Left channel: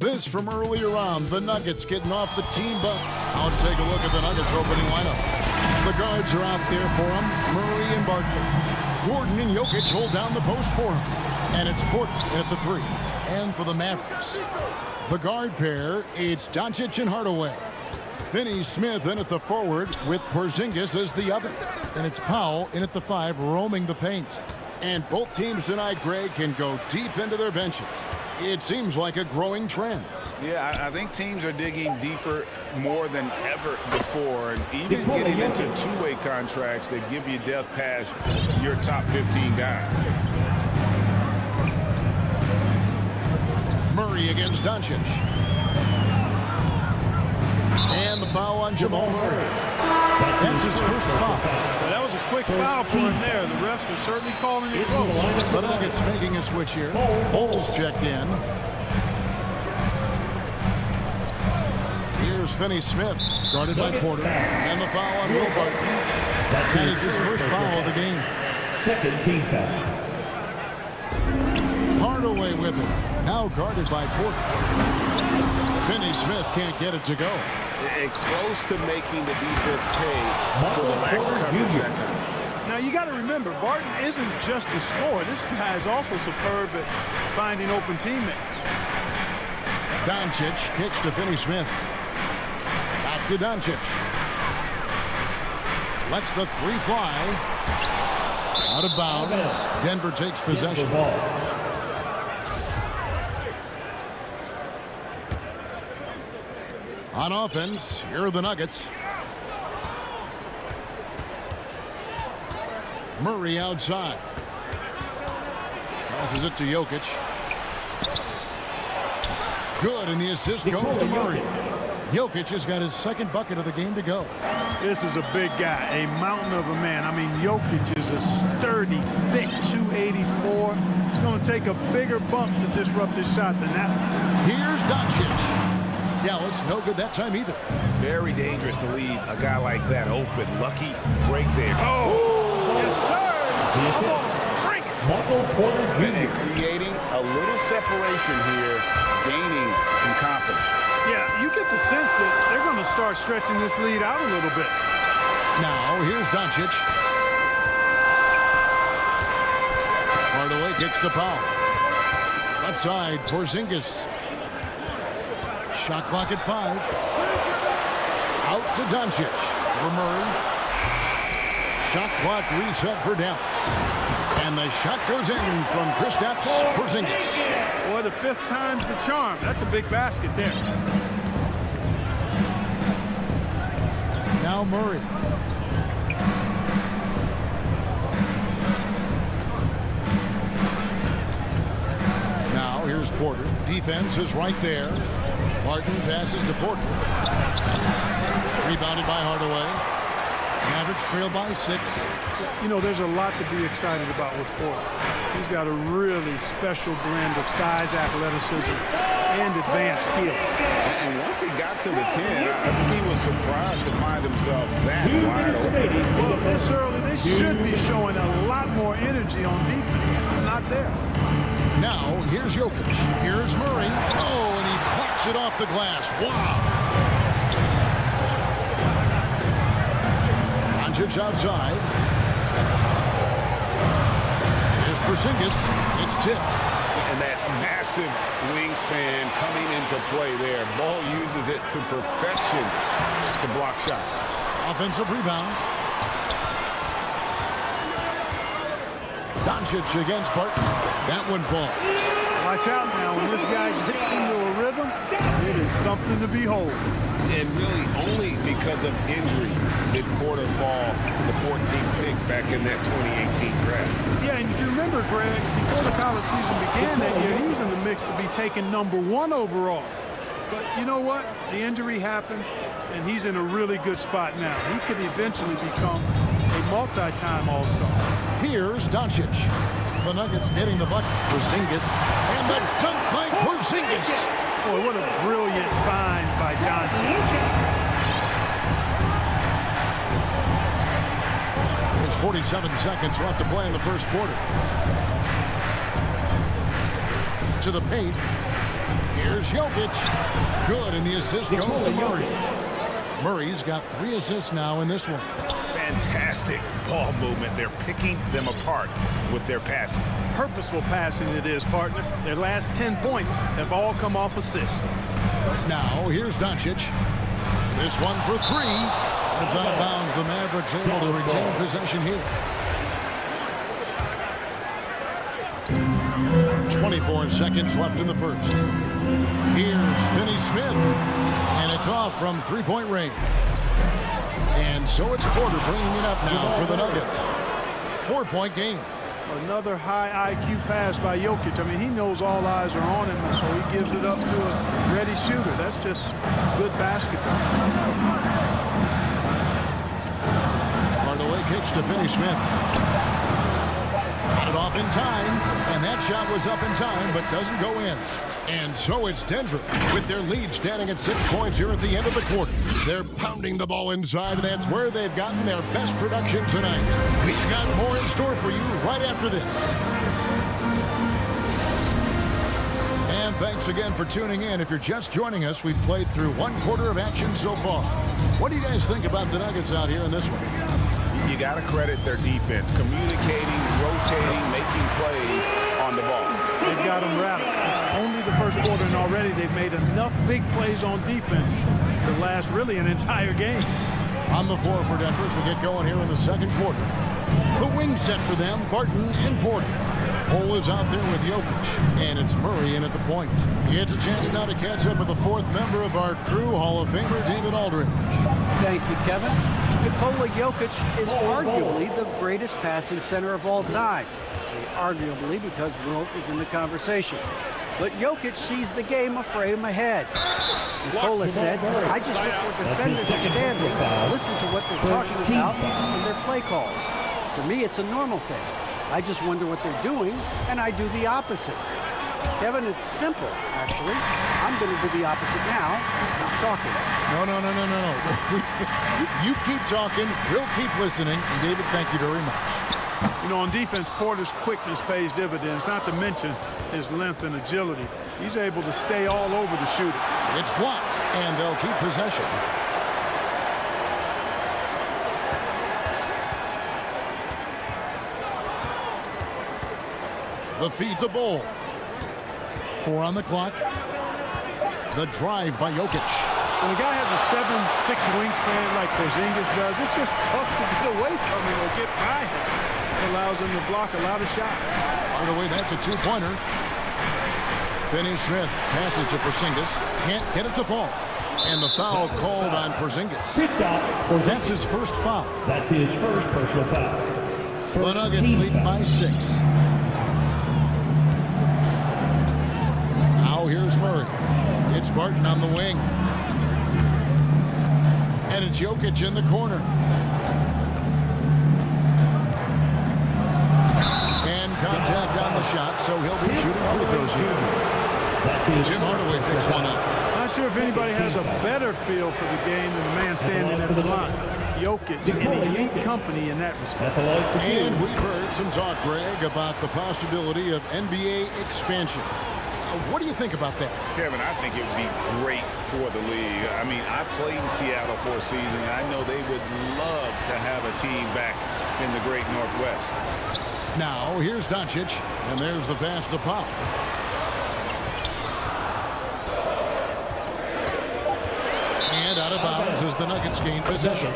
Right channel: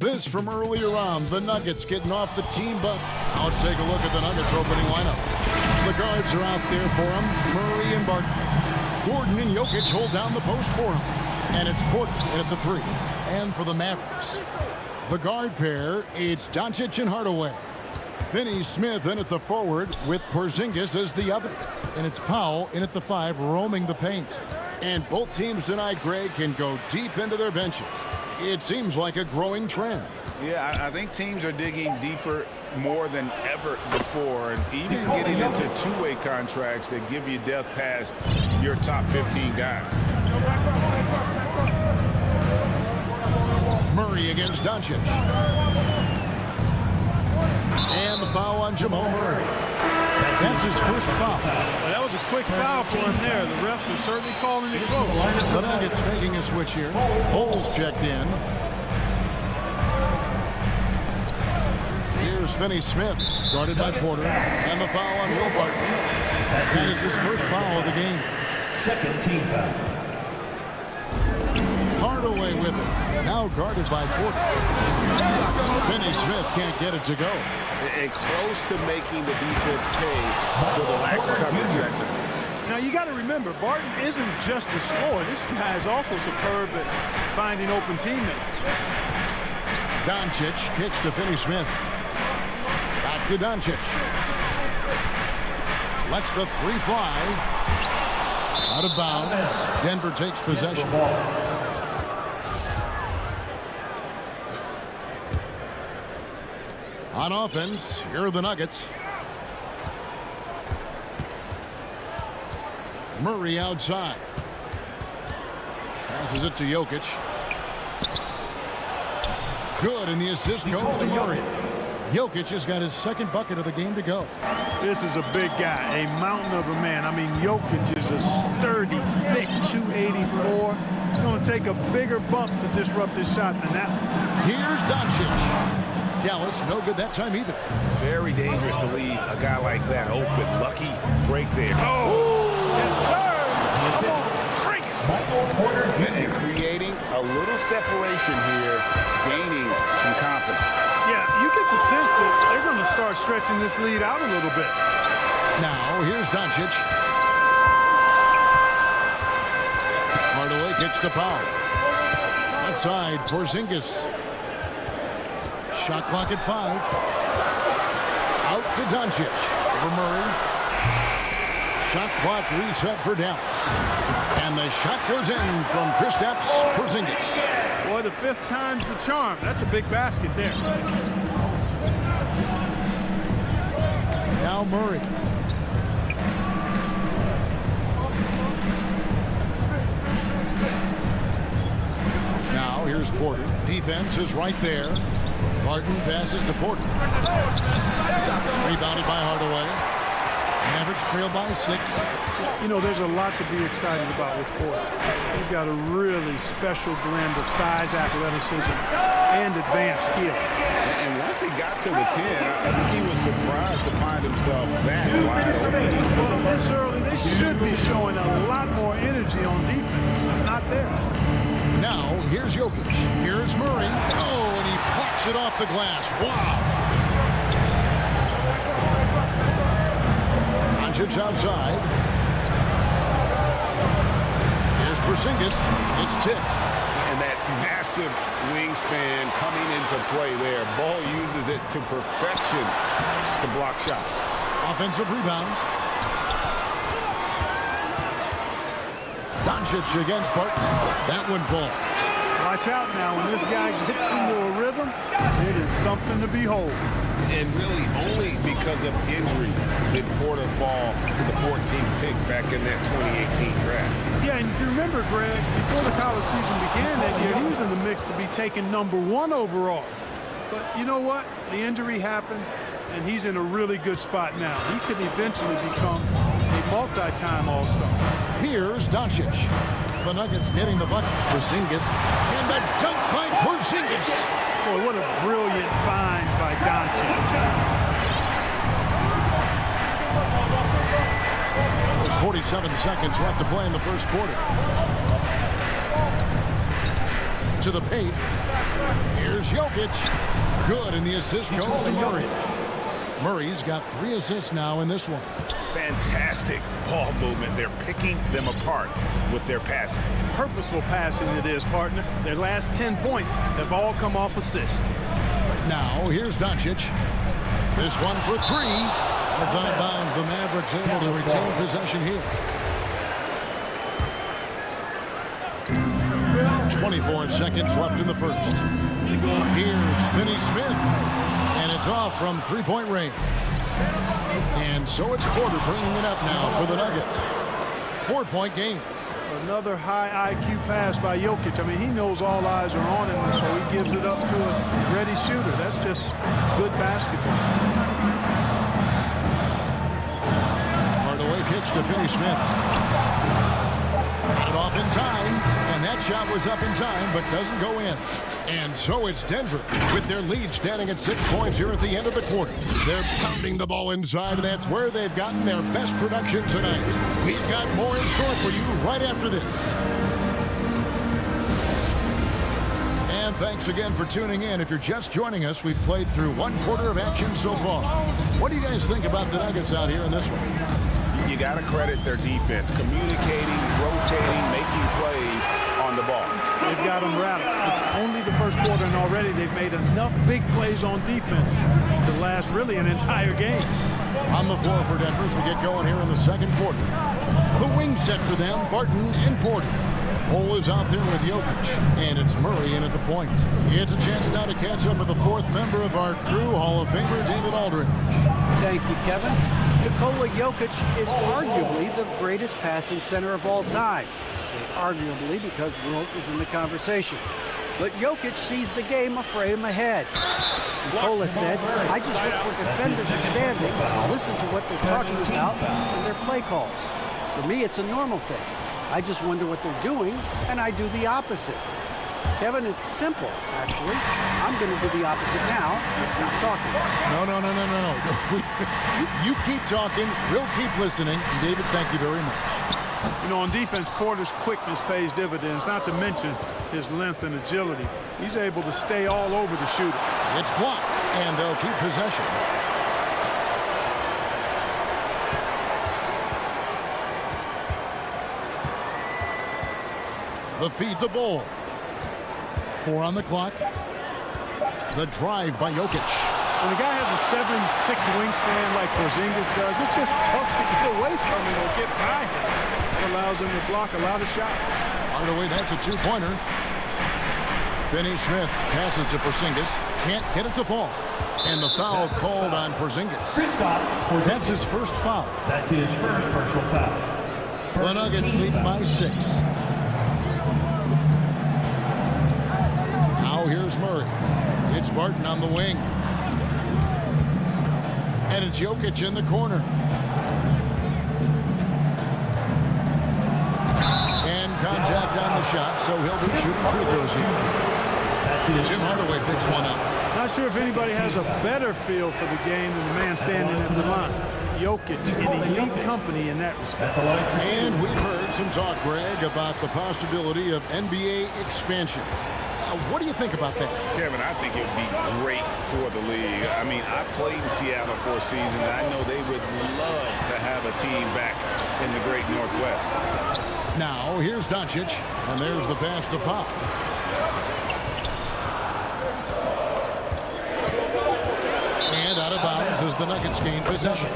This from earlier on, the Nuggets getting off the team bus. Now let's take a look at the Nuggets opening lineup. The guards are out there for them, Murray and Barton. Gordon and Jokic hold down the post for him. And it's Porter in at the 3. And for the Mavericks, the guard pair, it's Doncic and Hardaway. Finney-Smith in at the forward with Porzingis as the other. And it's Powell in at the 5, roaming the paint. And both teams tonight, Greg, can go deep into their benches. It seems like a growing trend. Yeah, I think teams are digging deeper more than ever before, and even getting into two-way contracts that give you depth past your top 15 guys. Murray against Doncic. And the foul on Jamal Murray. That's his first foul. Well, that was a quick foul for him there. The refs are certainly calling it close. The Nuggets making a switch here. Bulls checked in. Here's Finney-Smith, guarded by Porter. And the foul on Will Barton. That is his first foul of the game. Second team foul. Hardaway with it. Now guarded by Porter. Finney-Smith can't get it to go. And close to making the defense pay for the lax coverage that time. Now, you got to remember, Barton isn't just a scorer. This guy is also superb at finding open teammates. Doncic kicks to Finney-Smith. Back to Doncic. Lets the 3 fly. Out of bounds. Denver takes possession. On offense, here are the Nuggets. Murray outside. Passes it to Jokic. Good, and the assist goes to Murray. Jokic has got his second bucket of the game to go. This is a big guy, a mountain of a man. I mean, Jokic is a sturdy, thick 284. It's going to take a bigger bump to disrupt his shot than that. Here's Doncic. Dallas, no good that time either. Very dangerous to leave a guy like that open. Lucky break there. Oh, yes, sir. Come on, bring it. Michael Porter Jr. And creating a little separation here, gaining some confidence. Yeah, you get the sense that they're going to start stretching this lead out a little bit. Now, here's Doncic. Hardaway kicks the foul. Left side, Porzingis. Shot clock at 5. Out to Doncic. For Murray. Shot clock reset for Dallas. And the shot goes in from Kristaps Porzingis. Boy, the 5th time's the charm. That's a big basket there. Now Murray. Now here's Porter. Defense is right there. Barton passes to Porter. Rebounded by Hardaway. Mavericks trail by 6. You know, there's a lot to be excited about with Porter. He's got a really special blend of size, athleticism, and advanced skill. And once he got to the 10, I think he was surprised to find himself that wide open. Well, this early, they should be showing a lot more energy on defense. It's not there. Now, here's Jokic. Here's Murray. Oh, and he plucks it off the glass. Wow. Doncic outside. Here's Porzingis. It's tipped. And that massive wingspan coming into play there. Ball uses it to perfection to block shots. Offensive rebound. Doncic against Barton. That one falls. Watch out now. When this guy gets into a rhythm, it is something to behold. And really only because of injury did Porter fall to the 14th pick back in that 2018 draft. Yeah, and if you remember, Greg, before the college season began that year, he was in the mix to be taken #1 overall. But you know what? The injury happened, and he's in a really good spot now. He could eventually become a multi-time All-Star. Here's Doncic. The Nuggets getting the bucket. Porzingis. And the dunk by Porzingis. Boy, what a brilliant find by Doncic. There's 47 seconds left to play in the first quarter. To the paint. Here's Jokic. Good, and the assist goes to Murray. Murray's got 3 assists now in this one. Fantastic ball movement. They're picking them apart with their passing. Purposeful passing it is, partner. Their last 10 points have all come off assists. Now, here's Doncic. This one for 3. And it's out of bounds. The Mavericks able to retain possession here. 24 seconds left in the first. Here's Finney-Smith. And it's off from 3-point range. And so it's Porter bringing it up now for the Nuggets. 4-point game. Another high IQ pass by Jokic. I mean, he knows all eyes are on him, so he gives it up to a ready shooter. That's just good basketball. Hardaway kicks to Finney-Smith. Got it off in time, and that shot was up in time, but doesn't go in. And so it's Denver with their lead standing at 6 points here at the end of the quarter. They're pounding the ball inside, and that's where they've gotten their best production tonight. We've got more in store for you right after this. And thanks again for tuning in. If you're just joining us, we've played through 1 quarter of action so far. What do you guys think about the Nuggets out here in this one? You got to credit their defense, communicating, rotating, making plays on the ball. They've got them rattled. It's only the first quarter, and already they've made enough big plays on defense to last really an entire game. On the floor for Denver as we get going here in the second quarter. The wing set for them, Barton and Porter. Cole is out there with Jokic, and it's Murray in at the point. It's a chance now to catch up with the 4th member of our crew, Hall of Famer David Aldridge. Thank you, Kevin. Nikola Jokic is arguably the greatest passing center of all time. I say arguably because Wilt is in the conversation. But Jokic sees the game a frame ahead. Nikola said, I just look where defenders are standing, listen to what they're talking about, and their play calls. For me, it's a normal thing. I just wonder what they're doing, and I do the opposite. Kevin, it's simple, actually. I'm going to do the opposite now and stop talking. No. You keep talking, we'll keep listening. And David, thank you very much. You know, on defense, Porter's quickness pays dividends, not to mention his length and agility. He's able to stay all over the shooter. It's blocked, and they'll keep possession. The feed to Bull. 4 on the clock. The drive by Jokic. When a guy has a 7'6" wingspan like Porzingis does, it's just tough to get away from him or get by him. That allows him to block a lot of shots. By the way, that's a 2-pointer. Finney-Smith passes to Porzingis. Can't get it to fall. And the foul called on Porzingis. That's his first foul. That's his first personal foul. The Nuggets lead by 6. Now here's Murray. It's Barton on the wing. And it's Jokic in the corner. And contact on the shot, so he'll be shooting free throws here. Jim Hardaway picks one up. Not sure if anybody has a better feel for the game than the man standing at the line. Jokic in elite company in that respect. And we've heard some talk, Greg, about the possibility of NBA expansion. What do you think about that? Kevin, I think it would be great for the league. I mean, I played in Seattle for a season, and I know they would love to have a team back in the great Northwest. Now, here's Doncic, and there's the pass to Pop. And out of bounds as the Nuggets gain possession.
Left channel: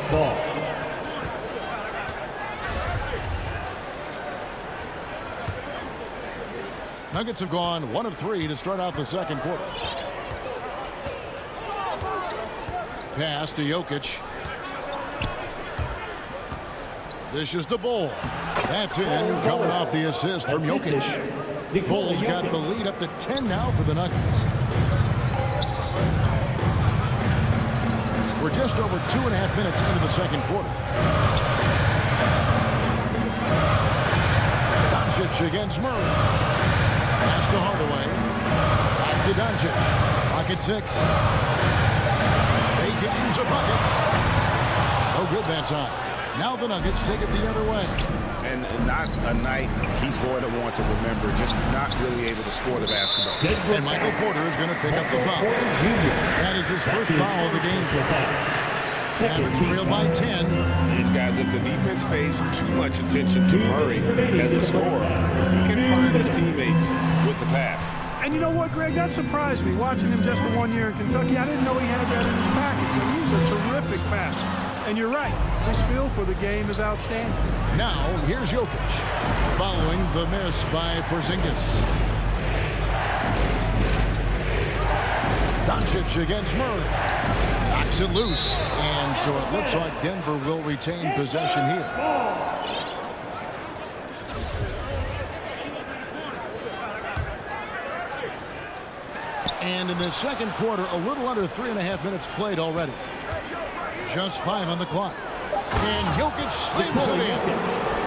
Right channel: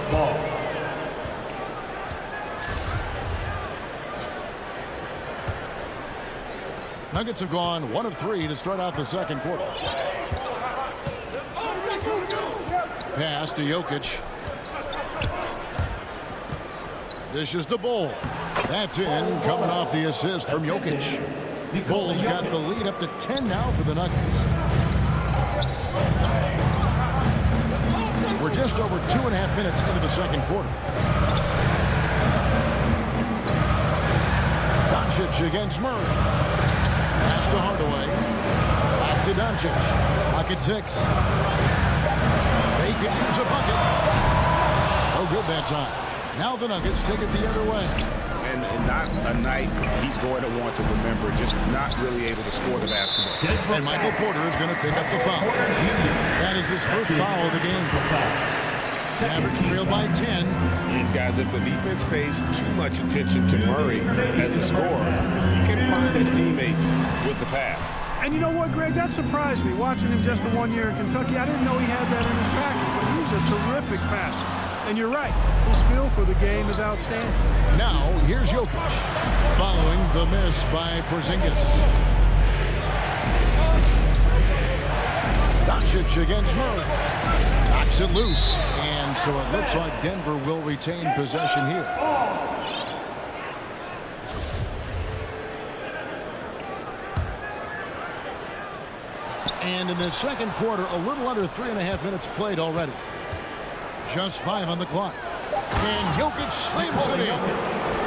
Nuggets have gone 1 of 3 to start out the second quarter. Pass to Jokic. Dishes to Bull. That's in, coming off the assist from Jokic. Bull's got the lead up to 10 now for the Nuggets. We're just over 2.5 minutes into the second quarter. Doncic against Murray. Pass to Hardaway. Back to Doncic. Pocket 6. They can use a bucket. No good that time. Now the Nuggets take it the other way. And not a night he's going to want to remember, just not really able to score the basketball. And Michael Porter is going to pick up the foul. That is his first foul of the game. Mavericks trail by 10. And guys, if the defense pays too much attention to Murray as a scorer, he can find his teammates with the pass. And you know what, Greg? That surprised me. Watching him just the 1 year in Kentucky, I didn't know he had that in his package, but he was a terrific passer. And you're right, his feel for the game is outstanding. Now, here's Jokic, following the miss by Porzingis. Doncic against Murray. Knocks it loose. And so it looks like Denver will retain possession here. And in the second quarter, a little under 3.5 minutes played already. Just 5 on the clock. And Jokic slams it in.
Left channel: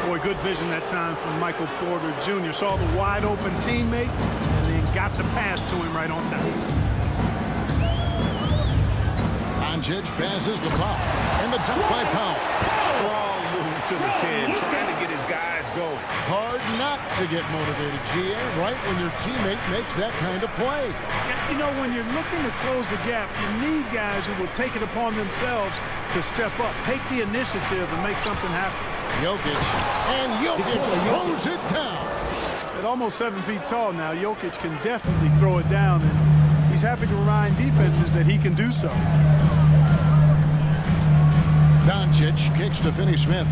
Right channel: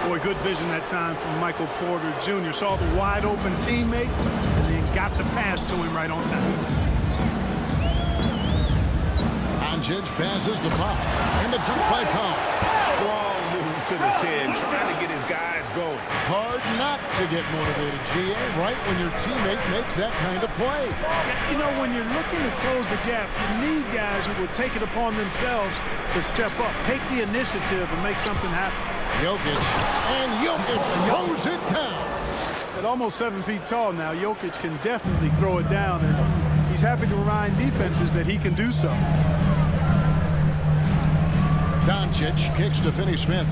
Boy, good vision that time from Michael Porter Jr. Saw the wide open teammate and then got the pass to him right on time. Doncic passes the Powell. And the dunk by Powell. Strong move to the 10, trying to get his guys going. Hard not to get motivated, GA, right when your teammate makes that kind of play. Yeah, you know, when you're looking to close the gap, you need guys who will take it upon themselves to step up, take the initiative, and make something happen. Jokic, and Jokic throws it down. At almost 7 feet tall now, Jokic can definitely throw it down, and he's happy to remind defenses that he can do so. Doncic kicks to Finney-Smith.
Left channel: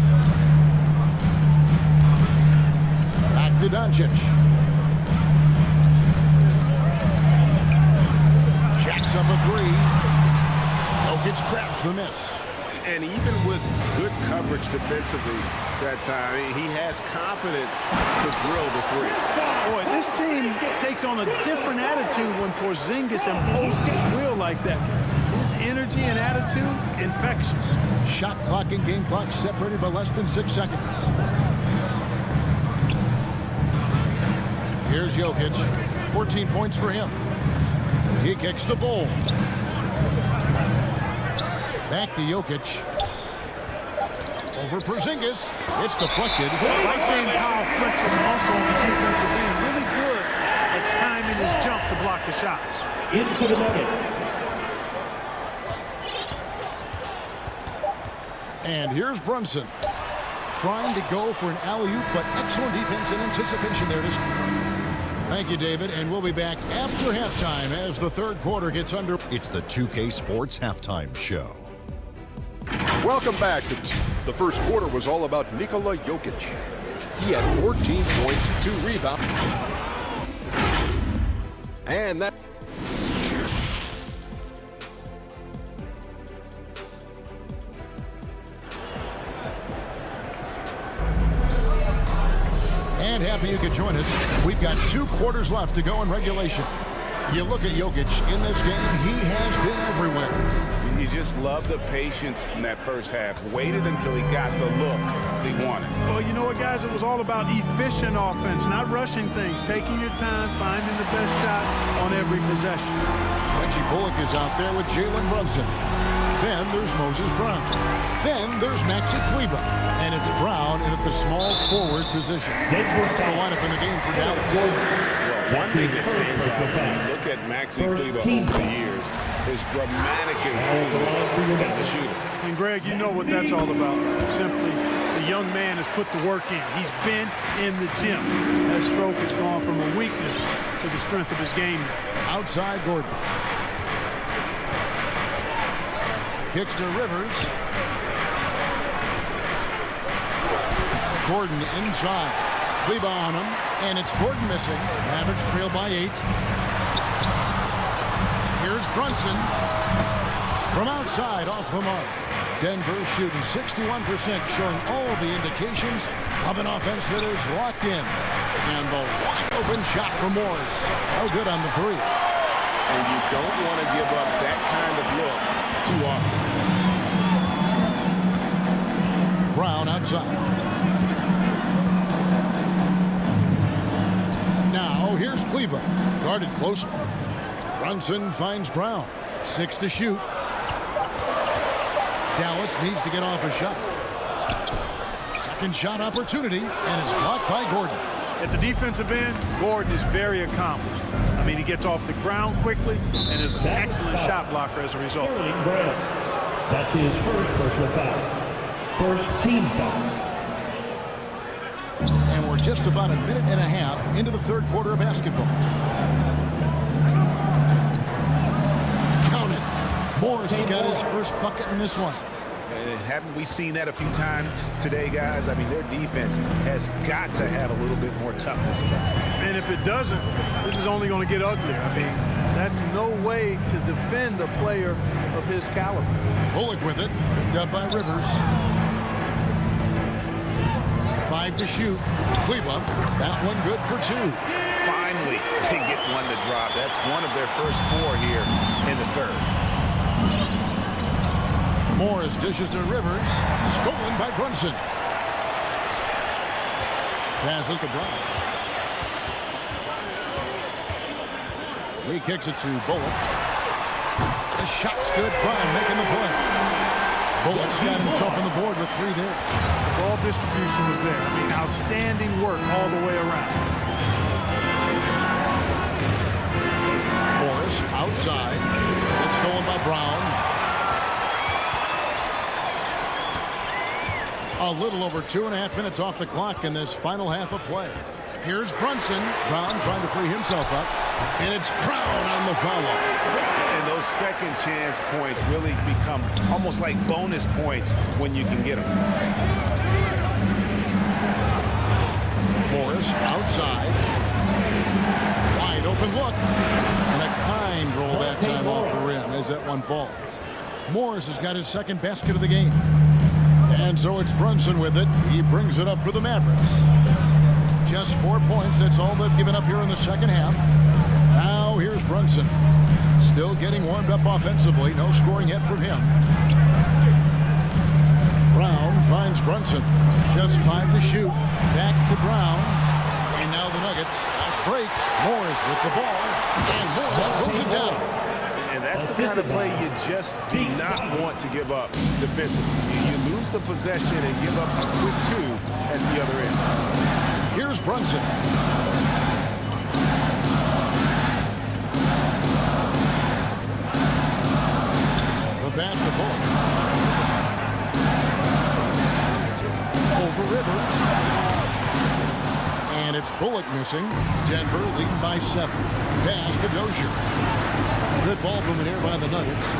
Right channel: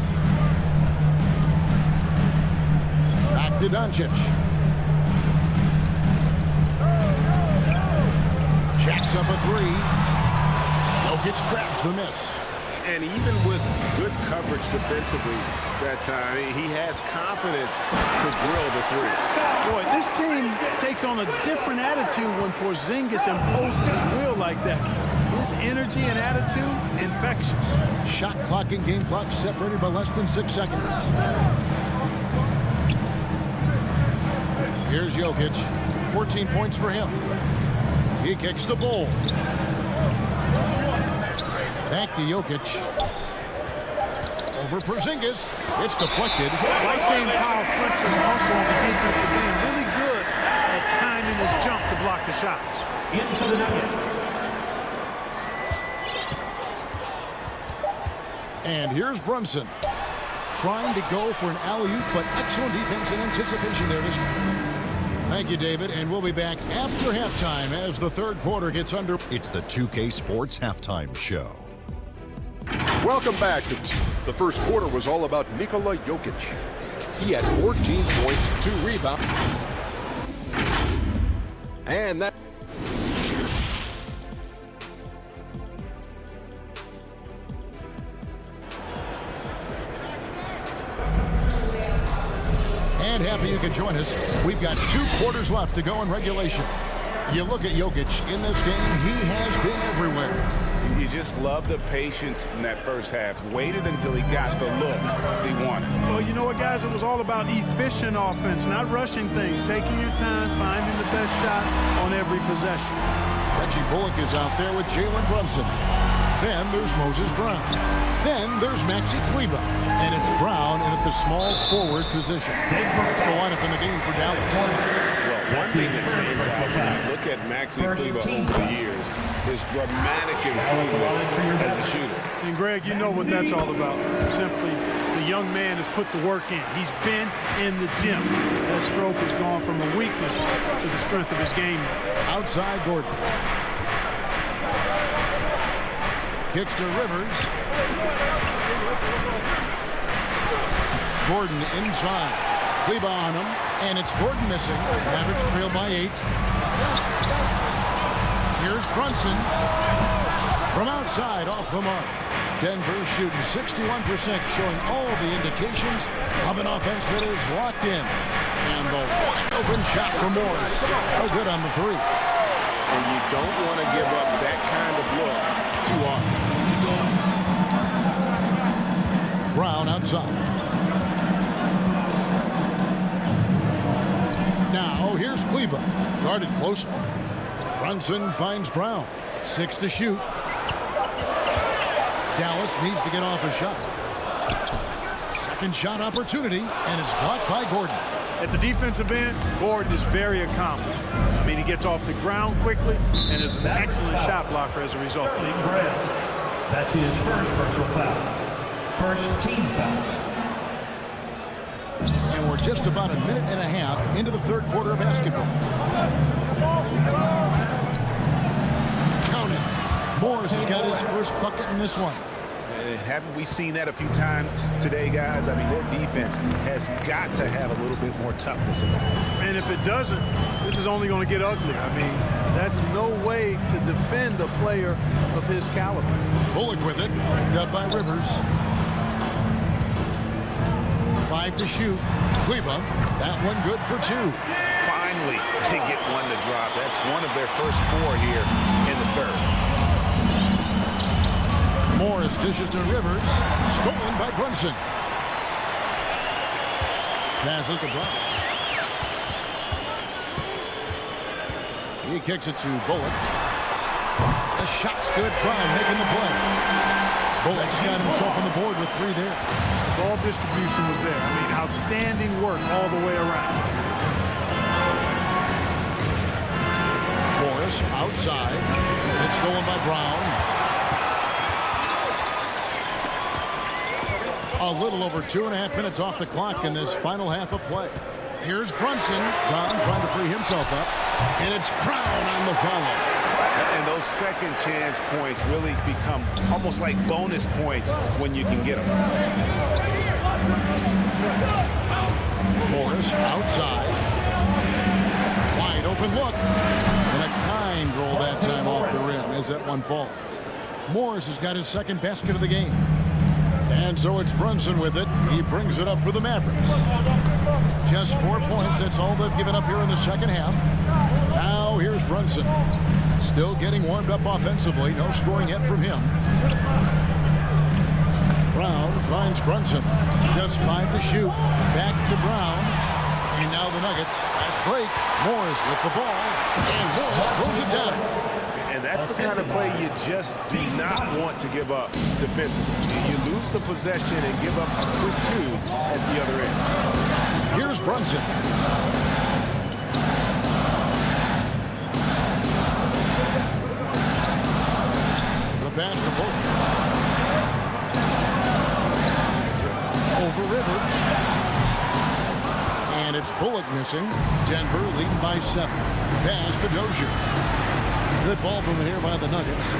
Back to Doncic. Jacks up a 3. Jokic grabs the miss. And even with good coverage defensively that time, he has confidence to drill the 3. Boy, this team takes on a different attitude when Porzingis imposes his will like that. His energy and attitude, infectious. Shot clock and game clock separated by less than 6 seconds. Here's Jokic. 14 points for him. He kicks the Bull. Back to Jokic. Over Porzingis. It's deflected. Like seeing Powell flex his muscle on the defensive end. Really good at timing his jump to block the shots. Into the Nuggets. And here's Brunson. Trying to go for an alley-oop, but excellent defense and anticipation there. Thank you, David, and we'll be back after halftime as the third quarter gets under. It's the 2K Sports Halftime Show. Welcome back. The first quarter was all about Nikola Jokic. He had 14 points, 2 rebounds. And that... And happy you could join us. We've got 2 quarters left to go in regulation. You look at Jokic in this game, he has been everywhere. You just love the patience in that first half. Waited until he got the look he wanted. Well, you know what, guys? It was all about efficient offense, not rushing things, taking your time, finding the best shot on every possession. Reggie Bullock is out there with Jalen Brunson. Then there's Moses Brown. Then there's Maxi Kleber. And it's Brown in at the small forward position. That's the lineup in the game for Dallas. Well, one thing that stands out when you look at Maxi Kleber over the years is dramatic improvement as a shooter. And, Greg, you know what that's all about. Simply, the young man has put the work in. He's been in the gym. That stroke has gone from a weakness to the strength of his game now. Outside Gordon. Kicks to Rivers. Gordon inside. Kleber on him. And it's Gordon missing. Mavericks trail by 8. Here's Brunson. From outside, off the mark. Denver shooting 61%, showing all the indications of an offense that is locked in. And the wide-open shot from Morris. No good on the 3. And you don't want to give up that kind of look too often. Brown outside. Now, here's Kleba. Guarded closely. Brunson finds Brown. 6 to shoot. Dallas needs to get off a shot. Second shot opportunity, and it's blocked by Gordon. At the defensive end, Gordon is very accomplished. I mean, he gets off the ground quickly and is an excellent shot blocker as a result. Sterling Brown. That's his first personal foul. First team foul. And we're just about a minute and a half into the third quarter of basketball. Count it. Morris has got his first bucket in this one. And haven't we seen that a few times today, guys? I mean, their defense has got to have a little bit more toughness about it. And if it doesn't, this is only going to get uglier. I mean, that's no way to defend a player of his caliber. Bullock with it, picked up by Rivers. 5 to shoot. Kleba, that one good for 2. Finally, they get one to drop. That's one of their first 4 here in the third. Morris dishes to Rivers. Stolen by Brunson. Passes to Brown. He kicks it to Bullock. The shot's good. Brown making the play. Bullock's got himself on the board with 3 there. The ball distribution was there. I mean, outstanding work all the way around. Morris outside. It's stolen by Brown. A little over 2.5 minutes off the clock in this final half of play. Here's Brunson. Brown trying to free himself up. And it's Brown on the follow. And those second chance points really become almost like bonus points when you can get them. Morris outside. Wide open look. And a kind roll that time off the rim as that one falls. Morris has got his second basket of the game. And so it's Brunson with it. He brings it up for the Mavericks. Just 4 points. That's all they've given up here in the second half. Now here's Brunson. Still getting warmed up offensively. No scoring yet from him. Brown finds Brunson. Just 5 to shoot. Back to Brown. And now the Nuggets. Fast break. Morris with the ball. And Morris throws it down. And that's the kind of play you just do not want to give up defensively. You lose the possession and give up a quick 2 at the other end. Here's Brunson. The pass to Bullock. Over Rivers. And it's Bullock missing. Denver leading by 7. Pass to Dozier. Good ball movement here by the Nuggets.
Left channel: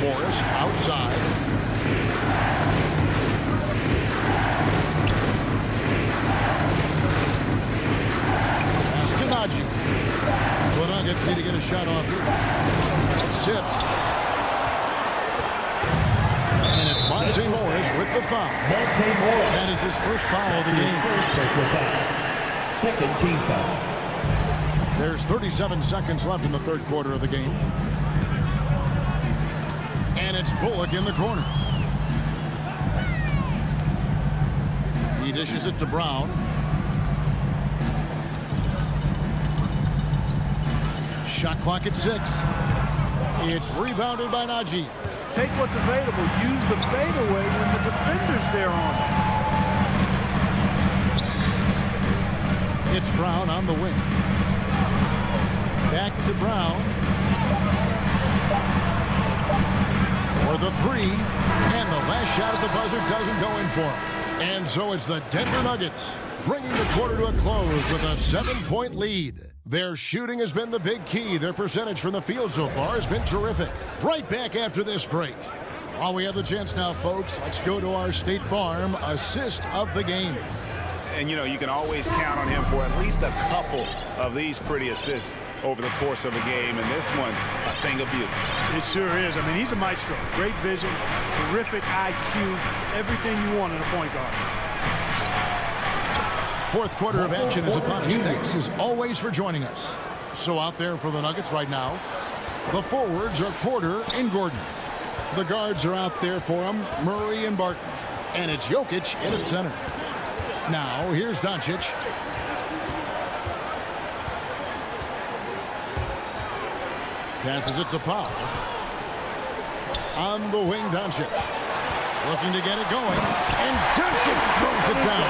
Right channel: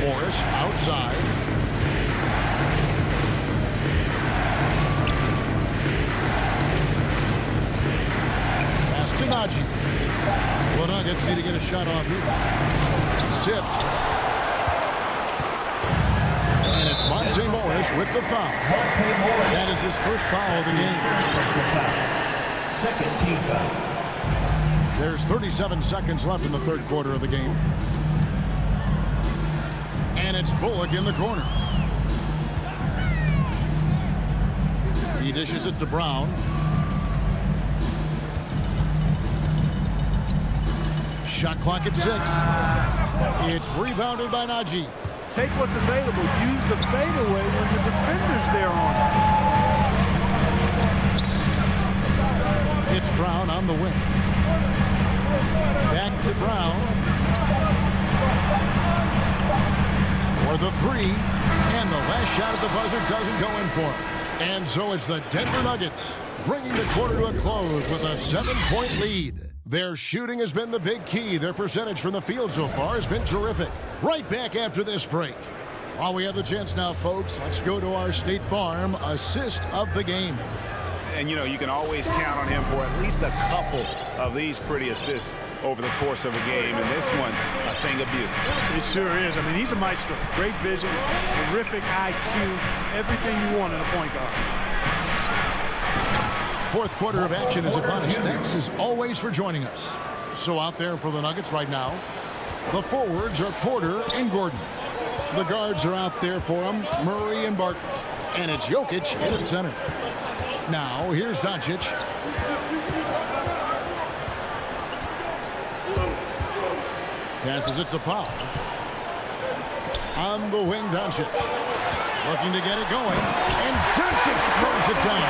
Morris outside. Pass to Najee. The Nuggets need to get a shot off here. That's tipped. And it's Monte Morris with the foul. Monte Morris. That is his first foul of the game. First personal foul. Second team foul. There's 37 seconds left in the third quarter of the game. And it's Bullock in the corner. He dishes it to Brown. Shot clock at 6. It's rebounded by Najee. Take what's available. Use the fadeaway when the defender's there on it. It's Brown on the wing. Back to Brown. For the 3. And the last shot at the buzzer doesn't go in for him. And so it's the Denver Nuggets bringing the quarter to a close with a 7-point lead. Their shooting has been the big key. Their percentage from the field so far has been terrific. Right back after this break. While we have the chance now, folks, let's go to our State Farm assist of the game. And, you know, you can always count on him for at least a couple of these pretty assists over the course of a game. And this one, a thing of beauty. It sure is. I mean, he's a maestro. Great vision, terrific IQ, everything you want in a point guard. Fourth quarter of action is upon us. Thanks as always for joining us. So out there for the Nuggets right now, the forwards are Porter and Gordon. The guards are out there for them, Murray and Barton. And it's Jokic in at center. Now, here's Doncic. Passes it to Powell. On the wing, Doncic. Looking to get it going. And Doncic throws it down.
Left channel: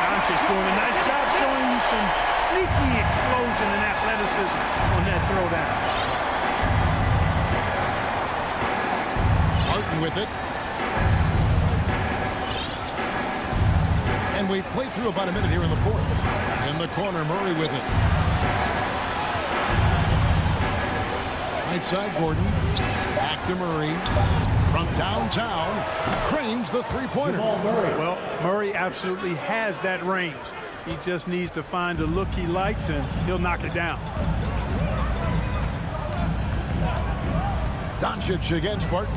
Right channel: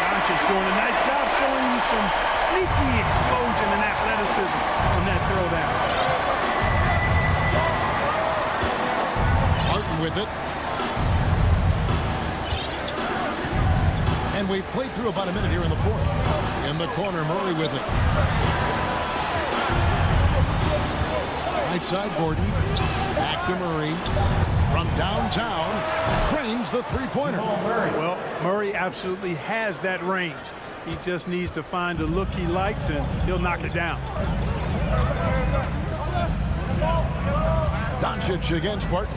Doncic doing a nice job showing you some sneaky explosion and athleticism on that throwdown. Barton with it. And we've played through about a minute here in the fourth. In the corner, Murray with it. Right side, Gordon. Back to Murray. From downtown, cranes the three-pointer. Well, Murray absolutely has that range. He just needs to find the look he likes, and he'll knock it down. Doncic against Barton.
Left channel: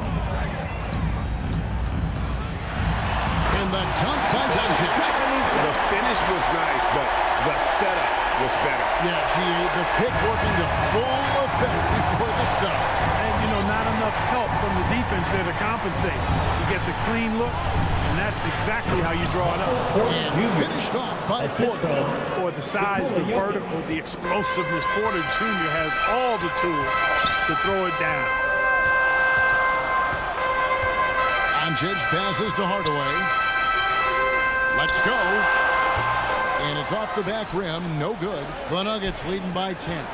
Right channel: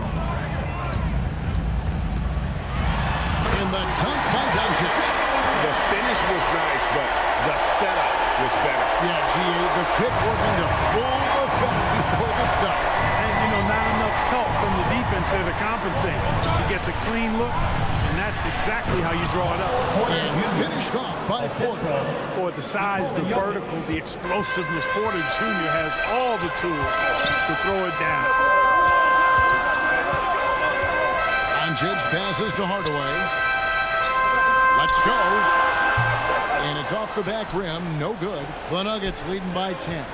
In the dunk by Doncic. The finish was nice, but the setup was better. Yeah, GA, the pick working to full effect before the stop. And, you know, not enough help from the defense there to compensate. He gets a clean look, and that's exactly how you draw it up. And finished off by Porter. For the size, the vertical, the explosiveness, Porter Jr. has all the tools to throw it down. Doncic passes to Hardaway. Let's go. And it's off the back rim. No good. The Nuggets leading by 10.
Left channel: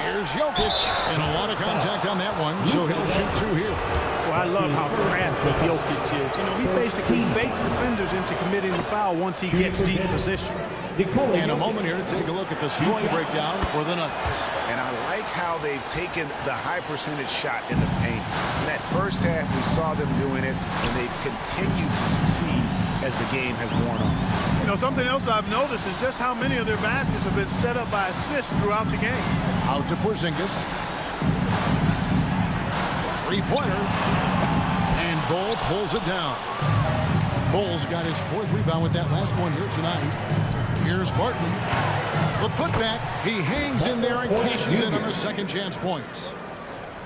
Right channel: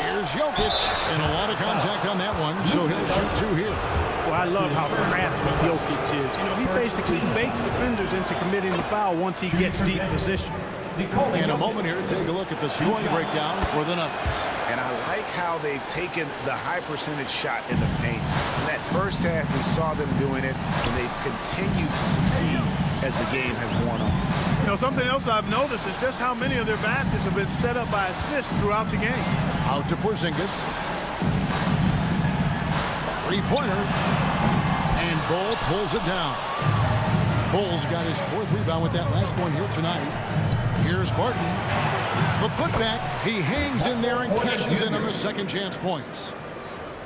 Here's Jokic. And a lot of contact on that one, so he'll shoot two here. Well, I love how crafty Jokic is. You know, he basically baits defenders into committing the foul once he gets deep position. In a moment here to take a look at the scoring breakdown for the Nuggets. And I like how they've taken the high percentage shot in the paint. In that first half, we saw them doing it, and they've continued to succeed as the game has worn on. You know, something else I've noticed is just how many of their baskets have been set up by assists throughout the game. Out to Porzingis. Three-pointer. And Bull pulls it down. Bull's got his fourth rebound with that last one here tonight. Here's Barton. The putback. He hangs in there and cashes in on the second chance points.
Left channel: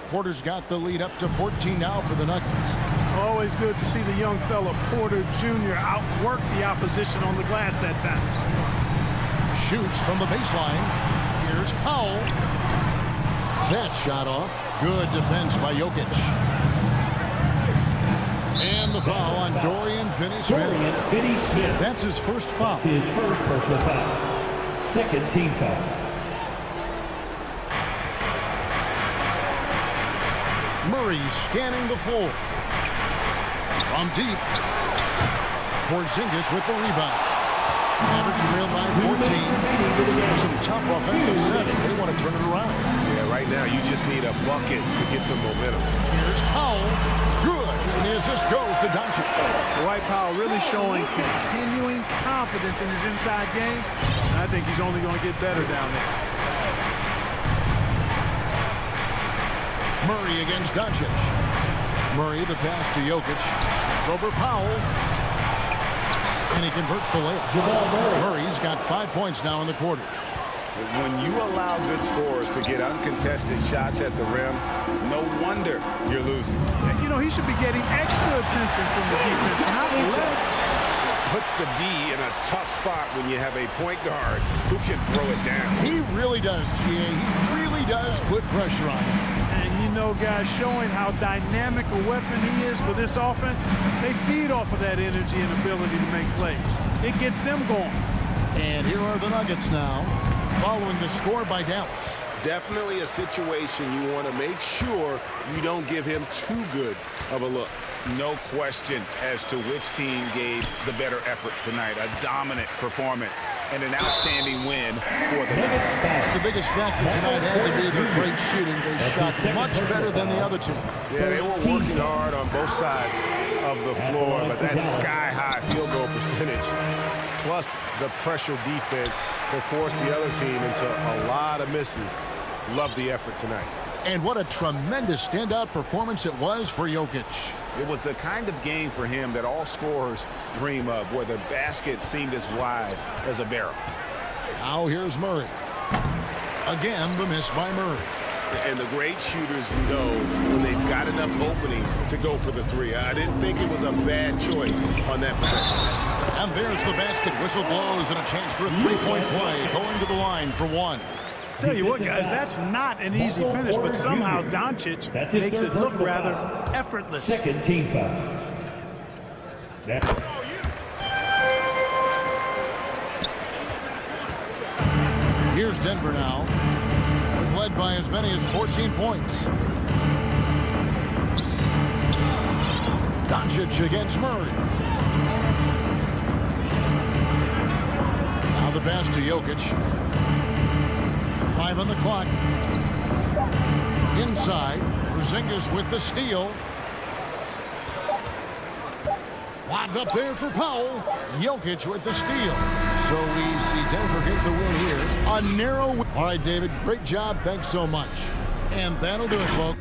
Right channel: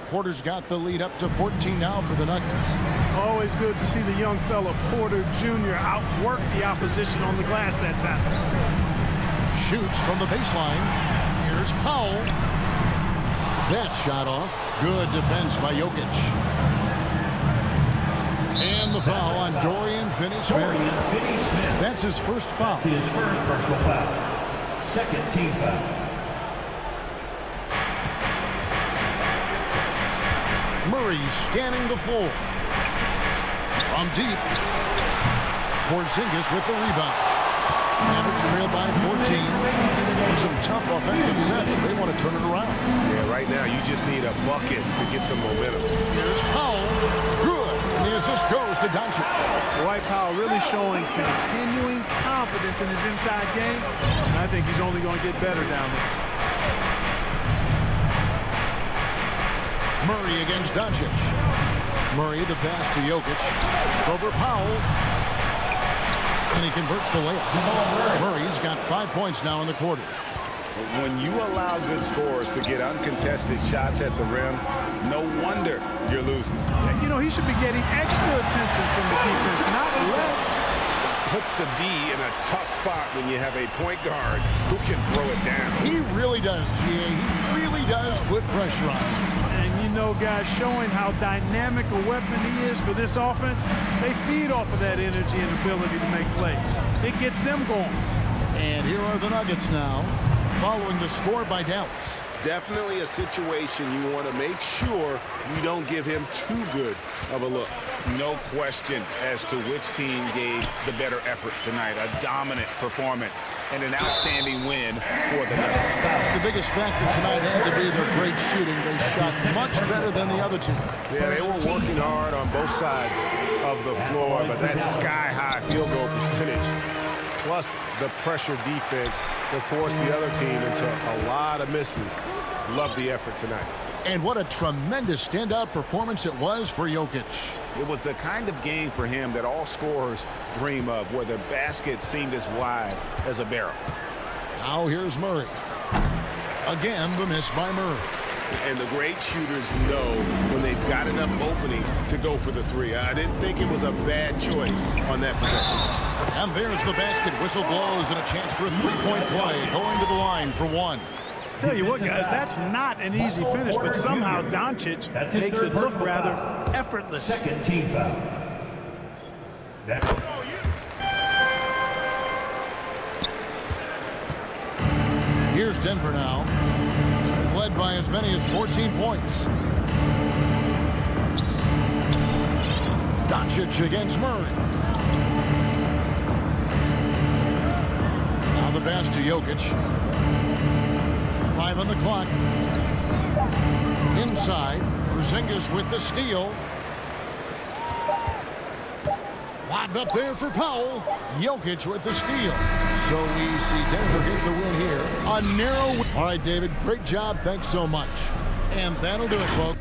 Porter's got the lead up to 14 now for the Nuggets. Always good to see the young fella Porter Jr. outwork the opposition on the glass that time. Shoots from the baseline. Here's Powell. That shot off. Good defense by Jokic. And the foul on Dorian Finney-Smith. That's his first foul. His first personal foul. Second team foul. Murray scanning the floor. From deep. Porzingis with the rebound. Mavericks trailed by 14. Some tough offensive sets. They want to turn it around. Yeah, right now you just need a bucket to get some momentum. Here's Powell. Good. And the assist goes to Doncic. Dwight Powell really showing continuing confidence in his inside game. And I think he's only going to get better down there. Murray against Doncic. Murray the pass to Jokic. It's over Powell. And he converts the layup. Murray's got 5 points now in the quarter. When you allow good scorers to get uncontested shots at the rim, no wonder you're losing. You know, he should be getting extra attention from the defense, not less. Puts the D in a tough spot when you have a point guard who can throw it down. He really does, GA. He really does put pressure on him. And, you know, guys, showing how dynamic a weapon he is for this offense, they feed off of that energy and ability to make plays. It gets them going. And here are the Nuggets now, following the score by Dallas. Definitely a situation you want to make sure you don't give him too good of a look. No question as to which team gave the better effort tonight. A dominant performance and an outstanding win for the Nuggets. The biggest factor tonight had to be their great shooting. They shot much better than the other team. Yeah, they were working hard on both sides of the floor, but that sky-high field goal percentage plus the pressure defense that forced the other team into a lot of misses. Love the effort tonight. And what a tremendous standout performance it was for Jokic. It was the kind of game for him that all scorers dream of, where the basket seemed as wide as a barrel. Now here's Murray. Again, the miss by Murray. And the great shooters know when they've got enough opening to go for the three. I didn't think it was a bad choice on that possession. And there's the basket. Whistle blows and a chance for a three-point play. Going to the line for one. Tell you what, guys, that's not an easy finish, but somehow Doncic makes it look rather effortless. Second team foul. Here's Denver now. They've led by as many as 14 points. Doncic against Murray. Now the pass to Jokic. 5 on the clock. Inside, Porzingis with the steal. Lobbed up there for Powell. Jokic with the steal. So we see Denver get the win here. A narrow win. All right, David, great job. Thanks so much. And that'll do it, folks.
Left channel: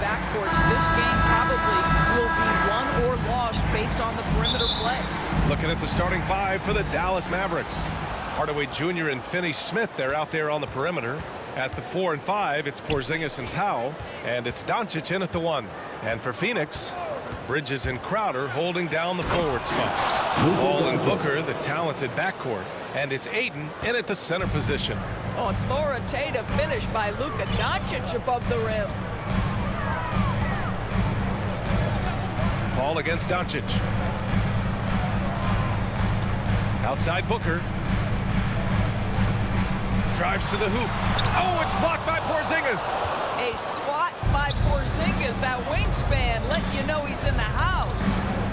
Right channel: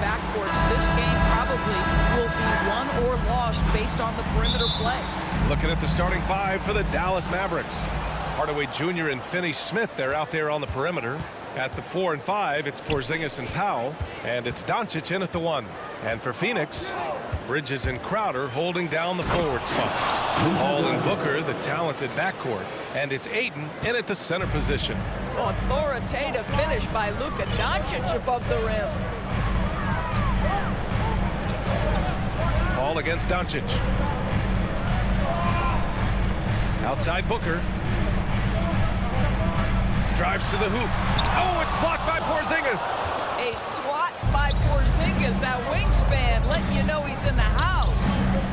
backcourts, this game probably will be won or lost based on the perimeter play. Looking at the starting five for the Dallas Mavericks. Hardaway Jr. and Finney-Smith, they're out there on the perimeter. At the 4 and 5, it's Porzingis and Powell, and it's Doncic in at the 1. And for Phoenix, Bridges and Crowder holding down the forward spots. Hall and Booker, the talented backcourt, and it's Ayton in at the center position. Authoritative finish by Luka Doncic above the rim. Fall against Doncic. Outside Booker. Drives to the hoop. Oh, it's blocked by Porzingis. A swat by Porzingis. That wingspan letting you know he's in the house.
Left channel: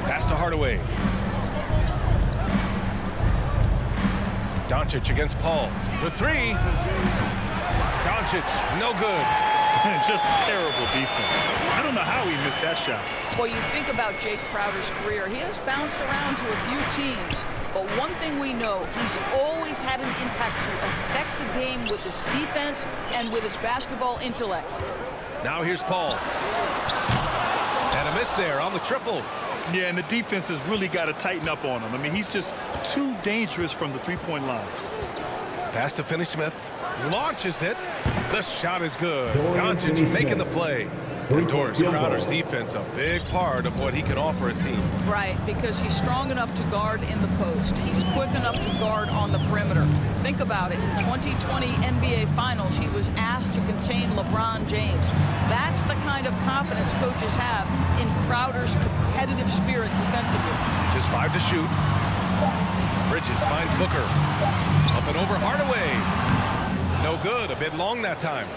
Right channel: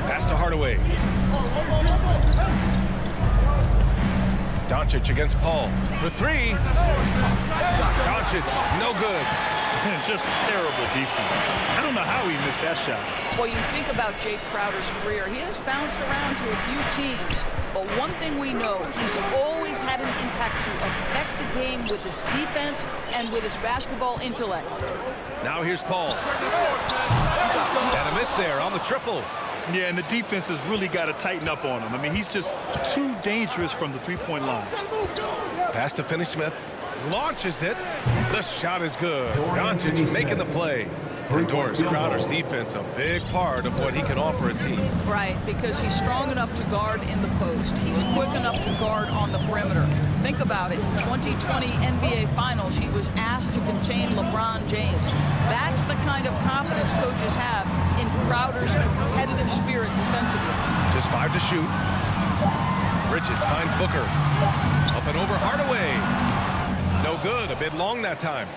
Pass to Hardaway. Doncic against Paul for 3. Doncic, no good. Just terrible defense. I don't know how he missed that shot. Well, you think about Jay Crowder's career. He has bounced around to a few teams. But one thing we know, he's always had an impact to affect the game with his defense and with his basketball intellect. Now here's Paul. And a miss there on the triple. Yeah, and the defense has really got to tighten up on him. I mean, he's just too dangerous from the three-point line. Pass to Finney-Smith. Launches it. The shot is good. Doncic making the play. And Doris Crowder's defense, a big part of what he can offer a team. Right, because he's strong enough to guard in the post. He's quick enough to guard on the perimeter. Think about it. In 2020 NBA Finals, he was asked to contain LeBron James. That's the kind of confidence coaches have in Crowder's competitive spirit defensively. Just 5 to shoot. Bridges finds Booker. Up and over Hardaway. No good. A bit long that time.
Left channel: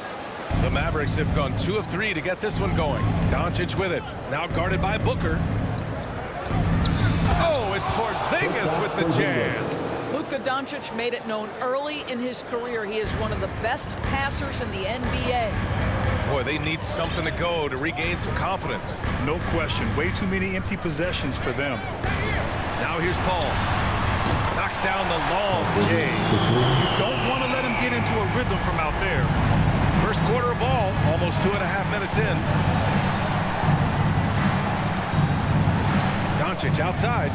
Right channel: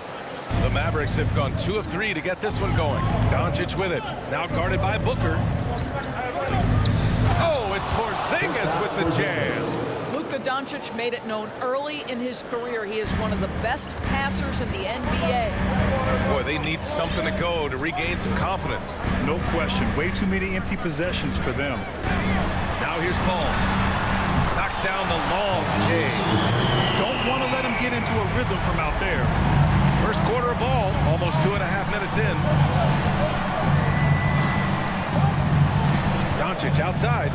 The Mavericks have gone 2 of 3 to get this one going. Doncic with it. Now guarded by Booker. Oh, it's Porzingis with the jam. Luka Doncic made it known early in his career he is one of the best passers in the NBA. Boy, they need something to go to regain some confidence. No question. Way too many empty possessions for them. Now here's Paul. Knocks down the long J. You don't want to let him get into a rhythm from out there. First quarter of ball, almost 2.5 minutes in. Doncic outside.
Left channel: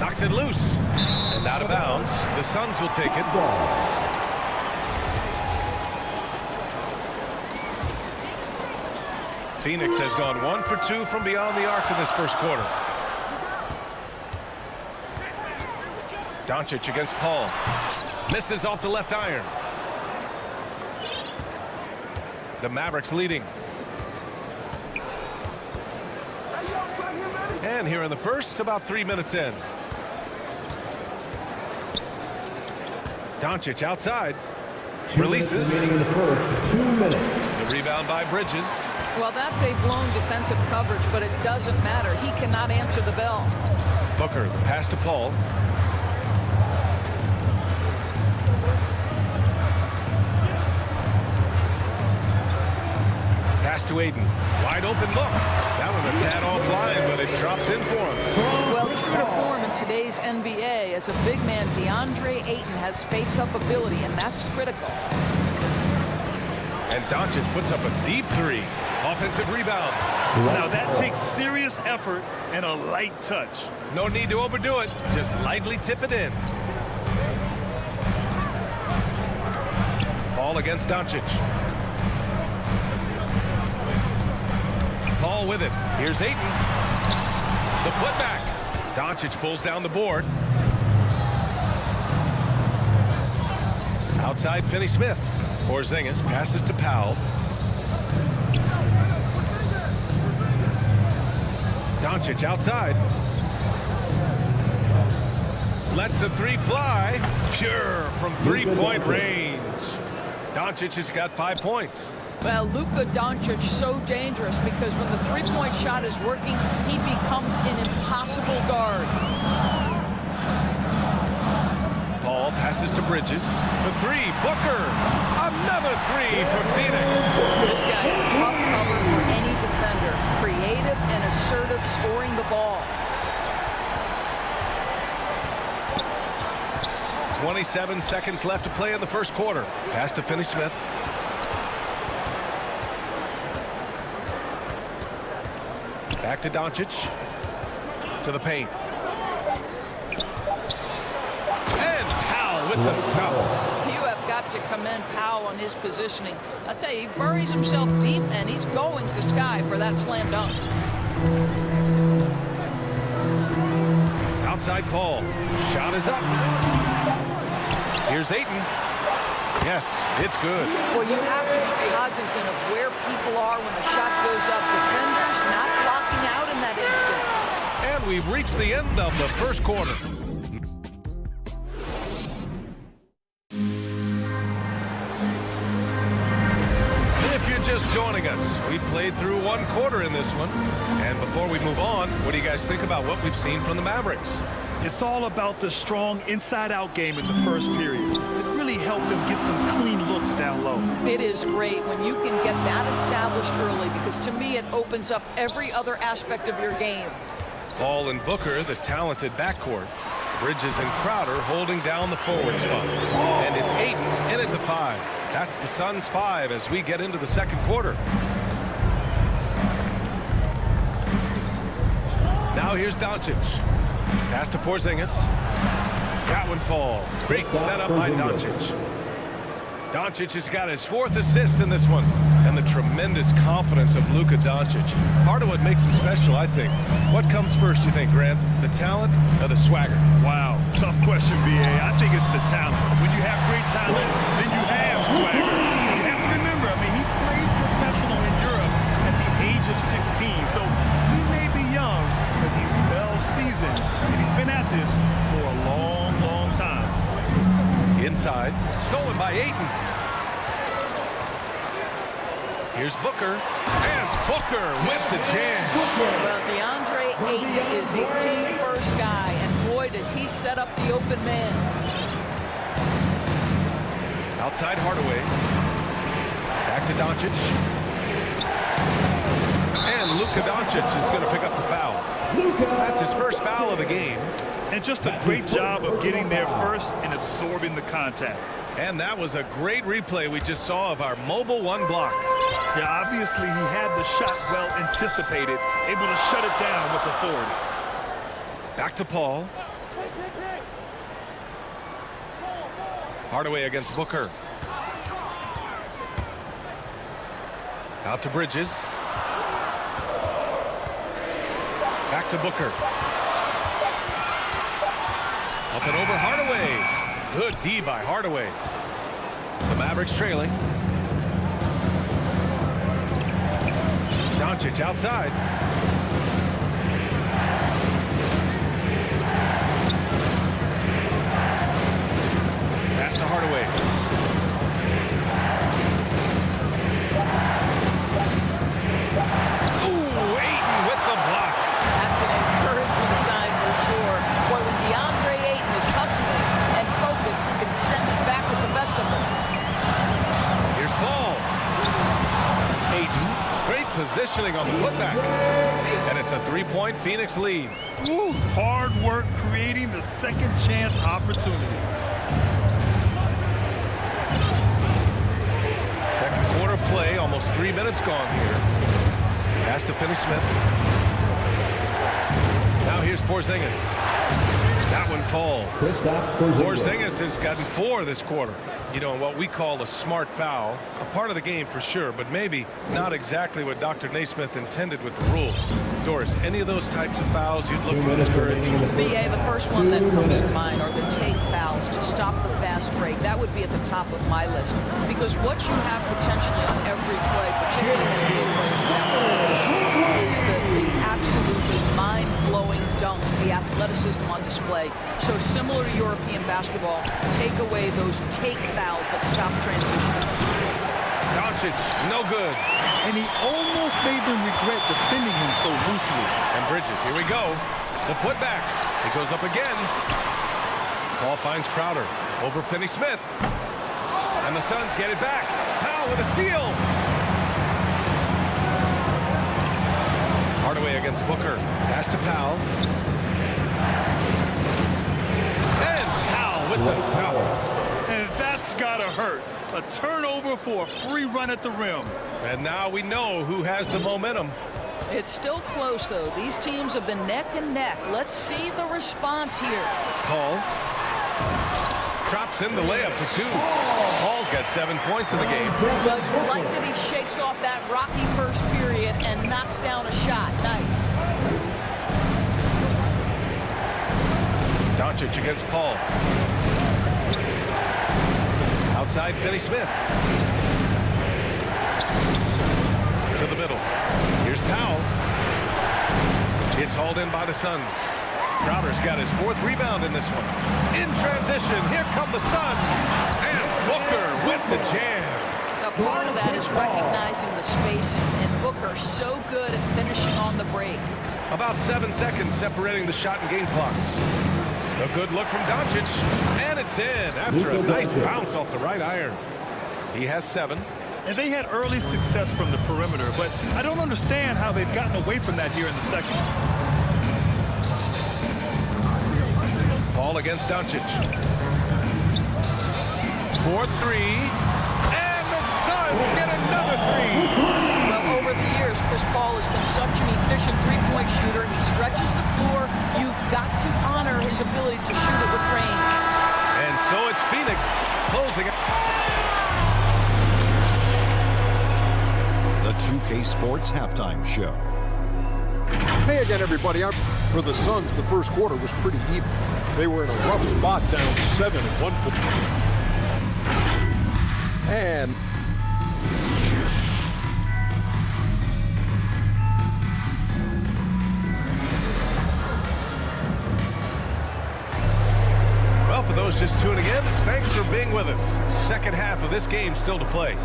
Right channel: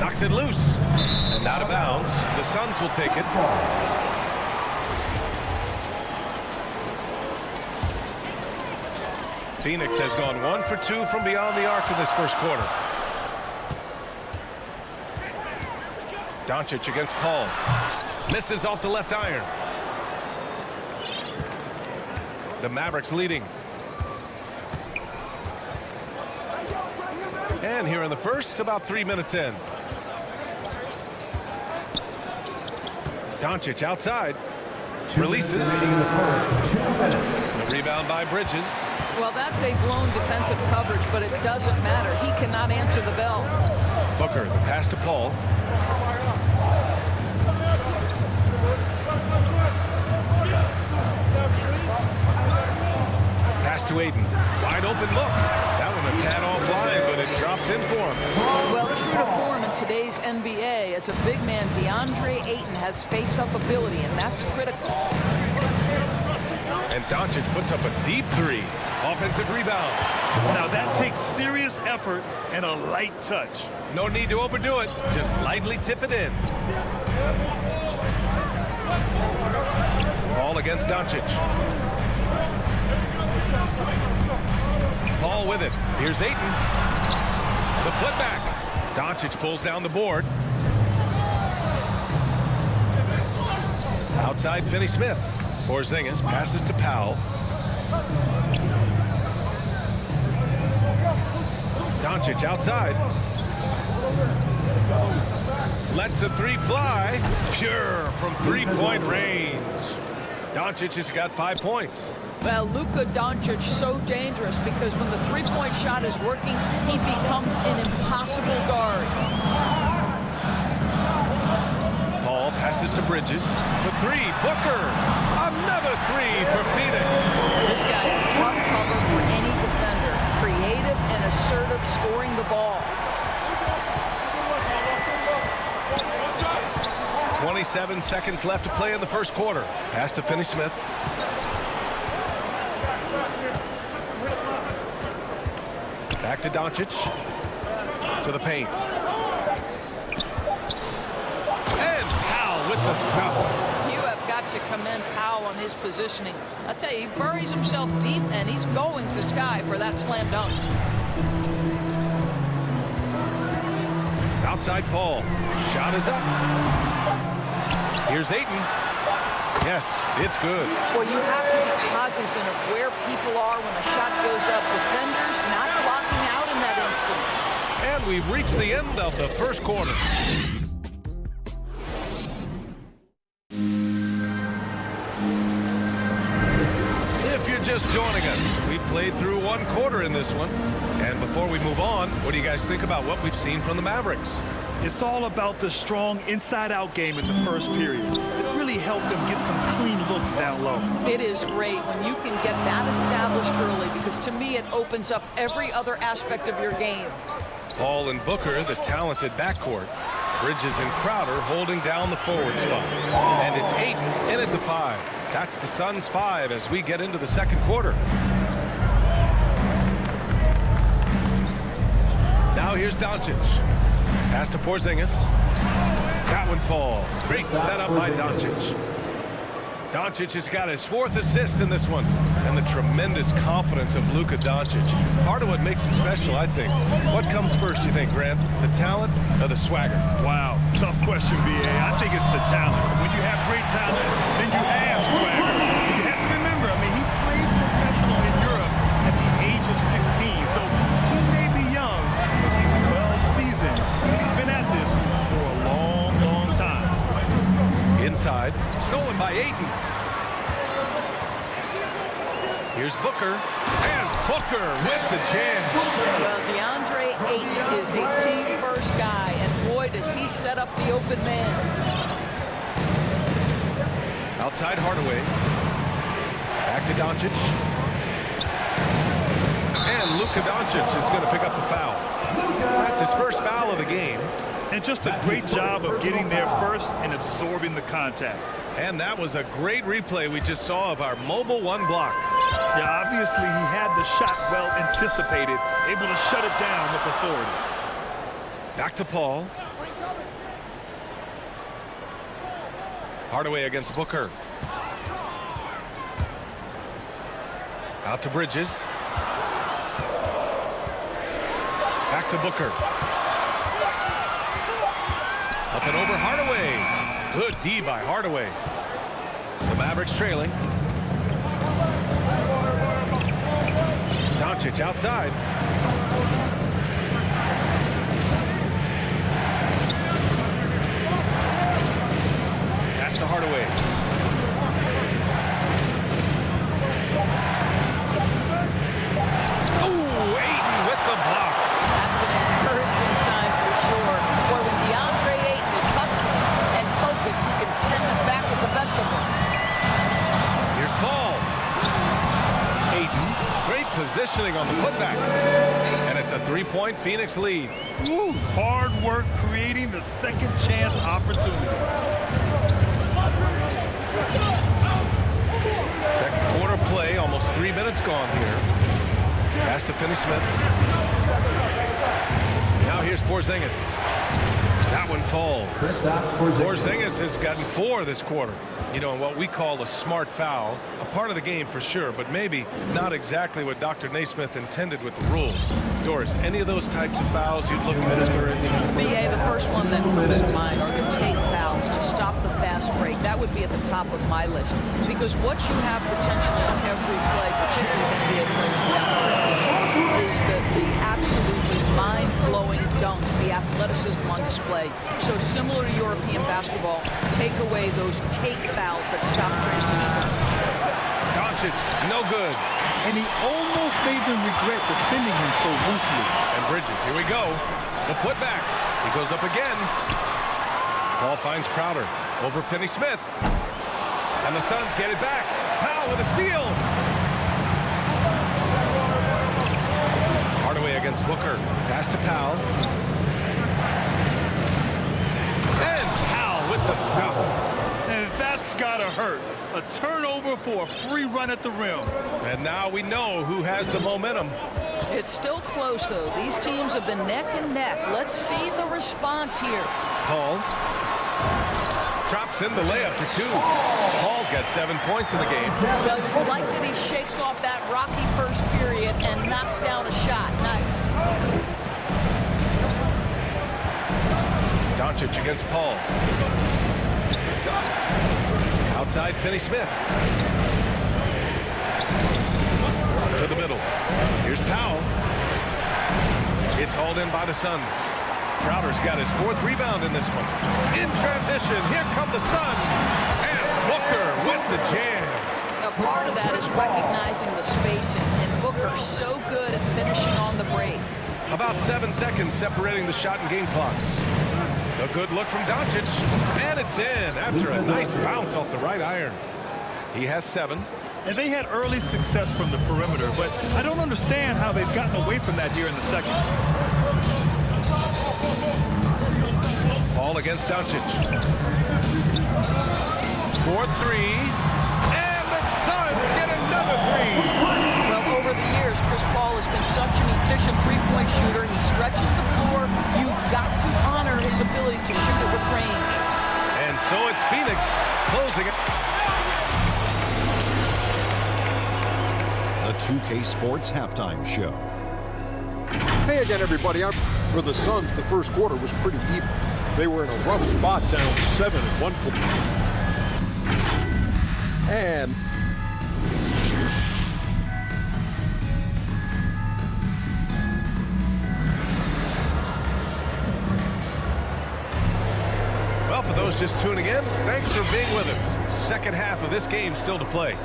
Knocks it loose. And out of bounds. The Suns will take it. Phoenix has gone 1 for 2 from beyond the arc in this first quarter. Doncic against Paul. Misses off the left iron. The Mavericks leading. And here in the first, about 3 minutes in. Doncic outside. Releases. The rebound by Bridges. Well, that's a blown defensive coverage, but it doesn't matter. He cannot answer the bell. Booker, the pass to Paul. Pass to Aiden. Wide open look. That one a tad offline, but it drops in for him. Well, true to form in today's NBA, as a big man, DeAndre Ayton has face-up ability, and that's critical. And Doncic puts up a deep 3. Offensive rebound. Now that takes serious effort and a light touch. No need to overdo it. Just lightly tip it in. Paul against Doncic. Paul with it. Here's Ayton. The putback. Doncic pulls down the board. Outside Finney-Smith. Porzingis passes to Powell. Doncic outside. Lets the 3 fly. Pure from 3-point range. Doncic has got 5 points. Well, Luka Doncic so dangerous because when the 3-point shot is working, he becomes an impossible guard. Paul passes to Bridges. For 3, Booker. Another 3 for Phoenix. This guy a tough cover for any defender. Creative and assertive scoring the ball. 27 seconds left to play in the first quarter. Pass to Finney-Smith. Back to Doncic. To the paint. And Powell with the stuff. You have got to commend Powell on his positioning. I tell you, he buries himself deep, and he's going to sky for that slam dunk. Outside Paul. Shot is up. Here's Ayton. Yes, it's good. Well, you have to be cognizant of where people are when the shot goes up. Defenders not blocking out in that instance. And we've reached the end of the first quarter. If you're just joining us, we played through 1 quarter in this one. And before we move on, what do you guys think about what we've seen from the Mavericks? It's all about the strong inside-out game in the first period. It really helped them get some clean looks down low. It is great when you can get that established early because to me it opens up every other aspect of your game. Paul and Booker, the talented backcourt. Bridges and Crowder holding down the forward spots. And it's Ayton in at the 5. That's the Suns' 5 as we get into the second quarter. Now here's Doncic. Pass to Porzingis. That one falls. Great setup by Doncic. Doncic has got his 4th assist in this one. And the tremendous confidence of Luka Doncic. Part of what makes him special, I think. What comes first, you think, Grant? The talent or the swagger? Wow, tough question, B.A. I think it's the talent. When you have great talent, then you have swagger. You have to remember, I mean, he played professional in Europe at the age of 16. So he may be young, but he's well seasoned. And he's been at this for a long, long time. Inside, stolen by Ayton. Here's Booker, and Booker with the jam. Well, DeAndre Ayton is a team-first guy, and boy, does he set up the open man. Outside Hardaway. Back to Doncic. And Luka Doncic is going to pick up the foul. That's his first foul of the game. And just a great job of getting there first and absorbing the contact. And that was a great replay we just saw of our mobile 1 block. Yeah, obviously he had the shot well anticipated, able to shut it down with authority. Back to Paul. Hardaway against Booker. Out to Bridges. Back to Booker. Up and over Hardaway. Good D by Hardaway. The Mavericks trailing. Doncic outside. Pass to Hardaway. Ooh, Ayton with the block. That's an encouraging sign for sure. Boy, when DeAndre Ayton is hustling and focused, he can send it back with the best of them. Here's Paul. Ayton, great positioning on the putback. And it's a 3-point Phoenix lead. Woo, hard work creating the second chance opportunity. Second quarter play, almost 3 minutes gone here. Pass to Finney-Smith. Now here's Porzingis. That one falls. Porzingis has gotten 4 this quarter. You know, what we call a smart foul. A part of the game for sure, but maybe not exactly what Dr. Naismith intended with the rules. Doris, any of those types of fouls you'd look to discourage? BA, the first one that comes to mind are the take fouls to stop the fast break. That would be at the top of my list. Because what you have potentially on every play, particularly NBA players without transition, is the absolutely mind-blowing dunks, the athleticism on display. So similar to European basketball, take away those take fouls that stop transition. Doncic, no good. And he almost made them regret defending him so loosely. And Bridges, here we go. The putback. He goes up again. Paul finds Crowder over Finney-Smith. And the Suns get it back. Powell with a steal. Hardaway against Booker. Pass to Powell. And Powell with the stuff. And that's gotta hurt. A turnover for a free run at the rim. And now we know who has the momentum. It's still close, though. These teams have been neck and neck. Let's see the response here. Paul drops in the layup for 2. Paul's got 7 points in the game. Well, you like that he shakes off that rocky first period and knocks down a shot. Nice. Doncic against Paul. Outside Finney-Smith. To the middle. Here's Powell. It's hauled in by the Suns. Crowder's got his 4th rebound in this one. In transition, here come the Suns. And Booker with the jam. Now, part of that is recognizing the spacing, and Booker so good at finishing on the break. About 7 seconds separating the shot and game clocks. A good look from Doncic, and it's in after a nice bounce off the right iron. He has 7. And they had early success from the perimeter, but I don't understand how they've gotten away from that here in the second. Paul against Doncic. 4-3, and the Suns get another 3. Well, over the years, Chris Paul has been such an efficient three-point shooter. He stretches the floor. You've got to honor his ability to shoot it with range. And so it's Phoenix closing it. The 2K Sports Halftime Show. Hey again, everybody. For the Suns, the first quarter was pretty even. They were in a rough spot, down 7 at one point. And well, for those just tuning in, thanks for being with us. Second half of this game still to play.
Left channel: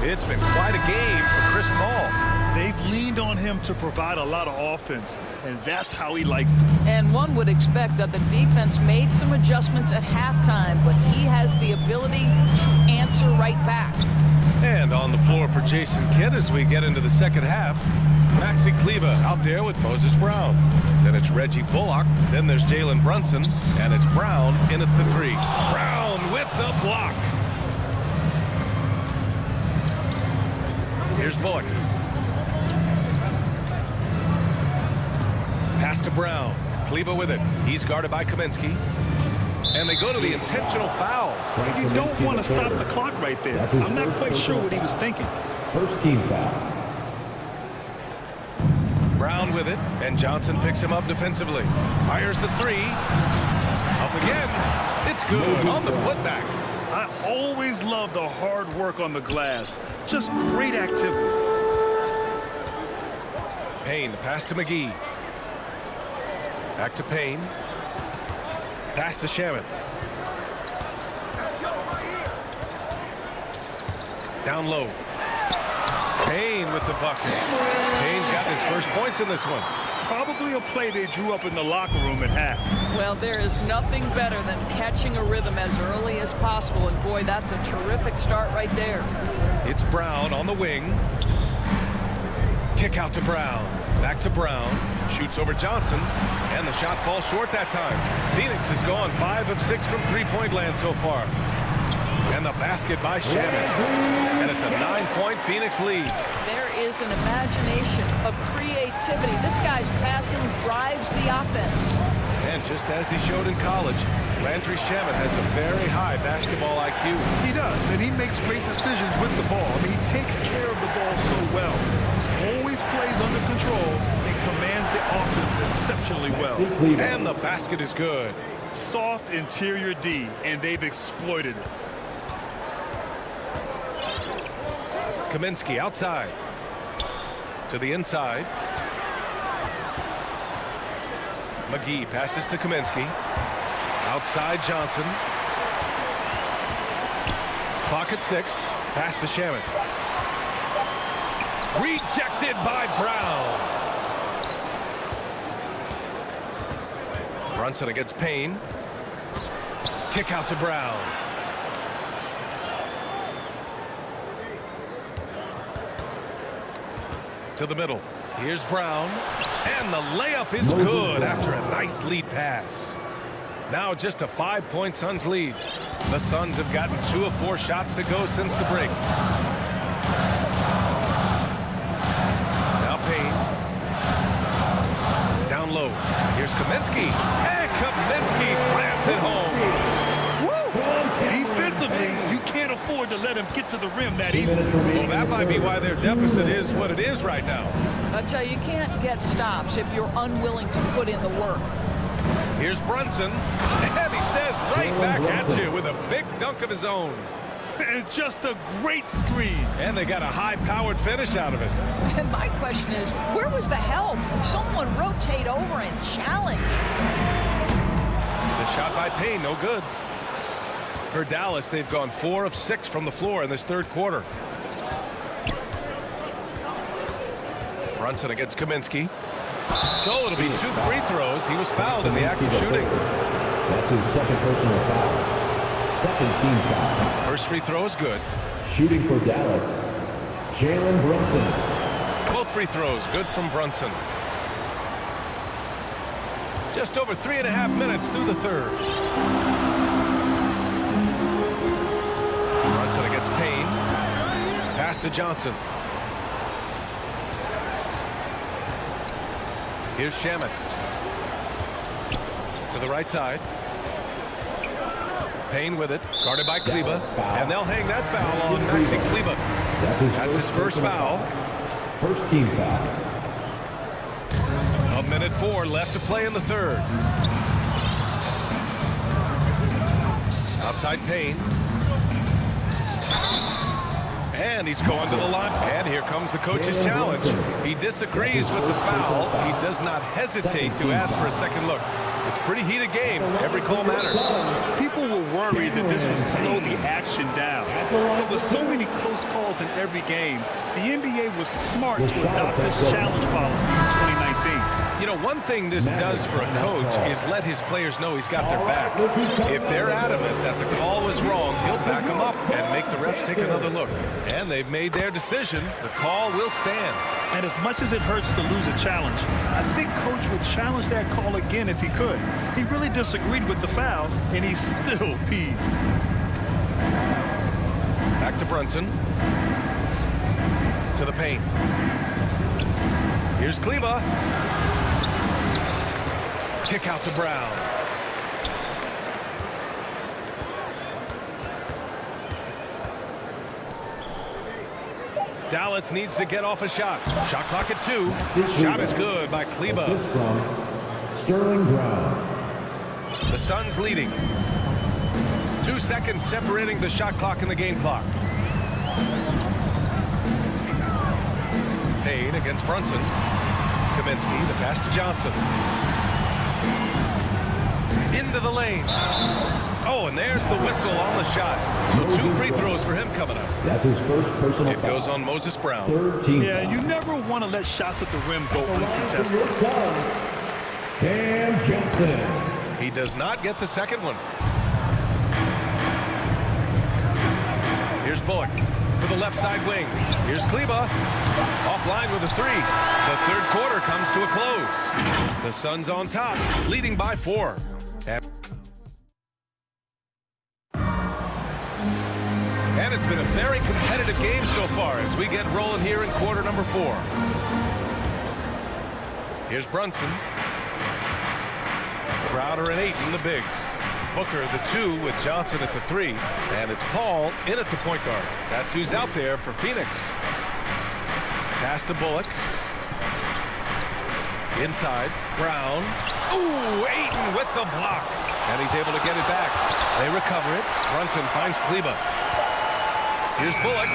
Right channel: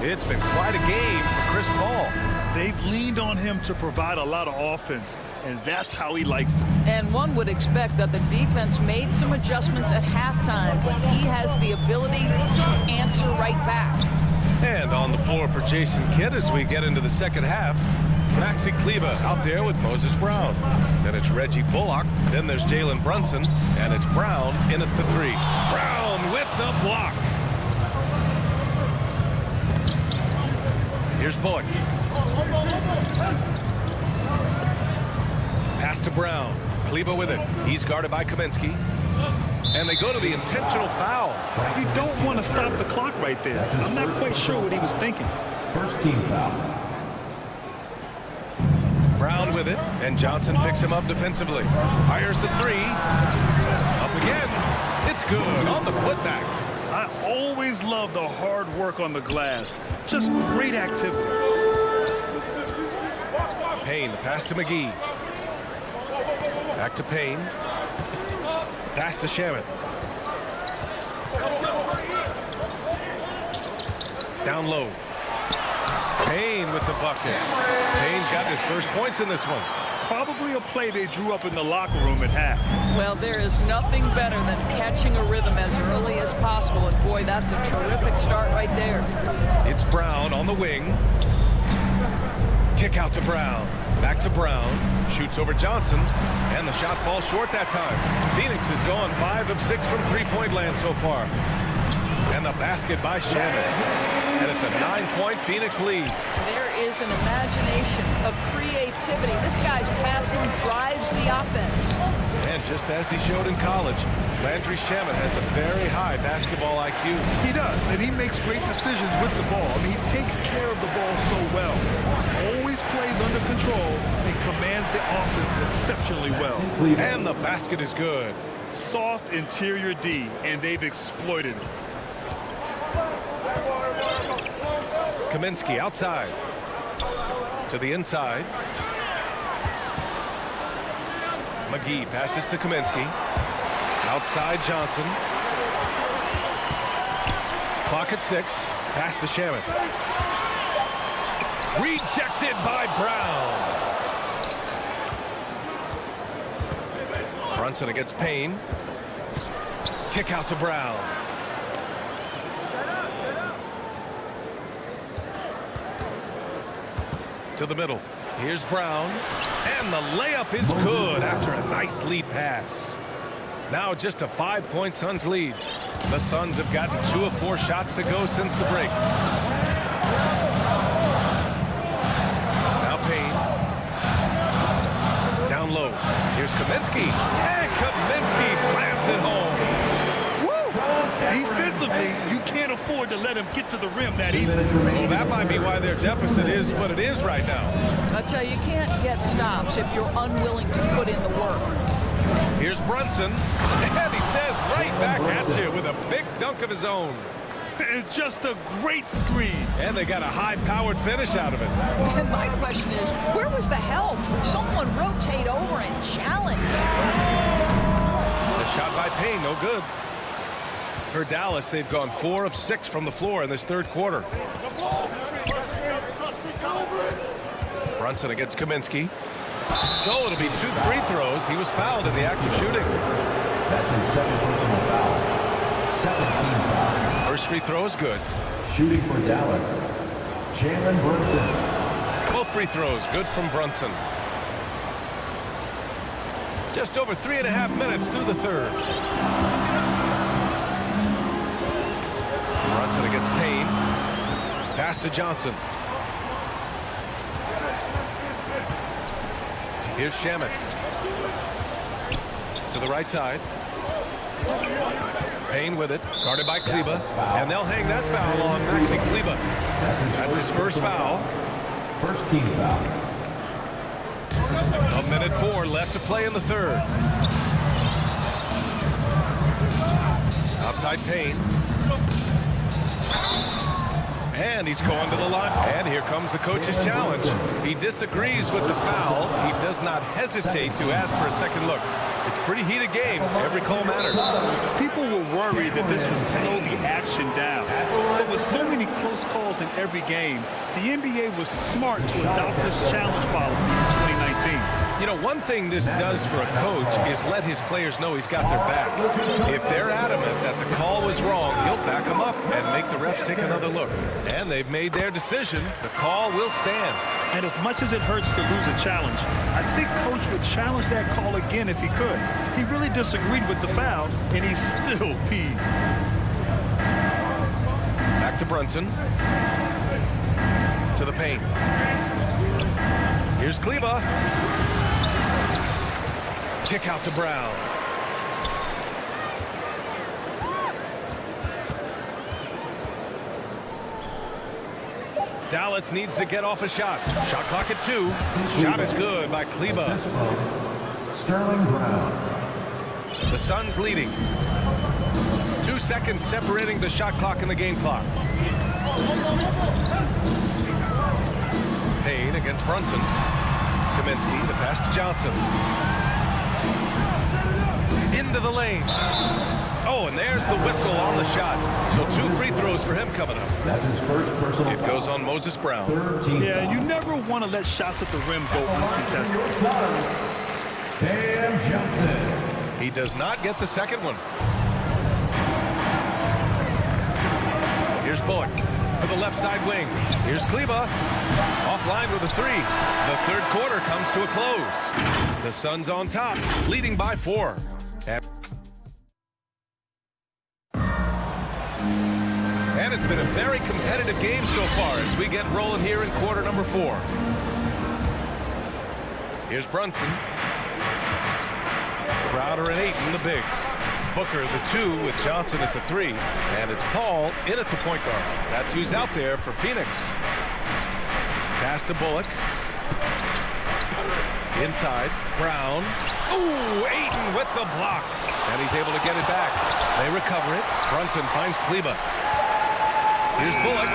It's been quite a game for Chris Paul. They've leaned on him to provide a lot of offense, and that's how he likes it. And one would expect that the defense made some adjustments at halftime, but he has the ability to answer right back. And on the floor for Jason Kidd as we get into the second half, Maxi Kleber out there with Moses Brown. Then it's Reggie Bullock. Then there's Jalen Brunson. And it's Brown in at the three. Brown with the block. Here's Bullock. Pass to Brown. Kleber with it. He's guarded by Kaminsky. And they go to the intentional foul. You don't want to stop the clock right there. I'm not quite sure what he was thinking. First team foul. Brown with it, and Johnson picks him up defensively. Fires the three. Up again. It's good on the putback. I always love the hard work on the glass. Just great activity. Payne, the pass to McGee. Back to Payne. Pass to Shamet. Down low. Payne with the bucket. Payne's got his first points in this one. Probably a play they drew up in the locker room at half. Well, there is nothing better than catching a rhythm as early as possible. And, boy, that's a terrific start right there. It's Brown on the wing. Kick out to Brown. Back to Brown. Shoots over Johnson. And the shot falls short that time. Phoenix has gone 5 of 6 from three-point land so far. And the basket by Shamet. And it's a 9-point Phoenix lead. There is an imagination, a creativity. This guy's passing drives the offense. And just as he showed in college, Landry Shamet has a very high basketball IQ. He does, and he makes great decisions with the ball. I mean, he takes care of the ball so well. He always plays under control and commands the offense exceptionally well. And the basket is good. Soft interior D, and they've exploited it. Kaminsky outside. To the inside. McGee passes to Kaminsky. Outside Johnson. Clock at 6. Pass to Shamet. Rejected by Brown. Brunson against Payne. Kick out to Brown. To the middle. Here's Brown. And the layup is good after a nice lead pass. Now just a 5-point Suns lead. The Suns have gotten 2 of 4 shots to go since the break. Now Payne. Down low. Here's Kaminsky. And Kaminsky slams it home. Defensively, you can't afford to let him get to the rim that easily. Well, that might be why their deficit is what it is right now. I tell you, you can't get stops if you're unwilling to put in the work. Here's Brunson, and he says right back at you with a big dunk of his own. And just a great screen. And they got a high-powered finish out of it. And my question is, where was the help? Someone rotate over and challenge. The shot by Payne, no good. For Dallas, they've gone 4 of 6 from the floor in this third quarter. Brunson against Kaminsky. So it'll be 2 free throws. He was fouled in the act of shooting. That's his second personal foul. Second team foul. First free throw is good. Shooting for Dallas, Jalen Brunson. Both free throws good from Brunson. Just over 3.5 minutes through the third. Brunson against Payne. Pass to Johnson. Here's Shamet. To the right side. Payne with it. Guarded by Kleba. And they'll hang that foul on Maxi Kleba. That's his first foul. First team foul. 1:04 left to play in the third. Outside Payne. And he's going to the line. And here comes the coach's challenge. He disagrees with the foul. He does not hesitate to ask for a second look. It's a pretty heated game. Every call matters. People were worried that this would slow the action down. But with so many close calls in every game, the NBA was smart to adopt this challenge policy in 2019. You know, one thing this does for a coach is let his players know he's got their back. If they're adamant that the call was wrong, he'll back them up and make the refs take another look. And they've made their decision. The call will stand. And as much as it hurts to lose a challenge, I think Coach would challenge that call again if he could. He really disagreed with the foul, and he's still peeved. Back to Brunson. To the paint. Here's Kleba. Kick out to Brown. Dallas needs to get off a shot. Shot clock at 2. Shot is good by Kleba. Assist from Sterling Brown. The Suns leading. 2 seconds separating the shot clock and the game clock. Payne against Brunson. Kaminsky, the pass to Johnson. Into the lane. Oh, and there's the whistle on the shot. So 2 free throws for him coming up. That's his first personal foul. It goes on Moses Brown. Third team yeah, foul. you never want to let shots at the rim go uncontested. Cam Johnson. He does not get the second one. Here's Bullock for the left side wing. Here's Kleba. Offline with a 3. The third quarter comes to a close. The Suns on top, leading by 4. And it's been a very competitive game so far as we get rolling here in quarter number 4. Here's Brunson. Crowder and Ayton, the bigs. Booker, the 2, with Johnson at the 3. And it's Paul in at the point guard. That's who's out there for Phoenix. Pass to Bullock. Inside, Brown. Ooh, Ayton with the block. And he's able to get it back. They recover it. Brunson finds Kleba. Here's Bullock.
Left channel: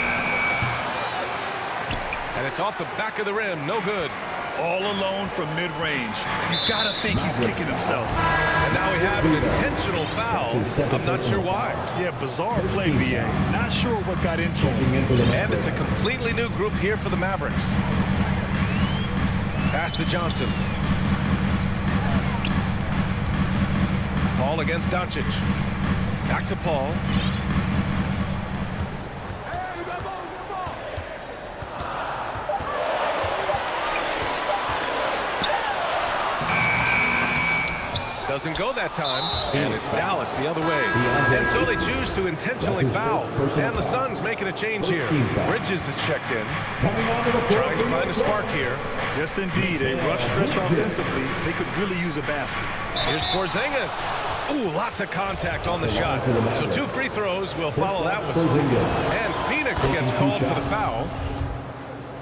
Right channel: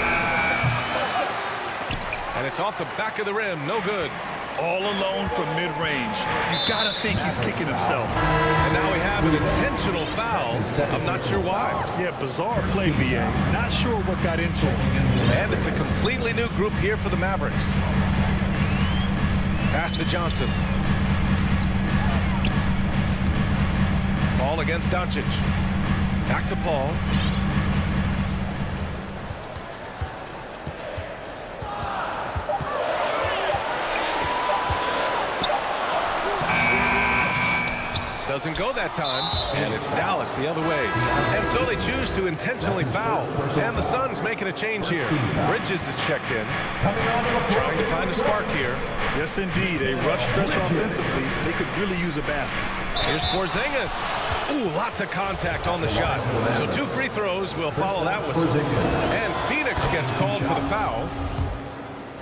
And it's off the back of the rim. No good. All alone from mid-range. You got to think he's kicking himself. And now we have an intentional foul. I'm not sure why. Yeah, bizarre play, BA. Not sure what got into him. And it's a completely new group here for the Mavericks. Pass to Johnson. Paul against Doncic. Back to Paul. Doesn't go that time, and it's Dallas the other way. And so they choose to intentionally foul. And the Suns making a change here. Bridges is checked in. Trying to find a spark here. Yes, indeed. A rough stretch offensively. They could really use a basket. Here's Porzingis. Ooh, lots of contact on the shot. So 2 free throws will follow that whistle. And Phoenix gets called for the foul.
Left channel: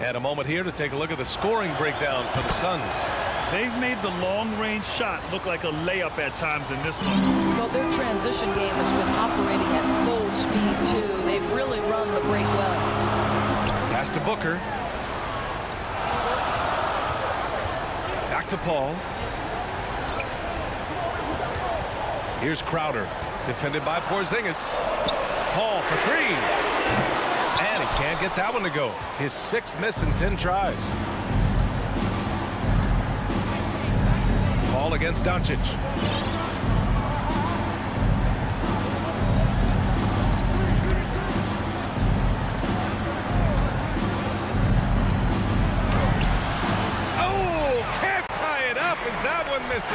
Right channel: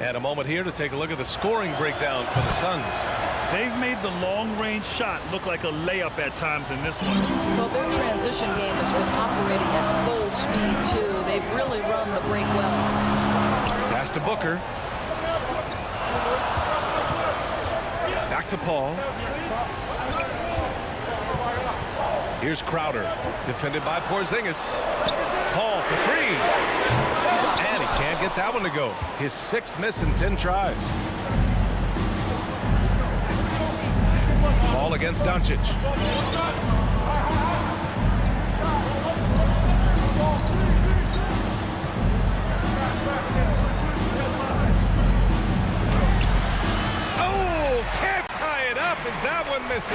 And a moment here to take a look at the scoring breakdown for the Suns. They've made the long-range shot look like a layup at times in this one. Well, their transition game has been operating at full speed, too. They've really run the break well. Pass to Booker. Back to Paul. Here's Crowder. Defended by Porzingis. Paul for 3. And he can't get that one to go. His 6th miss in 10 tries. Paul against Doncic. Oh, can't tie it up as that one misses.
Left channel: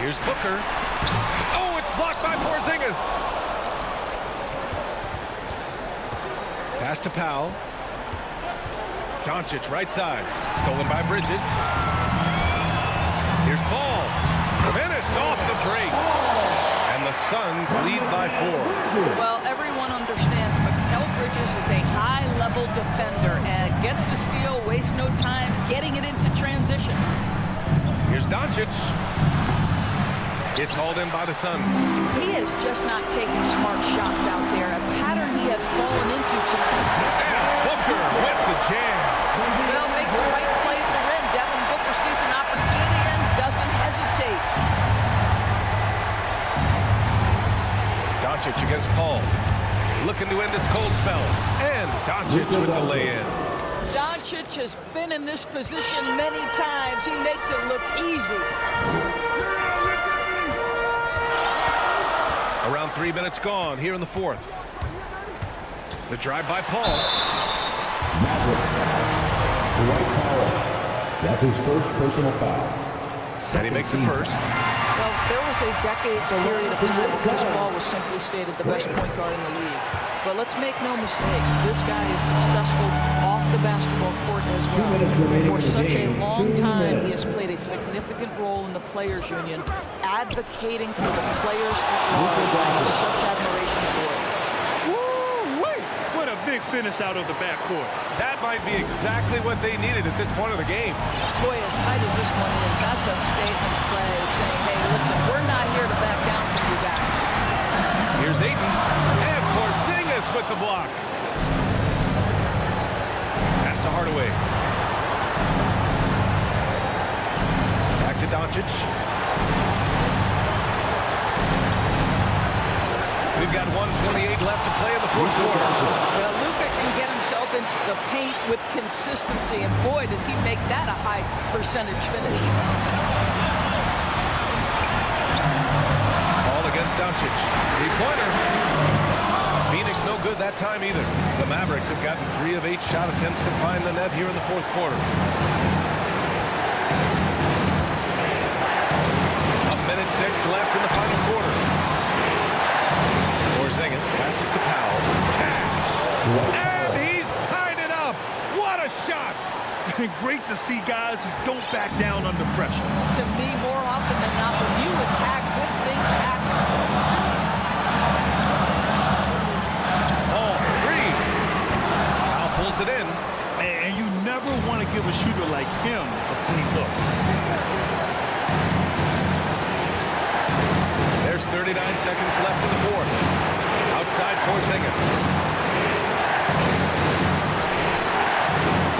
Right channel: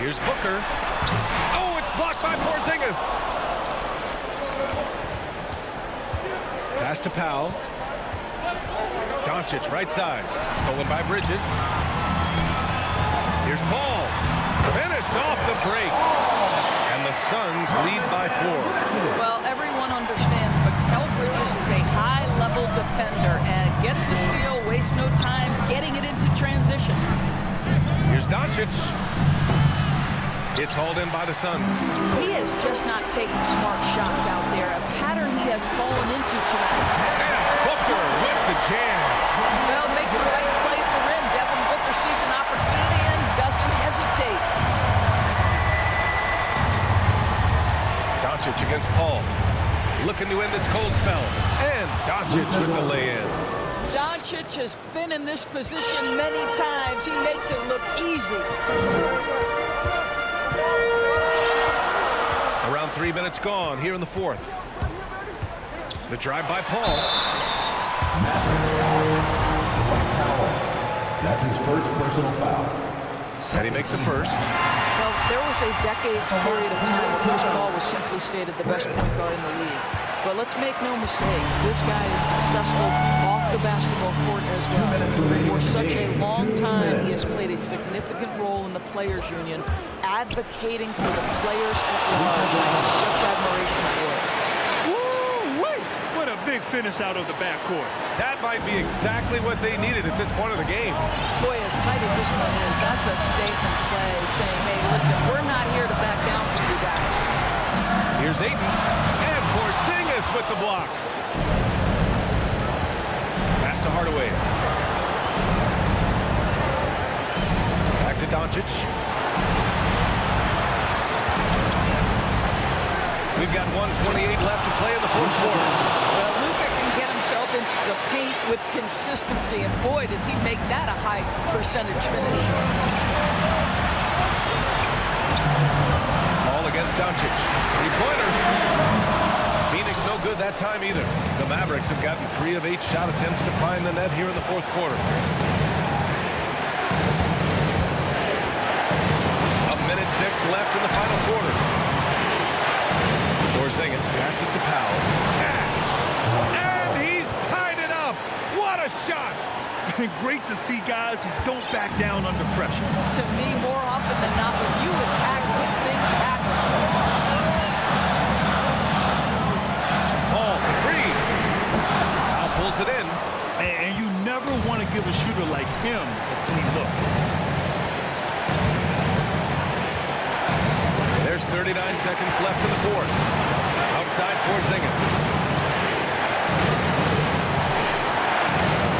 Here's Booker. Oh, it's blocked by Porzingis. Pass to Powell. Doncic, right side. Stolen by Bridges. Here's Paul. Finished off the break. And the Suns lead by 4. Well, everyone understands Mikal Bridges is a high-level defender and gets the steal, wastes no time getting it into transition. Here's Doncic. It's hauled in by the Suns. He is just not taking smart shots out there, a pattern he has fallen into tonight. And Booker with the jam. Well, make the right play at the rim. Devin Booker sees an opportunity and doesn't hesitate. Doncic against Paul. Looking to end this cold spell. And Doncic with the lay-in. Doncic has been in this position many times. He makes it look easy. Around 3 minutes gone here in the 4th. The drive by Paul. Mavericks foul. Dwight Powell. That's his first personal foul. And he makes it first. Well, there was a decades period of time when Chris Paul was simply stated the best point guard in the league. But let's make no mistake, this guy is successful off the basketball court as well. For such a long time, he has played a significant role in the Players Union, advocating for the players at large. I have such admiration for it. Woo-wee! What a big finish out of the backcourt. That might be exactly what they needed at this point of the game. Boy, as tight as this one is, that's a statement play saying, hey, listen, we're not here to back down from you guys. Here's Ayton. And Porzingis with the block. Pass to Hardaway. Back to Doncic. We've got 1:28 left to play in the 4th quarter. Well, Luka can get himself into the paint with consistency, and boy, does he make that a high percentage finish. Ball against Doncic. 3-pointer. Phoenix no good that time either. The Mavericks have gotten 3 of 8 shot attempts to find the net here in the 4th quarter. A minute 6 left in the final quarter. Porzingis passes to Powell. Cash! And he's tied it up! What a shot! Great to see guys who don't back down under pressure. To me, more often than not, when you attack, good things happen. Paul for 3. Powell pulls it in. And you never want to give a shooter like him a clean look. There's 39 seconds left in the 4th. Outside Porzingis.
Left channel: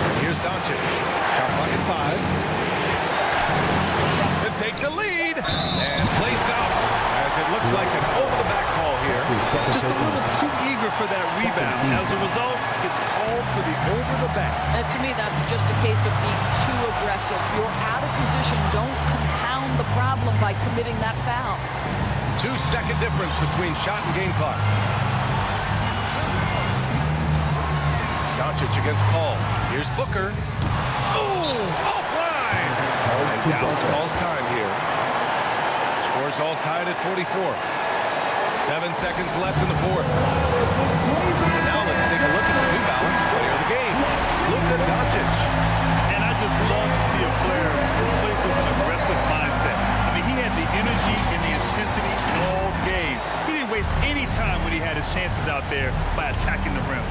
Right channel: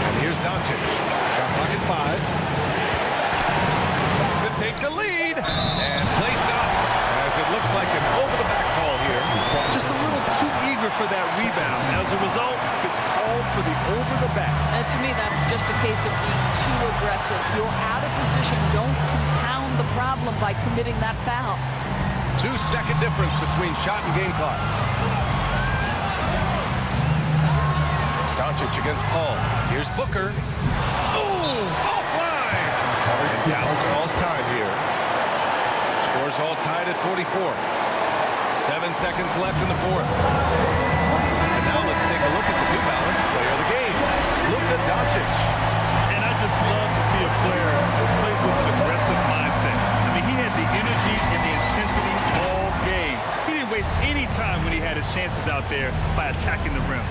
And here's Doncic. Shot clock at 5. To take the lead. And play stops as it looks like an over-the-back call here. Just a little too eager for that rebound. As a result, gets called for the over-the-back. And to me, that's just a case of being too aggressive. You're out of position. Don't compound the problem by committing that foul. 2-second difference between shot and game clock. Doncic against Paul. Here's Booker. Ooh, offline. And Dallas calls time here. Scores all tied at 44. 7 seconds left in the 4th. And now let's take a look at the New Balance player of the game, Luka Doncic. And I just love to see a player who plays with an aggressive mindset. I mean, he had the energy and the intensity all game. He didn't waste any time when he had his chances out there by attacking the rim.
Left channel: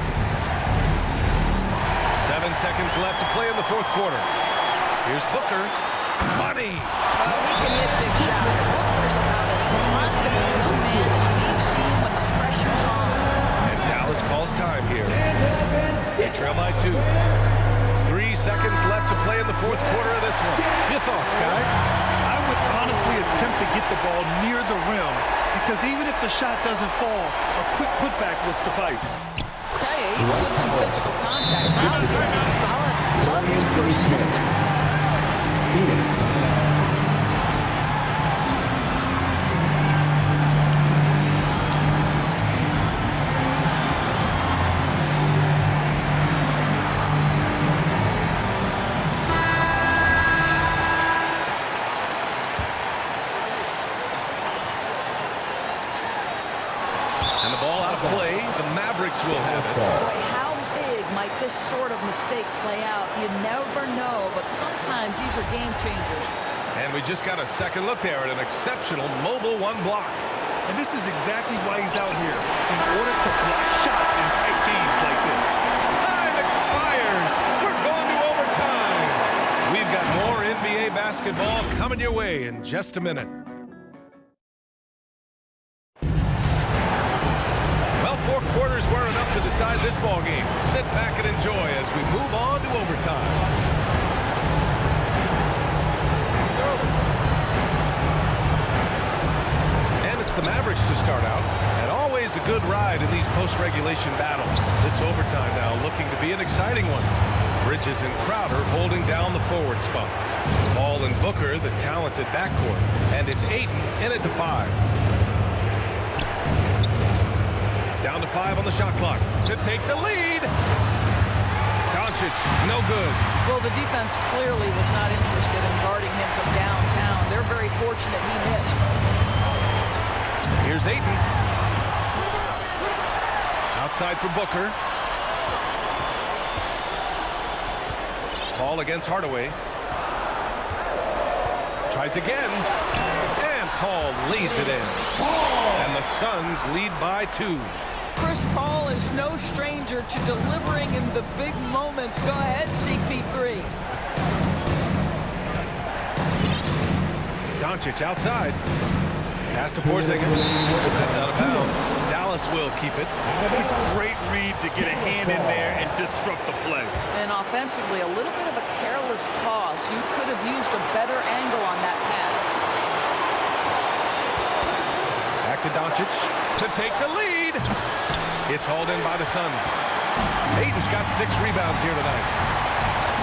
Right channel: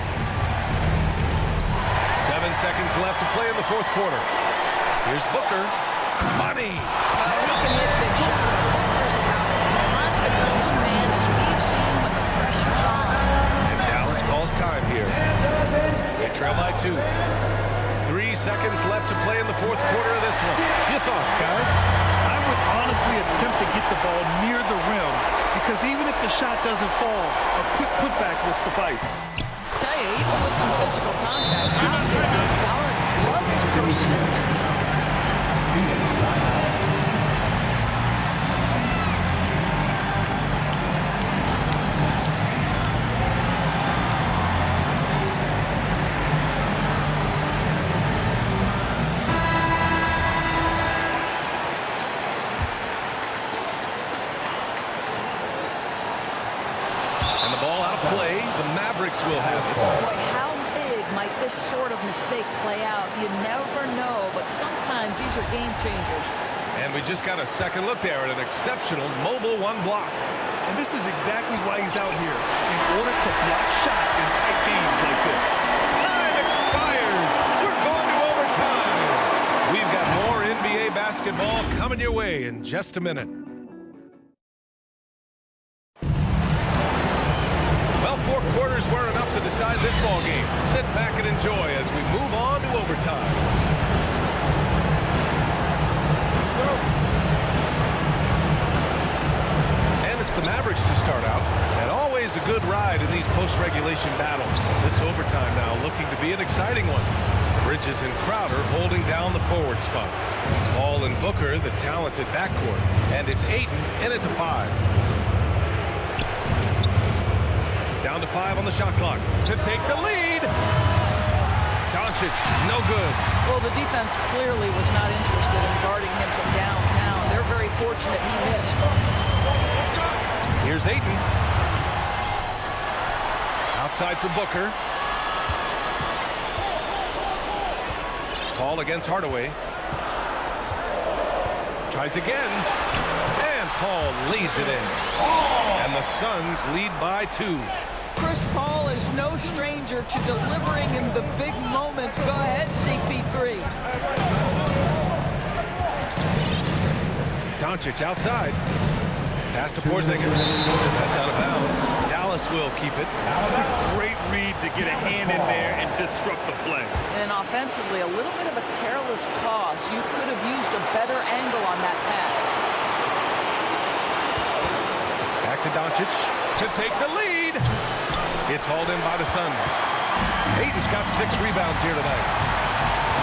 7 seconds left to play in the 4th quarter. Here's Booker. Money. Well, he can hit big shots. Booker's about as confident a young man as we've seen when the pressure's on. And Dallas calls time here. They trail by 2. 3 seconds left to play in the 4th quarter of this one. Your thoughts, guys? I would honestly attempt to get the ball near the rim because even if the shot doesn't fall, a quick putback will suffice. Tell you, even with some physical contact, how gets it done. Love his persistence. Phoenix timeout. And the ball out of play. The Mavericks will have it. Boy, how big might this sort of mistake play out? You never know, but sometimes these are game changers. And we just got a second look there at an exceptional mobile one block. And this is exactly why he's out here, in order to block shots in tight games like this. Time expires. We're going to overtime. We've got more NBA basketball coming your way in just a minute. Well, 4 quarters were enough to decide this ball game. Sit back and enjoy as we move on to overtime. And it's the Mavericks to start out. And always a good ride in these post-regulation battles. This overtime now looking to be an exciting one. Bridges and Crowder holding down the forward spots. Paul and Booker, the talented backcourt. And it's Ayton in at the 5. Down to 5 on the shot clock to take the lead. Doncic, no good. Well, the defense clearly was not interested in guarding him from downtown. They're very fortunate he missed. Here's Ayton. Outside for Booker. Paul against Hardaway. Tries again. And Paul lays it in. And the Suns lead by 2. Chris Paul is no stranger to delivering in the big moments. Go ahead, CP3. Doncic outside. Pass to Porzingis. And that's out of bounds. Dallas will keep it. What a great read to get a hand in there and disrupt the play. And offensively, a little bit of a careless toss. You could have used a better angle on that pass. Back to Doncic to take the lead. It's hauled in by the Suns. Ayton's got 6 rebounds here tonight.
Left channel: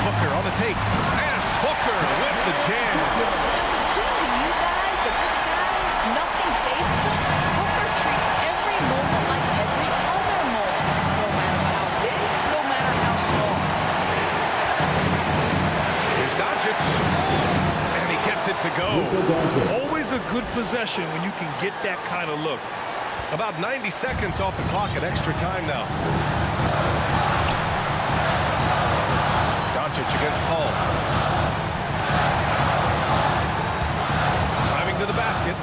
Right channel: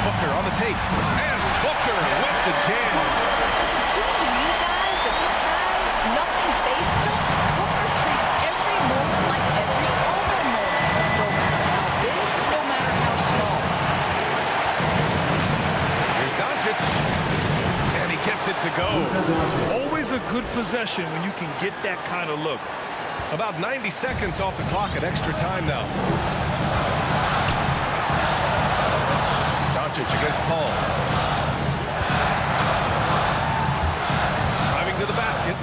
Booker on the take. And Booker with the jam. Does it seem to you guys that this guy, nothing phases him? Booker treats every moment like every other moment. No matter how big, no matter how small. Here's Doncic. And he gets it to go. Always a good possession when you can get that kind of look. About 90 seconds off the clock at extra time now. Doncic against Paul. Driving to the basket.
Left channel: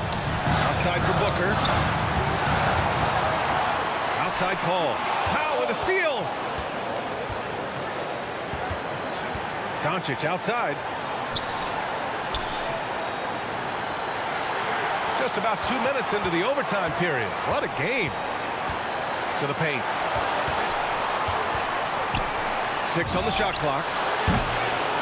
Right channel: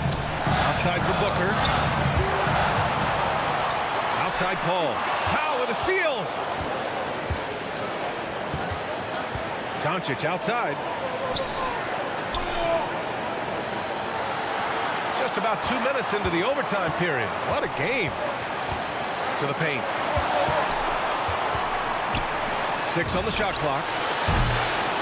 Outside for Booker. Outside Paul. Powell with a steal. Doncic outside. Just about 2 minutes into the overtime period. What a game. To the paint. 6 on the shot clock.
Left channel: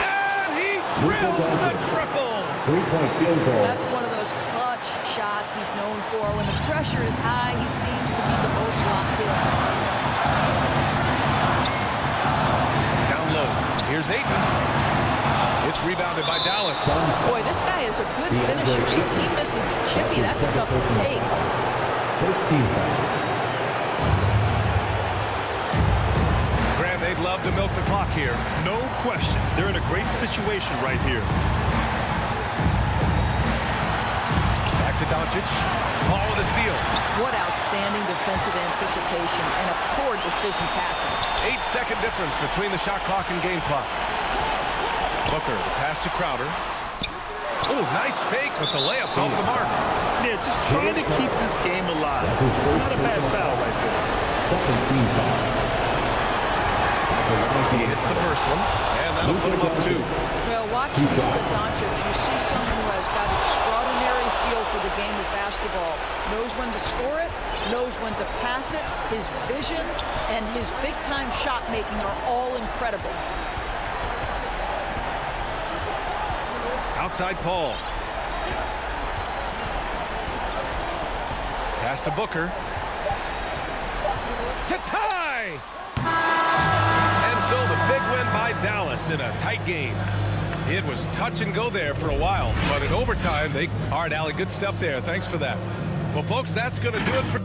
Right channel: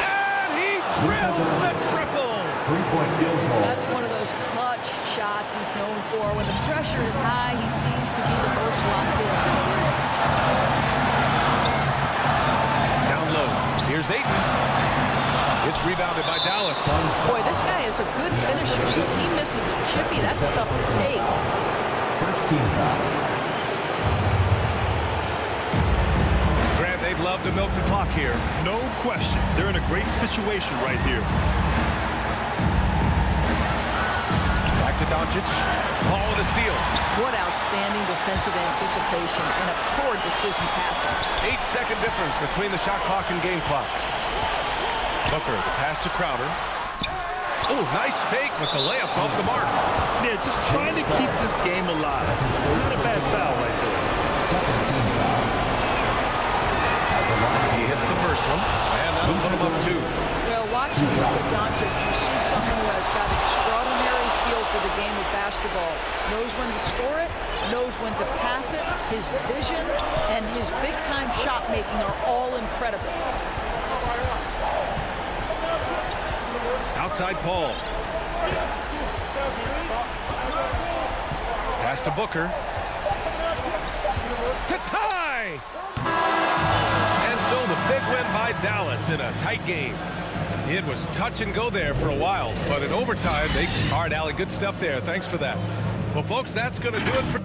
And he drills the triple. 3-point field goal. That's one of those clutch shots he's known for. When the pressure is high, he seems to be the most locked in. Down low. Here's Ayton. It's rebounded by Dallas. Boy, this guy is a good finisher, so if he misses a chippy, that's tough to take. First team foul. Grant, they'd love to milk the clock here. No question. They're in a great situation right here. Back to Doncic. Paul with a steal. What outstanding defensive anticipation and a poor decision passing. 8-second difference between the shot clock and game clock. Booker, the pass to Crowder. Oh, nice fake, but the layup's off the mark. Yeah, just trying to keep this game alive. Not a bad foul right there. Second team foul. He hits the first one, and that'll put him up 2. Well, watching Luka Doncic, you see someone who has got extraordinary feel for the game of basketball. Knows when to score it, knows when to pass it. His vision and his big-time shot making are all incredible. Outside Paul. Pass to Booker. To tie! And so the big win by Dallas in a tight game. It was touch and go there for a while, but in overtime, all right, Allie, good stuff there. Thanks for that. Well, folks, that's going to do it for...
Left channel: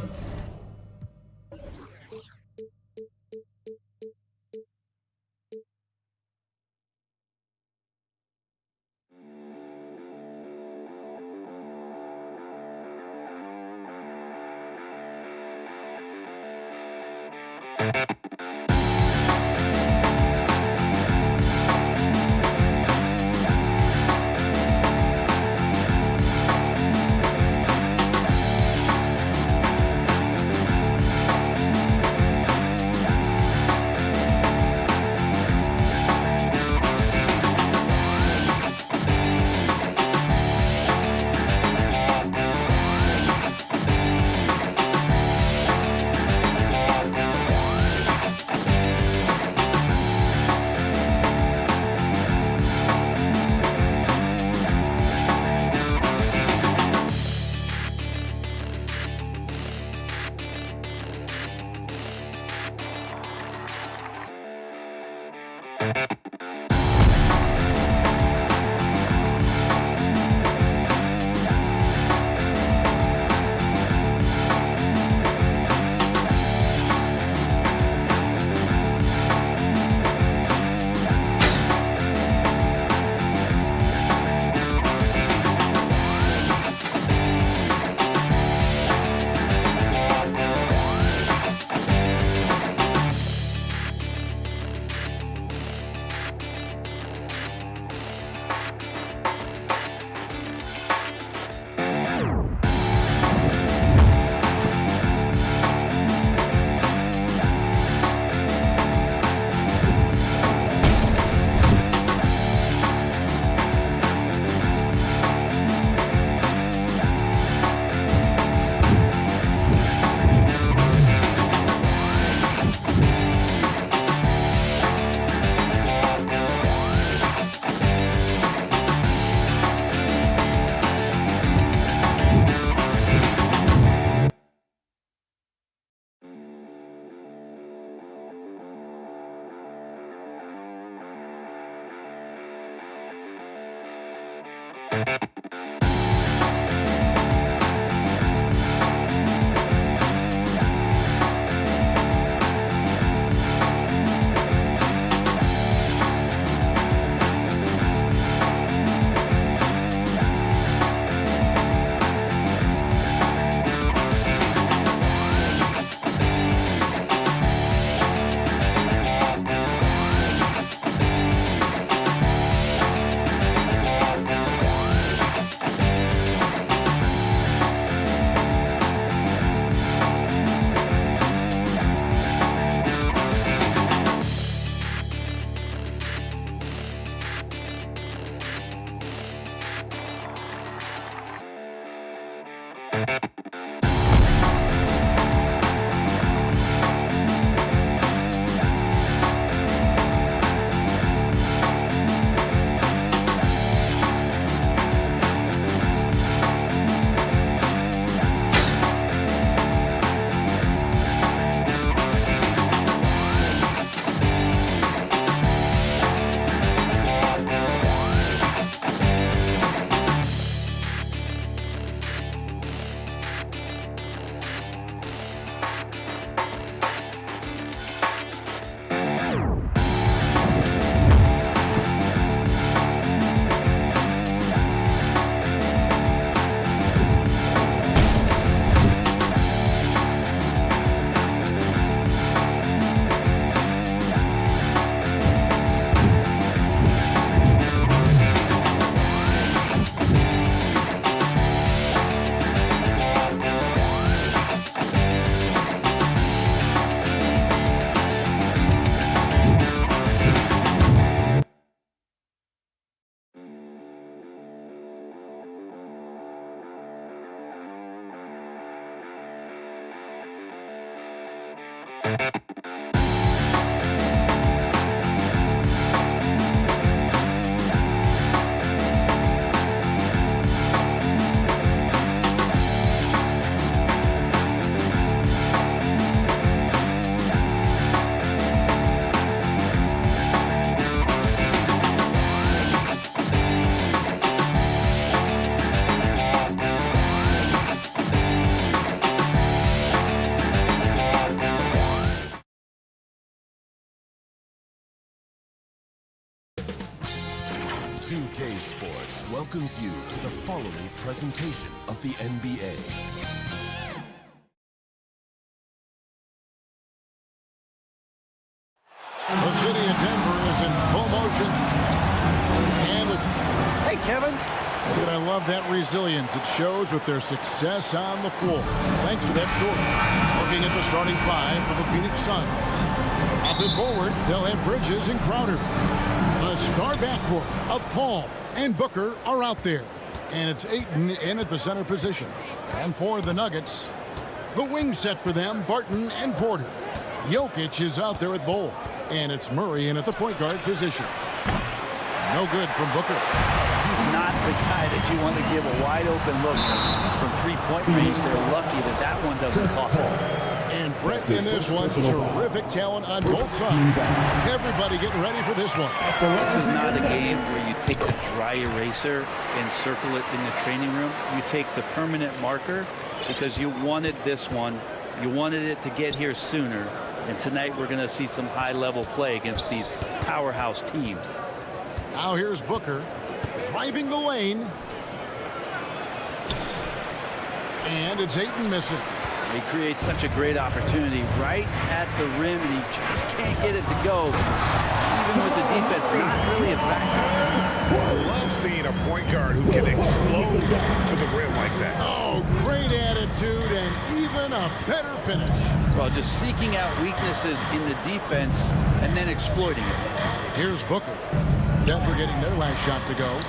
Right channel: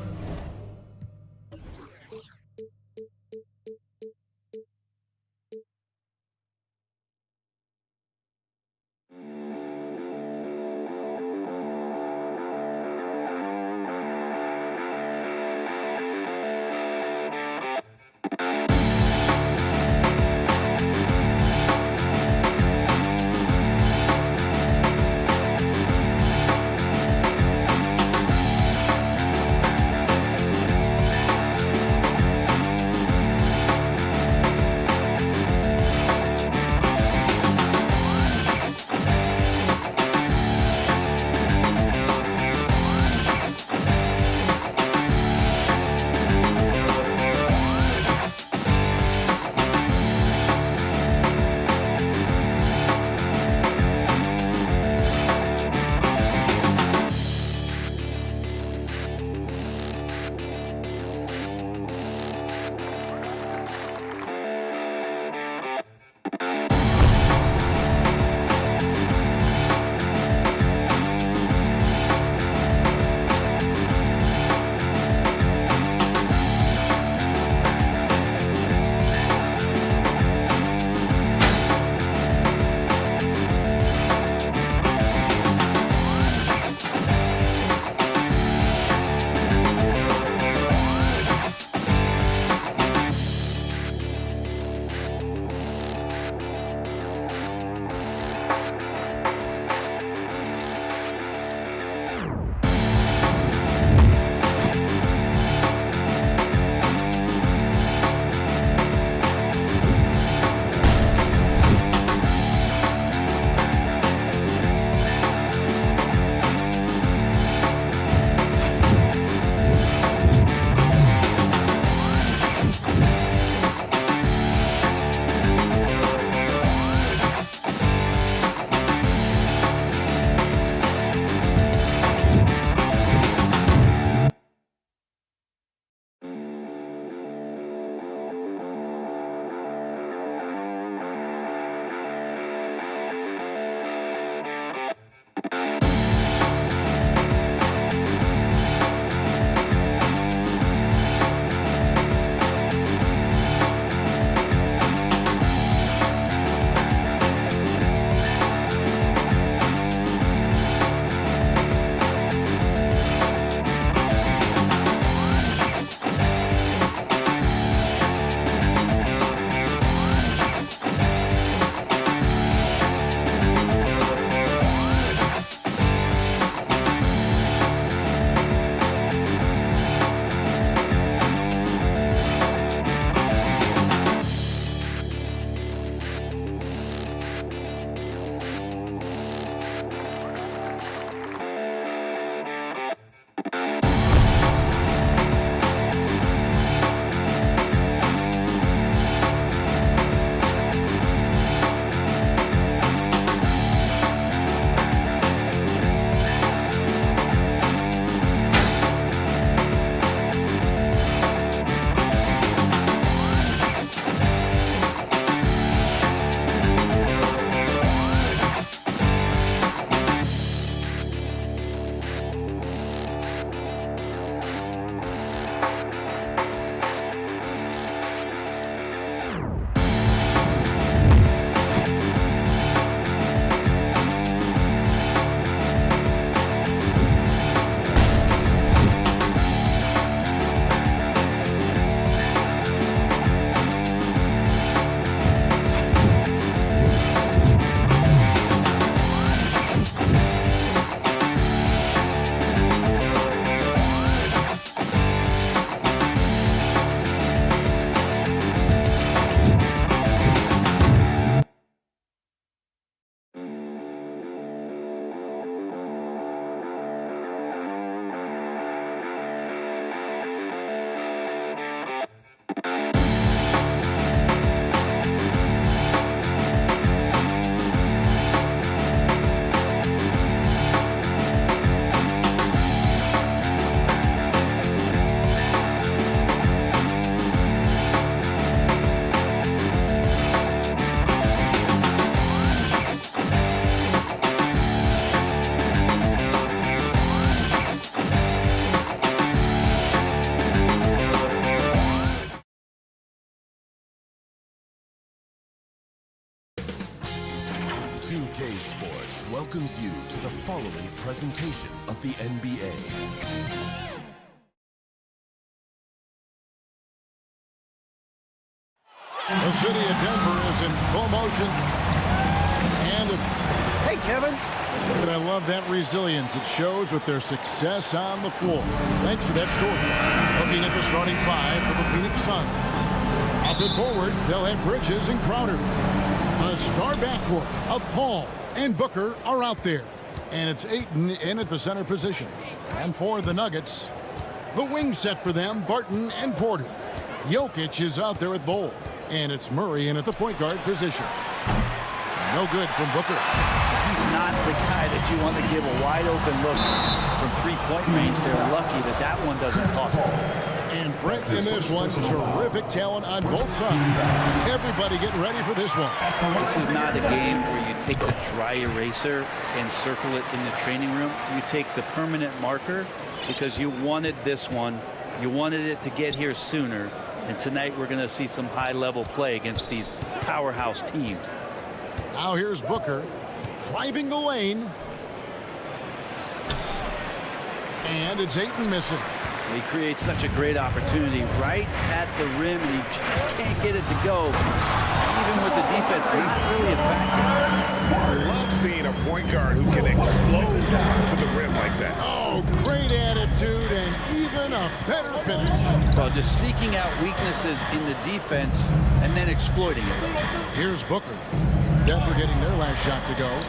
2K Sports welcomes you to the following presentation of the NBA. The city of Denver is in full motion. And hey, Kevin. And I love that resilience it shows with their success on the floor. Thanks for that story. Looking at the starting five for the Phoenix Suns. Up and forward, they'll have Bridges and Crowder. The star backcourt of Paul and Booker are out there. And it's Ayton in at the center position. And for the Nuggets, the wing set for them, Barton and Porter. Jokic is out there at Bull. And it's Murray in at the point guard position. No good from Booker. He's not the guy that you want to give a wide open look from three-point range. They're lucky that that one doesn't cost them. And Brent in this one, terrific talent on both sides. Everybody getting ready for this one. This is not a game where you take the dry eraser and circle it in the training room. You take the permanent marker because you wanted this one. You wanted it to get here sooner. And tonight we're going to see some high-level play against these powerhouse teams. Now here's Booker driving the lane. And it's Ayton missing. He creates such a great opportunity right at the rim, and he just can't get it to go. Even with the defense not really a factor. I love seeing a point guard who can explode to the rim like that. Oh, great attitude and even a better finish. Well, just seeking out weaknesses in the defense and then exploiting it. Here's Booker. Denver getting their last shot to go.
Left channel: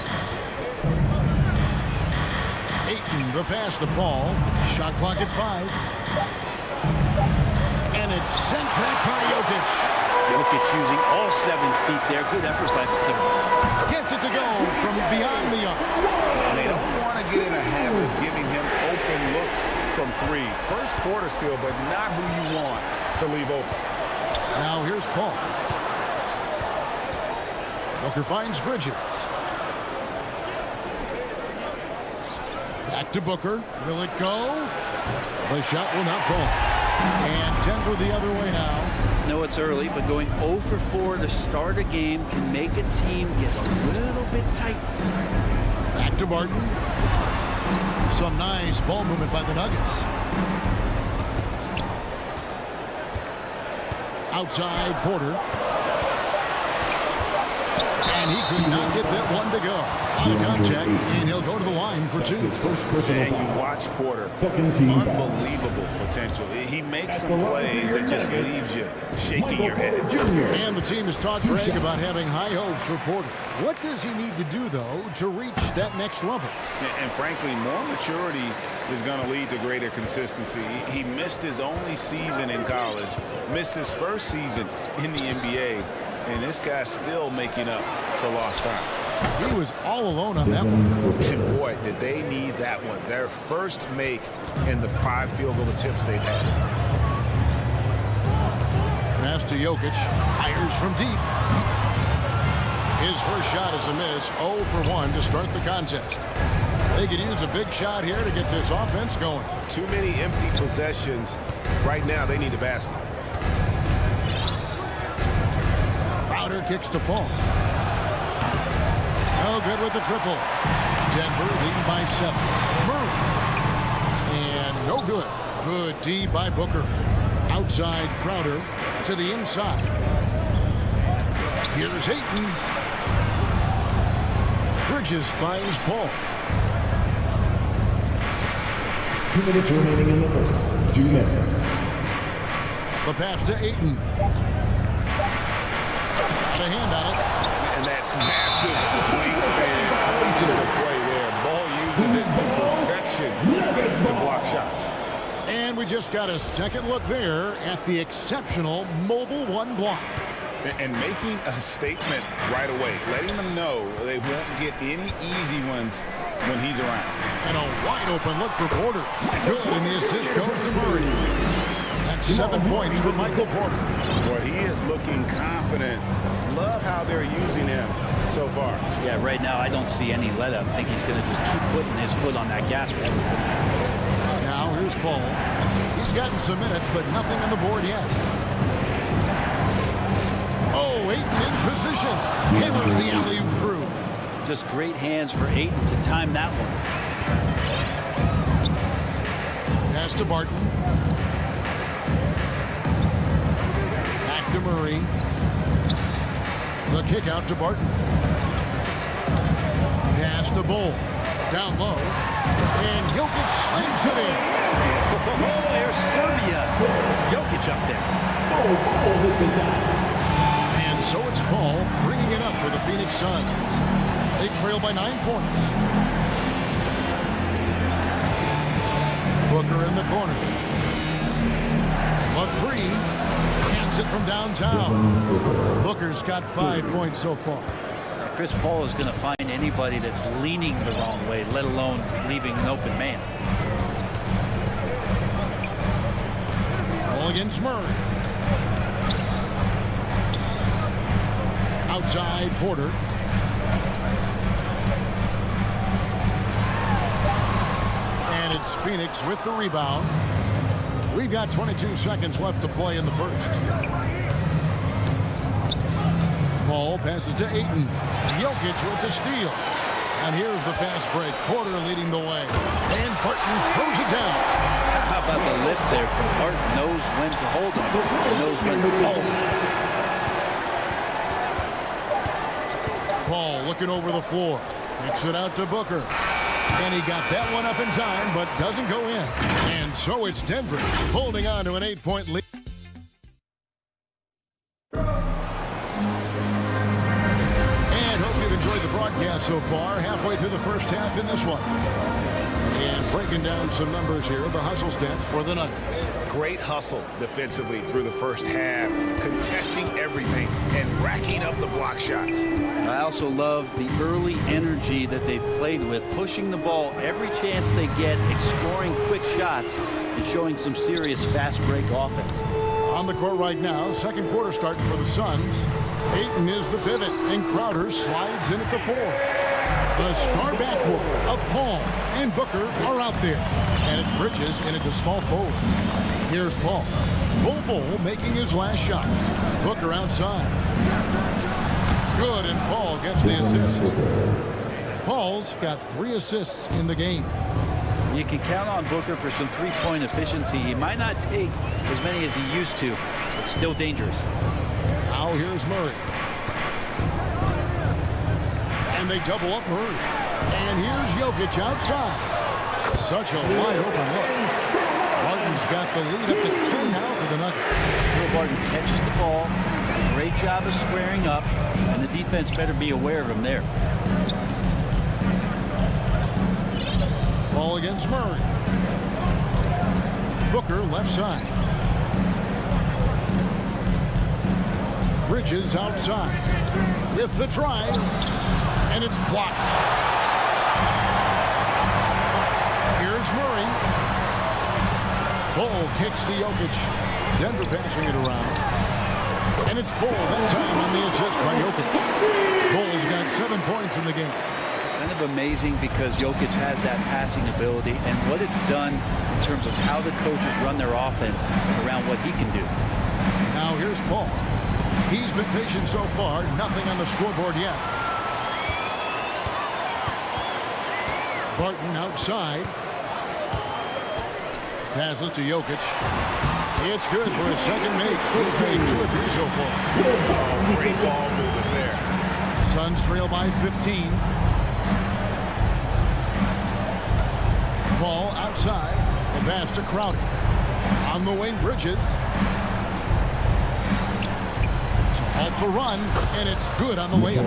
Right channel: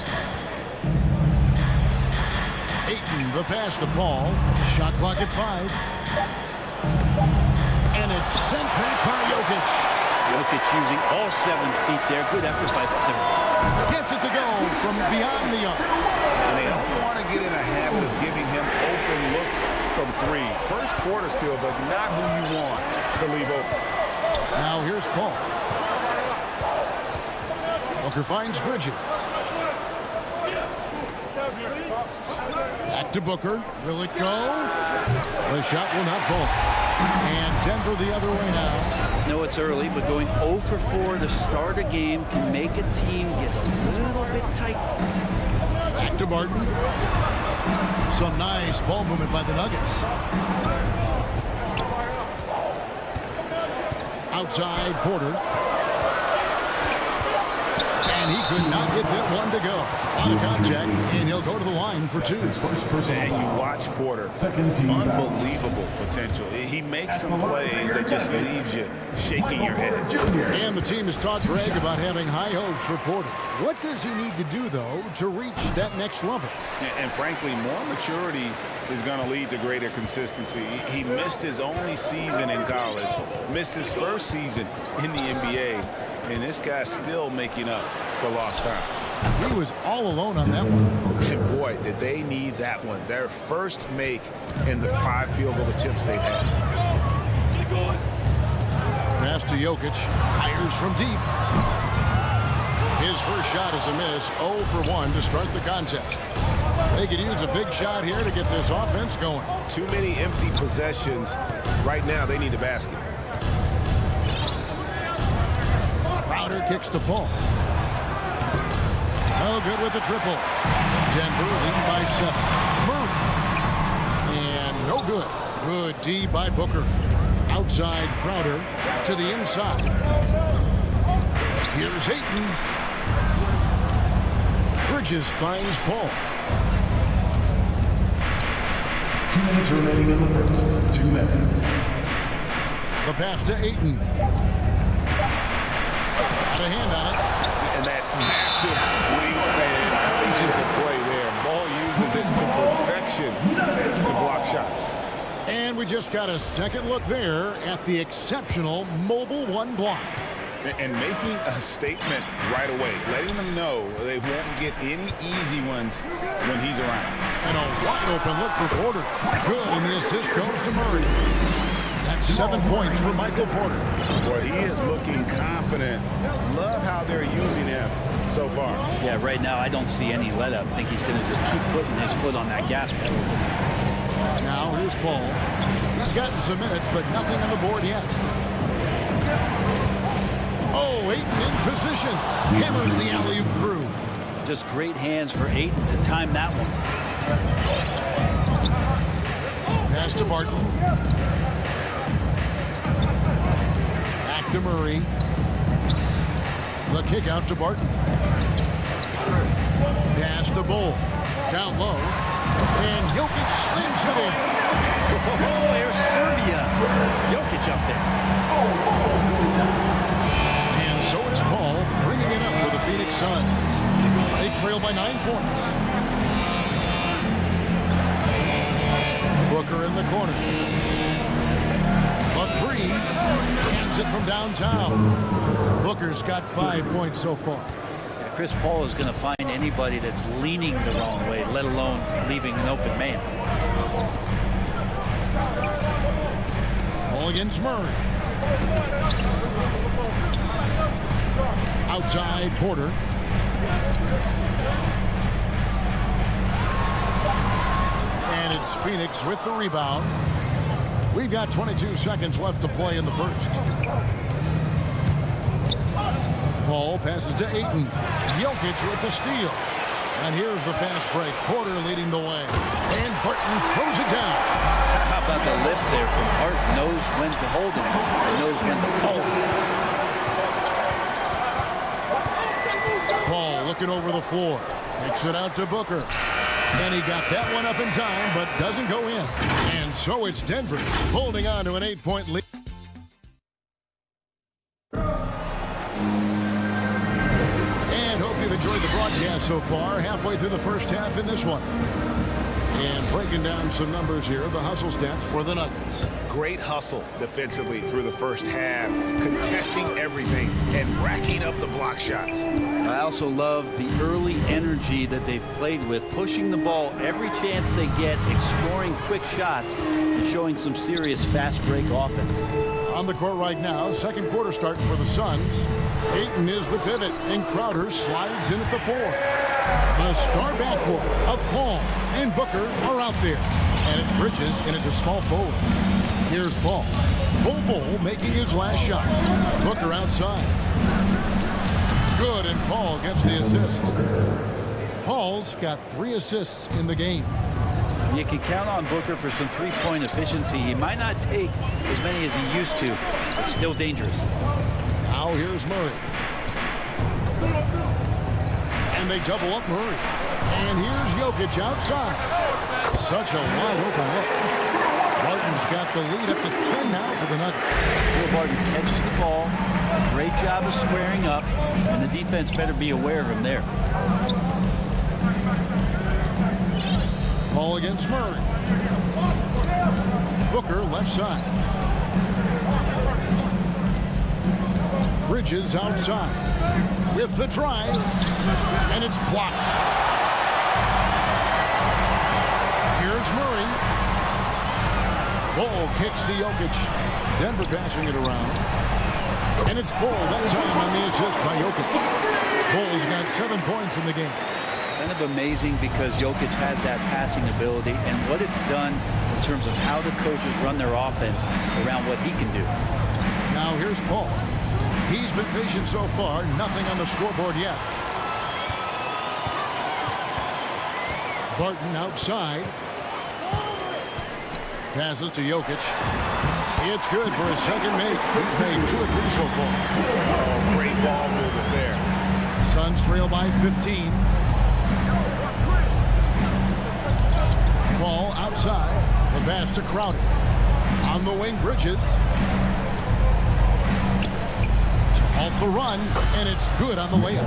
Ayton, the pass to Paul. Shot clock at 5. And it's sent back by Jokic. Jokic using all 7 feet there. Good effort by the center. Gets it to go from beyond the arc. And they don't want to get in a habit of giving him open looks from 3. First quarter still, but not who you want to leave open. Now here's Paul. Booker finds Bridges. Back to Booker. Will it go? The shot will not fall. And Denver the other way now. No, it's early, but going 0 for 4 to start a game can make a team get a little bit tight. Back to Barton. Some nice ball movement by the Nuggets. Outside Porter. And he could not get that one to go. A lot of contact, and he'll go to the line for 2. And you watch Porter. Unbelievable potential. He makes some plays that just leaves you shaking your head. And the team has talked Greg about having high hopes for Porter. What does he need to do, though, to reach that next level? And frankly, more maturity is going to lead to greater consistency. He missed his only season in college, missed his first season in the NBA, and this guy's still making up for lost time. He was all alone on that one. And boy, did they need that one. Their first make in the 5 field goal attempts they've had. Pass to Jokic. Fires from deep. His first shot is a miss. 0 for 1 to start the contest. They could use a big shot here to get this offense going. Too many empty possessions. Right now, they need a basket. Crowder kicks to Paul. No good with the triple. Denver leading by 7. Murray. And no good. Good D by Booker. Outside Crowder to the inside. Here's Ayton. Bridges finds Paul. 2 minutes remaining in the first. 2 minutes. The pass to Ayton. Got a hand on it. And that massive wingspan coming into play there. Ball uses it to perfection to block shots. And we just got a second look there at the exceptional mobile 1 block. And making a statement right away, letting them know they won't get any easy ones when he's around. And a wide open look for Porter. Good, and the assist goes to Murray. That's 7 points for Michael Porter. Boy, he is looking confident. Love how they're using him so far. Yeah, right now I don't see any let up. I think he's going to just keep putting his foot on that gas pedal tonight. Now here's Paul. He's gotten some minutes, but nothing on the board yet. Oh, Ayton in position. Hammers the alley-oop through. Just great hands for Ayton to time that one. Pass to Barton. Back to Murray. The kick out to Barton. Pass to Bull. Down low. And Jokic slams it in. Oh, there's Serbia. Jokic up there. And so it's Paul bringing it up for the Phoenix Suns. They trail by 9 points. Booker in the corner. The 3. Hands it from downtown. Booker's got 5 points so far. Yeah, Chris Paul is going to find anybody that's leaning the wrong way, let alone leaving an open man. Ball against Murray. Outside Porter. And it's Phoenix with the rebound. We've got 22 seconds left to play in the first. Paul passes to Ayton. Jokic with the steal. And here's the fast break. Porter leading the way. And Barton throws it down. How about the lift there from Barton? Knows when to hold him and knows when to hold him. Paul looking over the floor. Kicks it out to Booker. And he got that one up in time, but doesn't go in. And so it's Denver holding on to an 8-point lead. And hope you've enjoyed the broadcast so far. Halfway through the first half in this one. And breaking down some numbers here, the hustle stats for the Nuggets. Great hustle defensively through the first half, contesting everything and racking up the block shots. I also love the early energy that they've played with, pushing the ball every chance they get, exploring quick shots, and showing some serious fast break offense. On the court right now, second quarter starting for the Suns. Ayton is the pivot, and Crowder slides in at the 4. The star backcourt of Paul and Booker are out there. And it's Bridges in it to small forward. Here's Paul. Bull making his last shot. Booker outside. Good, and Paul gets the assist. Paul's got 3 assists in the game. You can count on Booker for some three-point efficiency. He might not take as many as he used to, but still dangerous. Now here's Murray. And they double up Murray. And here's Jokic outside. Such a wide open look. Barton's got the lead up to 10 now for the Nuggets. Will Barton catches the ball. Great job of squaring up. And the defense better be aware of him there. Ball against Murray. Booker left side. Bridges outside. With the drive. And it's blocked. Here's Murray. Bull kicks to Jokic. Denver passing it around. And it's Bull that time on the assist by Jokic. Bull's got 7 points in the game. Kind of amazing because Jokic has that passing ability and what it's done in terms of how the coaches run their offense around what he can do. Now here's Paul. He's been patient so far. Nothing on the scoreboard yet. Barton outside. Passes to Jokic. It's good for his second make. He's made 2 or 3 so far. Oh, great ball movement there. Suns trail by 15. Ball outside. The pass to Crowder. On the wing, Bridges. To halt the run, and it's good on the way up.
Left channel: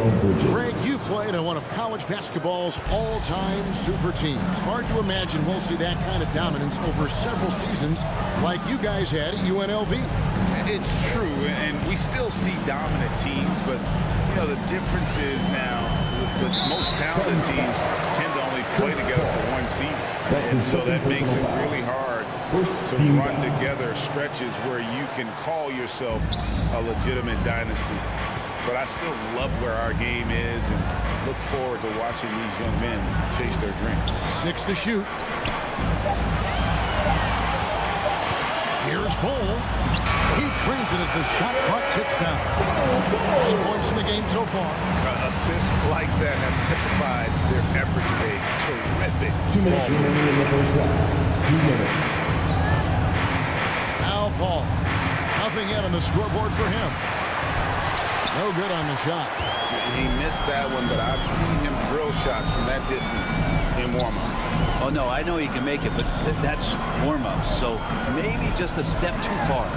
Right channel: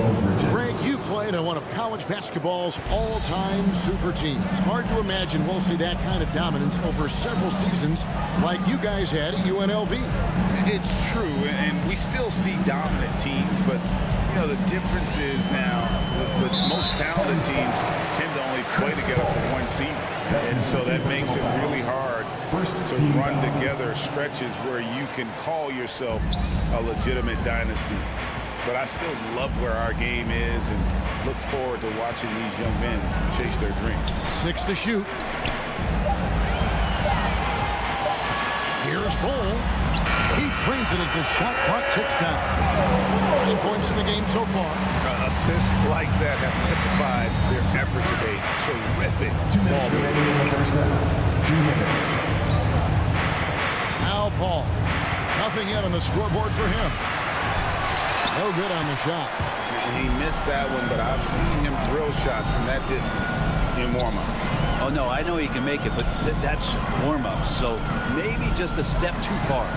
Greg, you played on one of college basketball's all-time super teams. Hard to imagine we'll see that kind of dominance over several seasons like you guys had at UNLV. It's true, and we still see dominant teams, but you know the difference is now the most talented teams tend to only play together for one season, and so that makes it really hard to run together stretches where you can call yourself a legitimate dynasty. But I still love where our game is and look forward to watching these young men chase their dreams. 6 to shoot. Here's Bull. He trains it as the shot clock ticks down. 9 points in the game so far. Assists like that have typified their effort today. Terrific. 2 minutes remaining in the first half. 2 minutes. Now Paul. Nothing yet on the scoreboard for him. No good on the shot. He missed that one, but I've seen him drill shots from that distance in warm-up. Oh, no, I know he can make it, but that's warm-ups. So maybe just a step too far.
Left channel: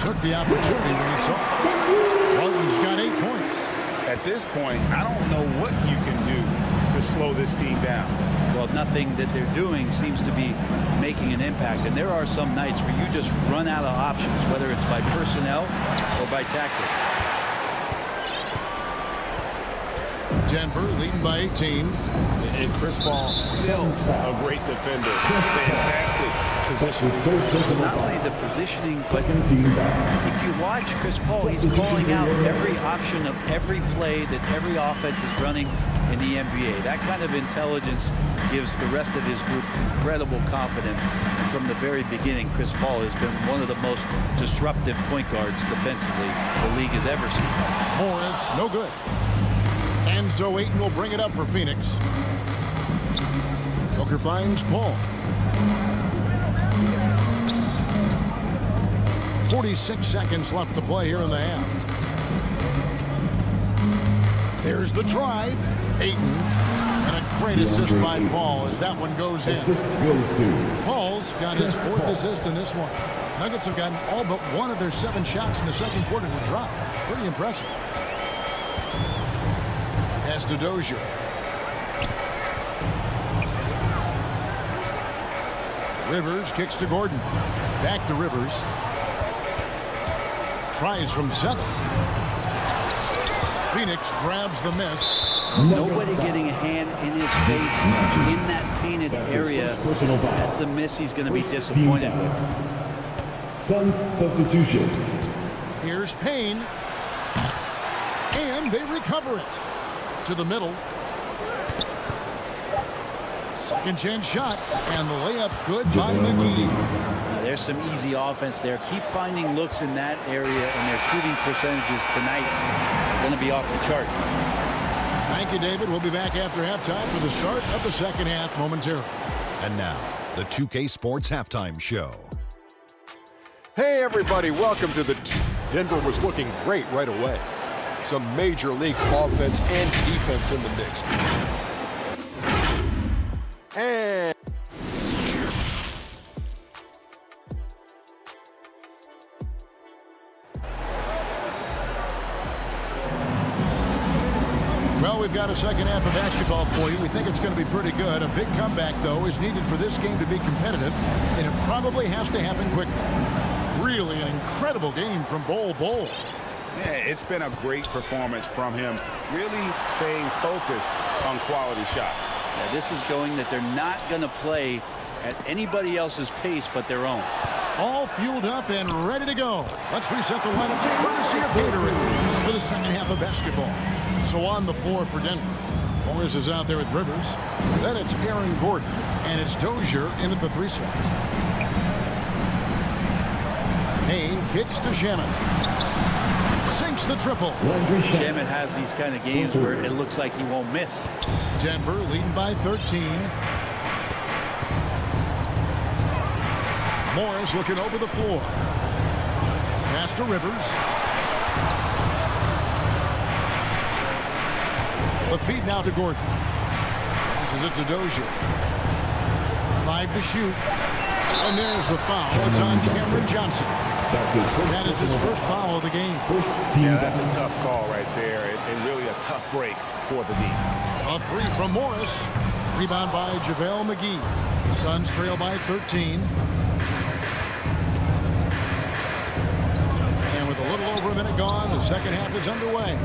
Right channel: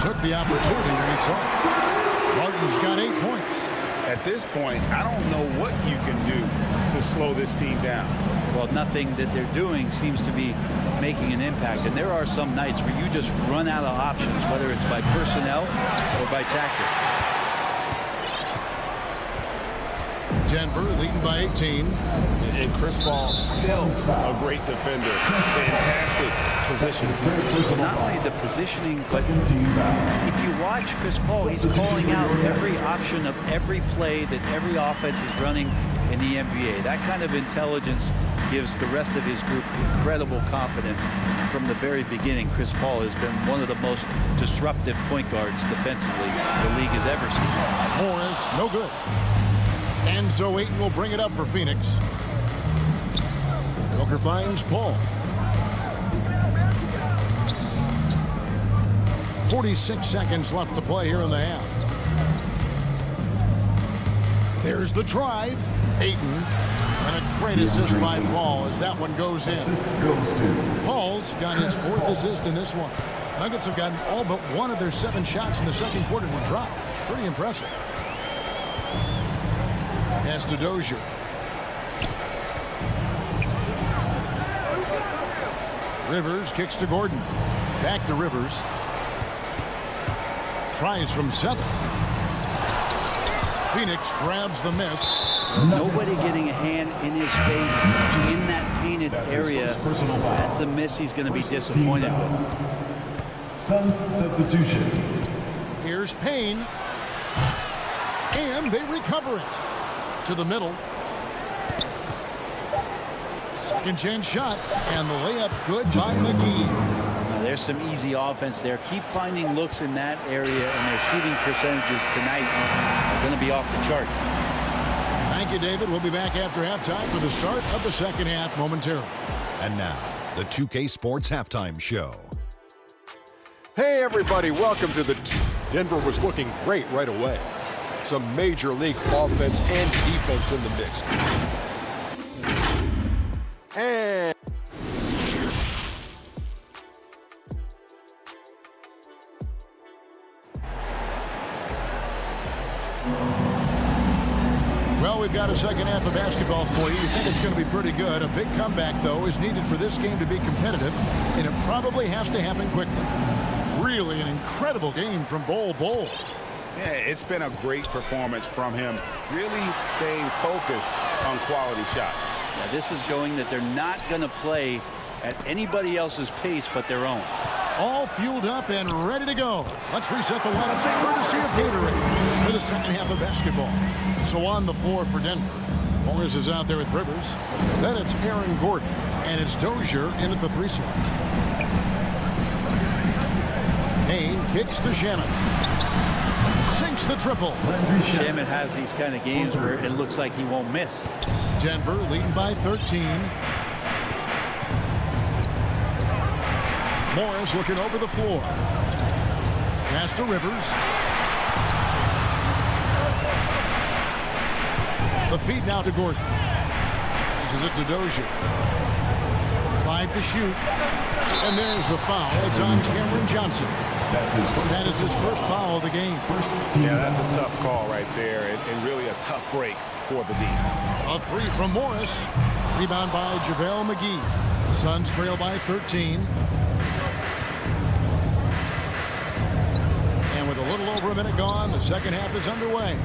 Took the opportunity when he saw it. Barton's got 8 points. At this point, I don't know what you can do to slow this team down. Well, nothing that they're doing seems to be making an impact. And there are some nights where you just run out of options, whether it's by personnel or by tactic. Denver leading by 18. And Chris Paul still a great defender. Fantastic position. So not only the positioning, but if you watch Chris Paul, he's calling out every option of every play that every offense is running in the NBA. That kind of intelligence gives the rest of his group incredible confidence. And from the very beginning, Chris Paul has been one of the most disruptive point guards defensively the league has ever seen. Morris, no good. And so Ayton will bring it up for Phoenix. Booker finds Paul. 46 seconds left to play here in the half. There's the drive. Ayton. And a great assist by Paul as that one goes in. Paul's got his 4th assist in this one. Nuggets have gotten all but one of their 7 shots in the second quarter to drop. Pretty impressive. Pass to Dozier. Rivers kicks to Gordon. Back to Rivers. Tries from 7. Phoenix grabs the miss. Nobody getting a hand in his face in that painted area. That's a miss he's going to be disappointed with. Suns substitution. Here's Payne. And they recover it. To the middle. Second chance shot. And the layup good by McGee. Now there's some easy offense there. Keep finding looks in that area, and their shooting percentages tonight are going to be off the chart. Thank you, David. We'll be back after halftime for the start of the second half momentarily. And now, the 2K Sports Halftime Show. Hey, everybody. Welcome to the... Denver was looking great right away. Some major league offense and defense in the mix. And... Well, we've got a second half of basketball for you. We think it's going to be pretty good. A big comeback, though, is needed for this game to be competitive, and it probably has to happen quickly. Really an incredible game from Bol. Yeah, it's been a great performance from him, really staying focused on quality shots. Yeah, this is showing that they're not going to play at anybody else's pace but their own. All fueled up and ready to go. Let's reset the lineups courtesy of Gatorade for the second half of basketball. So on the floor for Denver, Morris is out there with Rivers. Then it's Aaron Gordon, and it's Dozier in at the 3 slot. Payne kicks to Shamet. Sinks the triple. Shamet has these kind of games where it looks like he won't miss. Denver leading by 13. Morris looking over the floor. Pass to Rivers. The feed now to Gordon. Passes it to Dozier. 5 to shoot. And there's the foul. It's on Cameron Johnson. That is his first foul of the game. Yeah, that's a tough call right there, and really a tough break for the D. A 3 from Morris. Rebound by JaVale McGee. Suns trail by 13. And with a little over a minute gone, the second half is underway.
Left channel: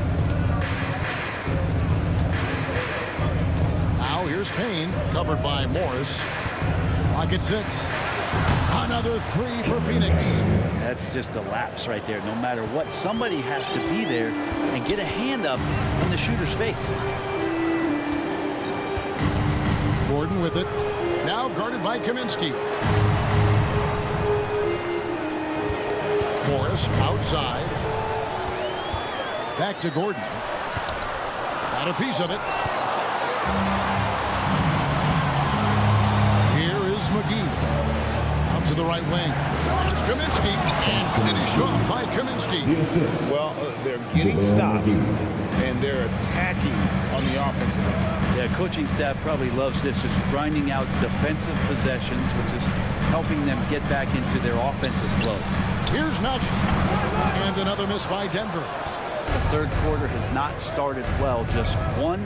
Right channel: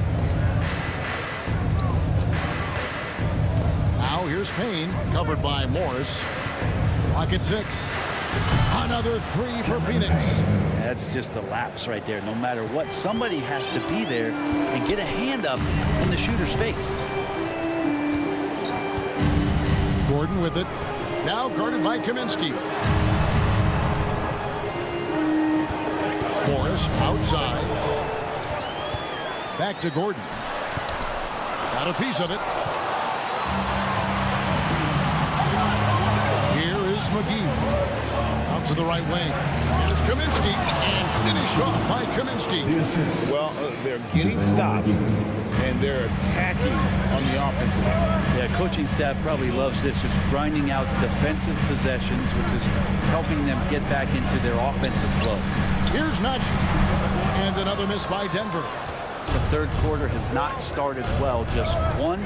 Now here's Payne, covered by Morris. Clock at 6. Another 3 for Phoenix. That's just a lapse right there. No matter what, somebody has to be there and get a hand up in the shooter's face. Gordon with it. Now guarded by Kaminsky. Morris outside. Back to Gordon. Got a piece of it. Here is McGee. Out to the right wing. Here's Kaminsky. And finished off by Kaminsky. Well, they're getting stops, and they're attacking on the offensive end. Yeah, coaching staff probably loves this, just grinding out defensive possessions, which is helping them get back into their offensive flow. Here's Najee. And another miss by Denver. The third quarter has not started well, just 1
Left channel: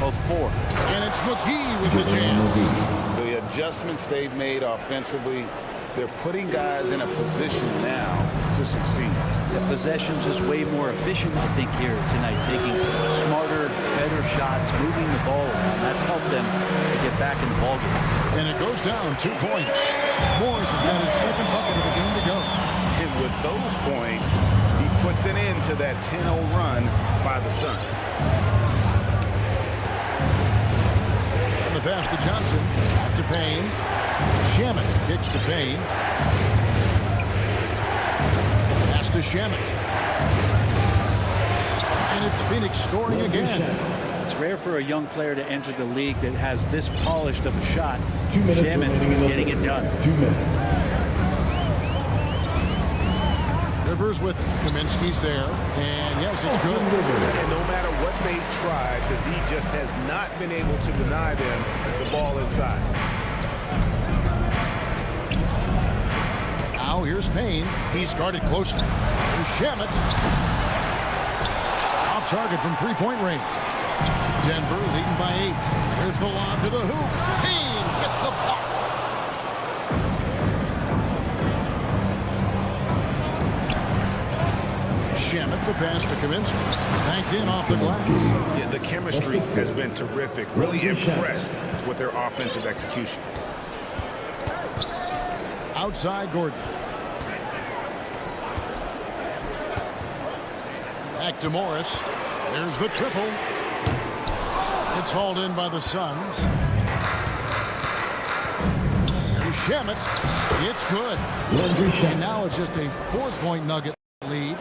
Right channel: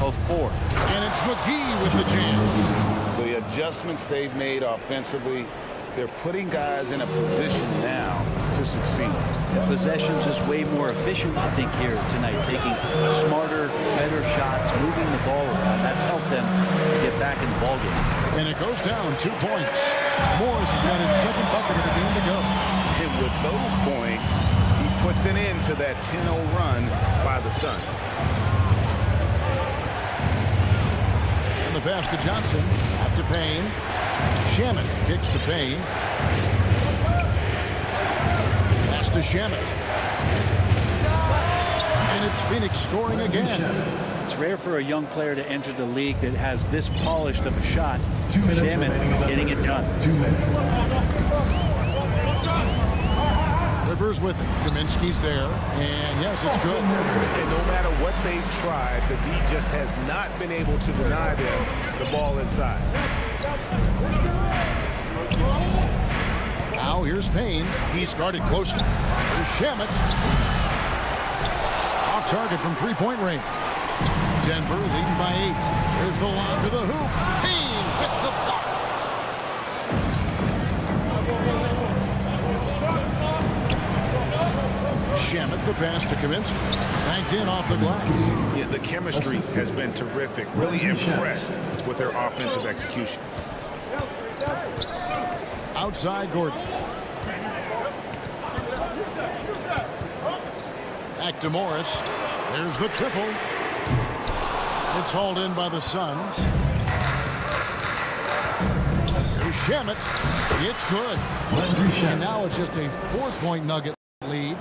of 4. And it's McGee with the jam. The adjustments they've made offensively, they're putting guys in a position now to succeed. The possession's just way more efficient, I think, here tonight, taking smarter, better shots, moving the ball around. That's helped them to get back in the ballgame. And it goes down 2 points. Morris has got his second bucket of the game to go. And with those points, he puts an end to that 10-0 run by the Suns. And the pass to Johnson. Out to Payne. Shamet kicks to Payne. Pass to Shamet. And it's Phoenix scoring again. It's rare for a young player to enter the league that has this polished of a shot. 2 minutes Shamet remaining getting it done. 2 minutes. Rivers with it. Kaminsky's there. And yes, it's good. And no matter what they've tried, the D just has not been able to deny them the ball inside. Now here's Payne. He's guarded closely. Here's Shamet. Off target from three-point range. Denver leading by 8. There's the lob to the hoop. Payne with the block. Shamet, the pass to Kaminsky. Banked in off the glass. Yeah, the chemistry has been terrific. Really impressed with their offensive execution. Outside Gordon. Back to Morris. There's the triple. It's hauled in by the Suns. Here's Shamet. It's good. And now it's just a 4-point Nugget lead.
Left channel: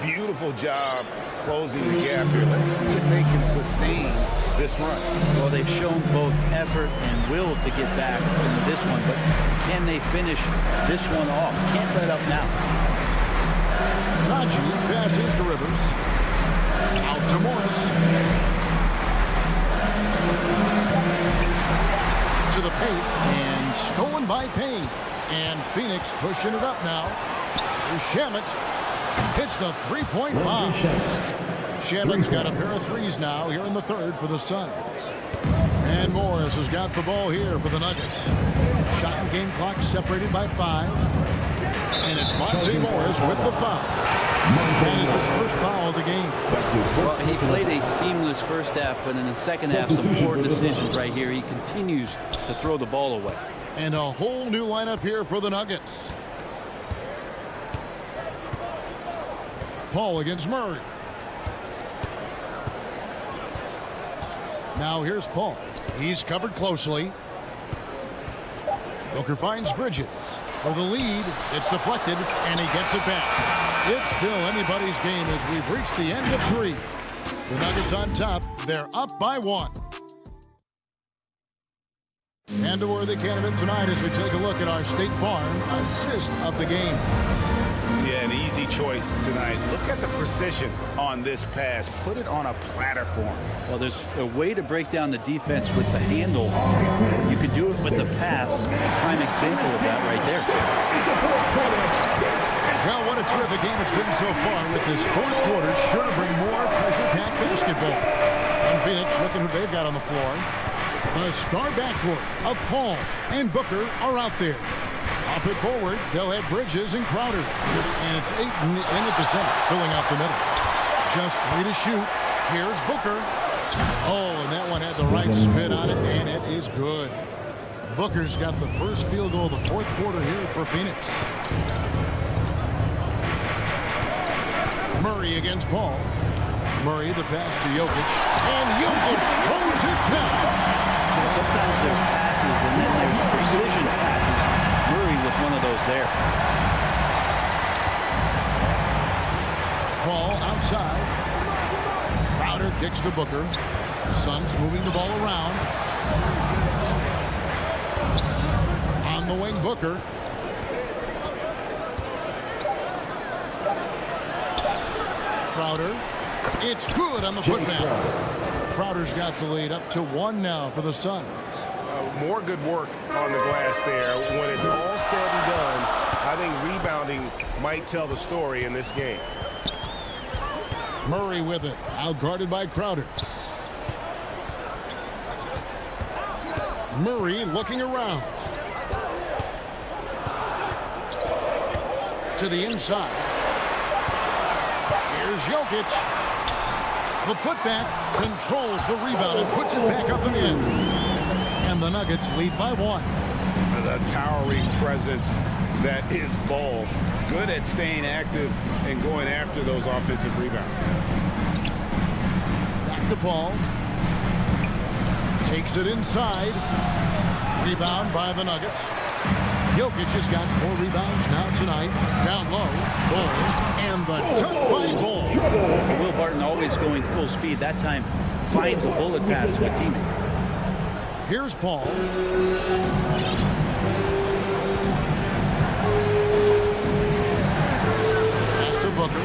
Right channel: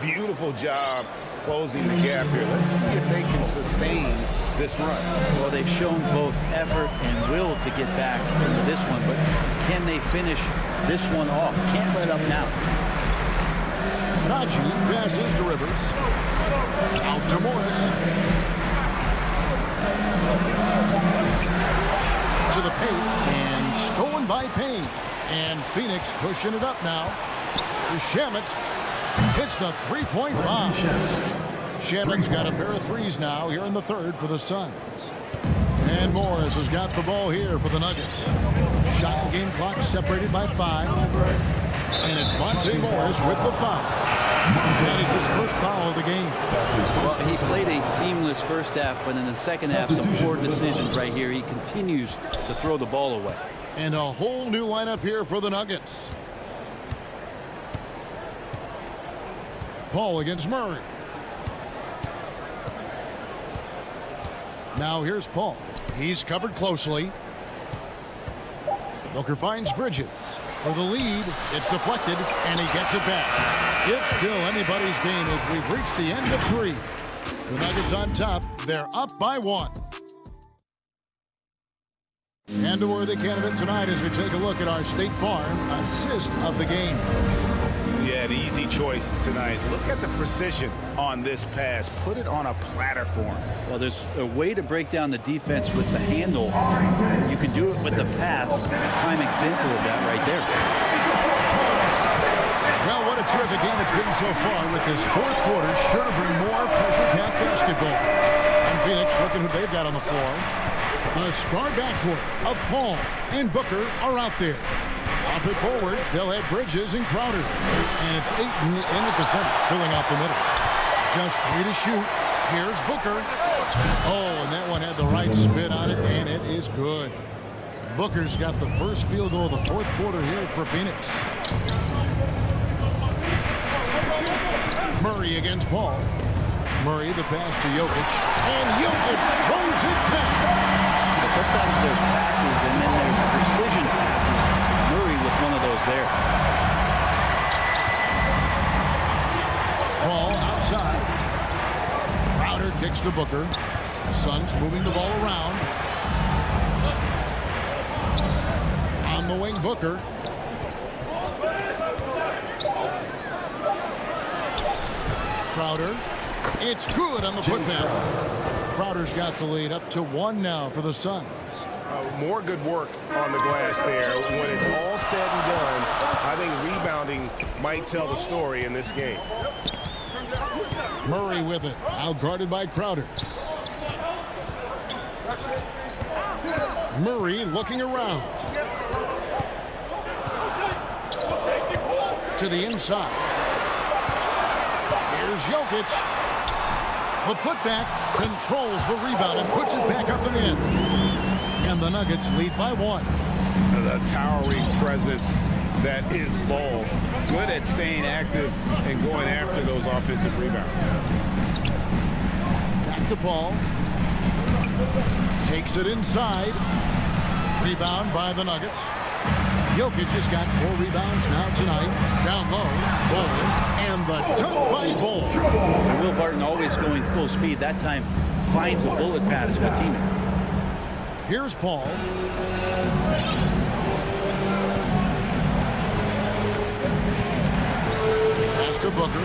Beautiful job closing the gap here. Let's see if they can sustain this run. Well, they've shown both effort and will to get back into this one, but can they finish this one off? Can't let up now. Najee passes to Rivers. Out to Morris. To the paint, and stolen by Payne. And Phoenix pushing it up now. Here's Shamet. Hits the three-point bomb. Shamet's got a pair of threes now here in the third for the Suns. And Morris has got the ball here for the Nuggets. Shot and game clock separated by 5. And it's Monte Morris with the foul. That is his first foul of the game. Well, he played a seamless first half, but in the second half, some poor decisions right here. He continues to throw the ball away. And a whole new lineup here for the Nuggets. Paul against Murray. Now here's Paul. He's covered closely. Booker finds Bridges. For the lead, it's deflected, and he gets it back. It's still anybody's game as we've reached the end of 3. The Nuggets on top. They're up by 1. And a worthy candidate tonight as we take a look at our State Farm assist of the game. Yeah, an easy choice tonight. Look at the precision on this pass. Put it on a platter for him. Well, there's a way to break down the defense with the handle. You can do it with the pass. A prime example of that right there. Well, what a terrific game it's been so far with this fourth quarter. Sure to bring more pressure-packed basketball. And Phoenix, looking who they've got on the floor. A star backcourt of Paul and Booker are out there. Up it forward, they'll have Bridges and Crowder. And it's Ayton in at the center, filling out the middle. Just 3 to shoot. Here's Booker. Oh, and that one had the right spin on it, and it is good. Booker's got the first field goal of the fourth quarter here for Phoenix. Murray against Paul. Murray, the pass to Jokic. And Jokic throws it down. Sometimes there's passes, and then there's precision passes. Murray with one of those there. Paul outside. Crowder kicks to Booker. Suns moving the ball around. On the wing, Booker. Crowder. It's good on the putback. Crowder's got the lead up to 1 now for the Suns. More good work on the glass there. When it's all said and done, I think rebounding might tell the story in this game. Murray with it, outguarded by Crowder. Murray looking around. To the inside. Here's Jokic. The putback controls the rebound and puts it back up and in. And the Nuggets lead by 1. The towering presence that is Ball. Good at staying active and going after those offensive rebounds. Back to Paul. Takes it inside. Rebound by the Nuggets. Jokic has got 4 rebounds now tonight. Down low. Ball. And the dunk by Ball. And Will Barton always going full speed. That time finds a bullet pass to a teammate. Here's Paul. Pass to Booker.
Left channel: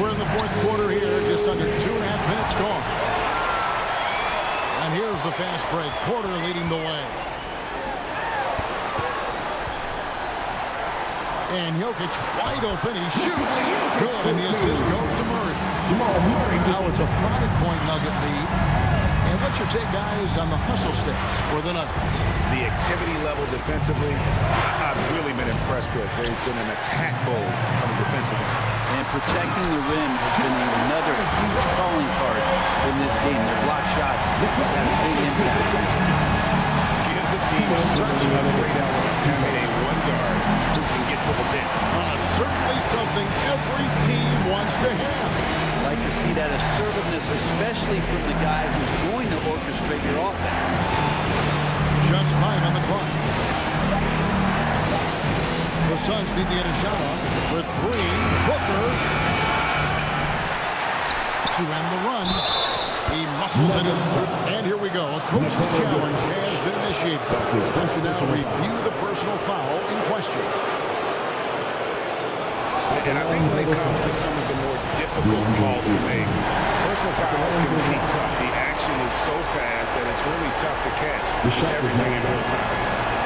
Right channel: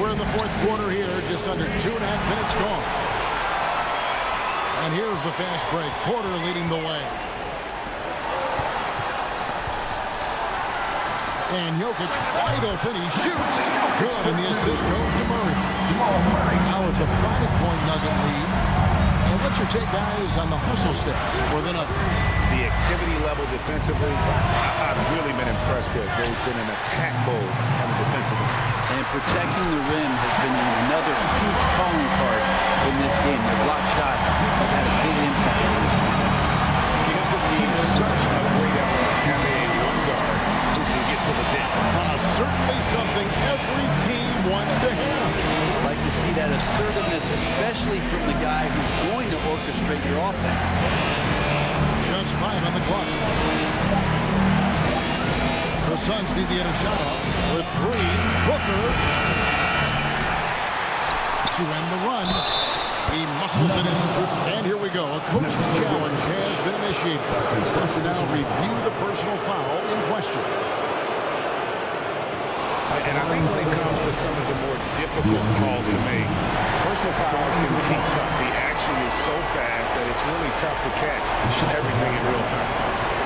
We're in the 4th quarter here. Just under 2.5 minutes gone. And here's the fast break. Porter leading the way. And Jokic wide open. He shoots. Good. And the assist goes to Murray. Now it's a 5-point Nugget lead. And what's your take, guys, on the hustle stats for the Nuggets? The activity level defensively, I've really been impressed with. They've been an attack mode on the defensive end. And protecting the rim has been another huge calling card in this game. Their block shots have had a big impact in this one. Gives the team such a great element having a one guard who can get to the 10. Certainly something every team wants to have. Like to see that assertiveness, especially from the guy who's going to orchestrate your offense. Just 5 on the clock. The Suns need to get a shot off for 3. Booker to end the run. He muscles it in. And here we go. A coach's challenge has been initiated. Have to now review the personal foul in question. And I think when it comes to some of the more difficult calls to make, personal fouls can be tough. The action is so fast that it's really tough to catch everything in real time.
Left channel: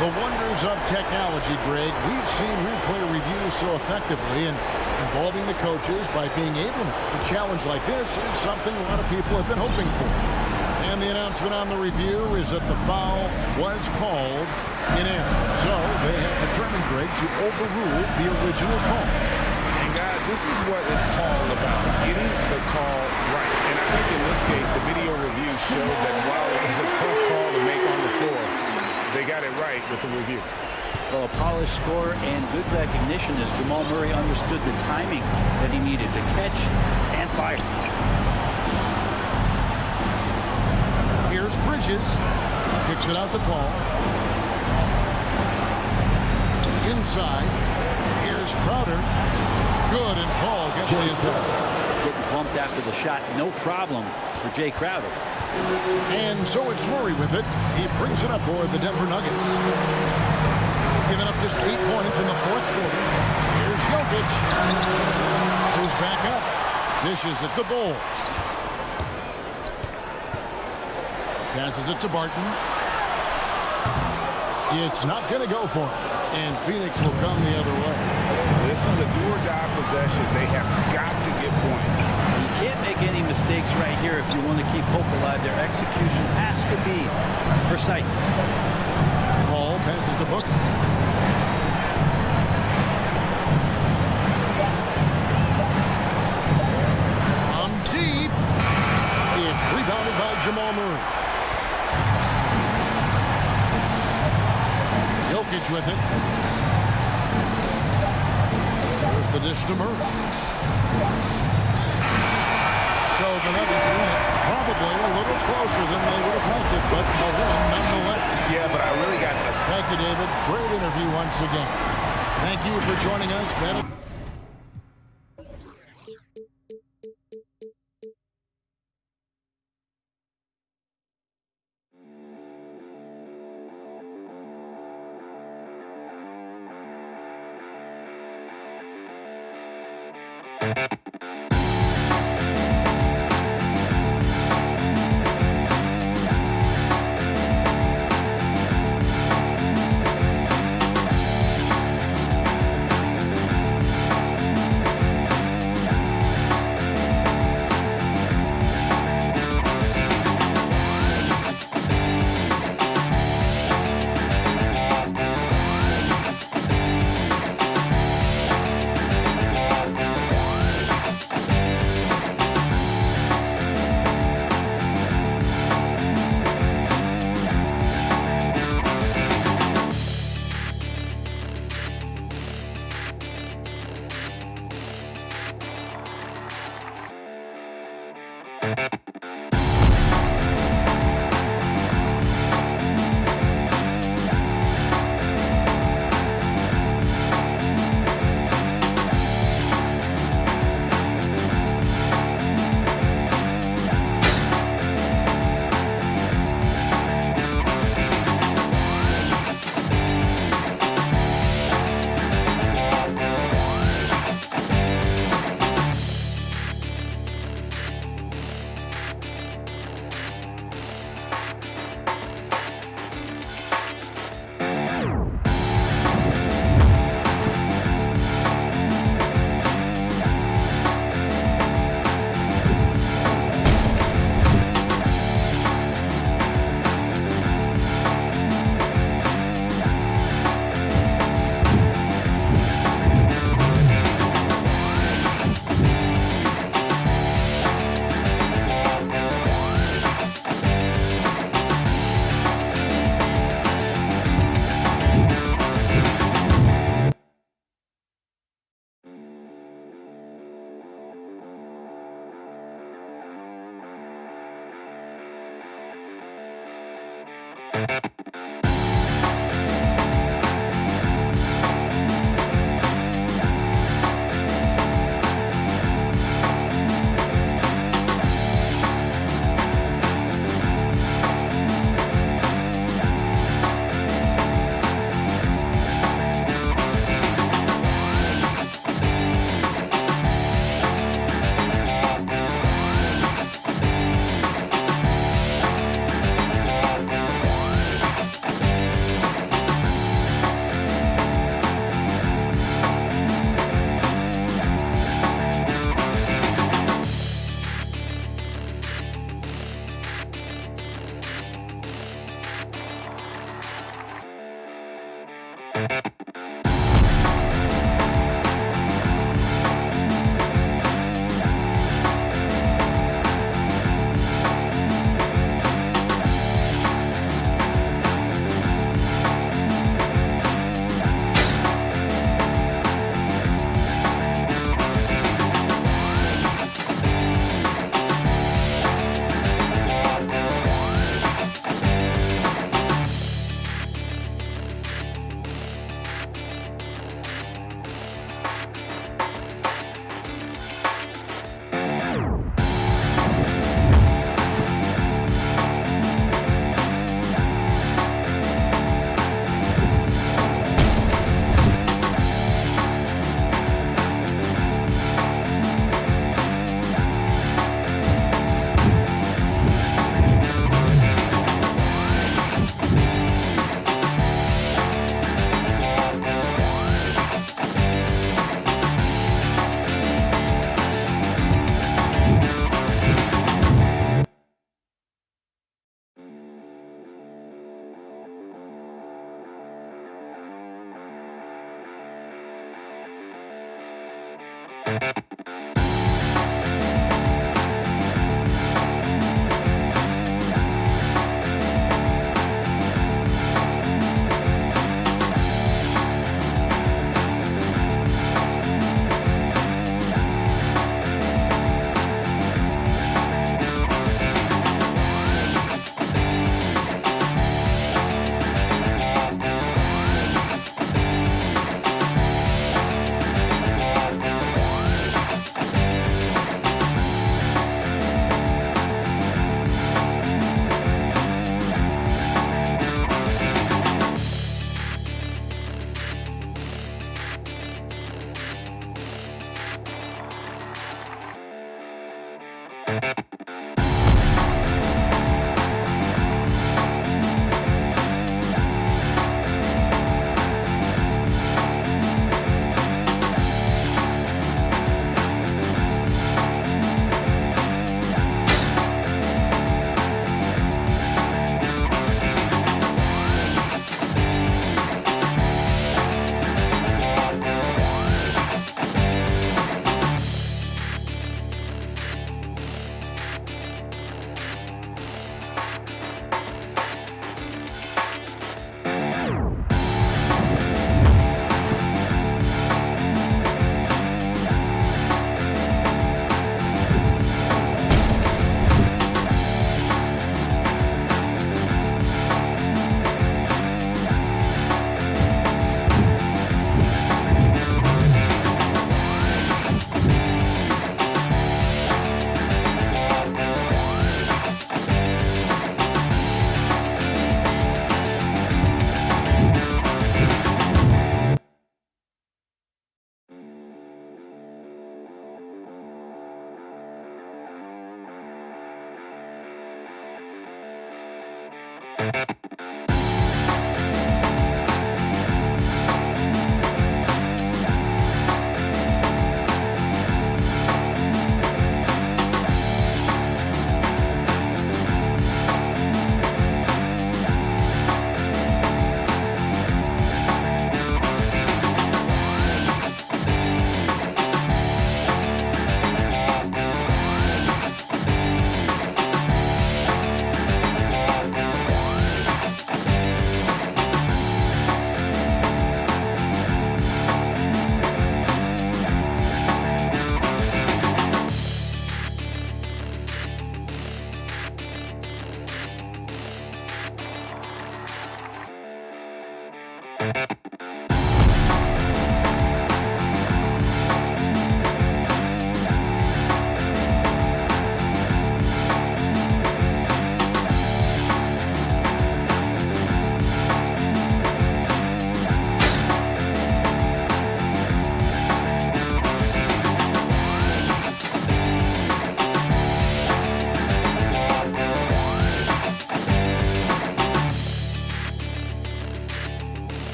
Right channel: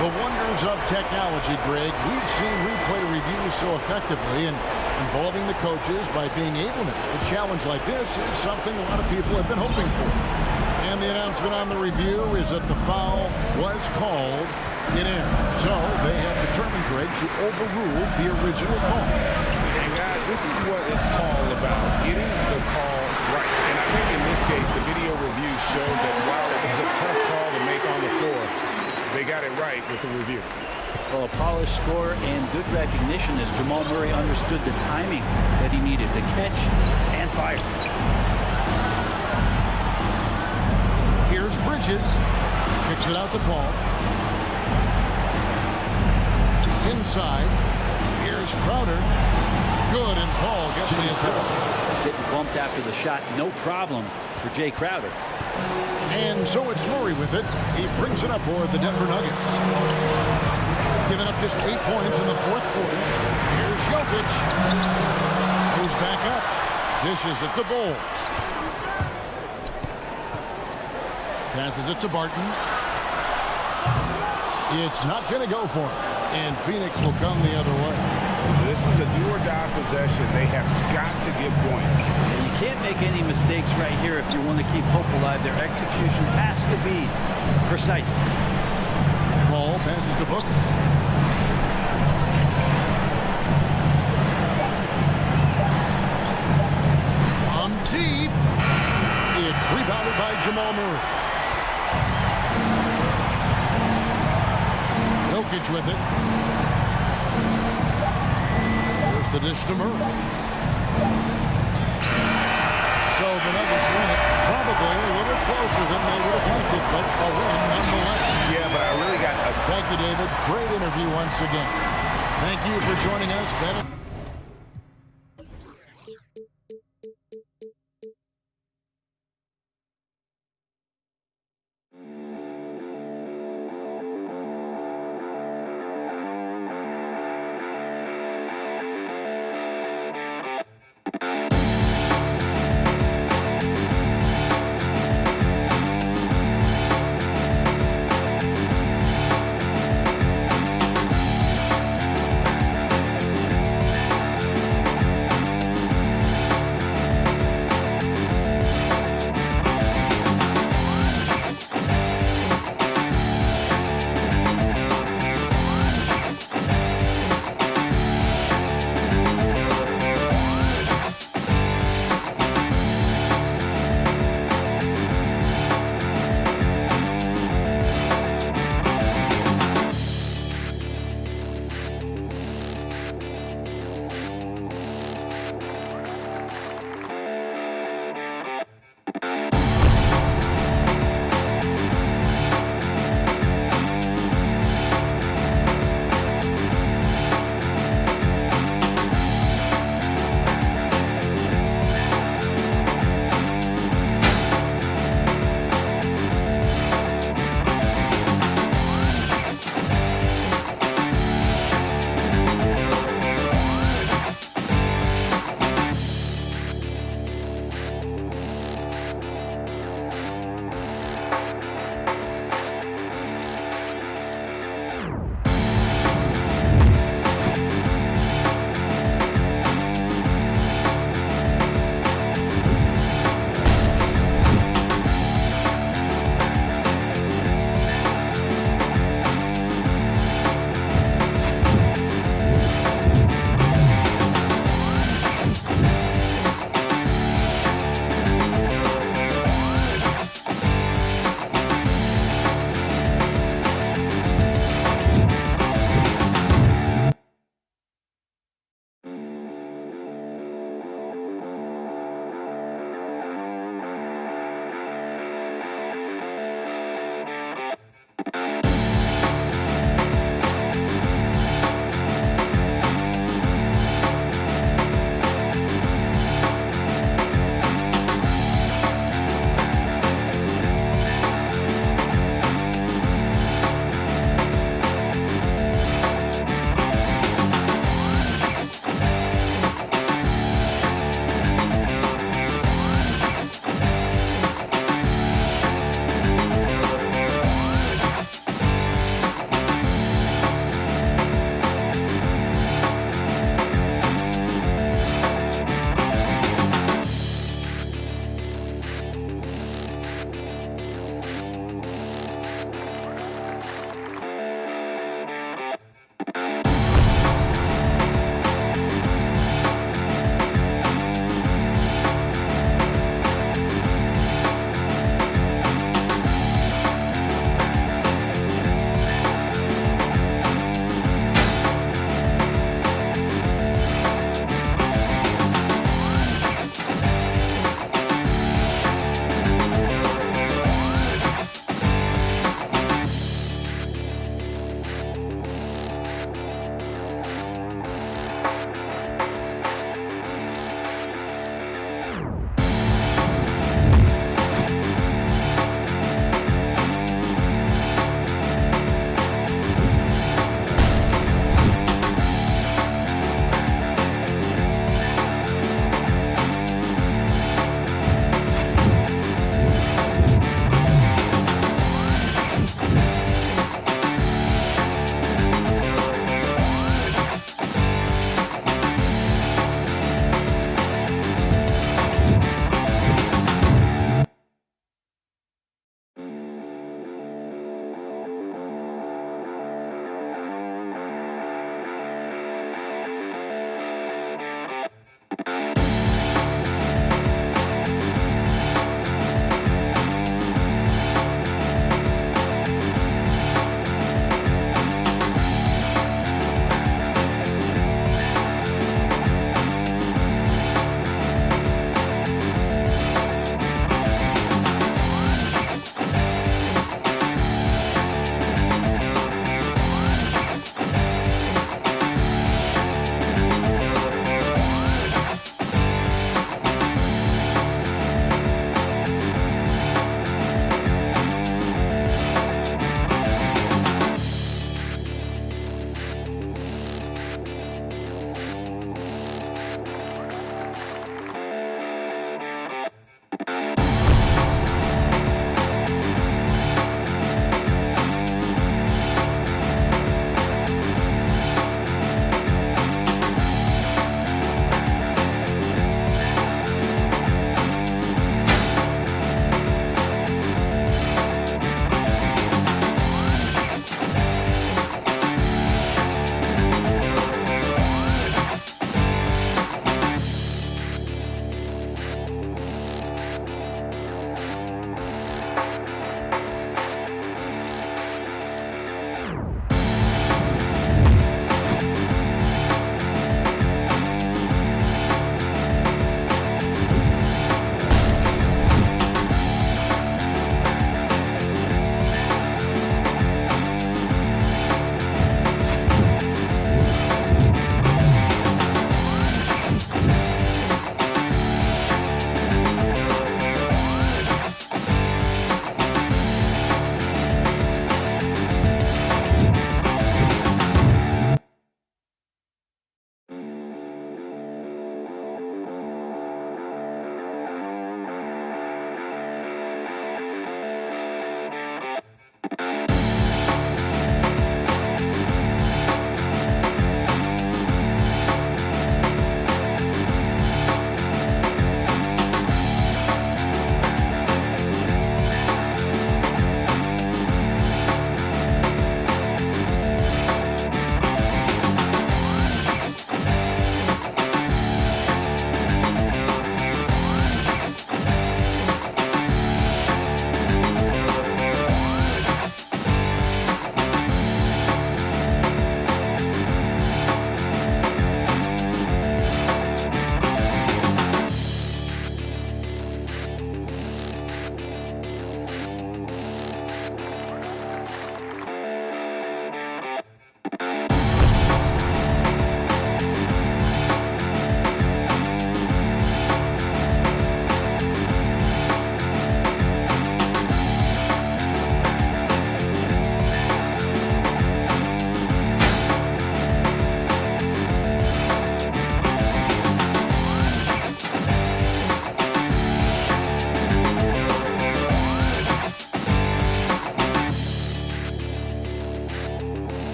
The wonders of technology, Greg. We've seen replay reviews so effectively and involving the coaches by being able now. A challenge like this is something a lot of people have been hoping for. And the announcement on the review is that the foul was called in error. So they have determined, Greg, to overrule the original call. And guys, this is what it's all about, getting the call right. And I think in this case, the video review showed that while it was a tough call to make on the floor, they got it right with the review. Well, a polished score and good recognition as Jamal Murray understood the timing that he needed to catch and fire. Here's Bridges. Kicks it out to Paul. Inside. Here's Crowder. Good, and Paul gets the assist. Getting bumped after the shot, no problem for Jay Crowder. And so it's Murray with it. He brings it up for the Denver Nuggets. Giving up just 8 points in the 4th quarter. Here's Jokic. Goes back up. Dishes it to Ball. Passes it to Barton. It's not going to go for him. And Phoenix will come the other way. This is a do-or-die possession. They have got to get points. And you can't make any mistakes right here if you want to keep hope alive. Their execution has to be precise. Paul passes to Booker. On deep. It's rebounded by Jamal Murray. Jokic with it. There's the dish to Murray. So the Nuggets win it. Probably a little closer than they would have liked it, but a win nonetheless. Yeah, but I really got a... Thank you, David. Great interview once again. Thank you for joining us.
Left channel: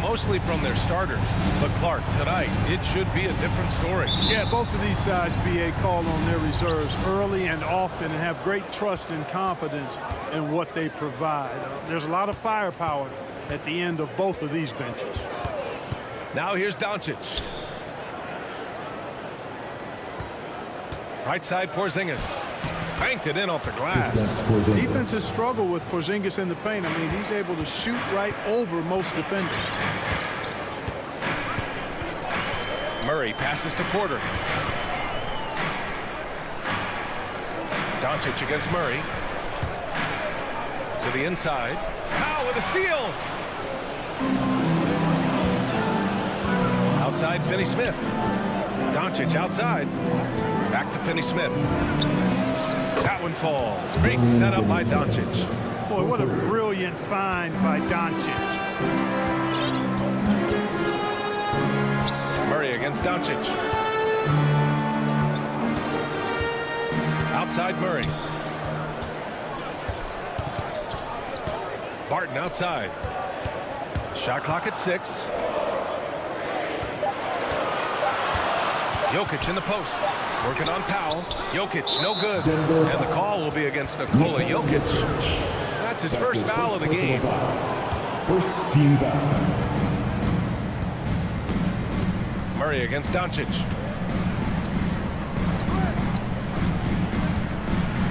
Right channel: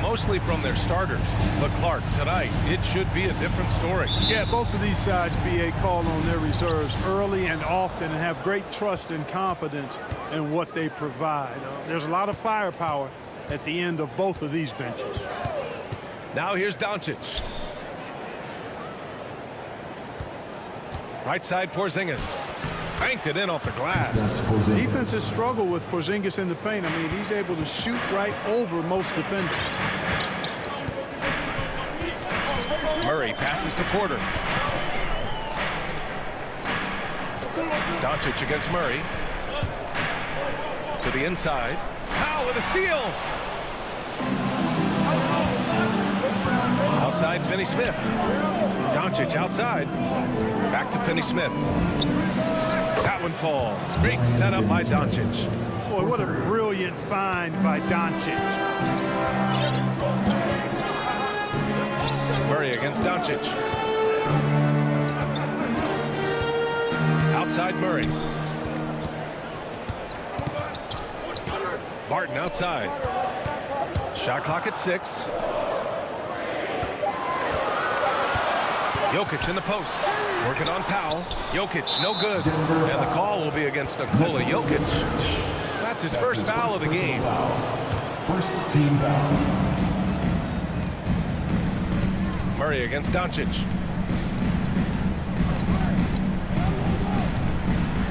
Mostly from their starters. But Clark, tonight, it should be a different story. Yeah, both of these sides, BA, call on their reserves early and often and have great trust and confidence in what they provide. There's a lot of firepower at the end of both of these benches. Now here's Doncic. Right side Porzingis. Banked it in off the glass. Defenses struggle with Porzingis in the paint. I mean, he's able to shoot right over most defenders. Murray passes to Porter. Doncic against Murray. To the inside. Powell with a steal. Outside Finney-Smith. Doncic outside. Back to Finney-Smith. That one falls. Great setup by Doncic. Boy, what a brilliant find by Doncic. Murray against Doncic. Outside Murray. Barton outside. Shot clock at 6. Jokic in the post. Working on Powell. Jokic, no good. And the call will be against Nikola Jokic. That's his first foul of the game. First team foul. Murray against Doncic.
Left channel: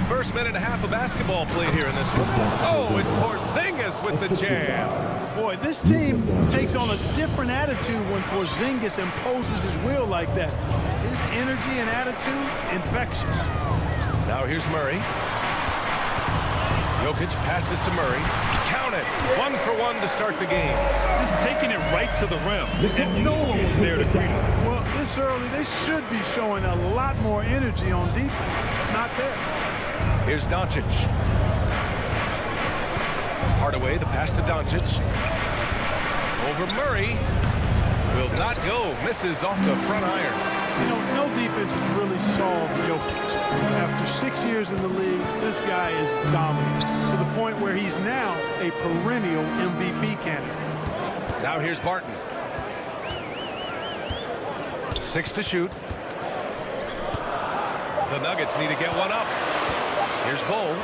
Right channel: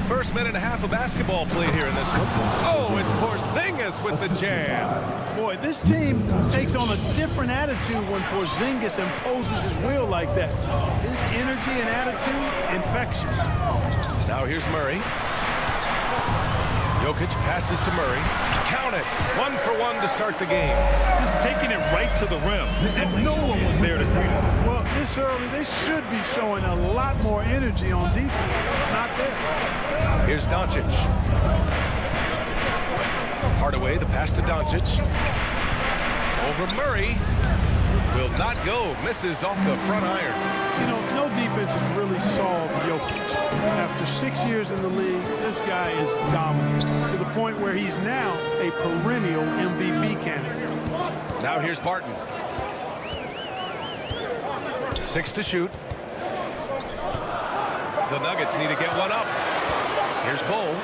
First minute and a half of basketball played here in this one. Oh, it's Porzingis with the jam. Boy, this team takes on a different attitude when Porzingis imposes his will like that. His energy and attitude, infectious. Now here's Murray. Jokic passes to Murray. Count it. 1 for 1 to start the game. Just taking it right to the rim, and no one was there to greet him. Well, this early, they should be showing a lot more energy on defense. It's not there. Here's Doncic. Hardaway, the pass to Doncic. Over Murray. Will not go. Misses off the front iron. You know, no defense has really solved Jokic. After 6 years in the league, this guy is dominant to the point where he's now a perennial MVP candidate. Now here's Barton. 6 to shoot. The Nuggets need to get one up. Here's Bull.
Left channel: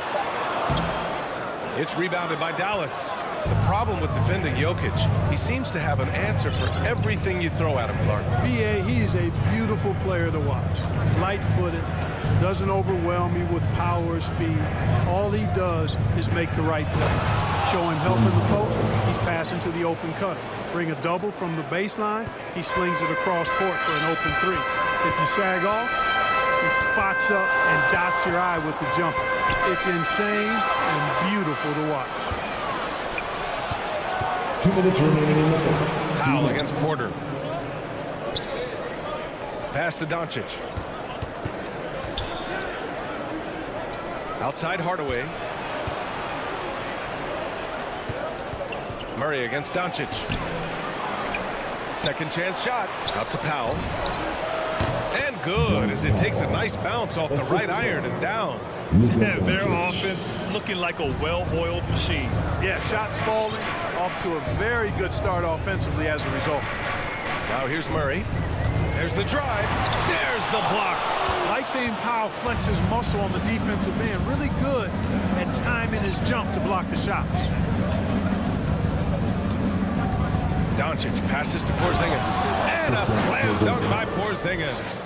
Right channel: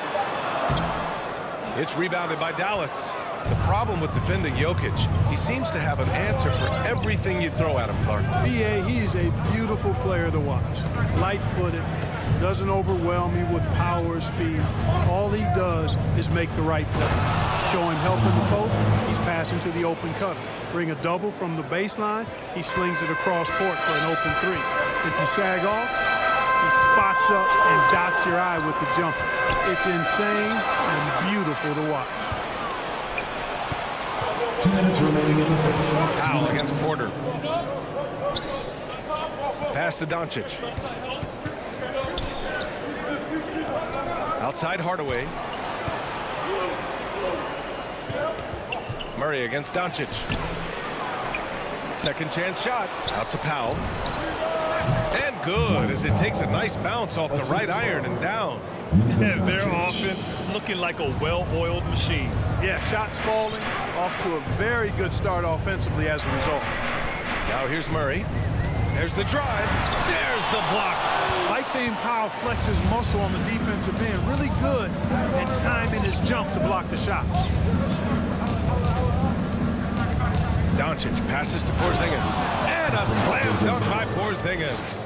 It's rebounded by Dallas. The problem with defending Jokic, he seems to have an answer for everything you throw at him, Clark. B.A., he's a beautiful player to watch. Light-footed, doesn't overwhelm you with power or speed. All he does is make the right play. Show him help in the post, he's passing to the open cutter. Bring a double from the baseline, he slings it across court for an open 3. If you sag off, he spots up and dots your eye with the jumper. It's insane and beautiful to watch. 2 minutes remaining in the first. Powell against Porter. Pass to Doncic. Outside Hardaway. Murray against Doncic. Second chance shot. Out to Powell. And good, as it takes a nice bounce off the right iron and down. Their offense looking like a well-oiled machine. Yeah, shots falling, off to a very good start offensively as a result. Now here's Murray. There's the drive. There's the block. Like seeing Powell flex his muscle on the defensive end. Really good at timing his jump to block the shots. Doncic passes to Porzingis. And a slam dunk by Porzingis.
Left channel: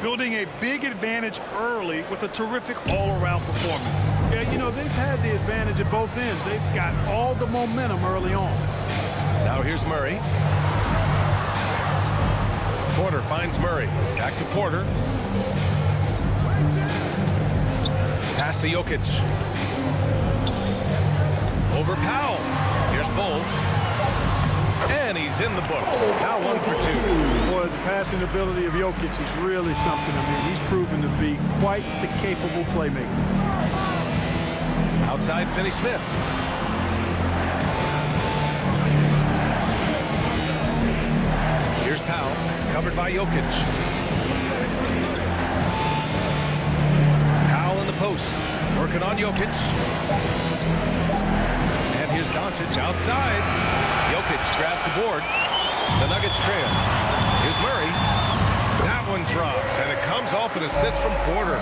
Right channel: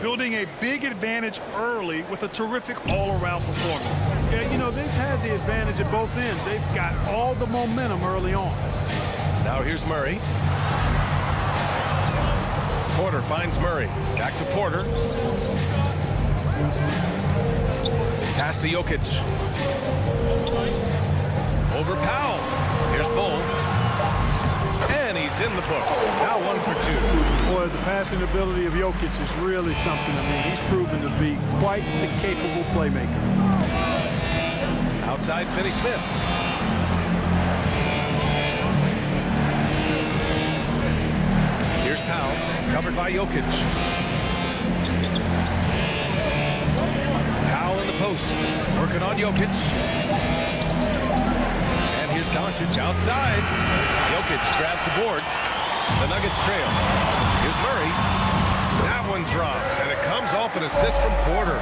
Building a big advantage early with a terrific all-around performance. Yeah, you know, they've had the advantage at both ends. They've got all the momentum early on. Now here's Murray. Porter finds Murray. Back to Porter. Pass to Jokic. Over Powell. Here's Bull. And he's in the books. Now 1 for 2. Boy, the passing ability of Jokic is really something. I mean, he's proven to be quite the capable playmaker. Outside Finney-Smith. Here's Powell, covered by Jokic. Powell in the post, working on Jokic. And here's Doncic outside. Jokic grabs the board. The Nuggets trail. Here's Murray. That one drops, and it comes off an assist from Porter.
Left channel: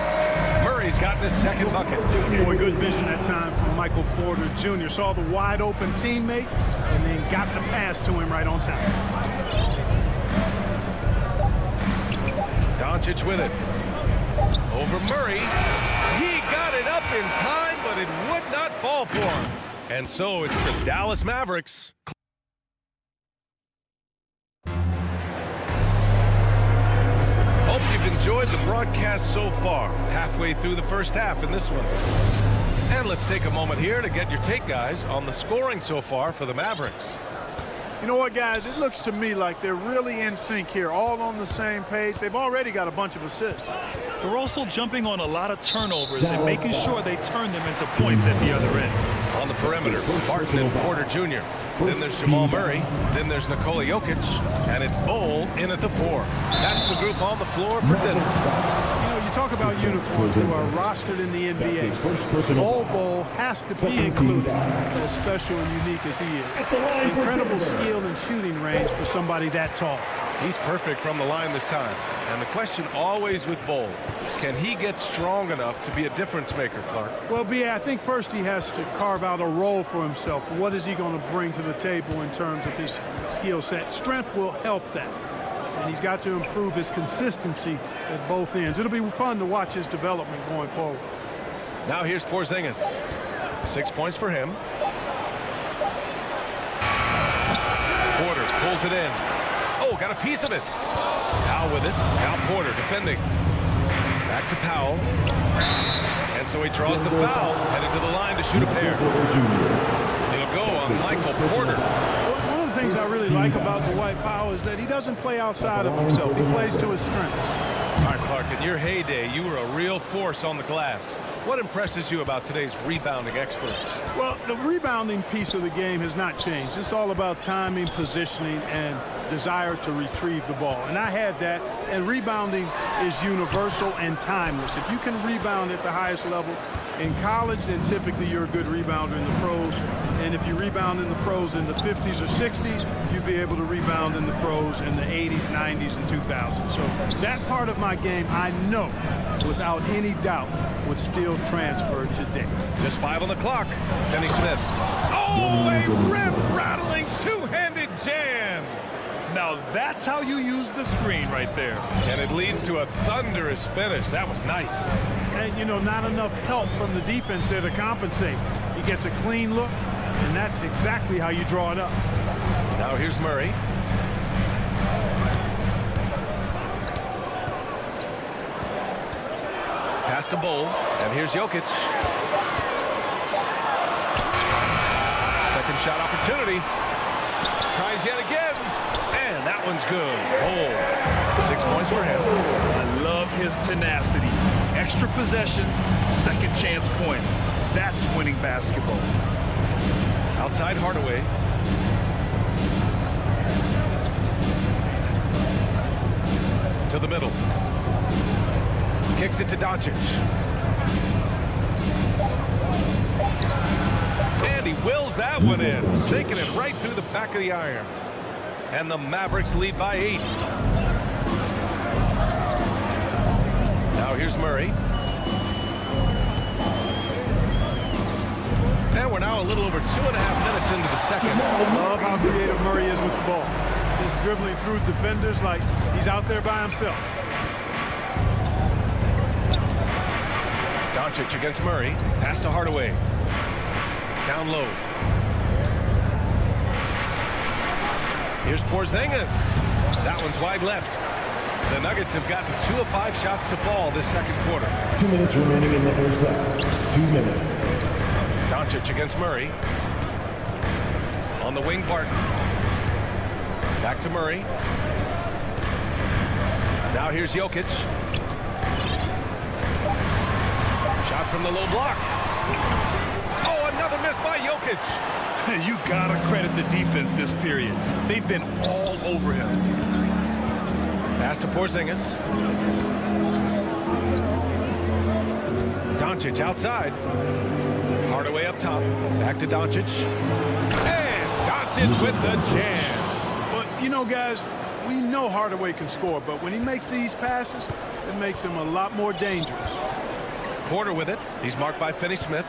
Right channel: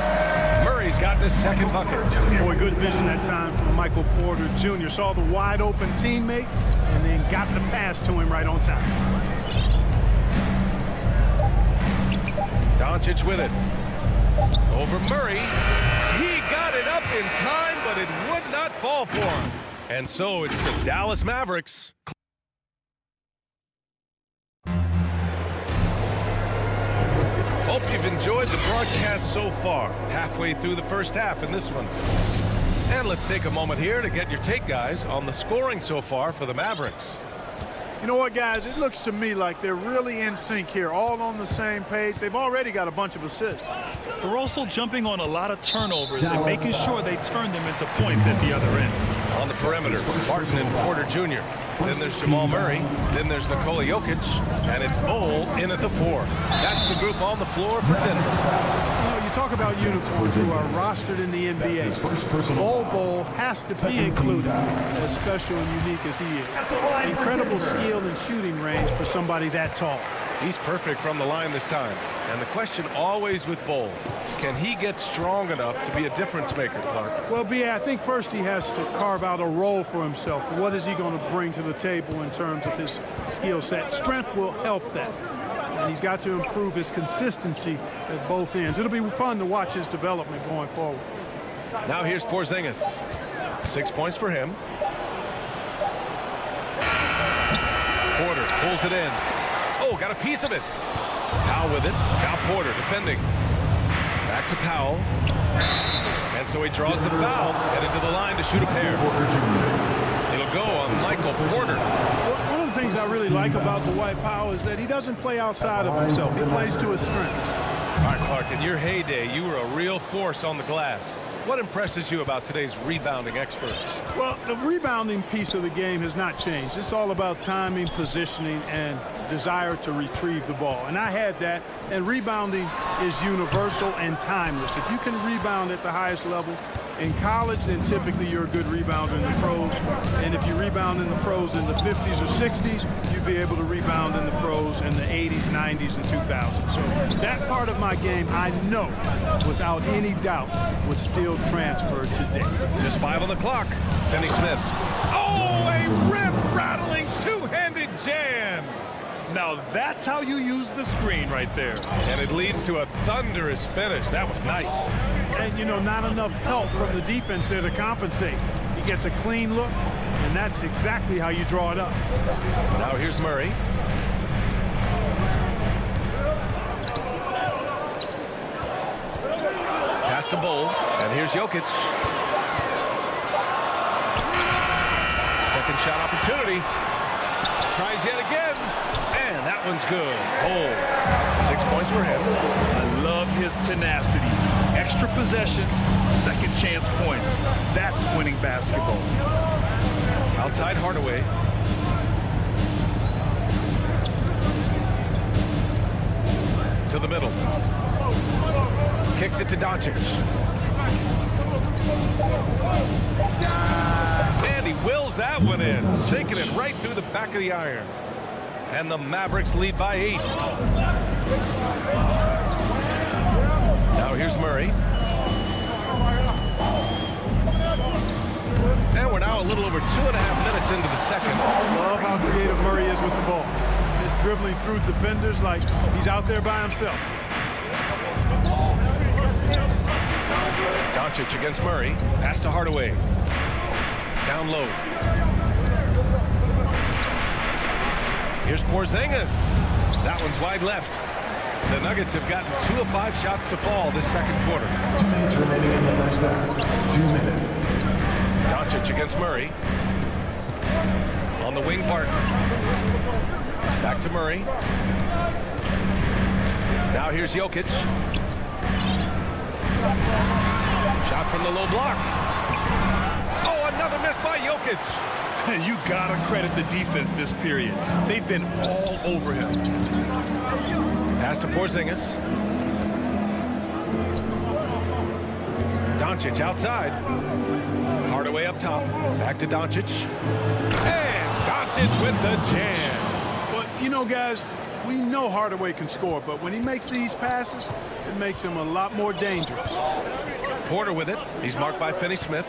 Murray's gotten his second bucket. Boy, good vision that time from Michael Porter Jr. Saw the wide open teammate and then got the pass to him right on time. Doncic with it. Over Murray. He got it up in time, but it would not fall for him. And so it's the Dallas Mavericks. Hope you've enjoyed the broadcast so far. Halfway through the first half in this one. And let's take a moment here to get your take, guys, on the scoring so far for the Mavericks. You know what, guys? It looks to me like they're really in sync here, all on the same page. They've already got a bunch of assists. They're also jumping on a lot of turnovers and making sure they turn them into points at the other end. On the perimeter, Barton and Porter Jr. Then there's Jamal Murray. Then there's Nikola Jokic. And it's Bull in at the 4. That's the group on the floor for Denver. You know, you talk about unicorns who are rostered in the NBA. Bull has to be included, as special and unique as he is. Incredible skill and shooting range for somebody that tall. He's perfect from the line this time. And the question always with Bull, can he get strong enough to be a difference maker, Clark? Well, B.A., I think first he has to carve out a role for himself. What is he going to bring to the table in terms of his skill set? Strength will help that. And he's got to improve his consistency at both ends. It'll be fun to watch his development going forward. Now here's Porzingis. 6 points for him. Porter pulls it in. Oh, got a piece of it. Powell with it. Now Porter defending. Back to Powell. And so he draws the foul. Headed to the line to shoot a pair. It'll go on Michael Porter. One of the things I really like about Dwight Powell is that he doesn't play outside of himself. He plays to his strengths. All right, Clark, in your heyday, you were a real force on the glass. What impresses you about today's rebounding experts? Well, the rebounding piece of the game has not changed. It's all about timing, positioning, and desire to retrieve the ball. And I had that, and rebounding is universal and timeless. If you can rebound at the highest level in college, then typically you're a good rebounder in the pros. And if you rebound in the pros in the 50s or 60s, you'd be able to rebound in the pros in the 80s, 90s, and 2000s. So that part of my game, I know, without any doubt, would still transfer today. Just 5 on the clock. Finney-Smith. Oh, a rim-rattling two-handed jam. Now that's how you use the screen right there. And it leads to a thunderous finish. That was nice. And, you know, not enough help from the defense there to compensate. He gets a clean look, and that's exactly how you draw it up. Now here's Murray. Pass to Bull, and here's Jokic. Second shot opportunity. Tries yet again, and that one's good. Bull, 6 points for him. I love his tenacity. Extra possessions, second chance points. That's winning basketball. Outside Hardaway. To the middle. Kicks it to Doncic. And he wills that one in, sinking it right through the back of the iron. And the Mavericks lead by 8. Now here's Murray. And we're now a little over 2.5 minutes into the second. Love how creative Murray is with the ball. Just dribbling through defenders like he's out there by himself. Doncic against Murray. Pass to Hardaway. Down low. Here's Porzingis. That one's wide left. The Nuggets have gotten 2 of 5 shots to fall this second quarter. 2 minutes remaining in the first half. 2 minutes. Doncic against Murray. On the wing, Barton. Back to Murray. Now here's Jokic. Shot from the low block. Oh, another miss by Jokic. You gotta credit the defense this period. They've been all over him. Pass to Porzingis. Doncic outside. Hardaway up top. Back to Doncic. And Doncic with the jam. Well, you know, guys, we know Hardaway can score, but when he makes these passes, it makes him a lot more dangerous. Porter with it. He's marked by Finney-Smith.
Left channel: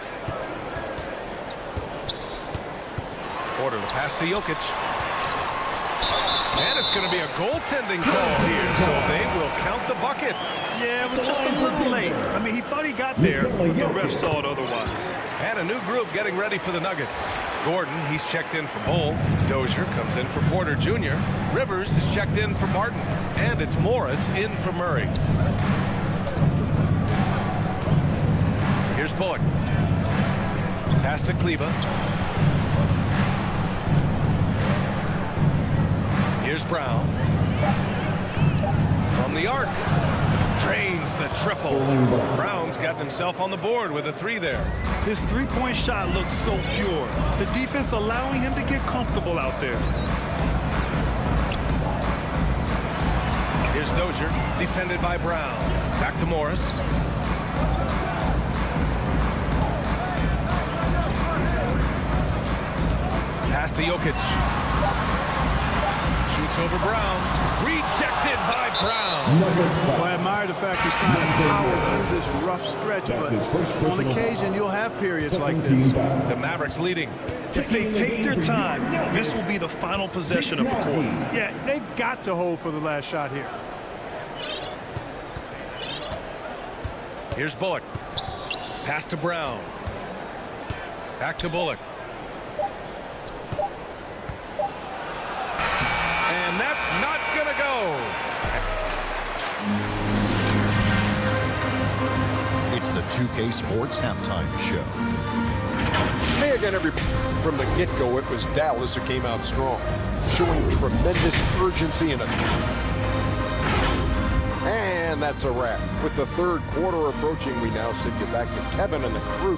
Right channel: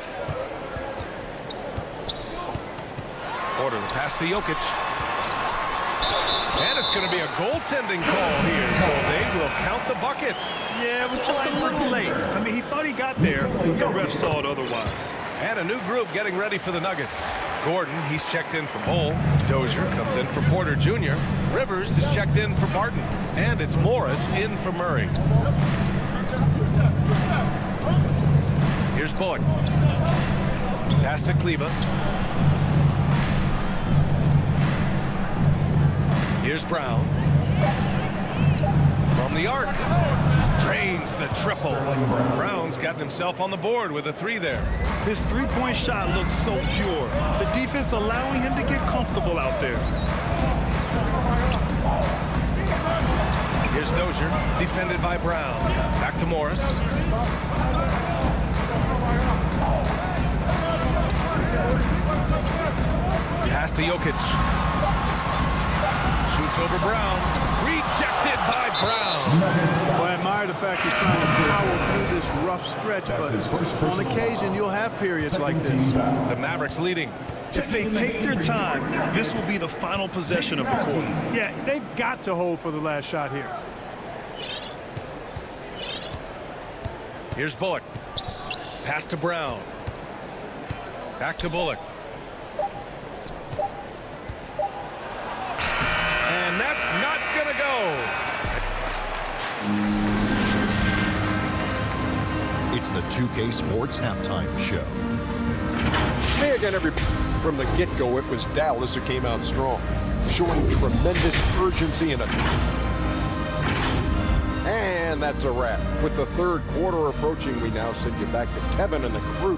Porter, the pass to Jokic. And it's going to be a goaltending call here, so they will count the bucket. Yeah, it was just a little late. I mean, he thought he got there, but the ref saw it otherwise. And a new group getting ready for the Nuggets. Gordon, he's checked in for Bull. Dozier comes in for Porter Jr. Rivers is checked in for Barton. And it's Morris in for Murray. Here's Bullock. Pass to Kleba. Here's Brown. From the arc. Drains the triple. Brown's gotten himself on the board with a 3 there. His three-point shot looks so pure. The defense allowing him to get comfortable out there. Here's Dozier, defended by Brown. Back to Morris. Pass to Jokic. Shoots over Brown. Rejected by Brown. Well, I admire the fact he's trying to power through this rough stretch, but on occasion you'll have periods like this. The Mavericks leading. If they take their time, this will be the final possession of the quarter. Yeah, they've got to hold for the last shot here. Here's Bullock. Pass to Brown. Back to Bullock. And that's not going to go. It's the 2K Sports Halftime Show. Hey again, everybody. From the get-go, it was Dallas who came out strong, showing tremendous urgency in it. And that's a wrap. With the third quarter approaching, we now send you back to Kevin and the crew.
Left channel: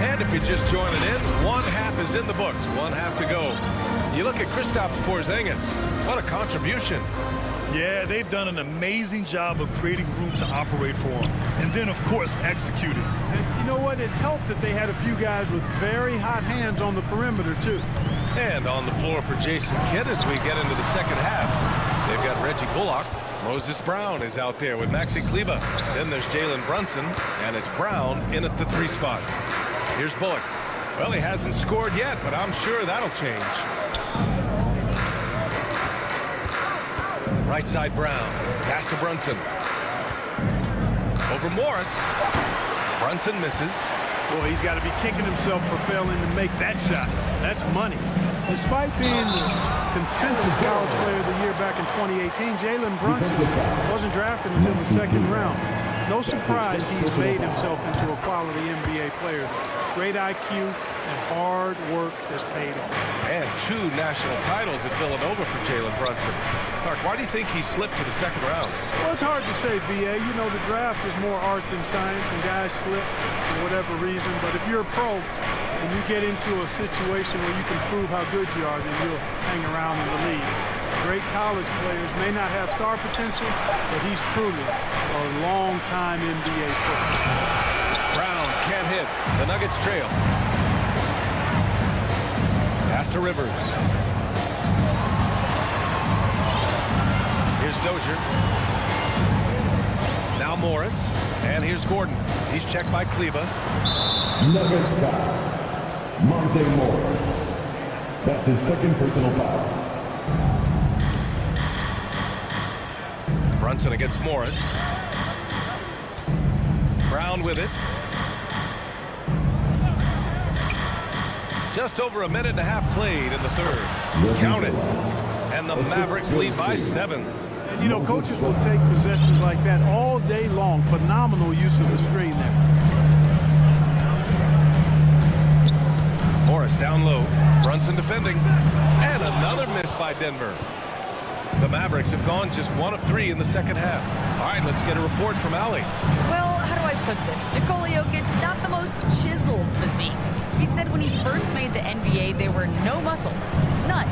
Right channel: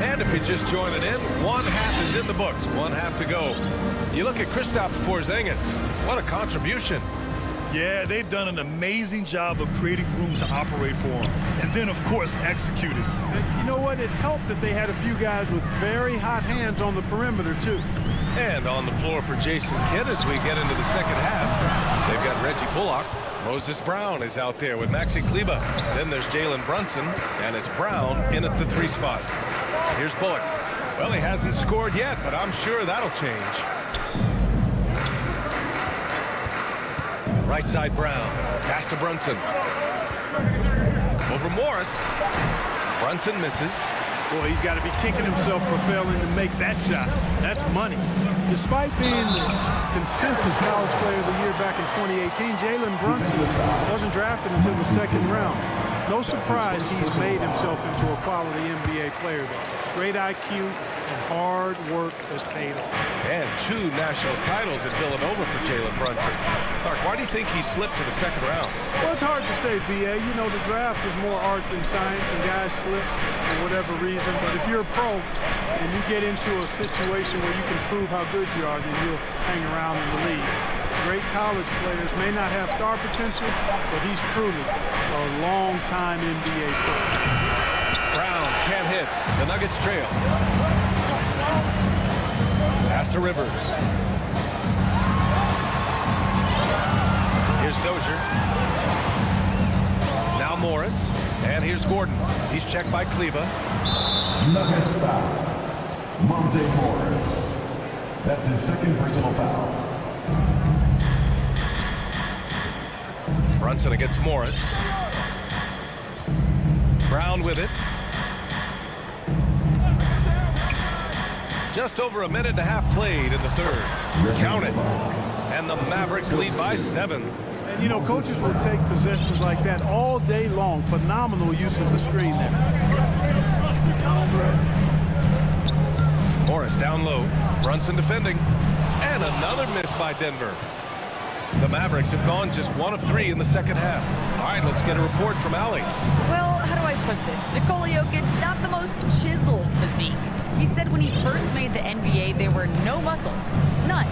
And if you're just joining in, one half is in the books, one half to go. You look at Kristaps Porzingis. What a contribution. Yeah, they've done an amazing job of creating room to operate for him. And then, of course, executing. And you know what? It helped that they had a few guys with very hot hands on the perimeter, too. And on the floor for Jason Kidd as we get into the second half. They've got Reggie Bullock. Moses Brown is out there with Maxi Kleba. Then there's Jalen Brunson, and it's Brown in at the 3 spot. Here's Bullock. Well, he hasn't scored yet, but I'm sure that'll change. Right side Brown. Pass to Brunson. Over Morris. Brunson misses. Boy, he's got to be kicking himself for failing to make that shot. That's money. Despite being the consensus college player of the year back in 2018, Jalen Brunson wasn't drafted until the second round. No surprise he's made himself into a quality NBA player, though. Great IQ and hard work has paid off. And 2 national titles at Villanova for Jalen Brunson. Clark, why do you think he slipped to the second round? Well, it's hard to say, B.A. You know, the draft is more art than science, and guys slip for whatever reason. But if you're a pro and you get into a situation where you can prove how good you are, then you'll hang around in the league. Great college players may not have star potential, but he's truly a long-time NBA player. Brown can't hit. The Nuggets trail. Pass to Rivers. Here's Dozier. Now Morris. And here's Gordon. He's checked by Kleba. Nuggets foul. Monte Morris. That's his second personal foul. Brunson against Morris. Brown with it. Just over a minute and a half played in the third. Count it. And the Mavericks lead by 7. And, you know, coaches will take possessions like that all day long. Phenomenal use of the screen there. Morris down low. Brunson defending. And another miss by Denver. The Mavericks have gone just 1 of 3 in the second half. All right, let's get a report from Allie. Well, how do I put this? Nikola Jokic, not the most chiseled physique. He said when he first made the NBA, there were no muscles. None.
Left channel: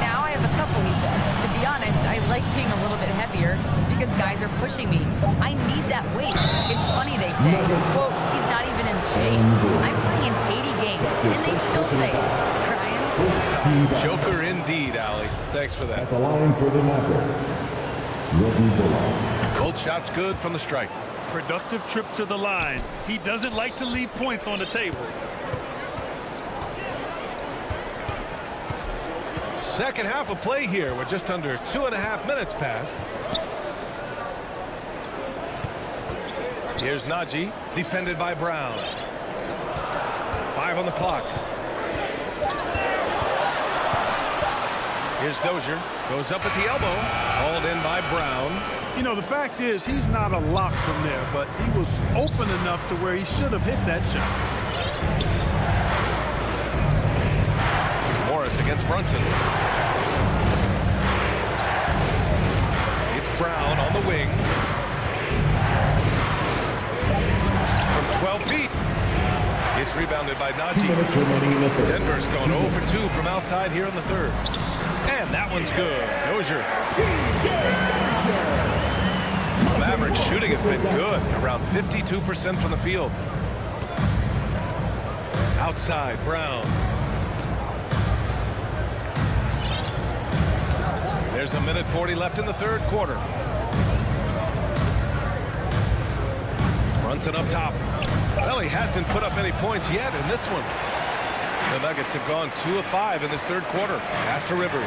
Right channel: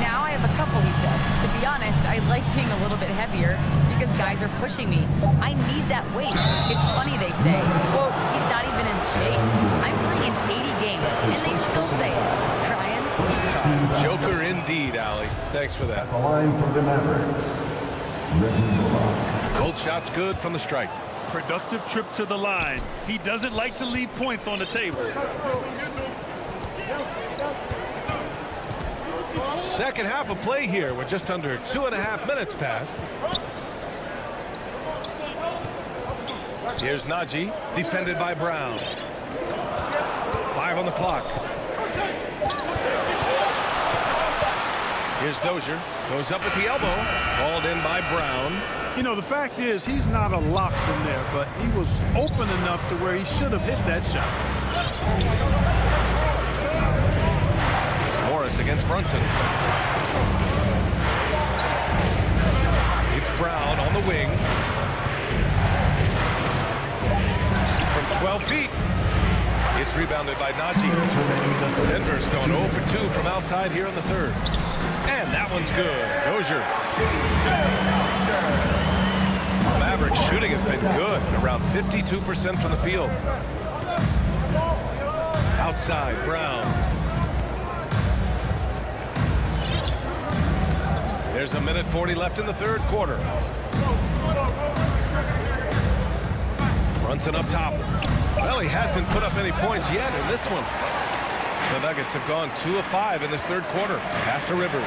Now I have a couple, he said. To be honest, I like being a little bit heavier because guys are pushing me. I need that weight. It's funny they say, quote, he's not even in shape. I'm playing 80 games, and they still say it. Crying? Joker indeed, Allie. Thanks for that. At the line for the Mavericks, Reggie Bullock. Both shots good from the strike. Productive trip to the line. He doesn't like to leave points on the table. Second half of play here with just under 2.5 minutes passed. Here's Najee, defended by Brown. 5 on the clock. Here's Dozier, goes up at the elbow, called in by Brown. You know, the fact is he's not a lock from there, but he was open enough to where he should have hit that shot. Morris against Brunson. It's Brown on the wing. From 12 feet. It's rebounded by Najee. Denver's gone 0 for 2 from outside here in the third. And that one's good. Dozier. Mavericks shooting has been good. Around 52% from the field. Outside, Brown. There's 1:40 left in the third quarter. Brunson up top. Well, he hasn't put up any points yet in this one. The Nuggets have gone 2 of 5 in this third quarter. Pass to Rivers.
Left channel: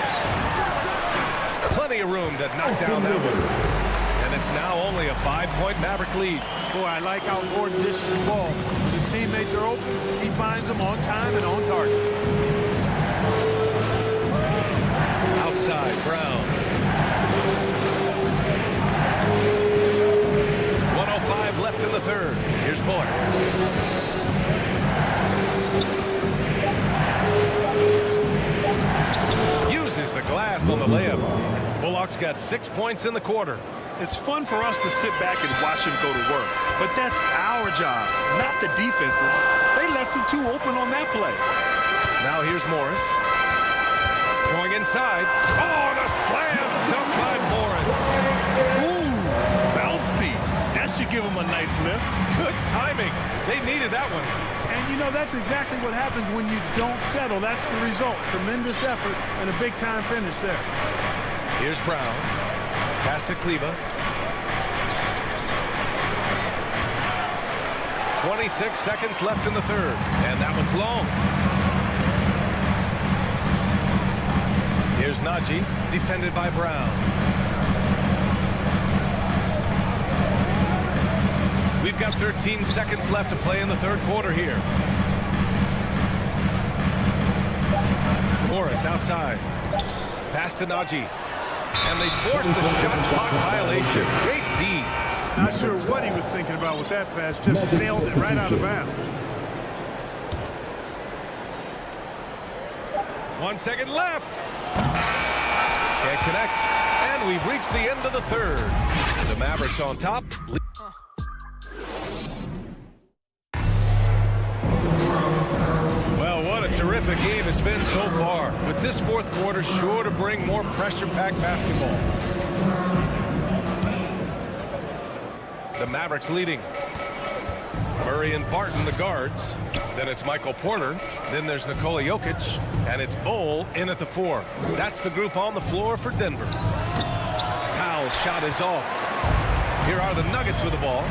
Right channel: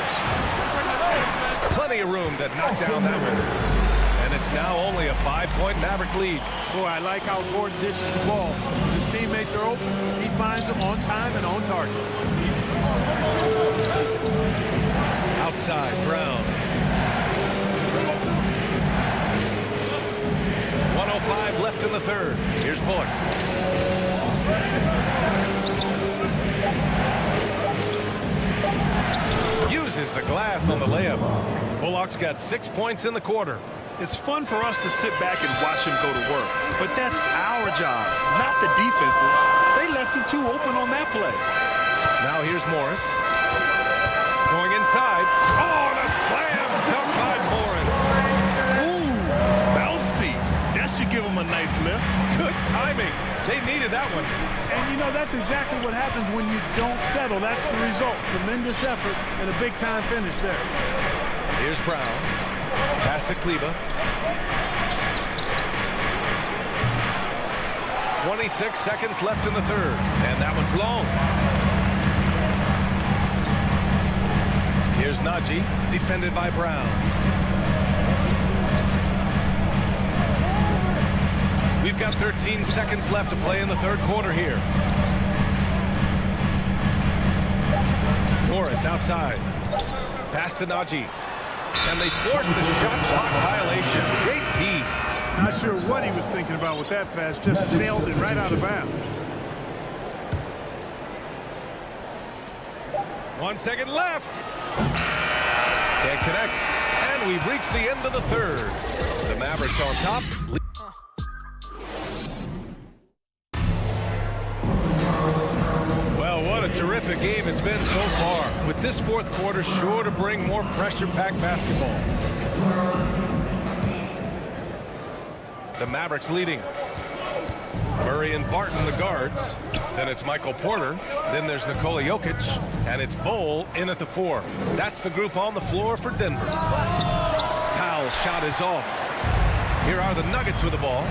Plenty of room to knock down that one. And it's now only a 5-point Maverick lead. Boy, I like how Gordon dishes the ball. When his teammates are open, he finds them on time and on target. Outside, Brown. 1:05 left in the third. Here's Bullock. Uses the glass on the layup. Bullock's got 6 points in the quarter. It's fun for us to sit back and watch him go to work. But that's our job, not the defense's. They left him too open on that play. Now here's Morris. Going inside. Oh, the slam dunk by Morris. Ooh, bouncy. That should give him a nice lift. Good timing. They needed that one. And, you know, that's exactly what happens when you don't settle. That's the result. Tremendous effort and a big-time finish there. Here's Brown. Pass to Kleba. 26 seconds left in the third. And that one's long. Here's Najee, defended by Brown. We've got 13 seconds left to play in the third quarter here. Morris outside. Pass to Najee. And they forced the shot clock violation. Great D. Not sure what he was thinking about with that pass. Just sailed it right out of bounds. 1 second left. Can't connect. And we've reached the end of the third. The Mavericks on top. Well, what a terrific game it's been so far. With this fourth quarter sure to bring more pressure-packed basketball. The Mavericks leading. Murray and Barton, the guards. Then it's Michael Porter. Then there's Nikola Jokic. And it's Bol in at the 4. That's the group on the floor for Denver. Powell's shot is off. Here are the Nuggets with the ball.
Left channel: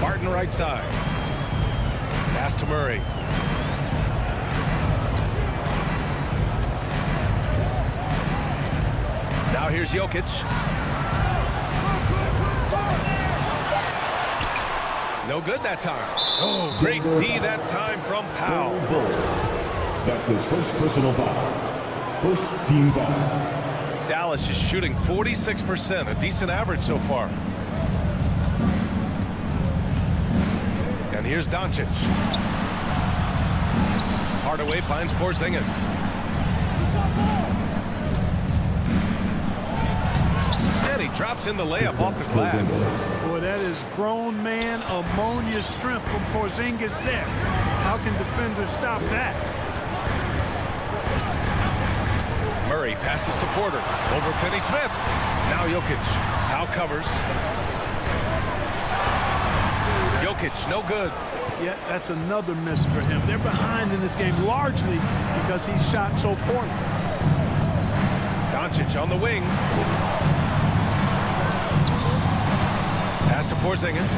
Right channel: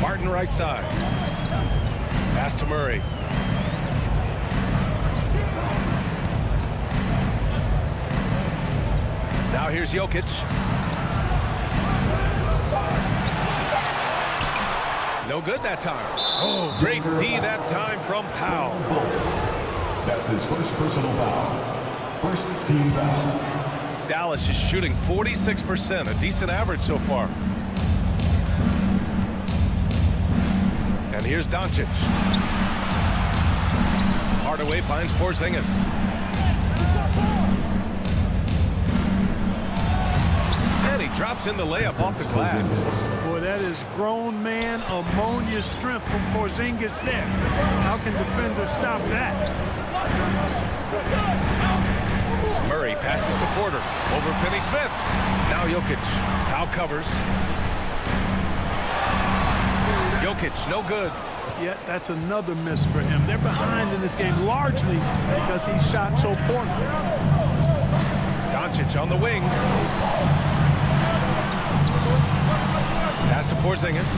Barton right side. Pass to Murray. Now here's Jokic. No good that time. Oh, great D that time from Powell. That's his first personal foul. First team foul. Dallas is shooting 46%, a decent average so far. And here's Doncic. Hardaway finds Porzingis. And he drops in the layup off the glass. Boy, that is grown man ammonia strength from Porzingis there. How can defenders stop that? Murray passes to Porter. Over Finney-Smith. Now Jokic. Powell covers. Jokic, no good. Yeah, that's another miss for him. They're behind in this game largely because he shot so poorly. Doncic on the wing. Pass to Porzingis.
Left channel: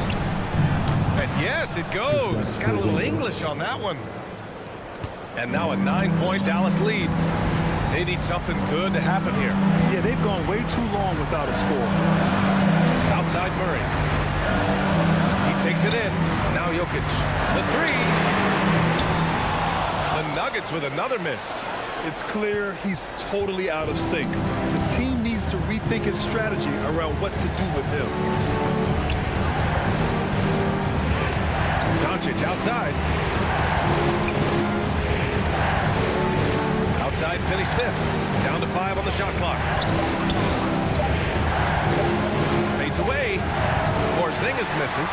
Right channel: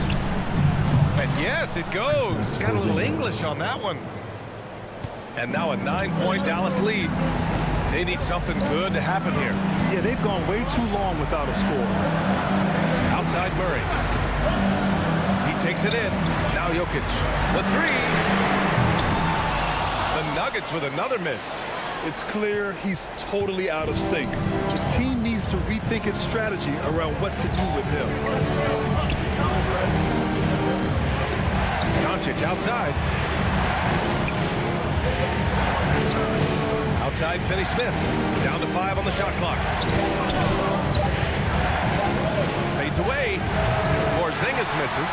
And yes, it goes. Got a little English on that one. And now a 9-point Dallas lead. They need something good to happen here. Yeah, they've gone way too long without a score. Outside Murray. He takes it in. Now Jokic. The 3. The Nuggets with another miss. It's clear he's totally out of sync. The team needs to rethink its strategy around what to do with him. Doncic outside. Outside Finney-Smith. Down to 5 on the shot clock. Fades away. Porzingis misses.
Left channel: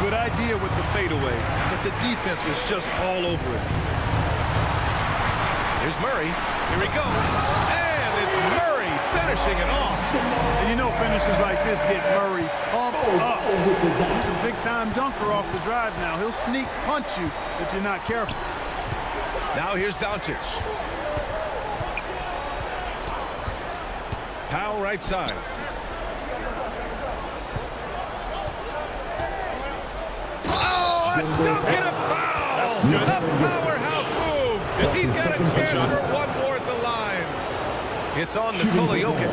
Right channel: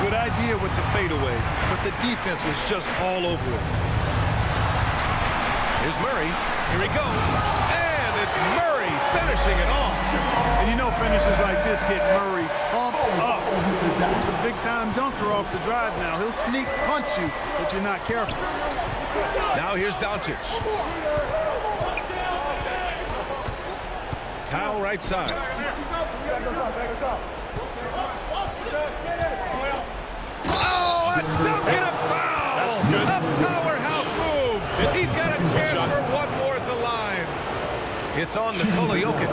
Good idea with the fadeaway, but the defense was just all over it. Here's Murray. Here he goes. And it's Murray finishing it off. And you know finishes like this get Murray pumped up. He's a big-time dunker off the drive now. He'll sneak punch you if you're not careful. Now here's Doncic. Powell right side. Oh, a dunk and a foul! That's good. A powerhouse move. He's got a chance for one more at the line. It's on Nikola Jokic.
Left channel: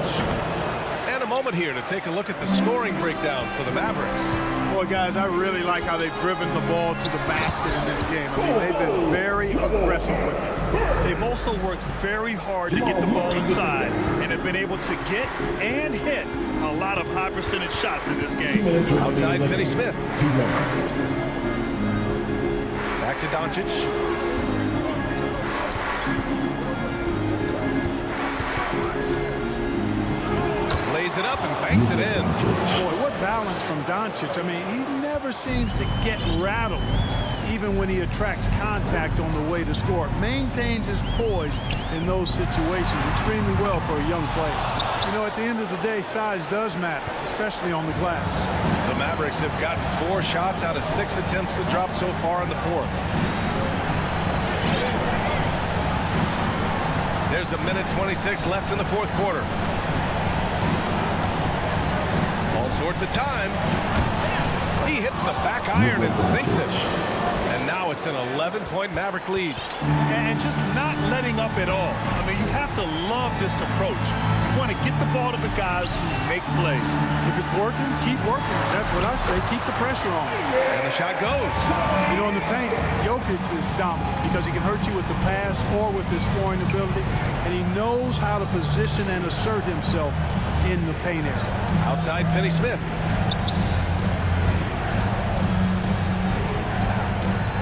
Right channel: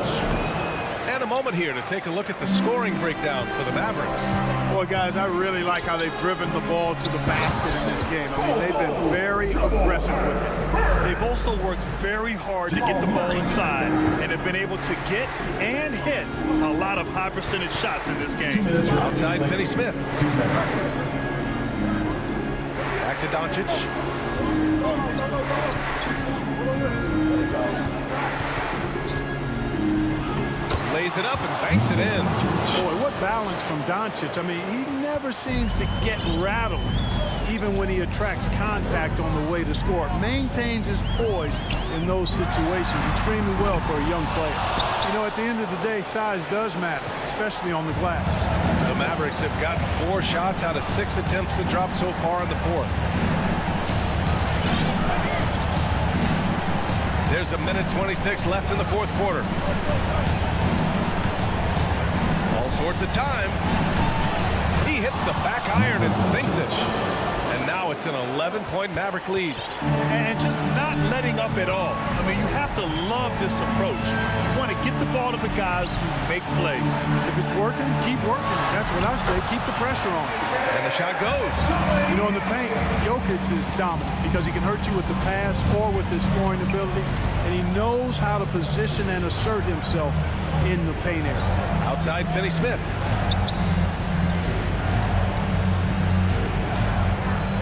And a moment here to take a look at the scoring breakdown for the Mavericks. Boy, guys, I really like how they've driven the ball to the basket in this game. I mean, they've been very aggressive with it. They've also worked very hard to get the ball inside and have been able to get and hit a lot of high percentage shots in this game. Outside Finney-Smith. Back to Doncic. Lays it up and banks it in. Boy, what balance from Doncic. I mean, he never seems to get rattled, even when he attracts contact on the way to score. Maintains his poise in those situations extremely well for a young player. You know, at the end of the day, size does matter, especially on the glass. The Mavericks have gotten 4 shots out of 6 attempts to drop so far in the fourth. There's a minute 26 left in the fourth quarter. All sorts of time. He hits the back iron and sinks it. And now it's an 11-point Maverick lead. And just not letting up at all. I mean, you have to love this approach. You want to get the ball to the guys who make plays. If it's working, keep working it. That's what I say. Keep the pressure on. And the shot goes. You know, in the paint, Jokic is dominant because he can hurt you with the pass or with his scoring ability. And he knows how to position and assert himself in the paint area. Outside Finney-Smith.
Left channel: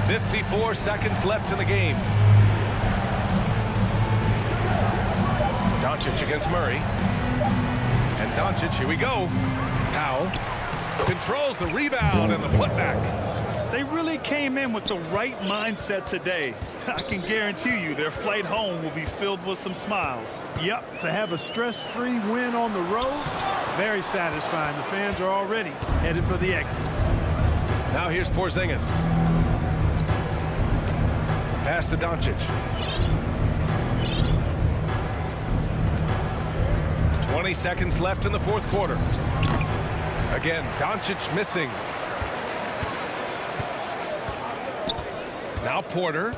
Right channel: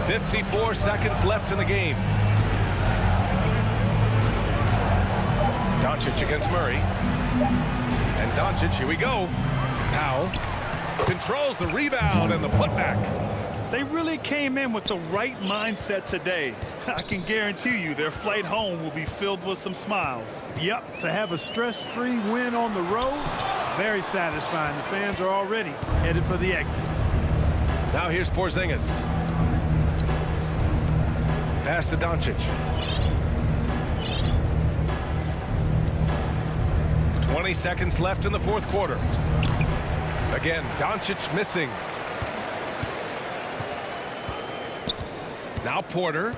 54 seconds left in the game. Doncic against Murray. And Doncic, here we go. Powell controls the rebound and the putback. They really came in with the right mindset today. I can guarantee you their flight home will be filled with some smiles. Yep, to have a stress-free win on the road, very satisfying. The fans are already headed for the exits. Now here's Porzingis. Pass to Doncic. 20 seconds left in the fourth quarter. Again, Doncic missing. Now Porter.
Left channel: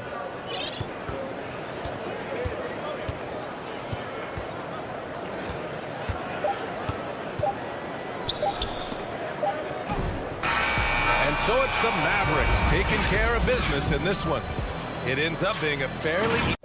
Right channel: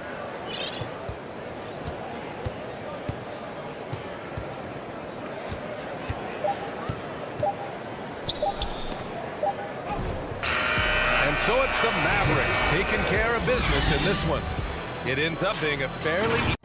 And so it's the Mavericks taking care of business in this one. It ends up being a fairly...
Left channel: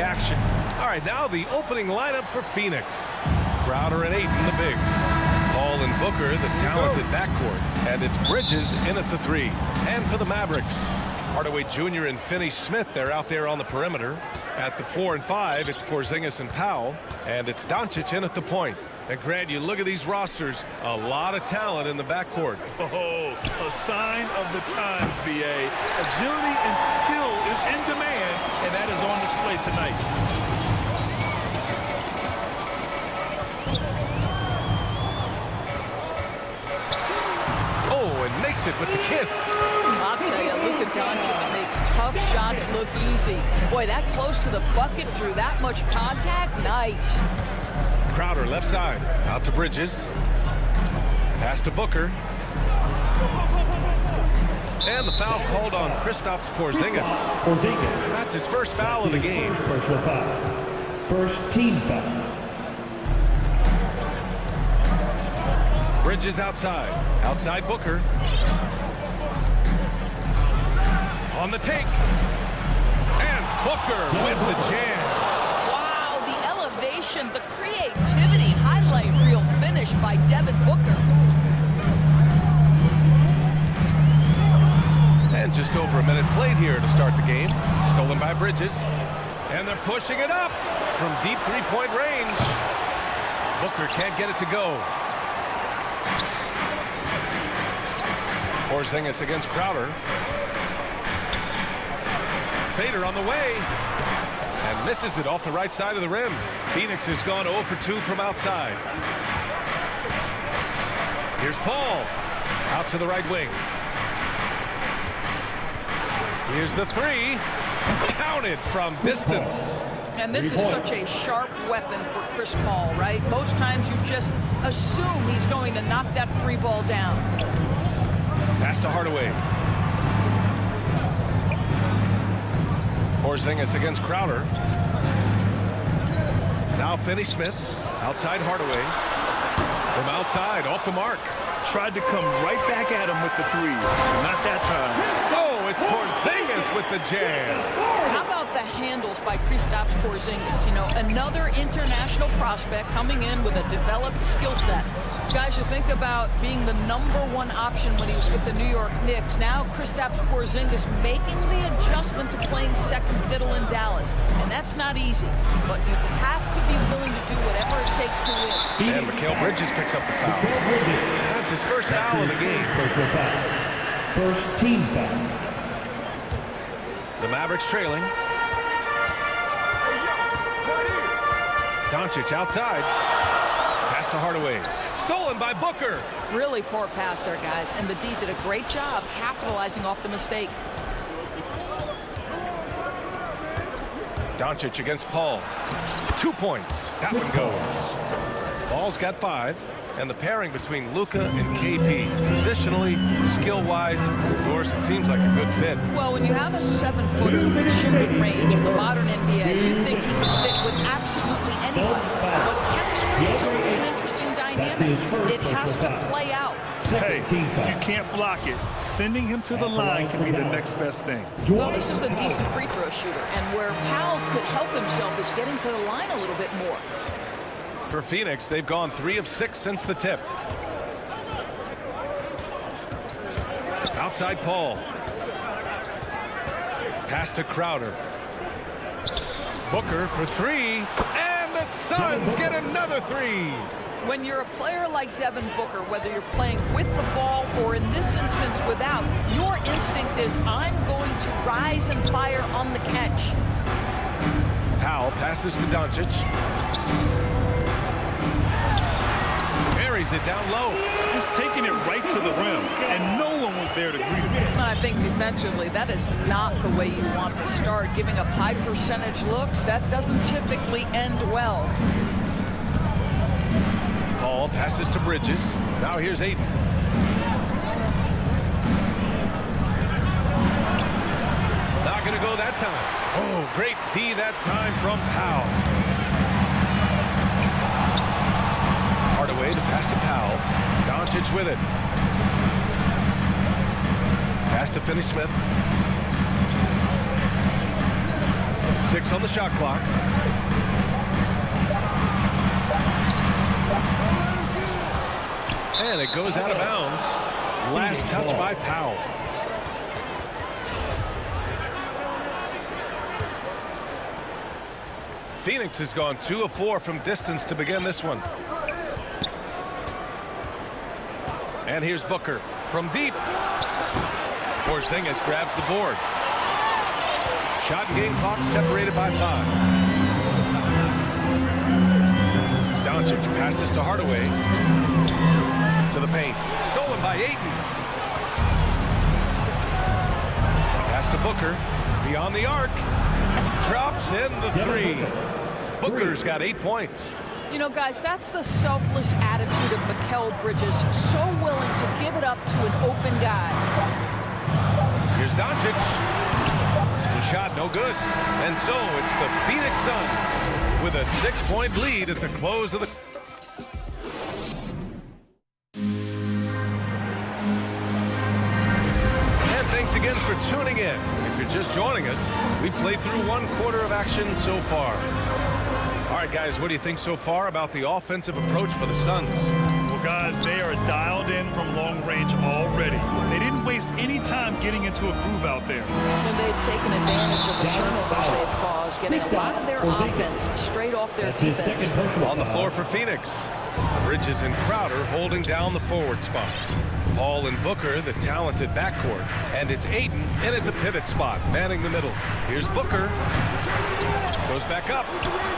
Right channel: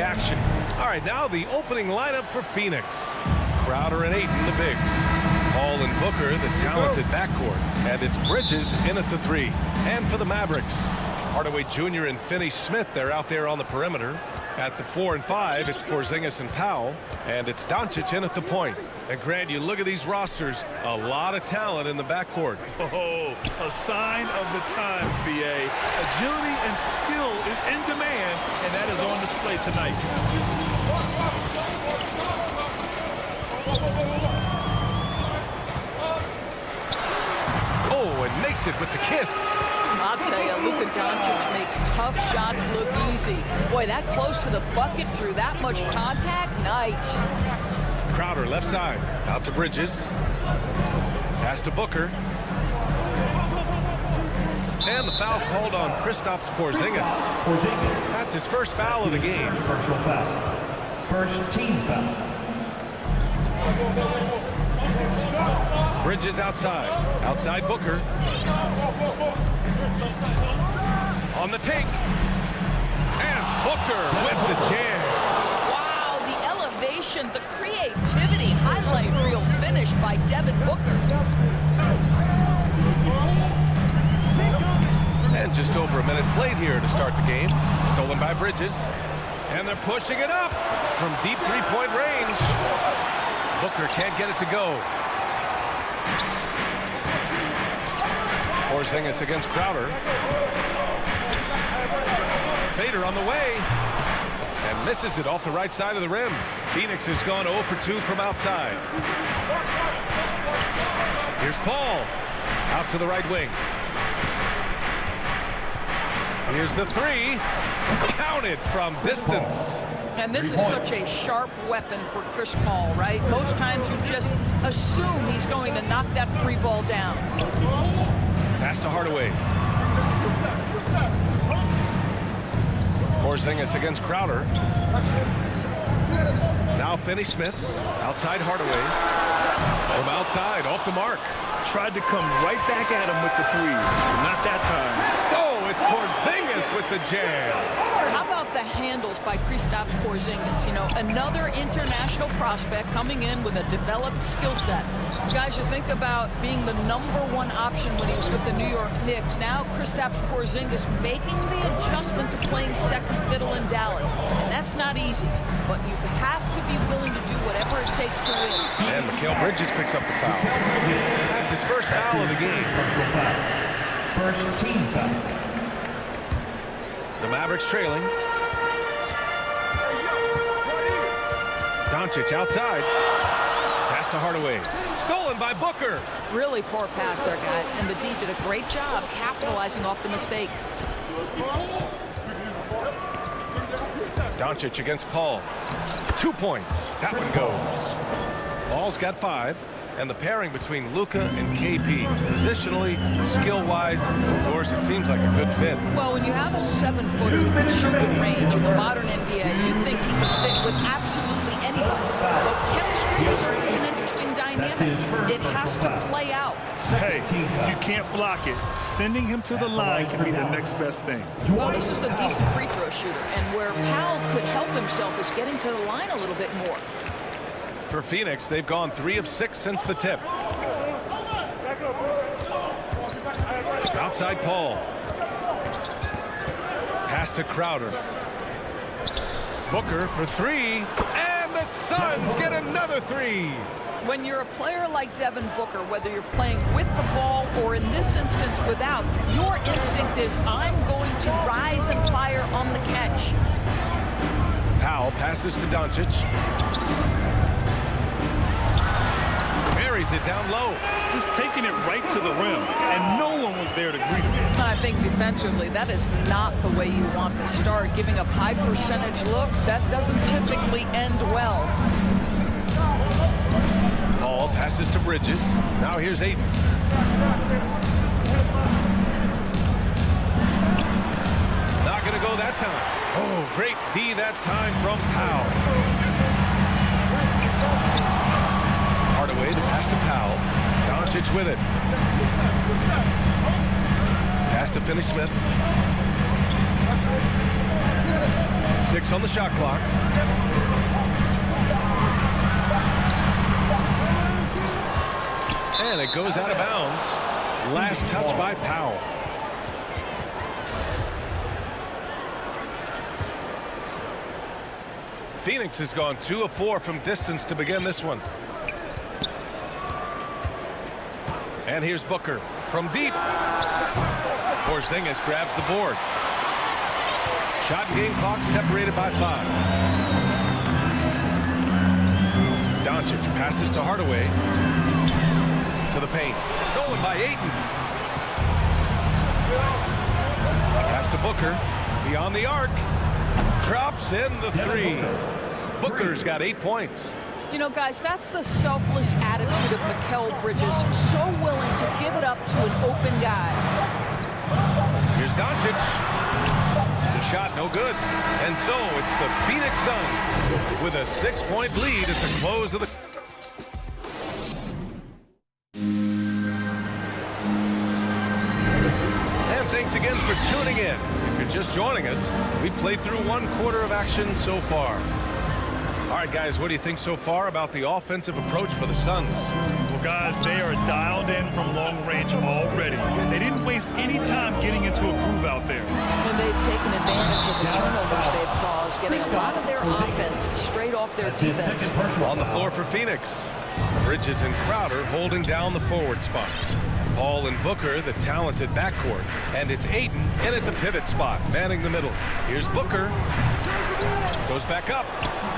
Action. All right, now the opening lineup for Phoenix. Crowder and Ayton, the bigs. Hall and Booker, the talented backcourt. And it's Bridges in at the 3. And for the Mavericks, Hardaway Jr. and Finney-Smith, they're out there on the perimeter. At the 4 and 5, it's Porzingis and Powell. And it's Doncic in at the point. And Grant, you look at these rosters, a lot of talent in the backcourt. Oh, a sign of the times, B.A. Agility and skill is in demand, and that is on display tonight. Oh, and makes it with the kiss. I'll tell you, Luka Doncic makes tough shots look easy. Boy, that close to the bucket through that much contact, nice. Crowder left side. Out to Bridges. Pass to Booker. And the foul called on Kristaps Porzingis. That's his first foul of the game. Personal foul. First team foul. Bridges outside. Outside Booker. On the take. And Booker with the jam. Wow, the elevation, the creativity, highlight reel finish by Devin Booker. And just over a minute played here to start the game. Stolen by Bridges. And they're pushing it up from deep three-point range. Booker can't get it to go. Porzingis against Crowder. Fader on the way. And misses it off the right side of the rim. Phoenix has gone 0 for 2 from outside. Here's Paul. Out to the right wing. Here's the three. Counted from distance. And this is such a sharp weapon for Chris Paul, right? Most times you just assume he's going to knock that three ball down. Pass to Hardaway. Porzingis against Crowder. Now Finney-Smith. Outside Hardaway. From outside, off the mark. Tried to come right back at him with the three. Not that time. Oh, it's Porzingis with the jam. How about the handles by Kristaps Porzingis? You know, another international prospect coming in with a developed skill set. Guys, you think about being the #1 option when he was with the New York Knicks. Now Kristaps Porzingis making the adjustment to playing second fiddle in Dallas. And that's not easy. But you have to be willing to do whatever it takes to win. And Mikal Bridges picks up the foul. That's his first foul of the game. Personal foul. First team foul. The Mavericks trailing. Doncic outside. Pass to Hardaway. Stolen by Booker. Really poor pass there, guys. And the D did a great job capitalizing off the mistake. Doncic against Paul. 2 points. That one goes. Paul's got 5. And the pairing between Luka and KP, positionally, skill-wise, of course, it seems like a good fit. Well, when you have a 7-footer who can shoot with range in the modern NBA, you think he can fit with absolutely anybody. But chemistry is always an interesting dynamic. It has to play out. Hey, if you can't block it, sending him to the line can be the next best thing. Well, this is a decent free throw shooter, and where Powell could help himself is getting to the line a little bit more. For Phoenix, they've gone 3 of 6 since the tip. Outside Paul. Pass to Crowder. Booker for 3. And the Suns get another 3. When you're a player like Devin Booker, whether you're playing with the ball or in this instance without, your instinct is, I'm going to rise and fire on the catch. Powell passes to Doncic. Buries it down low. Just taking it right to the rim, and no one was there to greet him. I think defensively, that is not the way you want to start. Giving up high percentage looks, that doesn't typically end well. Paul passes to Bridges. Now here's Ayton. Not going to go that time. Oh, great D that time from Powell. Hardaway, the pass to Powell. Doncic with it. Pass to Finney-Smith. 6 on the shot clock. And it goes out of bounds. Last touch by Powell. Phoenix has gone 2 of 4 from distance to begin this one. And here's Booker from deep. Porzingis grabs the board. Shot and game clock separated by 5. Doncic passes to Hardaway. To the paint. Stolen by Ayton. Pass to Booker. Beyond the arc. Drops in the 3. Booker's got 8 points. You know, guys, that's the selfless attitude of Mikal Bridges, so willing to give it up to an open guy. Here's Doncic. The shot no good. And so it's the Phoenix Suns with a 6-point lead at the close of the... And thanks again for tuning in. If you're just joining us, we've played through 1 quarter of action so far. All right, guys, what do you think so far about the offensive approach for the Suns? Well, guys, they are dialed in from long range already. They didn't waste any time getting into a groove out there. And they've taken advantage of the turnovers they've caused, getting a lot of their offense straight off their defense. On the floor for Phoenix, Bridges and Crowder holding down the forward spots. Paul and Booker, the talented backcourt. And it's Ayton in at the pivot spot, manning the middle. Here's Booker. Goes back up.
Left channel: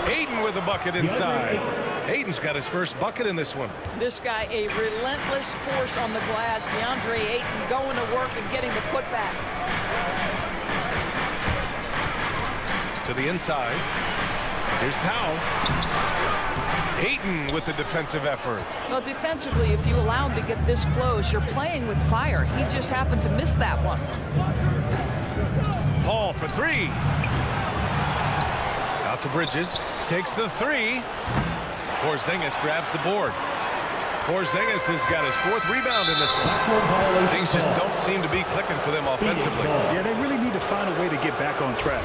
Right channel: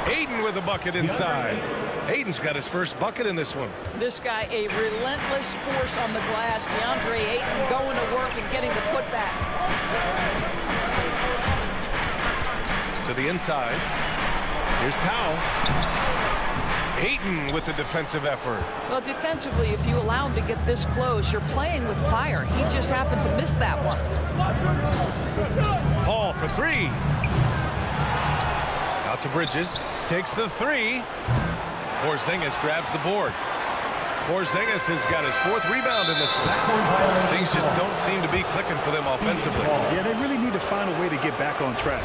Ayton with a bucket inside. Ayton's got his first bucket in this one. This guy, a relentless force on the glass. DeAndre Ayton going to work and getting the putback. To the inside. Here's Powell. Ayton with the defensive effort. Well, defensively, if you allow him to get this close, you're playing with fire. He just happened to miss that one. Paul for 3. Out to Bridges. Takes the 3. Porzingis grabs the board. Porzingis has got his 4th rebound in this one. Things just don't seem to be clicking for them offensively. Yeah, they really need to find a way to get back on track.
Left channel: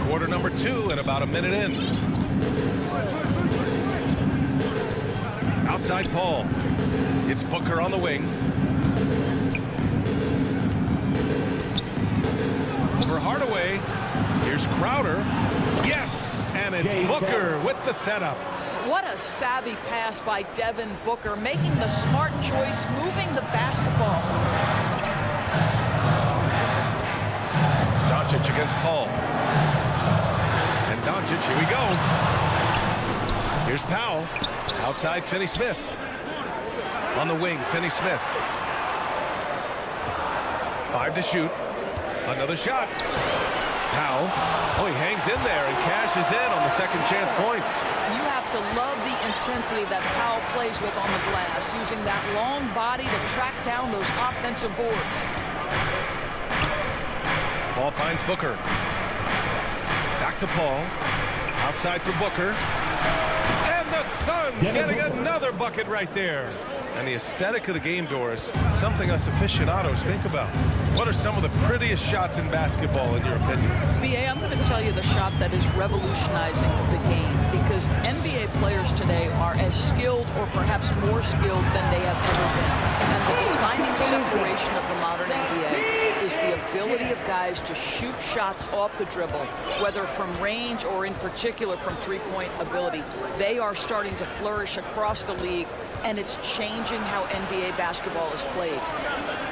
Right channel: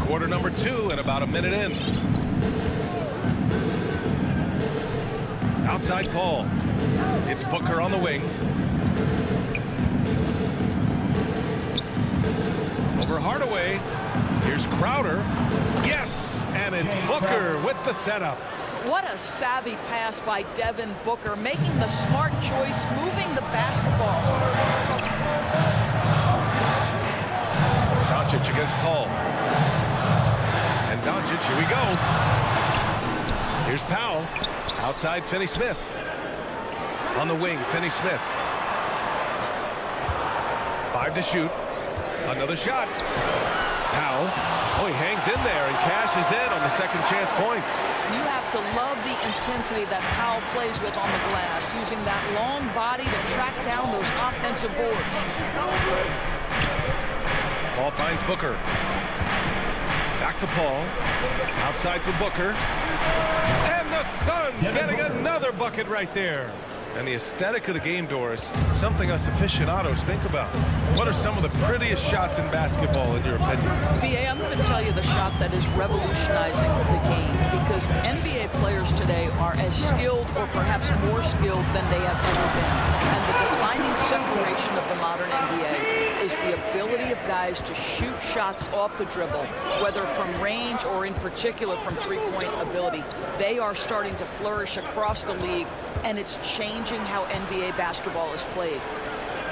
Quarter number 2 and about a minute in. Outside Paul. It's Booker on the wing. Over Hardaway. Here's Crowder. Yes! And it's Booker with the setup. What a savvy pass by Devin Booker, making the smart choice, moving the basketball. Doncic against Paul. And Doncic, here we go. Here's Powell. Outside Finney-Smith. On the wing, Finney-Smith. 5 to shoot. Another shot. Powell. Oh, he hangs in there and cashes in on the second chance points. You have to love the intensity that Powell plays with on the glass, using that long body to track down those offensive boards. Paul finds Booker. Back to Paul. Outside for Booker. And the Suns getting another bucket right there. And the aesthetic of the game, Doris, something us aficionados think about. What are some of the prettiest shots in basketball, in your opinion? BA, I'm going to tell you the shot that is revolutionizing the game, because NBA players today are as skilled or perhaps more skilled than they have ever been. And the defining separation of the modern NBA is the ability of guys to shoot shots off the dribble, whether from range or in particular from three-point ability. They are starting to flourish across the league, and it's changing how NBA basketball is played.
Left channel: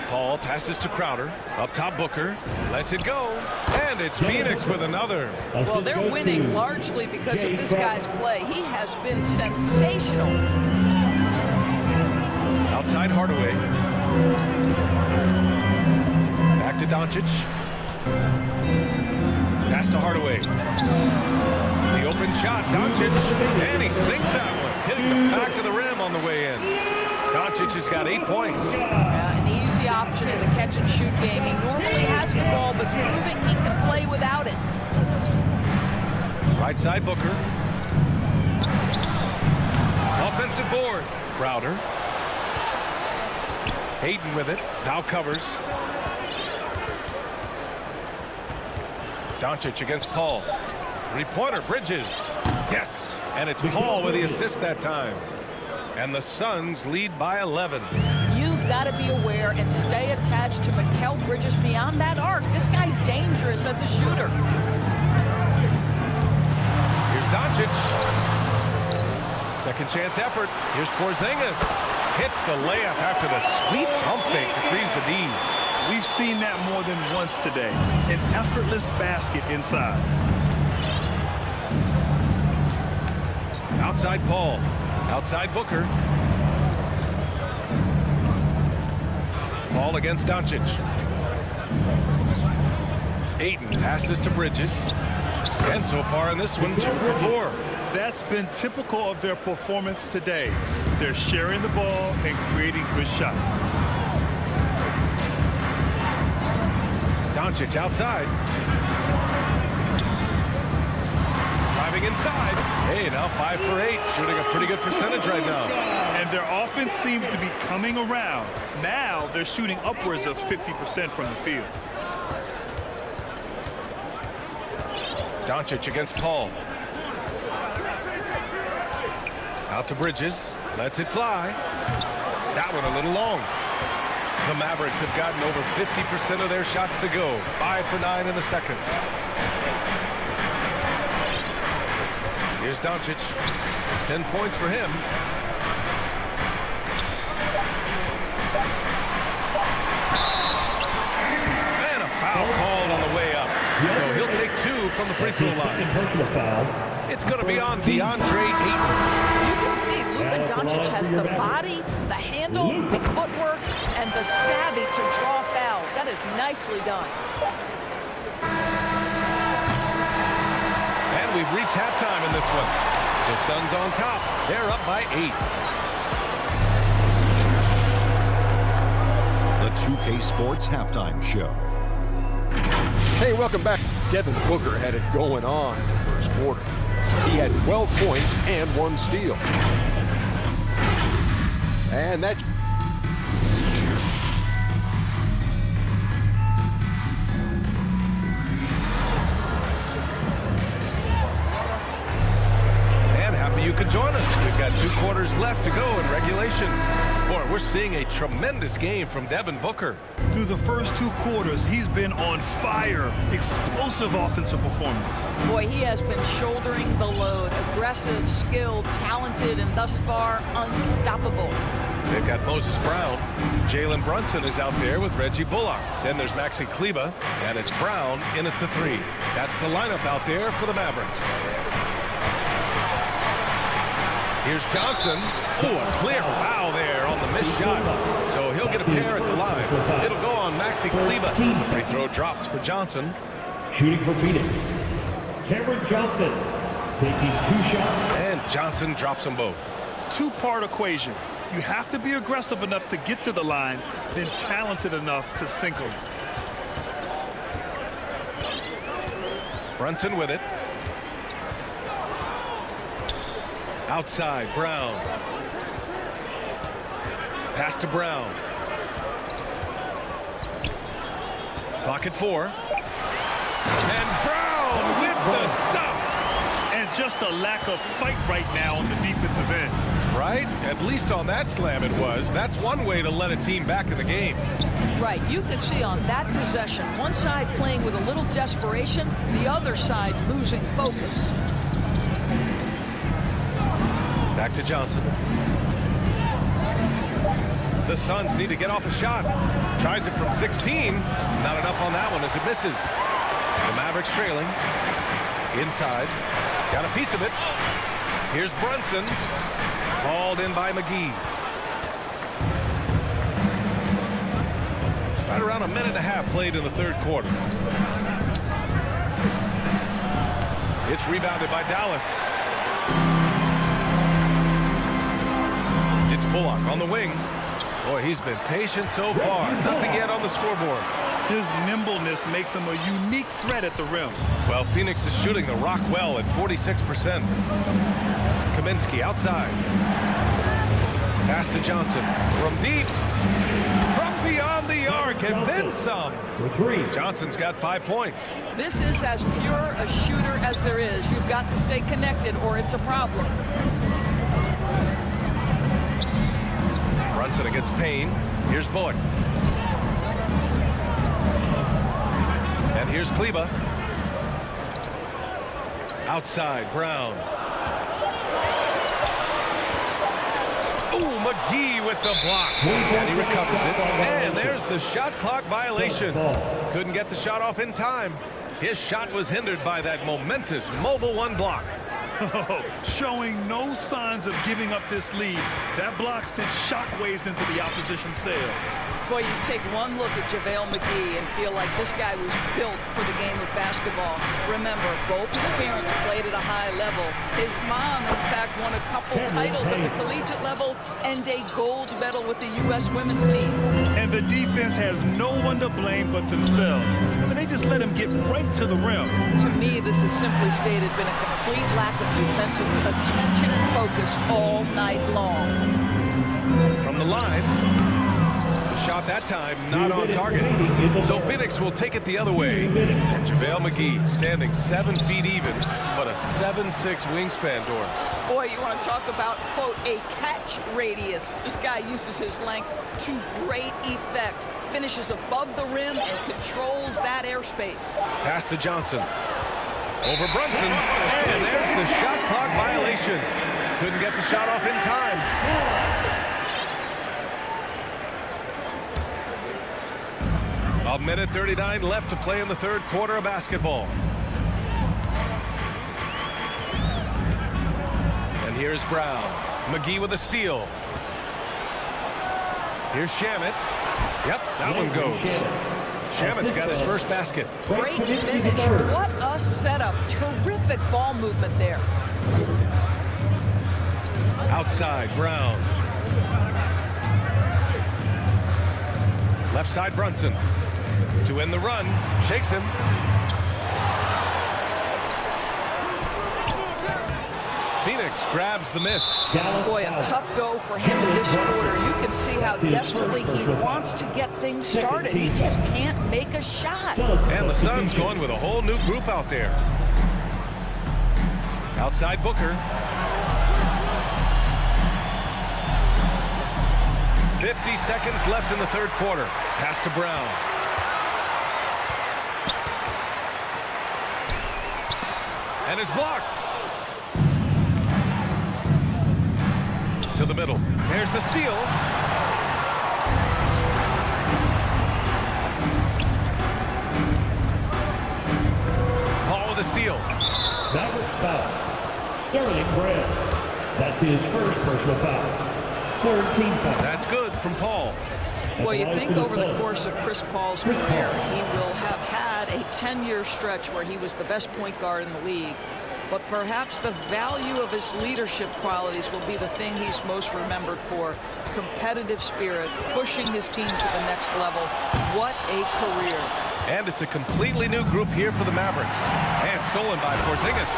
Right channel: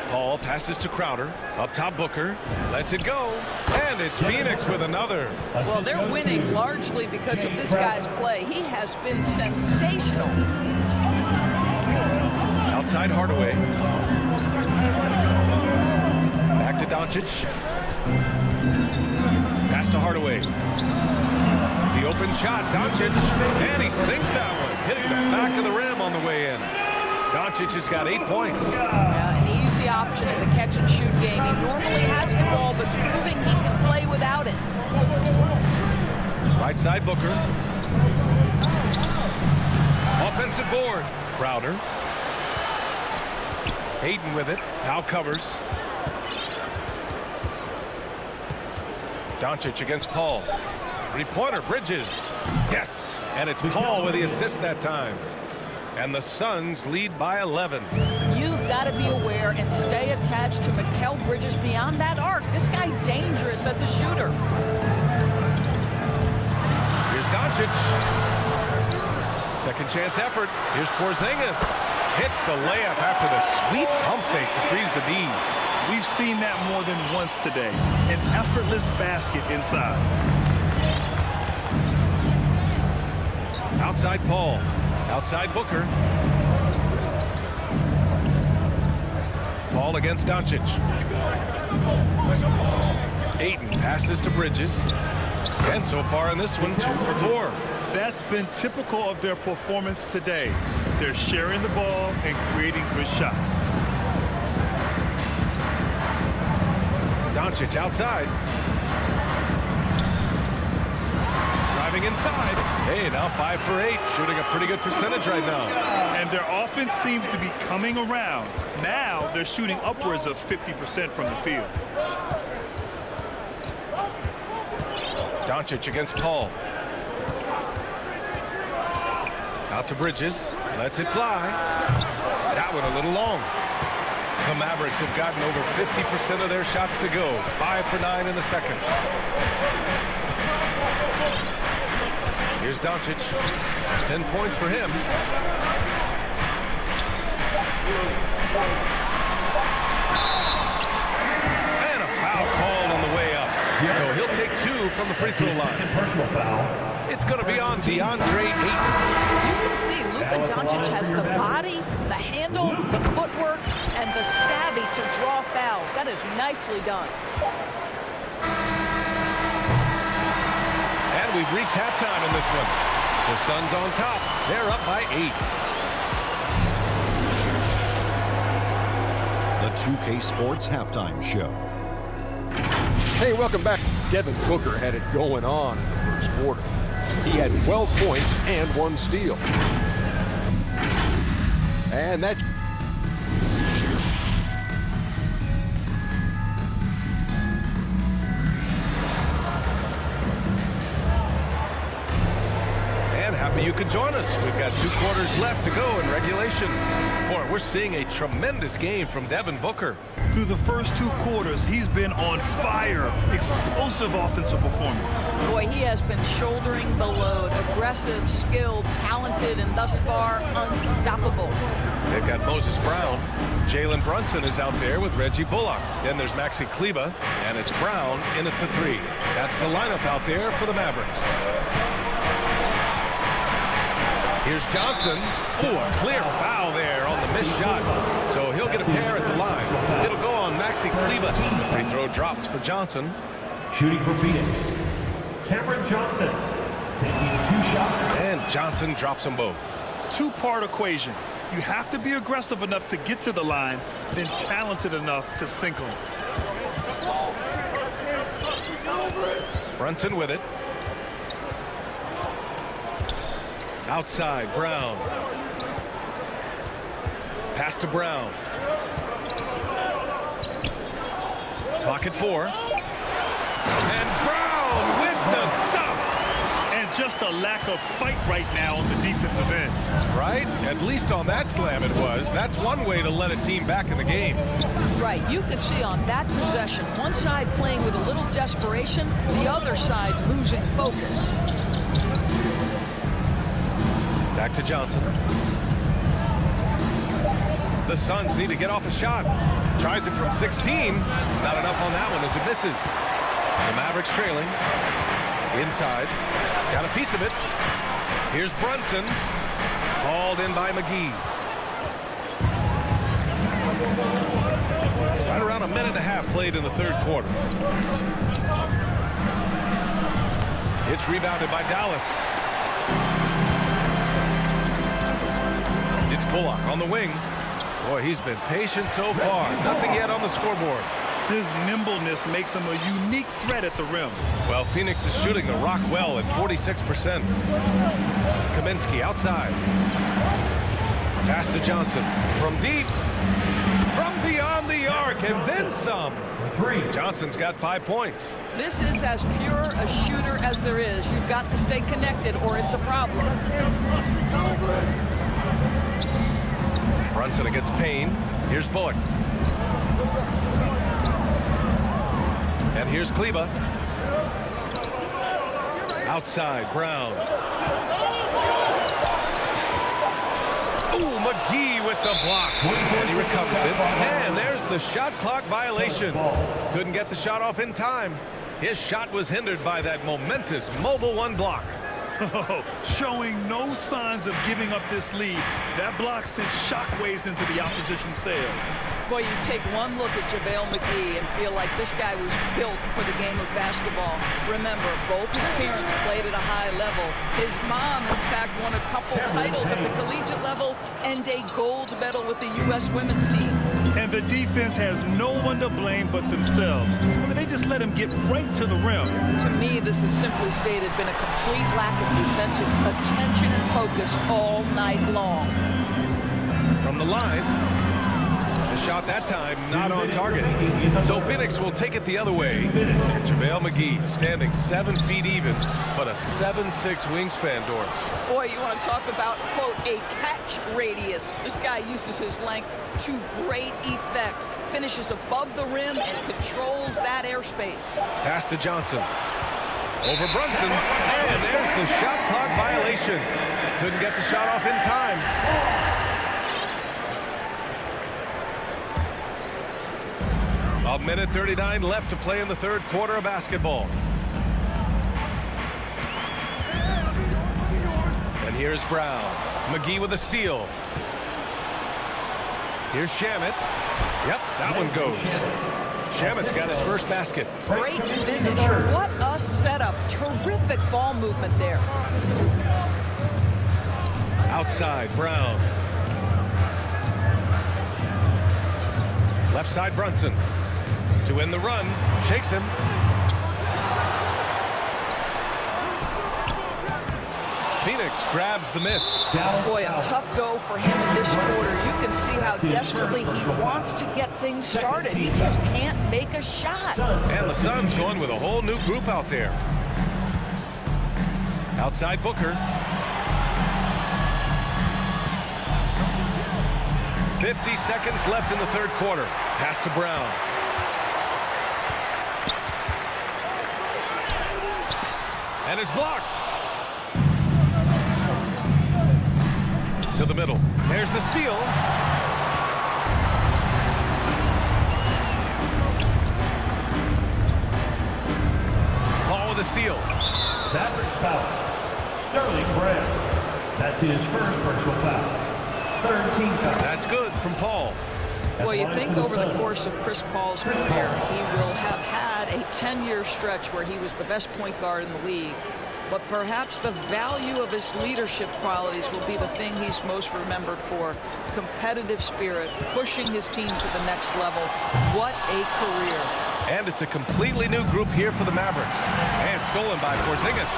Paul passes to Crowder. Up top, Booker. Lets it go. And it's Phoenix with another. Well, they're winning largely because of this guy's play. He has been sensational. Outside Hardaway. Back to Doncic. Pass to Hardaway. The open shot, Doncic. And he sinks that one, hitting the back of the rim on the way in. Doncic has got 8 points. An easy option in the catch-and-shoot game. He normally has the ball, but proving he can play without it. Right side, Booker. Offensive board. Crowder. Hayden with it. Powell covers. Doncic against Paul. Three-pointer, Bridges. Yes, and it's Paul with the assist that time. And the Suns lead by 11. You've got to be aware and stay attached to Mikal Bridges beyond that arc. This guy dangerous as a shooter. Here's Doncic. Second chance effort. Here's Porzingis. Hits the layup after the sweet pump fake to freeze the D. We've seen that more than once today. An effortless basket inside. Outside Paul. Outside Booker. Paul against Doncic. Ayton passes to Bridges. And so far in this one, 2 for 4. That's been typical of their performance today. They're sharing the ball and creating good shots. Doncic outside. Driving inside. Hey, now 5 for 8. Shooting a pretty good percentage right now. And their offense seems to be coming around. Now they're shooting upwards of 50% from the field. Doncic against Paul. Out to Bridges. Lets it fly. That one a little long. The Mavericks have gotten over 50% of their shots to go. 5 for 9 in the second. Here's Doncic. 10 points for him. And a foul called on the way up. So he'll take 2 from the free throw line. Personal foul. It's going to be on DeAndre Ayton. You can see Luka Doncic has the body, the handle, the footwork, and the savvy to draw fouls. That is nicely done. And we've reached halftime in this one. The Suns on top. They're up by 8. The 2K Sports Halftime Show. Hey, welcome back. Devin Booker had it going on in the first quarter. He had 12 points and 1 steal. And that... And happy you could join us. We've got 2 quarters left to go in regulation. Boy, we're seeing a tremendous game from Devin Booker. Through the first 2 quarters, he's been on fire. Explosive offensive performance. Boy, he has been shouldering the load. Aggressive, skilled, talented, and thus far unstoppable. They've got Moses Brown. Jalen Brunson is out there with Reggie Bullock. Then there's Maxi Kleber, and it's Brown in at the 3. That's the lineup out there for the Mavericks. Here's Johnson. Oh, a clear foul there on the missed shot. So he'll get a pair at the line. It'll go on Maxi Kleber. The free throw drops for Johnson. Shooting for Phoenix, Cameron Johnson taking 2 shots. And Johnson drops them both. 2-part equation. You have to be aggressive enough to get to the line, then talented enough to sink them. Brunson with it. Outside, Brown. Pass to Brown. Clock at 4. And Brown with the stuff. And just a lack of fight right now on the defensive end. Right? At least on that slam it was. That's one way to let a team back in the game. Right. You could see on that possession, one side playing with a little desperation, the other side losing focus. Back to Johnson. The Suns need to get off a shot. Tries it from 16. Not enough on that one as it misses. The Mavericks trailing. Inside. Got a piece of it. Here's Brunson. Hauled in by McGee. Right around a minute and a half played in the third quarter. It's rebounded by Dallas. It's Bullock on the wing. Boy, he's been patient so far. Nothing yet on the scoreboard. His nimbleness makes him a unique threat at the rim. Well, Phoenix is shooting the rock well at 46%. Kaminsky outside. Pass to Johnson. From deep. From beyond the arc and then some. For 3. Johnson's got 5 points. This is as pure a shooter as there is. You've got to stay connected or it's a problem. Brunson against Payne. Here's Bullock. And here's Kleber. Outside, Brown. Ooh, McGee with the block. And he recovers it. And there's the shot clock violation. Couldn't get the shot off in time. His shot was hindered by that momentous mobile 1 block. Showing no signs of giving up this lead. That block sent shockwaves into the opposition sails. Boy, you take one look at JaVale McGee and feel like this guy was built for the game of basketball. Remember, both his parents played at a high level. His mom, in fact, won a couple titles at the collegiate level and a gold medal with the U.S. women's team. And the defense has no one to blame but themselves. I mean, they just let him get right to the rim. To me, this has simply stated been a complete lack of defensive attention and focus all night long. From the line, the shot that time not on target. So Phoenix will take it the other way. And JaVale McGee standing 7 feet even, but a 7'6" wingspan, Doris. Boy, you want to talk about, quote, a catch radius. This guy uses his length to great effect. Finishes above the rim and controls that airspace. Pass to Johnson. Over Brunson. And there's the shot clock violation. Couldn't get the shot off in time. A minute 39 left to play in the third quarter of basketball. And here's Brown. McGee with a steal. Here's Shamet. Yep, that one goes. Shamet's got his first basket. Great finish. What a setup. Terrific ball movement there. Outside, Brown. Left side, Brunson. To end the run. Shakes him. Phoenix grabs the miss. Boy, a tough go for him in this quarter. You can see how desperately he wants to get things started. He just can't make a shot. And the Suns going with a whole new group out there. Outside Booker. 50 seconds left in the third quarter. Pass to Brown. And is blocked. To the middle. There's the steal. Paul with a steal. Mavericks foul. Sterling Brand. That's his first personal foul. Third team foul. That's good from Paul. Well, you think over the course of Chris Paul's career, he will have had a 10-year stretch where he was the best point guard in the league. But perhaps the value of his leadership qualities will be the thing he's most remembered for. Competitive spirit, pushing his team to the next level. What a career. And it's a completely new group here for the Mavericks. And stolen by Porzingis.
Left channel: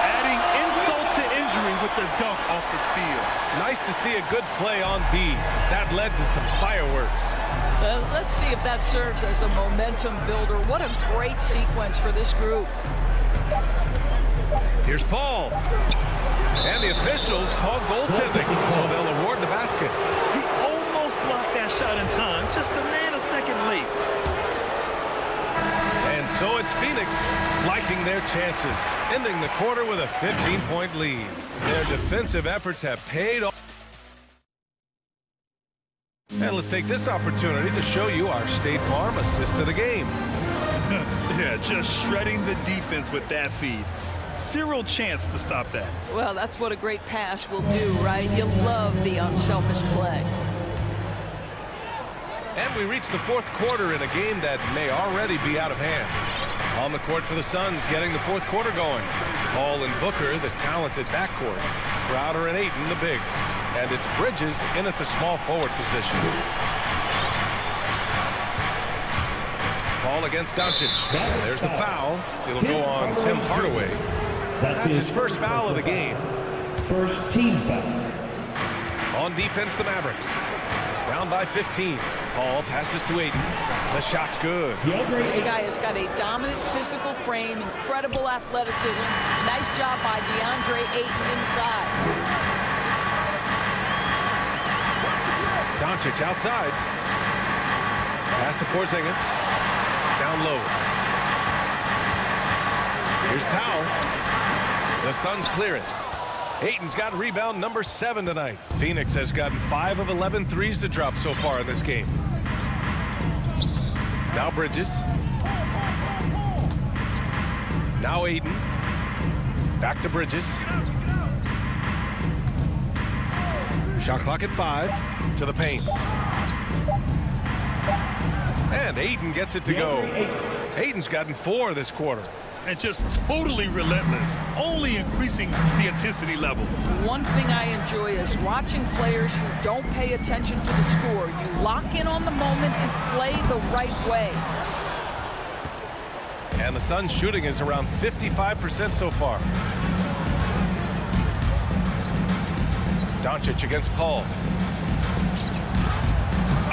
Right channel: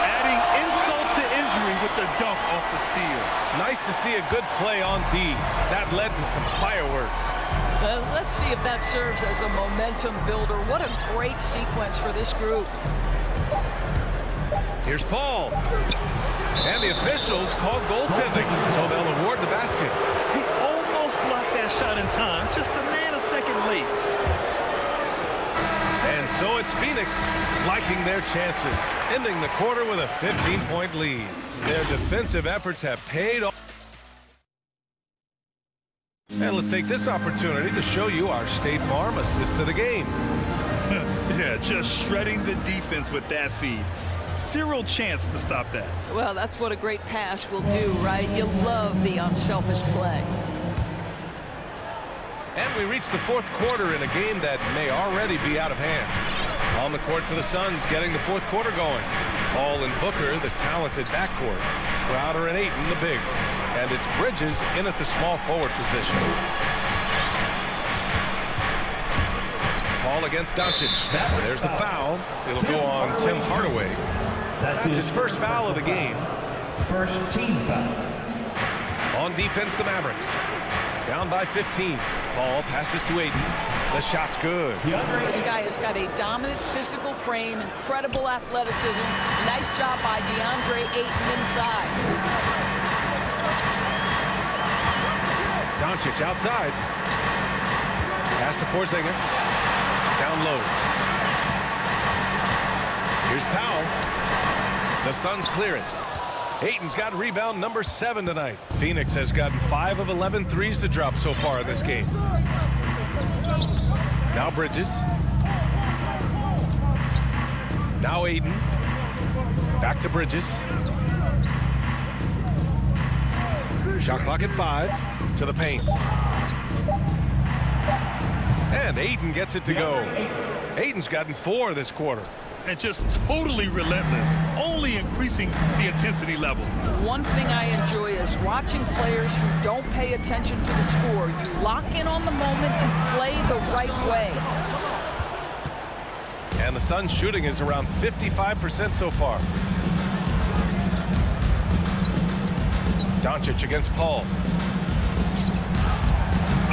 Adding insult to injury with the dunk off the steal. Nice to see a good play on D. That led to some fireworks. Let's see if that serves as a momentum builder. What a great sequence for this group. Here's Paul. And the officials called goaltending, so they'll award the basket. He almost blocked that shot in time, just a nanosecond late. And so it's Phoenix liking their chances, ending the quarter with a 15-point lead. Their defensive efforts have paid off. And let's take this opportunity to show you our State Farm assist to the game. Yeah, just shredding the defense with that feed. Zero chance to stop that. Well, that's what a great pass will do, right? You love the unselfish play. And we reach the fourth quarter in a game that may already be out of hand. On the court for the Suns, getting the fourth quarter going. Paul and Booker, the talented backcourt. Crowder and Ayton, the bigs. And it's Bridges in at the small forward position. Paul against Doncic. There's the foul. It'll go on Tim Hardaway. That's his first foul of the game. First team foul. On defense, the Mavericks. Down by 15. Paul passes to Ayton. The shot's good. This guy has got a dominant physical frame, incredible athleticism. Nice job by DeAndre Ayton inside. Doncic outside. Pass to Porzingis. Down low. Here's Powell. The Suns clear it. Ayton's got rebound number 7 tonight. Phoenix has gotten 5 of 11 threes to drop so far in this game. Now Bridges. Now Ayton. Back to Bridges. Shot clock at 5. To the paint. And Ayton gets it to go. Ayton's gotten 4 this quarter. And just totally relentless, only increasing the intensity level. One thing I enjoy is watching players who don't pay attention to the score. You lock in on the moment and play the right way. And the Suns' shooting is around 55% so far. Doncic against Paul.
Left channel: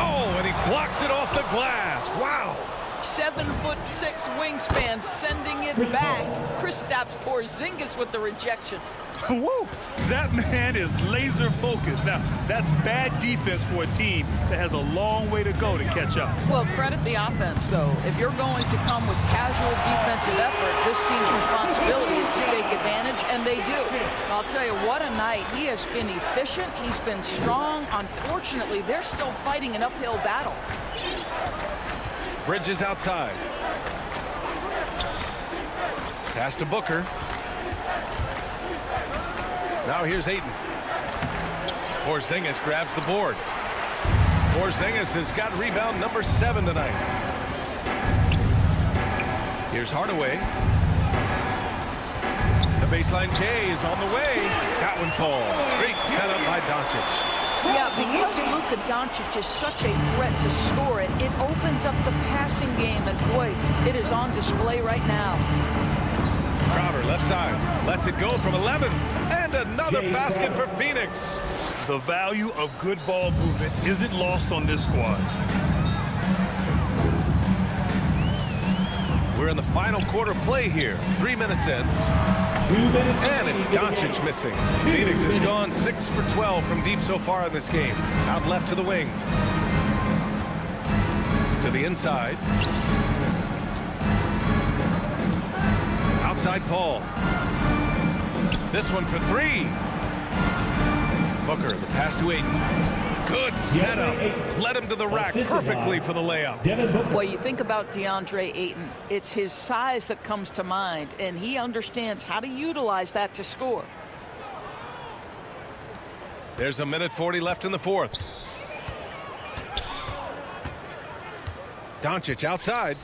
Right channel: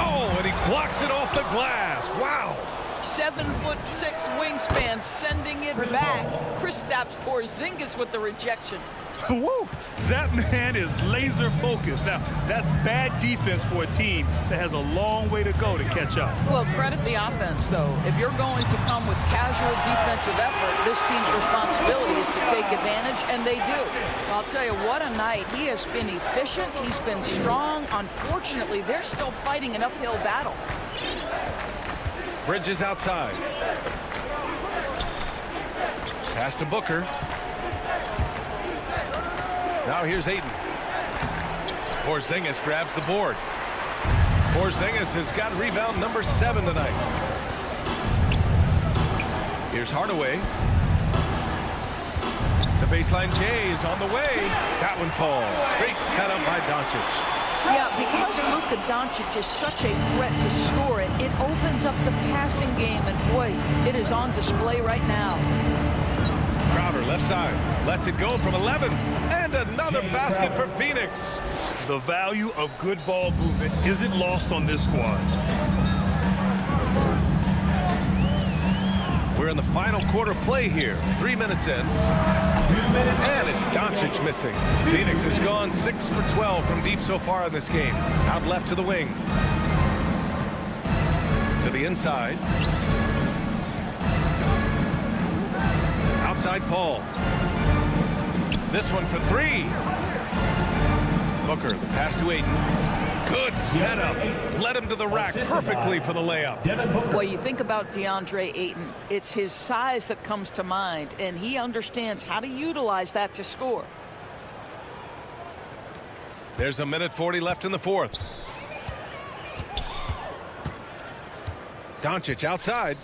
Oh, and he blocks it off the glass. Wow. 7'6" wingspan, sending it back. Kristaps Porzingis with the rejection. Woo! That man is laser focused. Now, that's bad defense for a team that has a long way to go to catch up. Well, credit the offense, though. If you're going to come with casual defensive effort, this team's responsibility is to take advantage, and they do. I'll tell you, what a night. He has been efficient. He's been strong. Unfortunately, they're still fighting an uphill battle. Bridges outside. Pass to Booker. Now here's Ayton. Porzingis grabs the board. Porzingis has got rebound number 7 tonight. Here's Hardaway. The baseline J is on the way. That one falls. Great setup by Doncic. Yeah, because Luka Doncic is such a threat to score it, it opens up the passing game, and boy, it is on display right now. Crowder left side. Lets it go from 11. And another basket for Phoenix. The value of good ball movement isn't lost on this squad. We're in the final quarter play here. 3 minutes in. 2 minutes. And it's Doncic missing. Phoenix has gone 6 for 12 from deep so far in this game. Out left to the wing. To the inside. Outside Paul. This one for 3. Booker, the pass to Ayton. Good setup. Led him to the rack perfectly for the layup. Boy, you think about DeAndre Ayton. It's his size that comes to mind, and he understands how to utilize that to score. There's 1:40 left in the fourth. Doncic outside.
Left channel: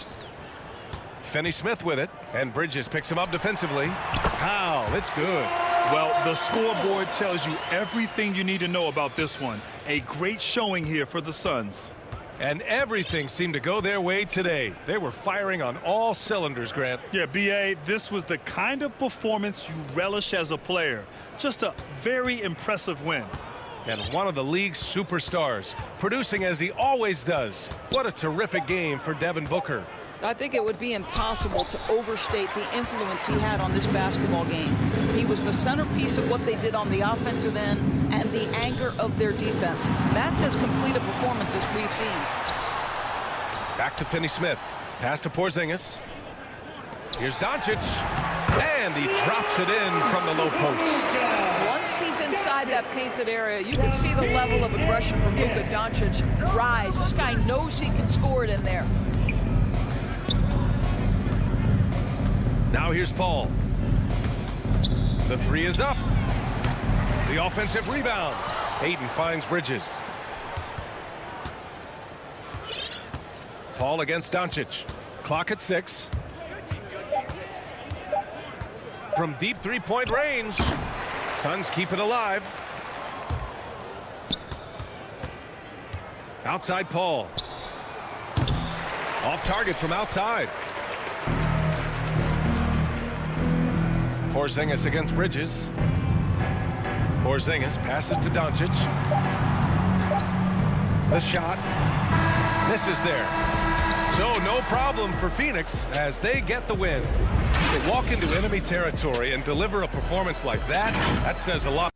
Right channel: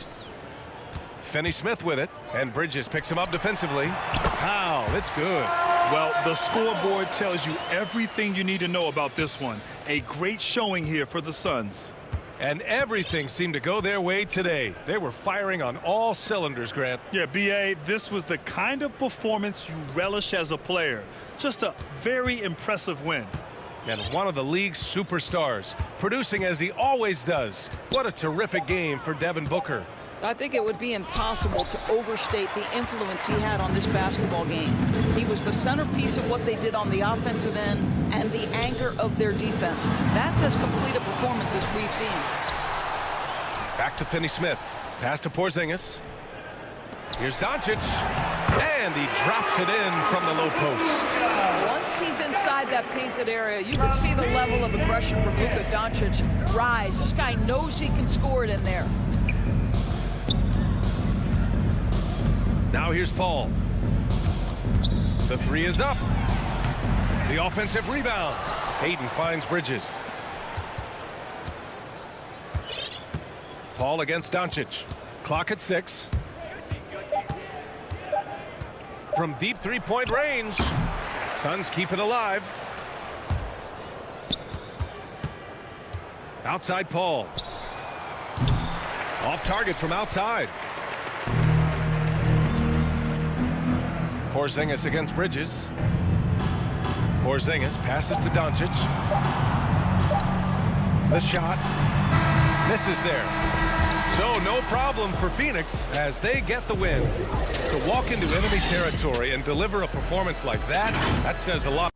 Finney-Smith with it, and Bridges picks him up defensively. Powell, it's good. Well, the scoreboard tells you everything you need to know about this one. A great showing here for the Suns. And everything seemed to go their way today. They were firing on all cylinders, Grant. Yeah, B.A., this was the kind of performance you relish as a player. Just a very impressive win. And one of the league's superstars, producing as he always does. What a terrific game for Devin Booker. I think it would be impossible to overstate the influence he had on this basketball game. He was the centerpiece of what they did on the offensive end and the anchor of their defense. That's as complete a performance as we've seen. Back to Finney-Smith. Pass to Porzingis. Here's Doncic. And he drops it in from the low post. Once he's inside that painted area, you can see the level of aggression from Luka Doncic rise. This guy knows he can score it in there. Now here's Paul. The 3 is up. The offensive rebound. Ayton finds Bridges. Paul against Doncic. Clock at 6. From deep three-point range. Suns keep it alive. Outside Paul. Off target from outside. Porzingis against Bridges. Porzingis passes to Doncic. The shot misses there. So no problem for Phoenix as they get the win. To walk into enemy territory and deliver a performance like that, that says a lot.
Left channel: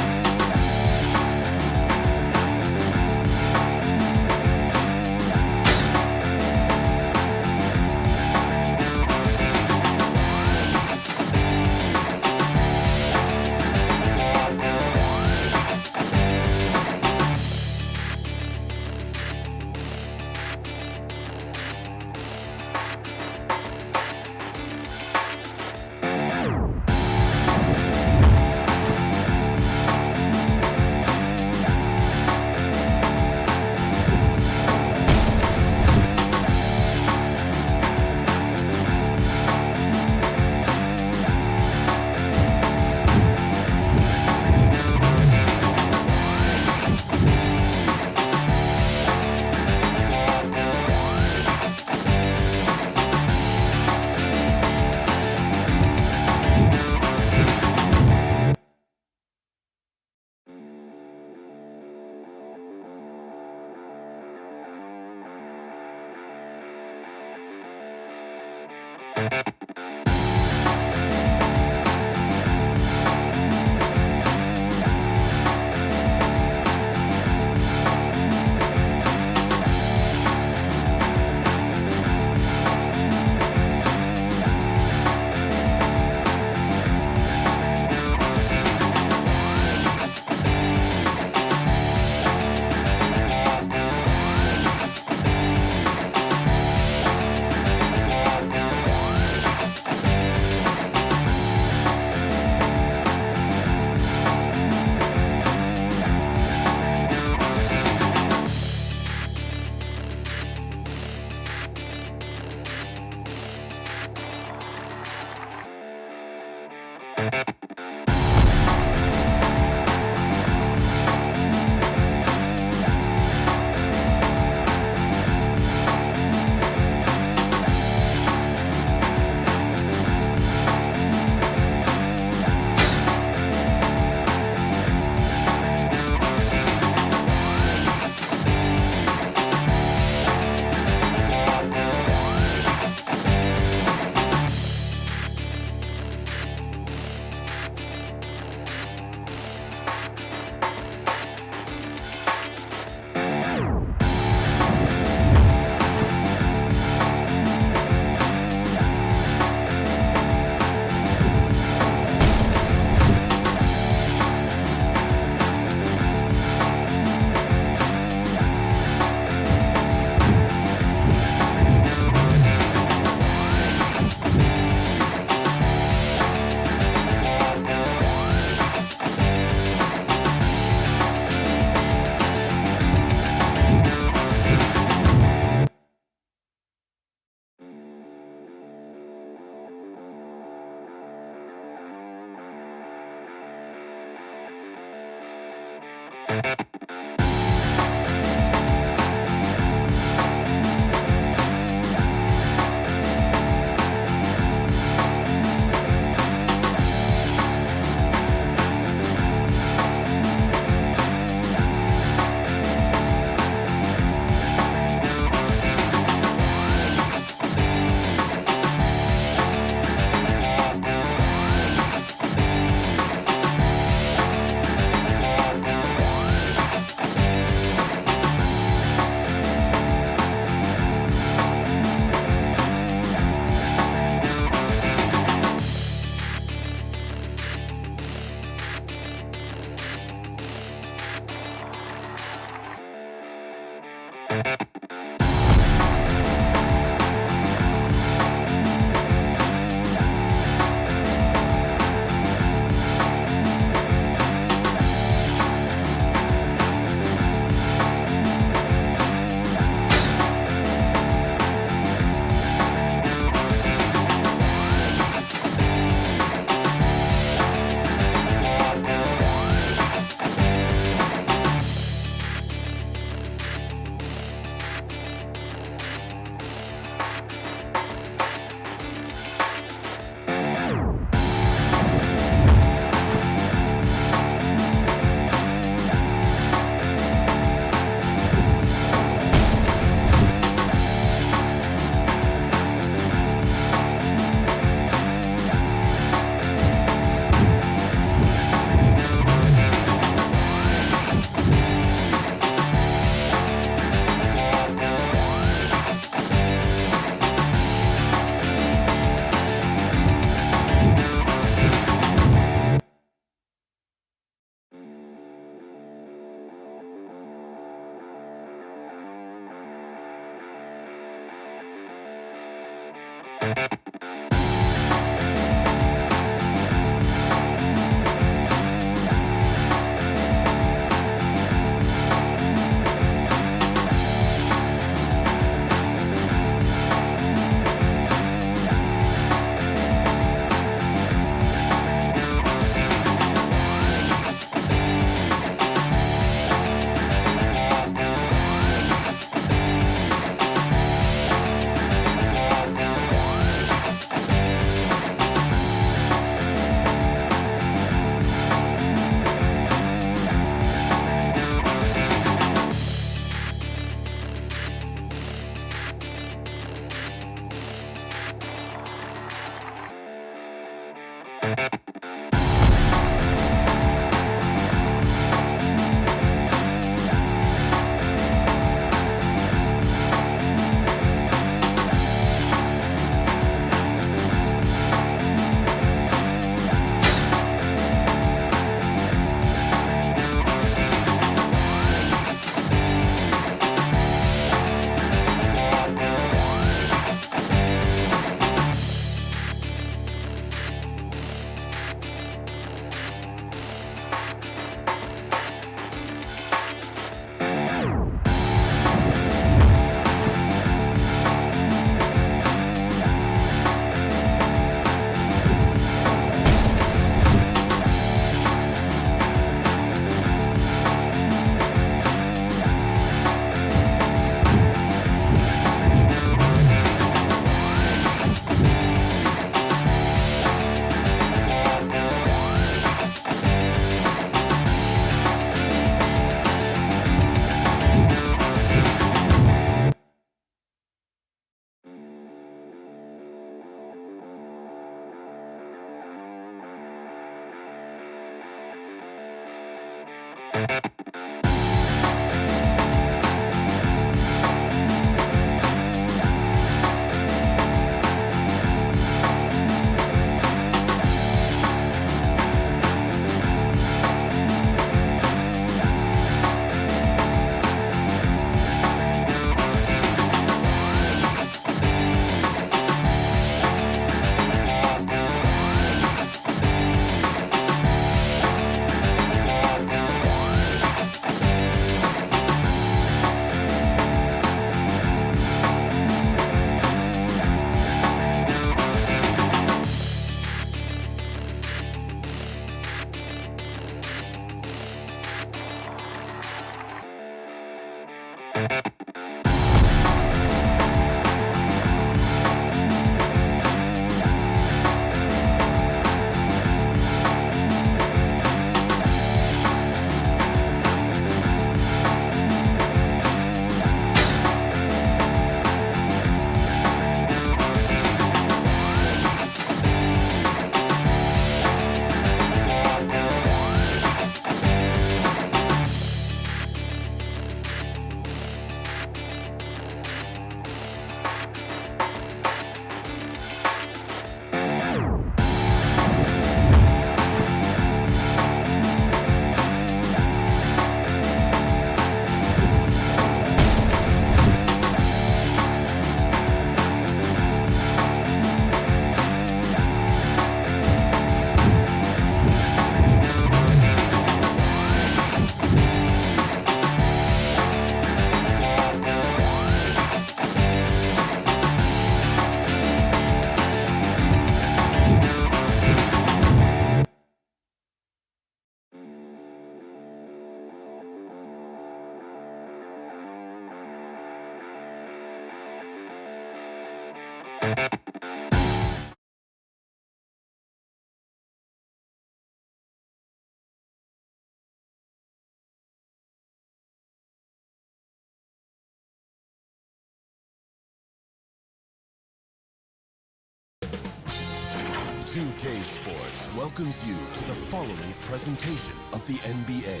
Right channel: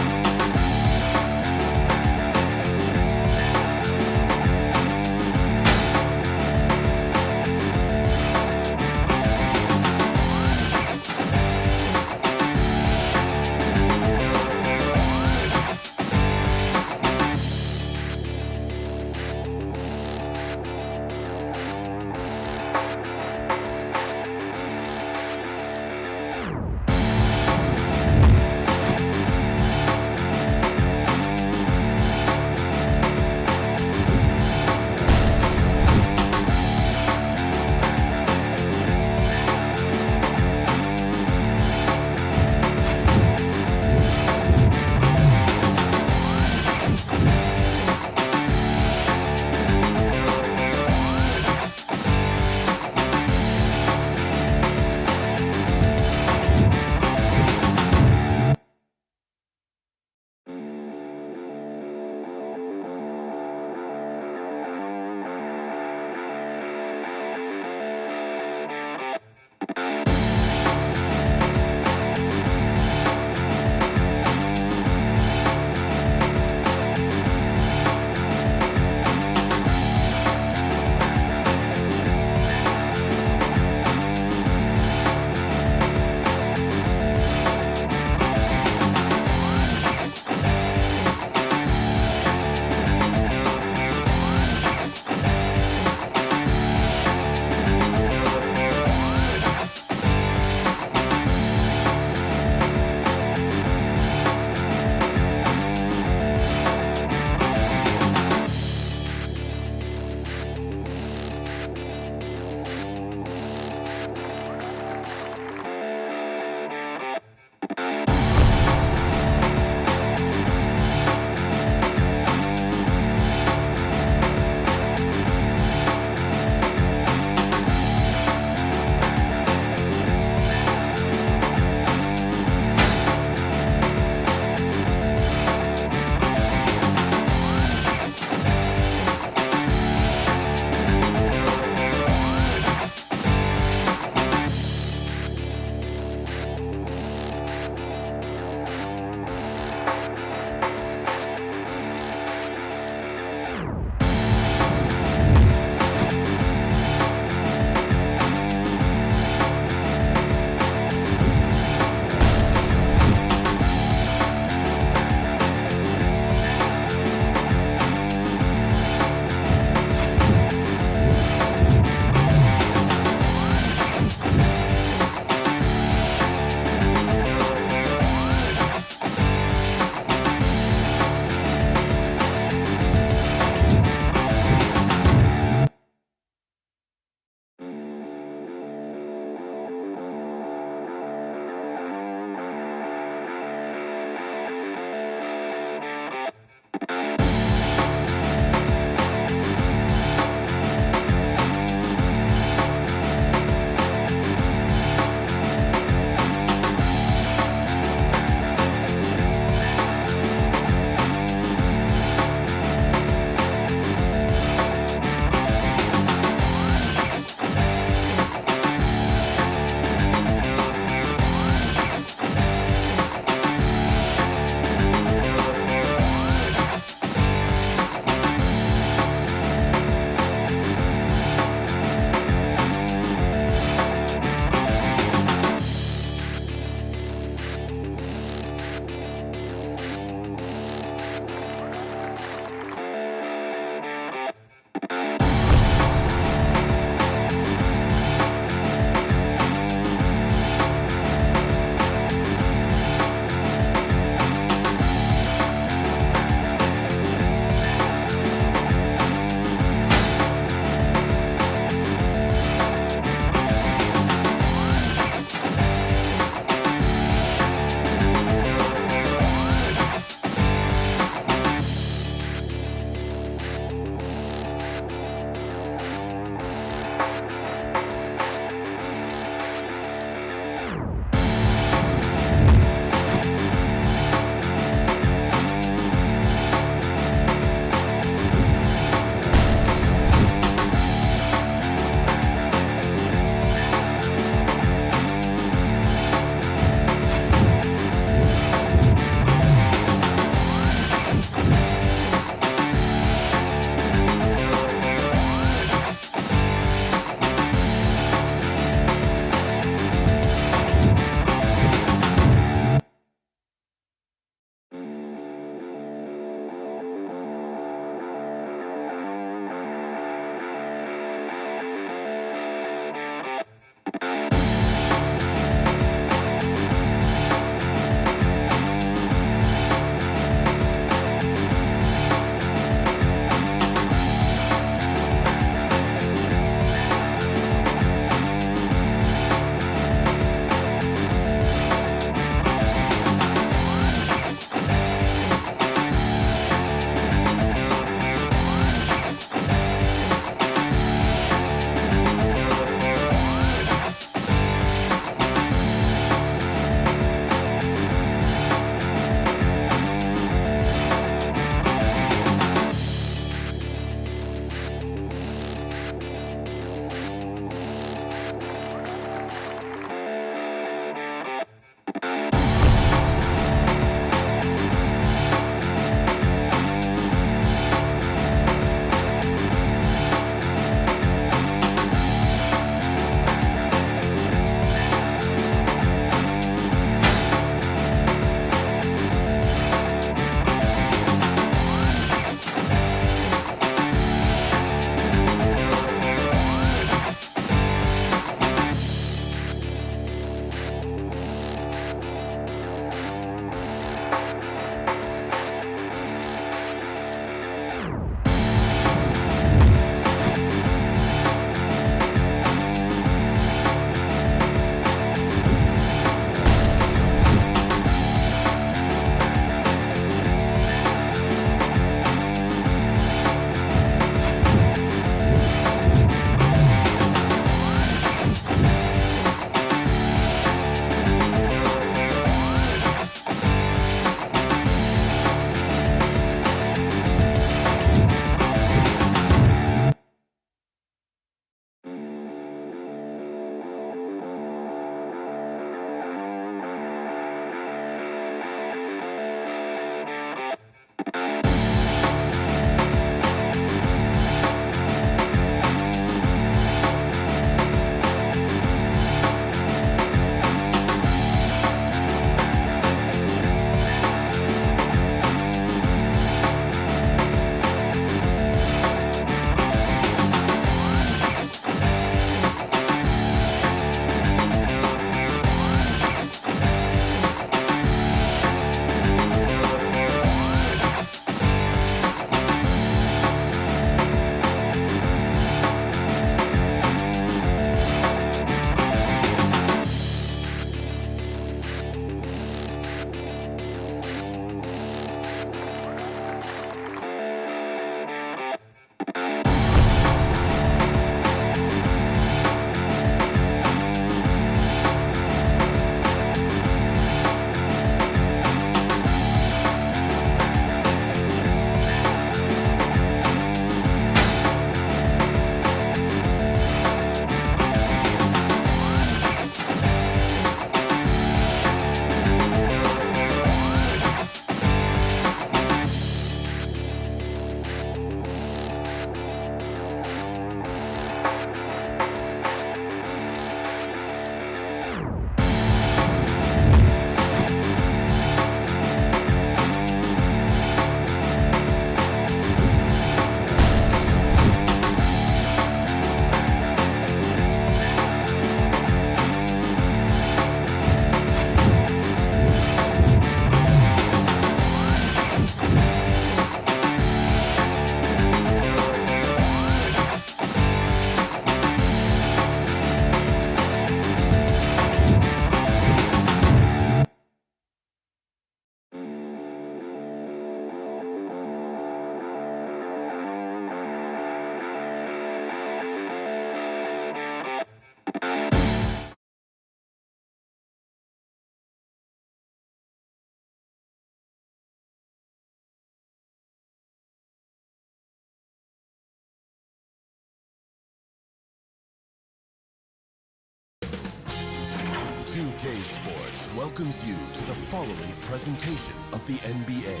2K Sports welcomes you to the following presentation of the NBA.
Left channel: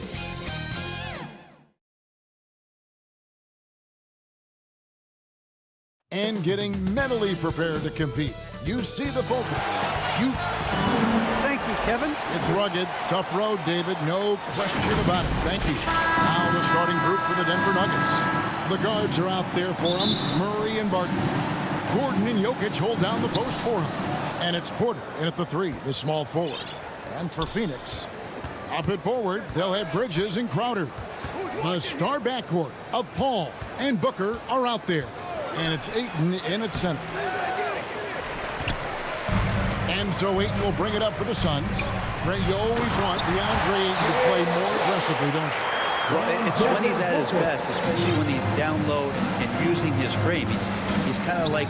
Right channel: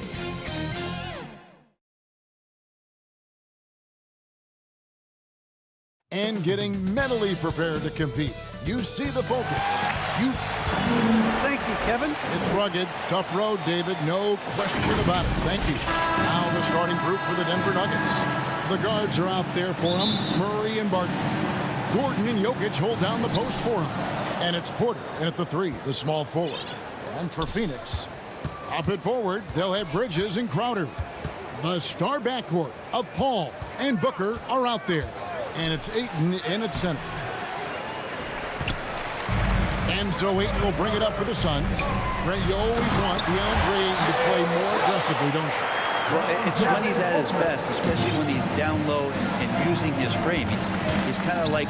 And getting mentally prepared to compete. You see the focus. Thank you, Kevin. It's rugged, tough road, David. No question about it. Thank you. Now the starting group for the Denver Nuggets. The guards are out there for him. Murray and Barton. Gordon and Jokic hold down the post for him. And it's Porter in at the 3, the small forward. And for Phoenix, up at forward, they'll have Bridges and Crowder. The star backcourt of Paul and Booker are out there. And it's Ayton in at center. And so Ayton will bring it up for the Suns. Ray, you always want DeAndre Ayton to play more aggressively, don't you? Well, it's when he's at his best, especially when he's down low and using his frame. He's kind of like,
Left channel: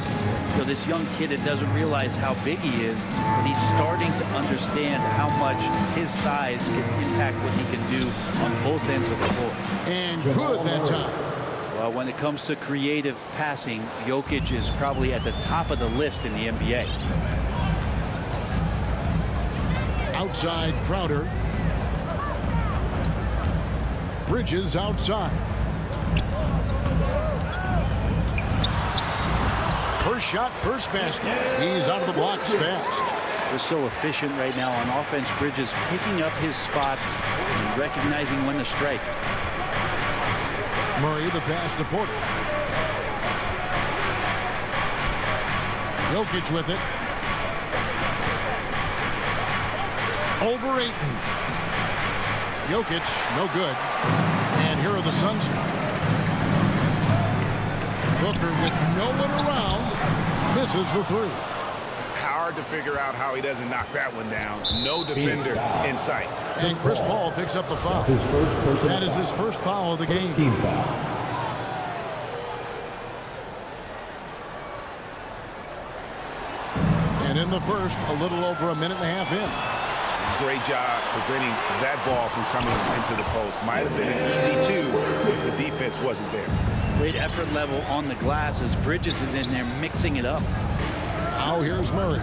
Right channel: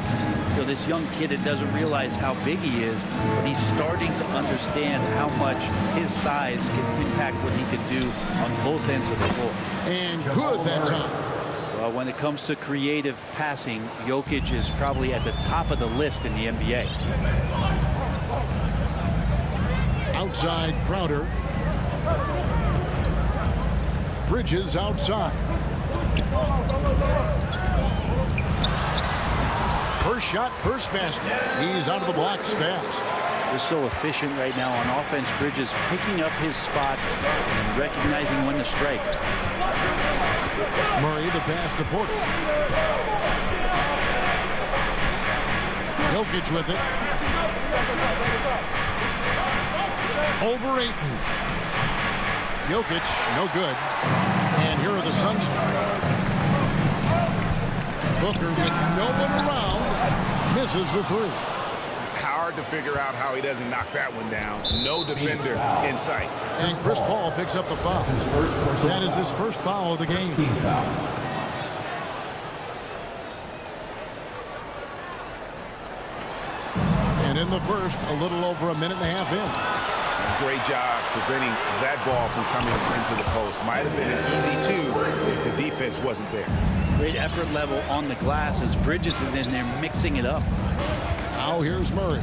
you know, this young kid that doesn't realize how big he is, but he's starting to understand how much his size can impact what he can do on both ends of the floor. And good that time. Well, when it comes to creative passing, Jokic is probably at the top of the list in the NBA. Outside Crowder. Bridges outside. First shot, first basket. He's out of the blocks fast. They're so efficient right now on offense. Bridges picking up his spots and recognizing when to strike. Murray the pass to Porter. Jokic with it. Over Ayton. Jokic, no good. And here are the Suns. Booker with no one around, misses the 3. Hard to figure out how he doesn't knock that one down. No defender in sight. And Chris Paul picks up the foul. That is his first foul of the game. Team foul. And in the first, a little over a minute and a half in. Great job preventing that ball from coming into the post. Might have been an easy 2 if the defense wasn't there. Great effort level on the glass as Bridges is in there mixing it up. Now here's Murray.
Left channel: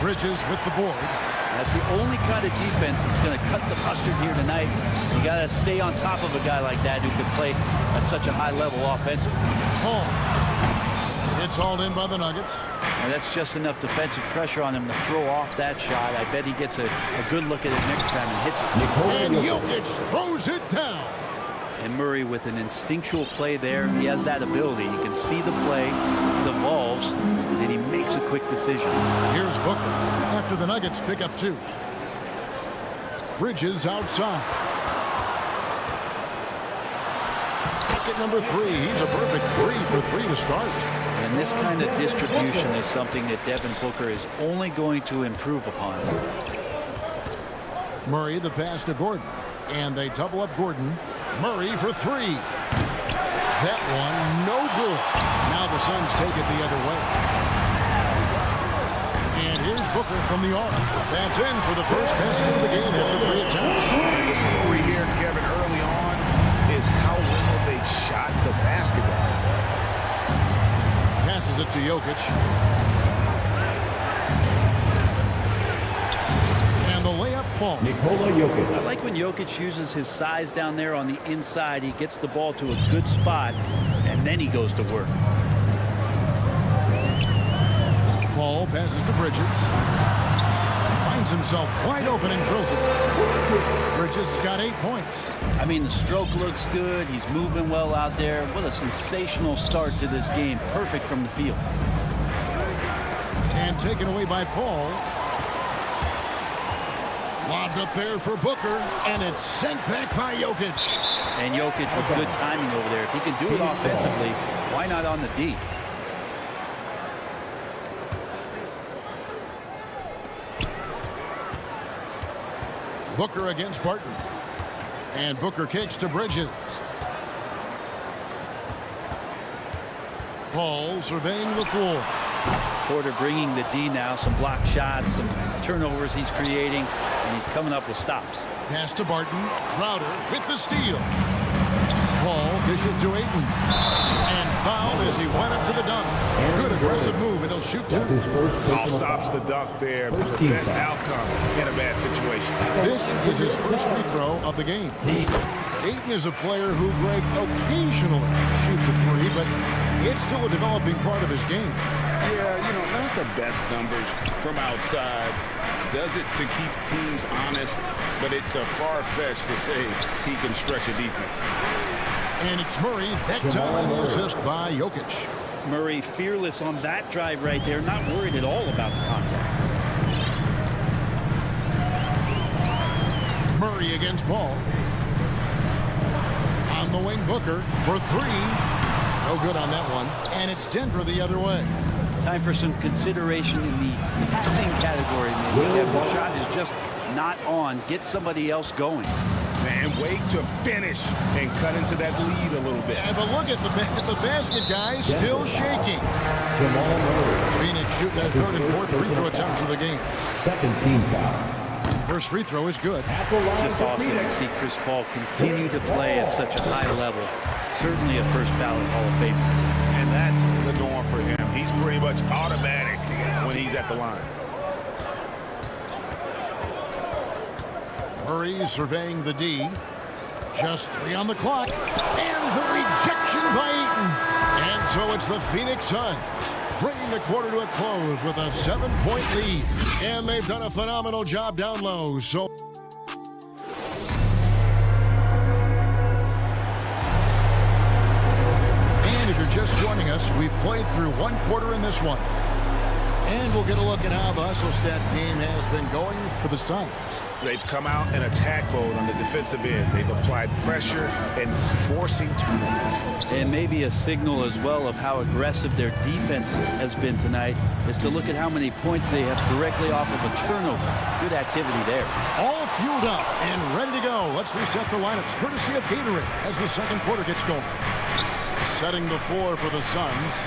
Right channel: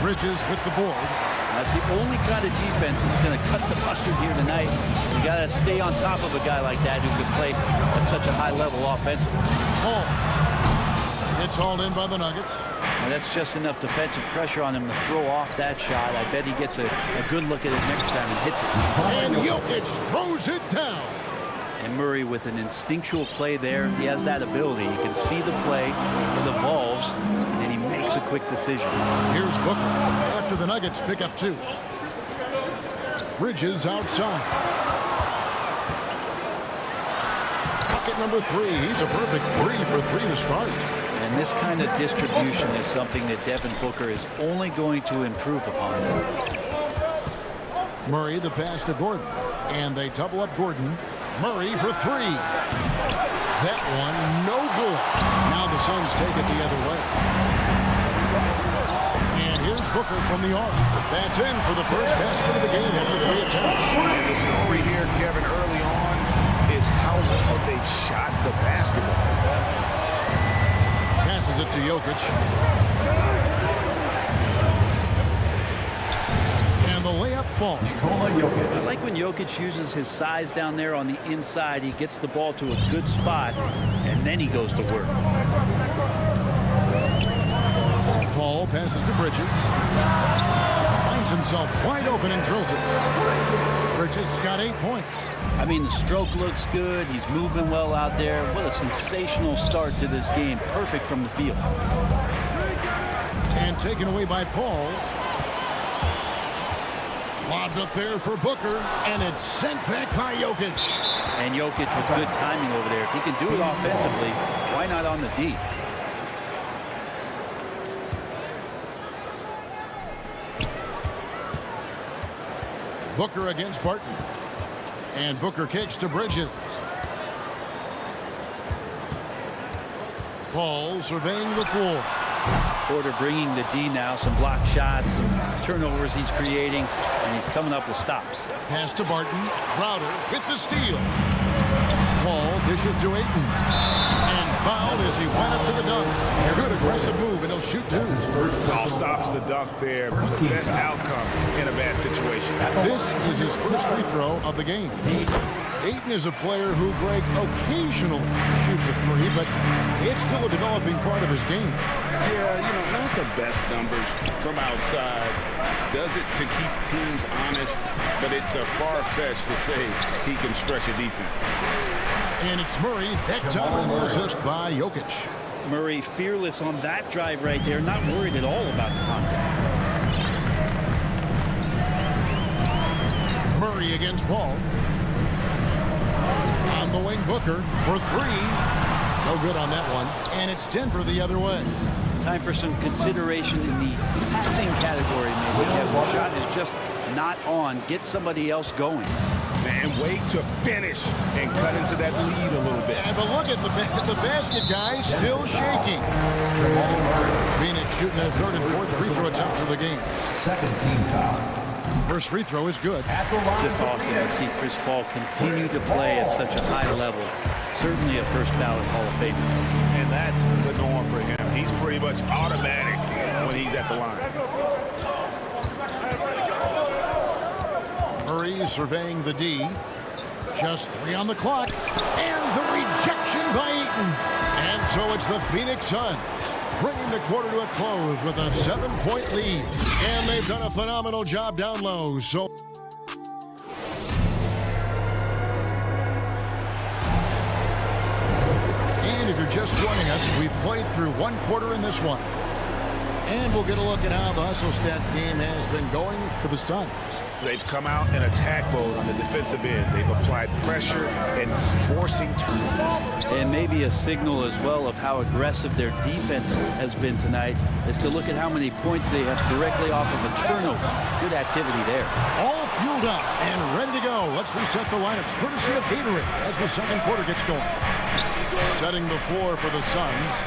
Bridges with the board. That's the only kind of defense that's going to cut the mustard here tonight. You got to stay on top of a guy like that who can play at such a high level offensively. Paul. It's hauled in by the Nuggets. Now that's just enough defensive pressure on him to throw off that shot. I bet he gets a good look at it next time and hits it. And Jokic throws it down. And Murray with an instinctual play there. He has that ability. You can see the play, it evolves, and then he makes a quick decision. Here's Booker after the Nuggets pick up 2. Bridges outside. Bucket number 3. He's a perfect 3 for 3 to start. And this kind of distribution is something that Devin Booker is only going to improve upon. Murray the pass to Gordon. And they double up Gordon. Murray for 3. That one no good. Now the Suns take it the other way. And here's Booker from the arc. That's in for the first basket of the game after 3 attempts. And the story here, Kevin, early on is how well they shot the basketball. Passes it to Jokic. And the layup falls. I like when Jokic uses his size down there on the inside. He gets the ball to a good spot, and then he goes to work. Paul passes to Bridges. Finds himself wide open and drills it. Bridges has got 8 points. I mean, the stroke looks good. He's moving well out there. What a sensational start to this game. Perfect from the field. And taken away by Paul. Lobbed up there for Booker, and it's sent back by Jokic. And Jokic with good timing over there. If he can do it offensively, why not on the D? Booker against Barton. And Booker kicks to Bridges. Paul surveying the floor. Porter bringing the D now. Some block shots, some turnovers he's creating, and he's coming up with stops. Pass to Barton. Crowder with the steal. Paul dishes to Ayton. And fouled as he went up to the dunk. Good aggressive move, and he'll shoot 2. All stops the dunk there. The best outcome in a bad situation. This is his first free throw of the game. Ayton is a player who, Greg, occasionally shoots a 3, but it's still a developing part of his game. Yeah, you know, not the best numbers from outside. Does it to keep teams honest, but it's a far-fetched to say he can stretch a defense. And it's Murray, that time on the assist by Jokic. Murray fearless on that drive right there, not worried at all about the contact. Murray against Paul. On the wing, Booker for 3. No good on that one. And it's Denver the other way. Time for some consideration in the passing category, maybe. Kevin, the shot is just not on. Get somebody else going. And wait to finish and cut into that lead a little bit. Yeah, but look at the basket, guys, still shaking. Phoenix shooting their 3rd and 4th free throw attempts of the game. Second team foul. First free throw is good. Just awesome to see Chris Paul continue to play at such a high level. Certainly a first ballot Hall of Famer. And that's the norm for him. He's pretty much automatic when he's at the line. Murray surveying the D. Just 3 on the clock. And the rejection by Ayton. And so it's the Phoenix Suns bringing the quarter to a close with a 7-point lead. And they've done a phenomenal job down low. So and if you're just joining us, we've played through 1 quarter in this one. And we'll get a look at how the hustle stat game has been going for the Suns. They've come out in attack mode on the defensive end. They've applied pressure and forcing turnovers. And maybe a signal as well of how aggressive their defense has been tonight is to look at how many points they have directly off of a turnover. Good activity there. All fueled up and ready to go. Let's reset the lineups courtesy of Gatorade as the second quarter gets going. Setting the floor for the Suns,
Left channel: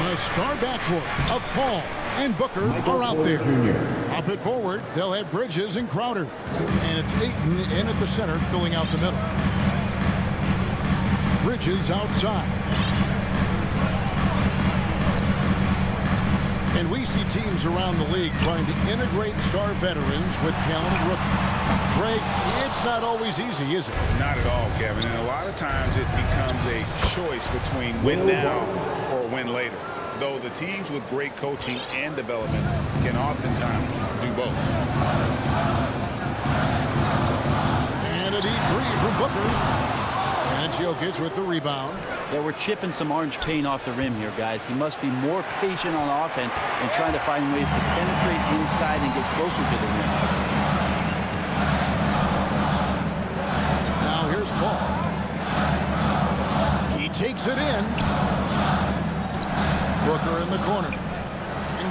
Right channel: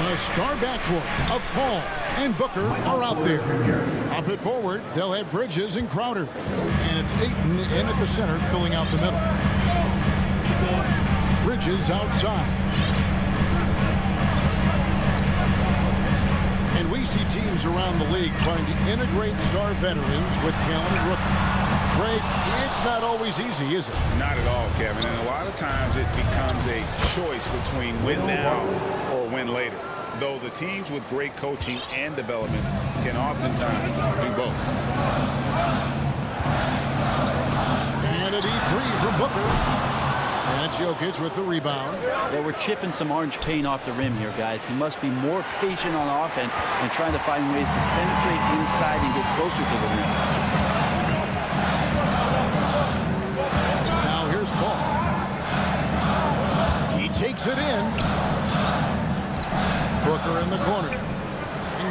the star backcourt of Paul and Booker are out there. Up it forward, they'll have Bridges and Crowder. And it's Ayton in at the center, filling out the middle. Bridges outside. And we see teams around the league trying to integrate star veterans with talented rookies. Greg, it's not always easy, is it? Not at all, Kevin. And a lot of times it becomes a choice between win now or win later. Though the teams with great coaching and development can oftentimes do both. And a deep three from Booker. And it's Jokic with the rebound. Yeah, we're chipping some orange paint off the rim here, guys. He must be more patient on offense and trying to find ways to penetrate inside and get closer to the rim. Now here's Paul. He takes it in. Booker in the corner.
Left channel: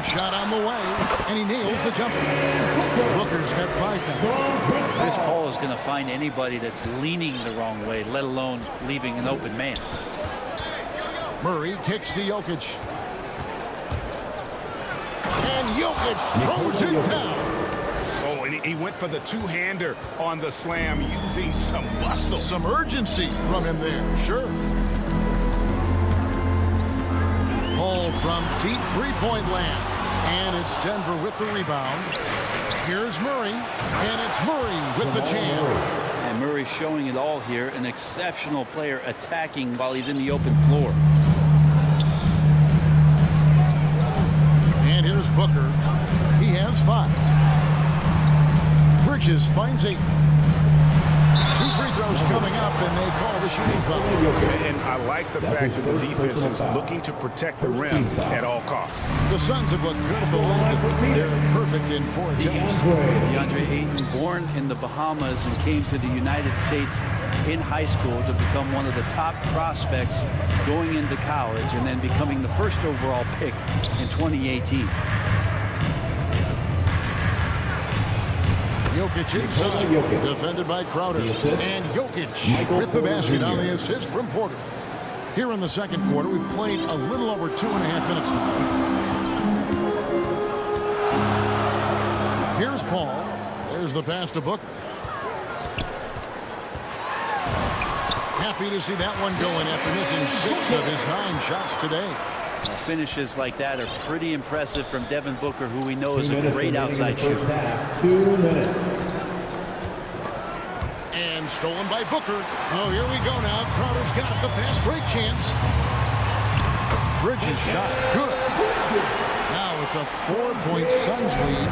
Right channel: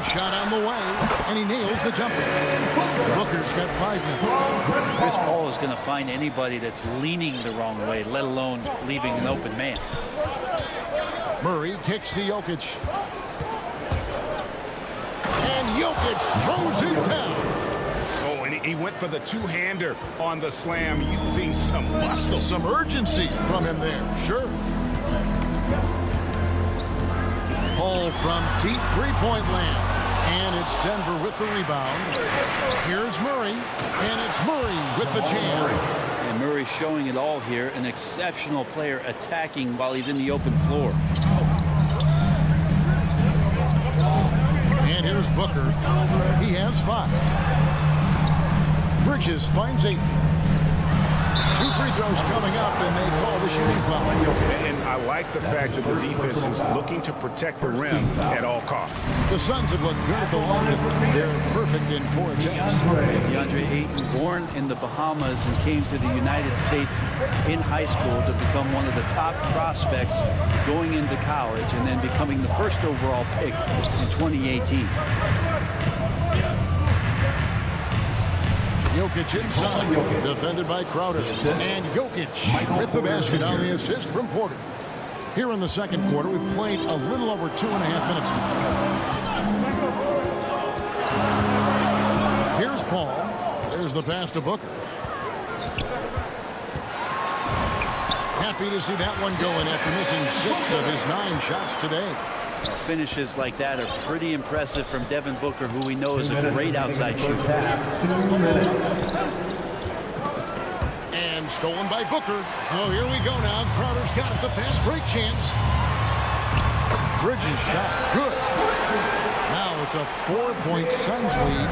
Shot on the way, and he nails the jumper. Booker's got 5 now. Chris Paul is going to find anybody that's leaning the wrong way, let alone leaving an open man. Murray kicks to Jokic. And Jokic throws it down. Oh, and he went for the two-hander on the slam using some muscle. Some urgency from him there, sure. Paul from deep three-point land. And it's Denver with the rebound. Here's Murray. And it's Murray with the jam. And Murray showing it all here. An exceptional player attacking while he's in the open floor. And here's Booker. He has 5. Bridges finds 8. 2 free throws coming up, and they call the shooting foul. And I like the fact that the defense is looking to protect the rim at all costs. The Suns have looked good at the line. They're perfect in 4 attempts. DeAndre Ayton, born in the Bahamas and came to the United States in high school to become one of the top prospects going into college and then becoming the first overall pick in 2018. Jokic inside, defended by Crowder. And Jokic with the basket on the assist from Porter. Here in the second quarter, we've played a little over 2.5 minutes now. Here's Paul. There's the pass to Booker. Happy to see that one going after missing 6 of his 9 shots today. Well, finishes like that are pretty impressive from Devin Booker, who we know is a great outside shooter. 2 minutes. And stolen by Booker. Oh, here we go now. Crowder's got it. The fast break chance. Bridges shot. Good. Now it's a 4-point Suns lead.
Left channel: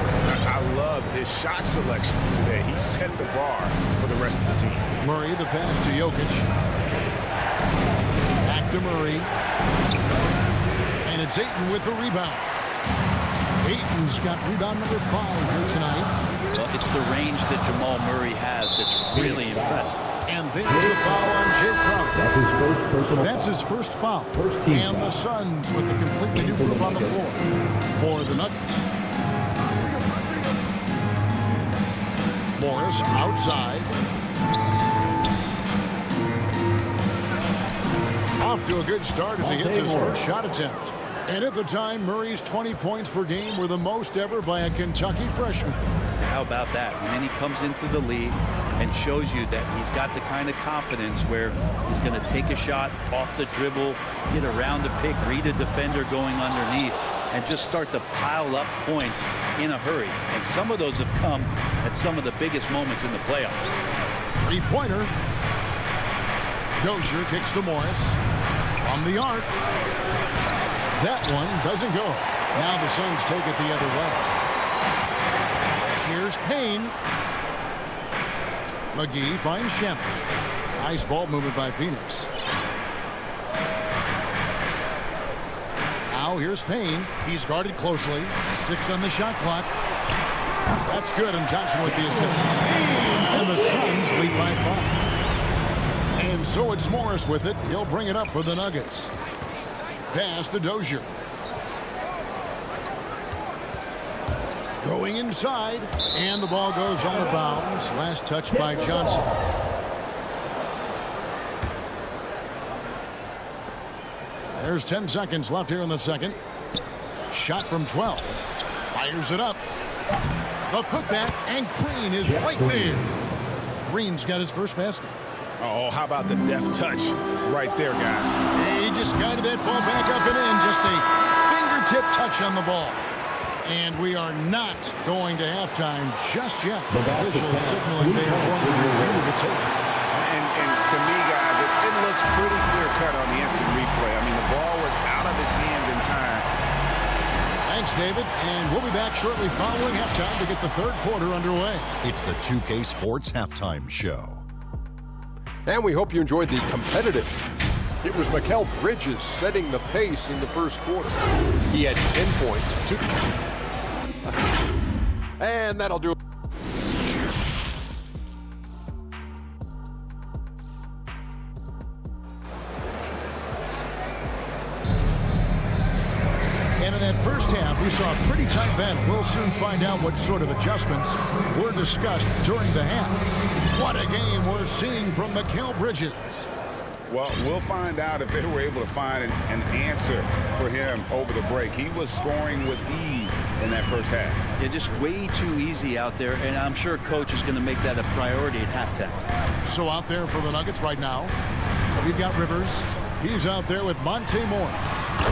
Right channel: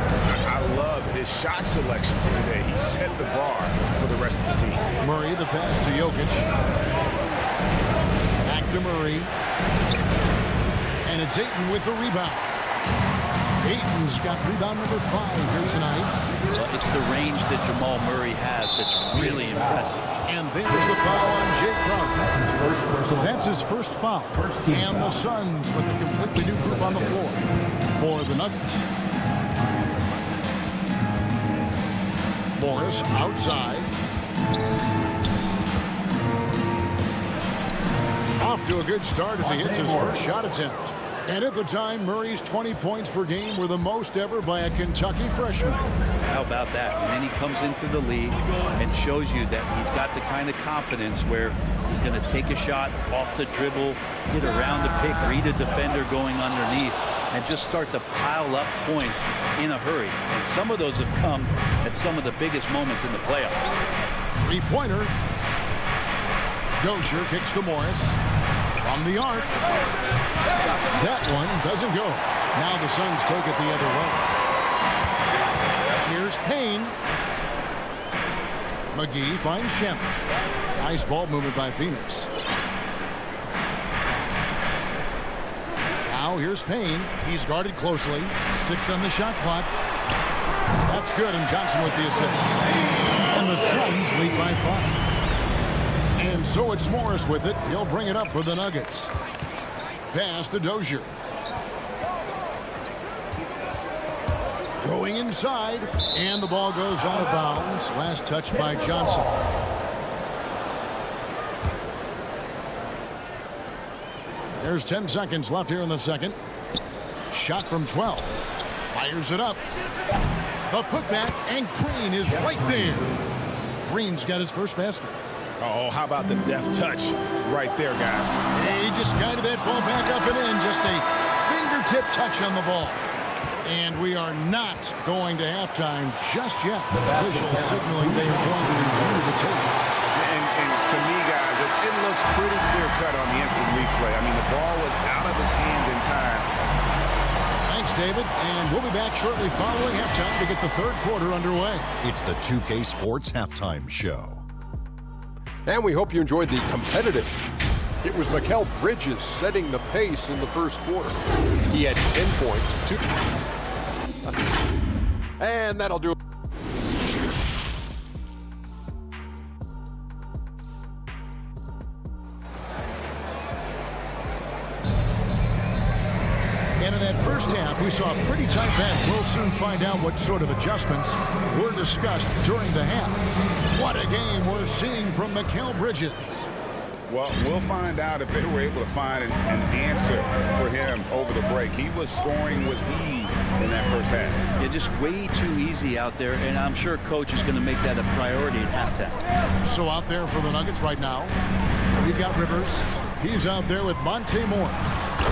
I love his shot selection today. He set the bar for the rest of the team. Murray, the pass to Jokic. Back to Murray. And it's Ayton with the rebound. Ayton's got rebound number 5 here tonight. Well, it's the range that Jamal Murray has that's really impressive. And there's the foul on Jay Crowder. That's his first personal That's foul. his first foul. First team and foul. The Suns with a completely new group on the floor for the Nuggets. Morris outside. Off to a good start as he hits his first shot attempt. And at the time, Murray's 20 points per game were the most ever by a Kentucky freshman. How about that? And then he comes into the league and shows you that he's got the kind of confidence where he's going to take a shot off the dribble, get around the pick, read a defender going underneath, and just start to pile up points in a hurry. And some of those have come at some of the biggest moments in the playoffs. 3-pointer. Dozier kicks to Morris. From the arc. That one doesn't go. Now the Suns take it the other way. Here's Payne. McGee finds Shemp. Nice ball movement by Phoenix. Now here's Payne. He's guarded closely. 6 on the shot clock. That's good, and Johnson with the assist. And the Suns lead by 5. And so it's Morris with it. He'll bring it up for the Nuggets. Pass to Dozier. Going inside, and the ball goes out of bounds. Last touch by Johnson. There's 10 seconds left here in the second. Shot from 12. Fires it up. The putback, and Green is right there. Green's got his first basket. Oh, how about the deft touch right there, guys? He just guided that ball back up and in. Just a fingertip touch on the ball. And we are not going to halftime just yet. Officials signaling they are going to review the tape. And to me, guys, it looks pretty clear-cut on the instant replay. I mean, the ball was out of his hands in time. Thanks, David. And we'll be back shortly following halftime to get the third quarter underway. It's the 2K Sports Halftime Show. And we hope you enjoyed the competitive. It was Mikal Bridges setting the pace in the first quarter. He had 10 points. And that'll do it. And in that first half, we saw a pretty tight battle. We'll soon find out what sort of adjustments were discussed during the half. What a game we're seeing from Mikal Bridges. Well, we'll find out if they were able to find an answer for him over the break. He was scoring with ease in that first half. Yeah, just way too easy out there, and I'm sure Coach is going to make that a priority at halftime. So out there for the Nuggets right now, we've got Rivers. He's out there with Monte Morris.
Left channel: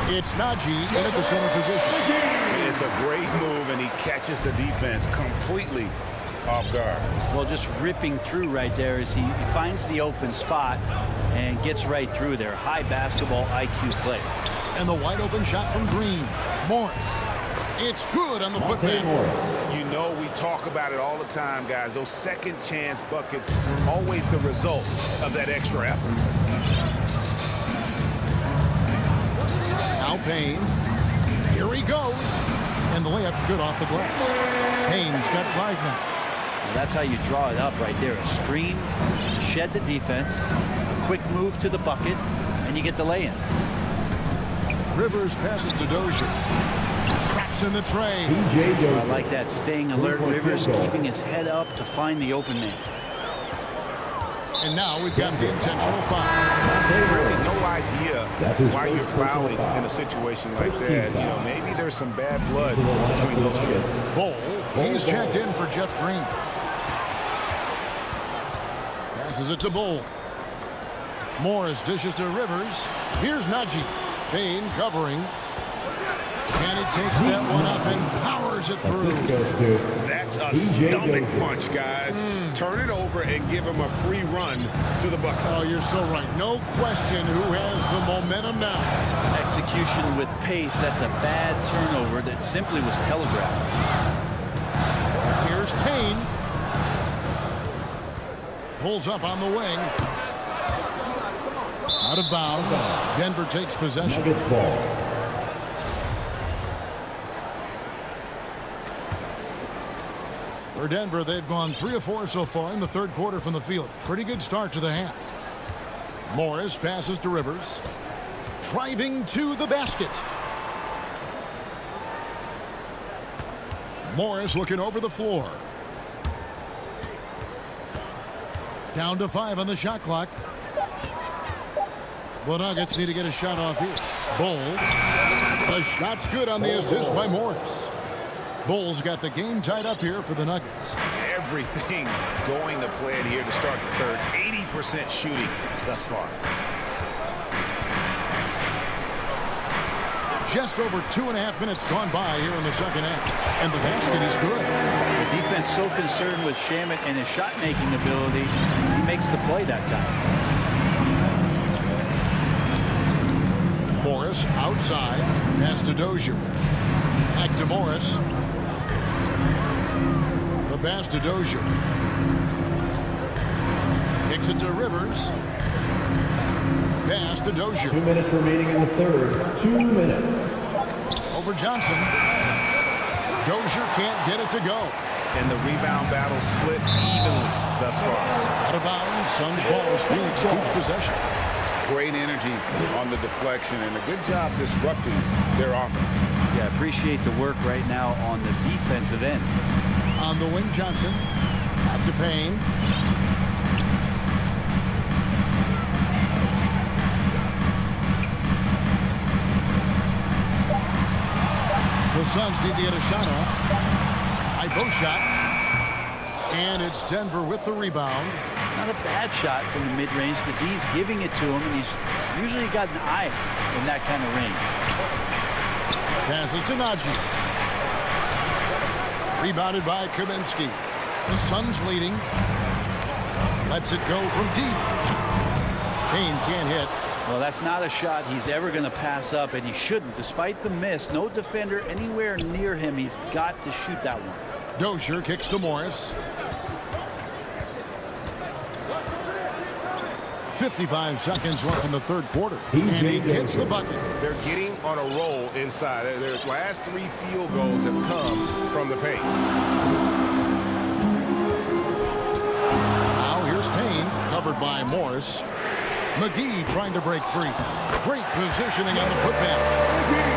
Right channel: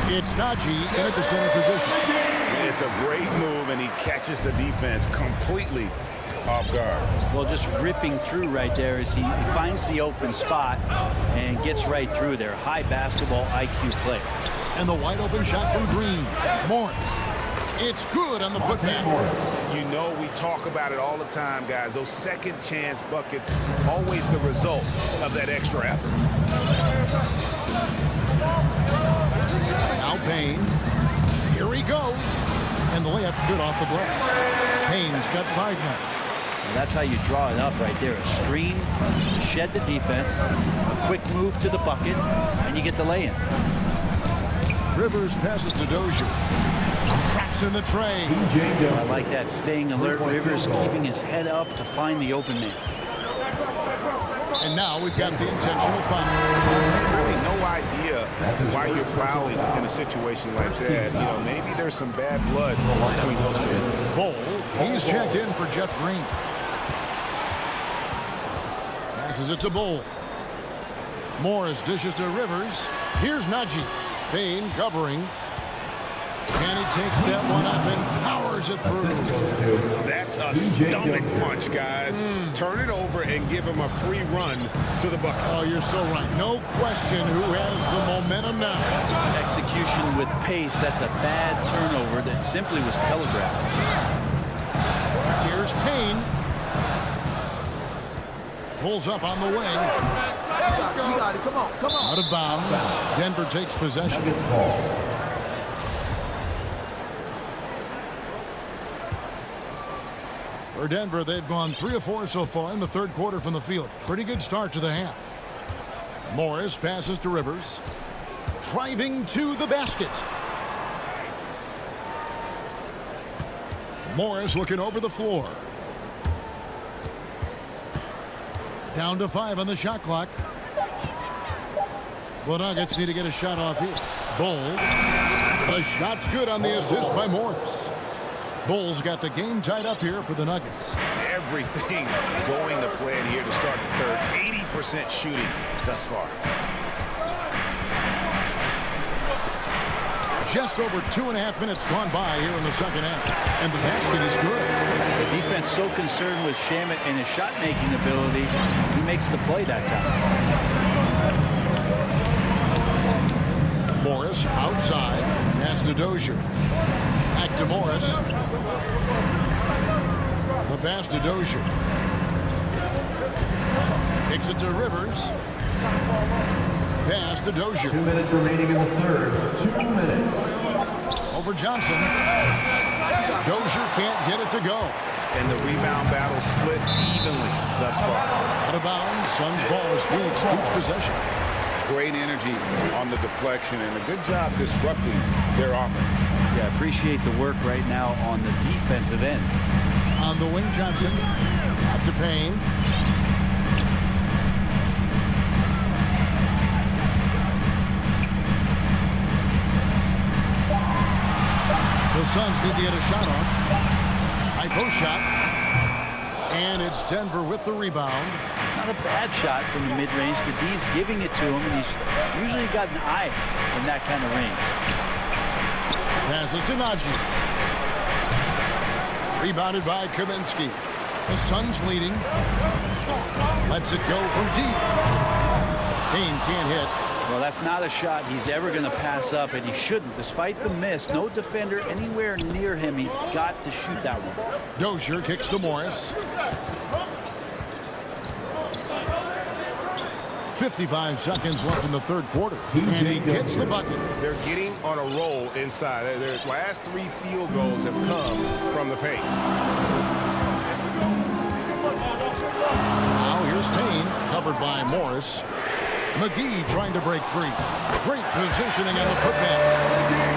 It's Najee in at the center position. It's a great move, and he catches the defense completely off guard. Well, just ripping through right there as he finds the open spot and gets right through there. High basketball IQ play. And the wide open shot from Green. Morris. It's good on the putback. You know, we talk about it all the time, guys. Those second chance buckets, always the result of that extra effort. Now Payne. Here he goes. And the layup's good off the glass. Payne's got 5 now. Now that's how you draw it up right there. A screen, shed the defense, a quick move to the bucket, and you get the lay-in. Rivers passes to Dozier. Traps in the tray. I like that. Staying alert. Rivers keeping his head up to find the open man. And now we've got the intentional foul. Really no idea why you're fouling in a situation like that. You know, maybe there's some bad blood between those two. Bol, he's checked in for Jeff Green. Passes it to Bol. Morris dishes to Rivers. Here's Najee. Payne covering. And he takes that one up and powers it through. That's a stomach punch, guys. Turn it over and give him a free run to the bucket. Oh, you're so right. No question who has the momentum now. Execution with pace. That's a bad turnover that simply was telegraphed. Here's Payne. Pulls up on the wing. Come on. Out of bounds. Denver takes possession. Nuggets ball. For Denver, they've gone 3 of 4 so far in the third quarter from the field. Pretty good start to the half. Morris passes to Rivers. Driving to the basket. Morris looking over the floor. Down to 5 on the shot clock. The Nuggets need to get a shot off here. Bol. The shot's good on the assist by Morris. Bol's got the game tied up here for the Nuggets. Everything going to plan here to start the third. 80% shooting thus far. Just over 2.5 minutes gone by here in the second half. And the basket is good. The defense so concerned with Shamet and his shot-making ability, he makes the play that time. Morris outside. Pass to Dozier. Back to Morris. The pass to Dozier. Kicks it to Rivers. Pass to Dozier. 2 minutes remaining in the third. 2 minutes. Over Johnson. Dozier can't get it to go. And the rebound battle split evenly thus far. Out of bounds. Suns ball as Phoenix keeps possession. Great energy on the deflection and a good job disrupting their offense. Yeah, appreciate the work right now on the defensive end. On the wing, Johnson. Out to Payne. The Suns need to get a shot off. High post shot. And it's Denver with the rebound. Not a bad shot from the mid-range. The D's giving it to him, and he's usually got an eye in that kind of range. Passes to Najee. Rebounded by Kaminsky. The Suns leading. Lets it go from deep. Payne can't hit. Well, that's not a shot he's ever going to pass up, and he shouldn't. Despite the miss, no defender anywhere near him. He's got to shoot that one. Dozier kicks to Morris. 55 seconds left in the third quarter. And he gets the bucket. They're getting on a roll inside. Their last 3 field goals have come from the paint. Now here's Payne, covered by Morris. McGee trying to break free. Great positioning on the putback.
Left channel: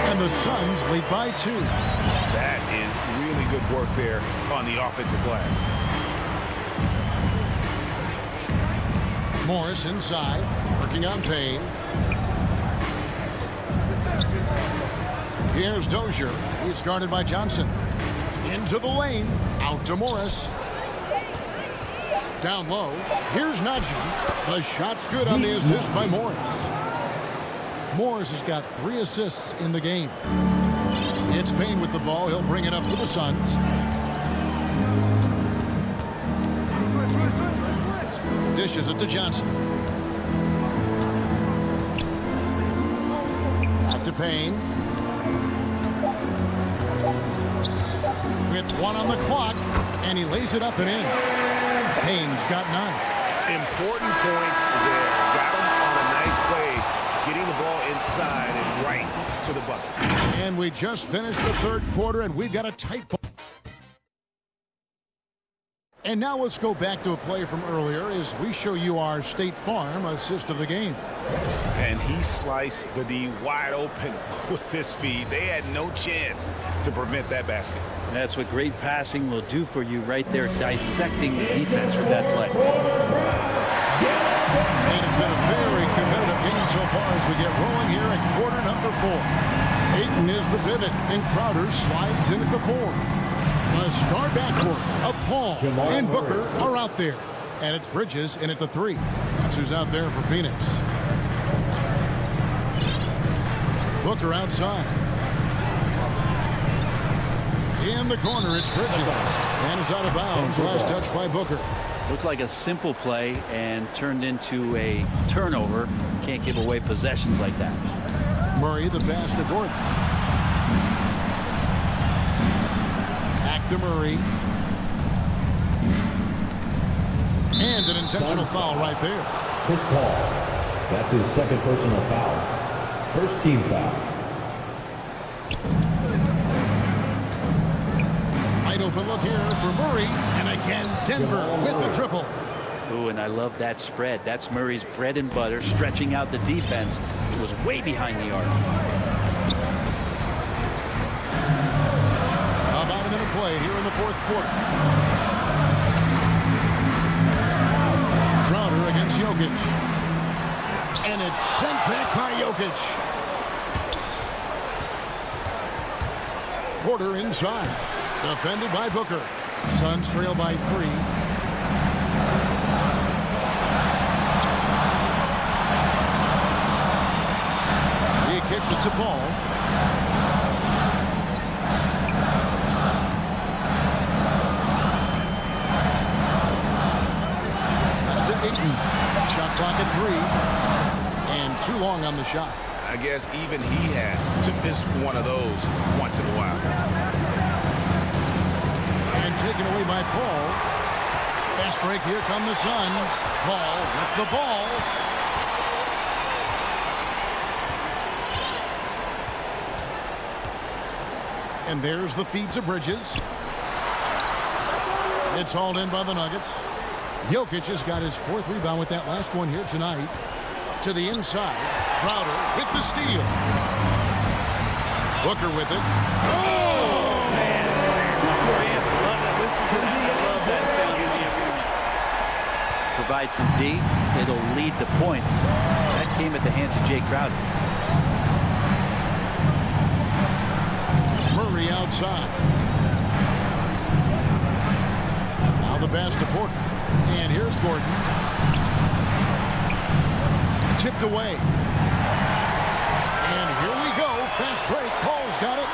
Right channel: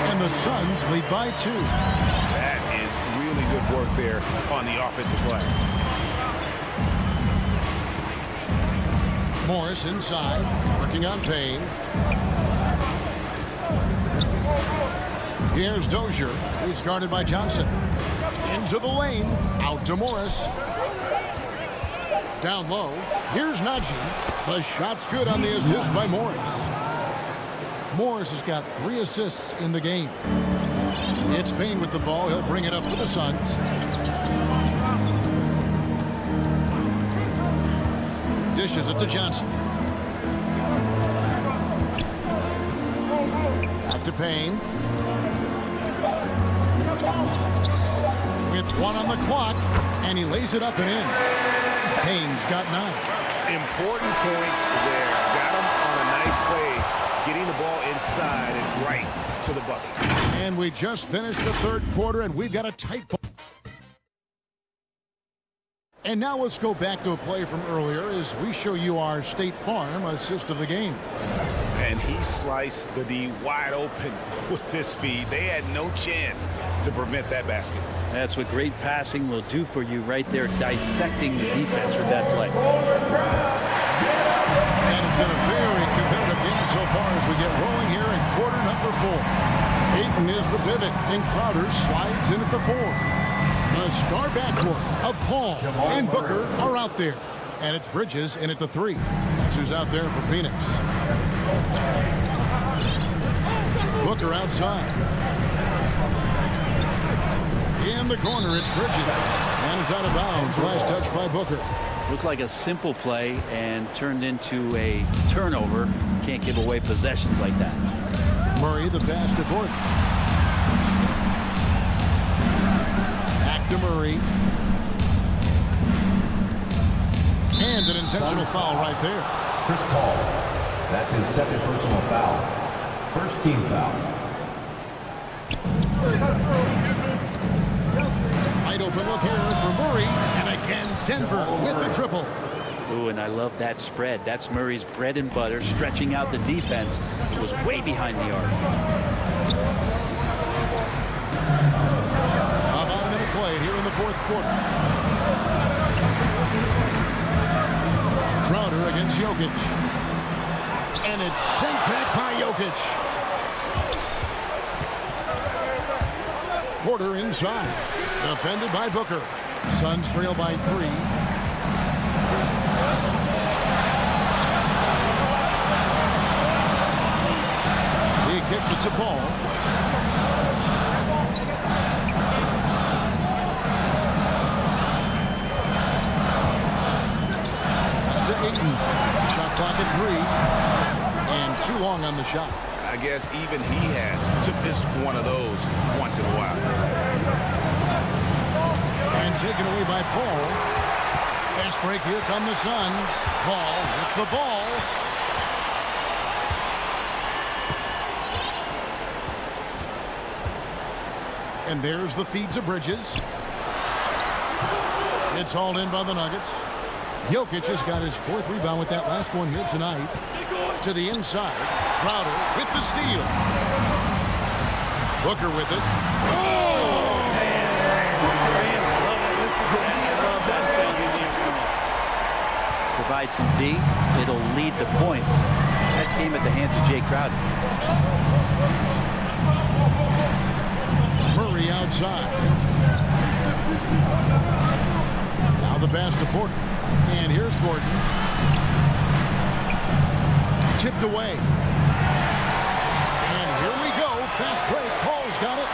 And the Suns lead by 2. That is really good work there on the offensive glass. Morris inside, working on Payne. Here's Dozier. He's guarded by Johnson. Into the lane. Out to Morris. Down low. Here's Najee. The shot's good on the assist by Morris. Morris has got 3 assists in the game. It's Payne with the ball. He'll bring it up for the Suns. Dishes it to Johnson. Back to Payne. With 1 on the clock, and he lays it up and in. Payne's got 9. Important points there. Got him on a nice play, getting the ball inside and right to the bucket. And we just finished the third quarter, and we've got a tight ball. And now let's go back to a play from earlier as we show you our State Farm assist of the game. And he sliced the D wide open with this feed. They had no chance to prevent that basket. That's what great passing will do for you right there, dissecting the defense with that play. And it's been a very competitive game so far as we get rolling here in quarter number 4. Ayton is the pivot, and Crowder slides in at the 4. The star backcourt of Paul and Booker are out there. And it's Bridges in at the 3. That's who's out there for Phoenix. Booker outside. In the corner, it's Bridges. And it's out of bounds. Last touch by Booker. Looked like a simple play and turned into a turnover. Can't give away possessions like that. Murray, the pass to Gordon. Back to Murray. And an intentional foul right there. Chris Paul. That's his second personal foul. First team foul. Wide open look here for Murray. And again, Denver with the triple. Ooh, and I love that spread. That's Murray's bread and butter, stretching out the defense. It was way behind the arc. About a minute played here in the fourth quarter. Crowder against Jokic. And it's sent back by Jokic. Porter inside. Defended by Booker. Suns trail by 3. He kicks it to Paul. That's to Ayton. Shot clock at 3. And too long on the shot. I guess even he has to miss one of those once in a while. And taken away by Paul. Fast break, here come the Suns. Paul with the ball. And there's the feed to Bridges. It's hauled in by the Nuggets. Jokic has got his 4th rebound with that last one here tonight. To the inside. Crowder with the steal. Booker with it. Oh! Man, fans love it. Listen to that. I love that sound in the arena. Provide some D. It'll lead the points. That came at the hands of Jay Crowder. Murray outside. Now the pass to Porter. And here's Gordon. Tipped away. And here we go fast break. Paul's got it.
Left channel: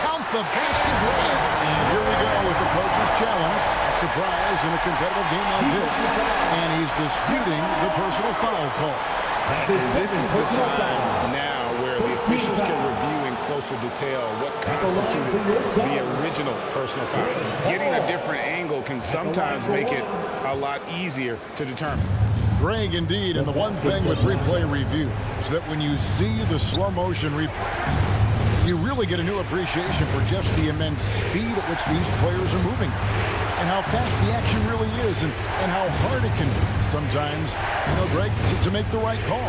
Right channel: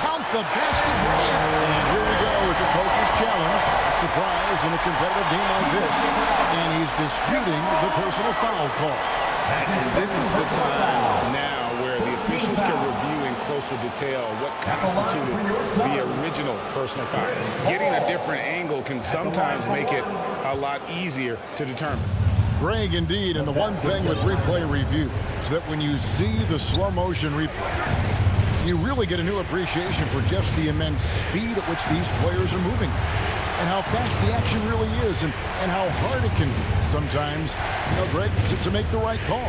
Count the basket. And here we go with the coach's challenge. A surprise in a competitive game like this. And he's disputing the personal foul call. And this is the time now where the officials can review in closer detail what constituted the original personal foul. Getting a different angle can sometimes make it a lot easier to determine. Greg, indeed, and the one thing with replay review is that when you see the slow motion replays, you really get a new appreciation for just the immense speed at which these players are moving and how fast the action really is and how hard it can be sometimes, you know, Greg, to make the right call.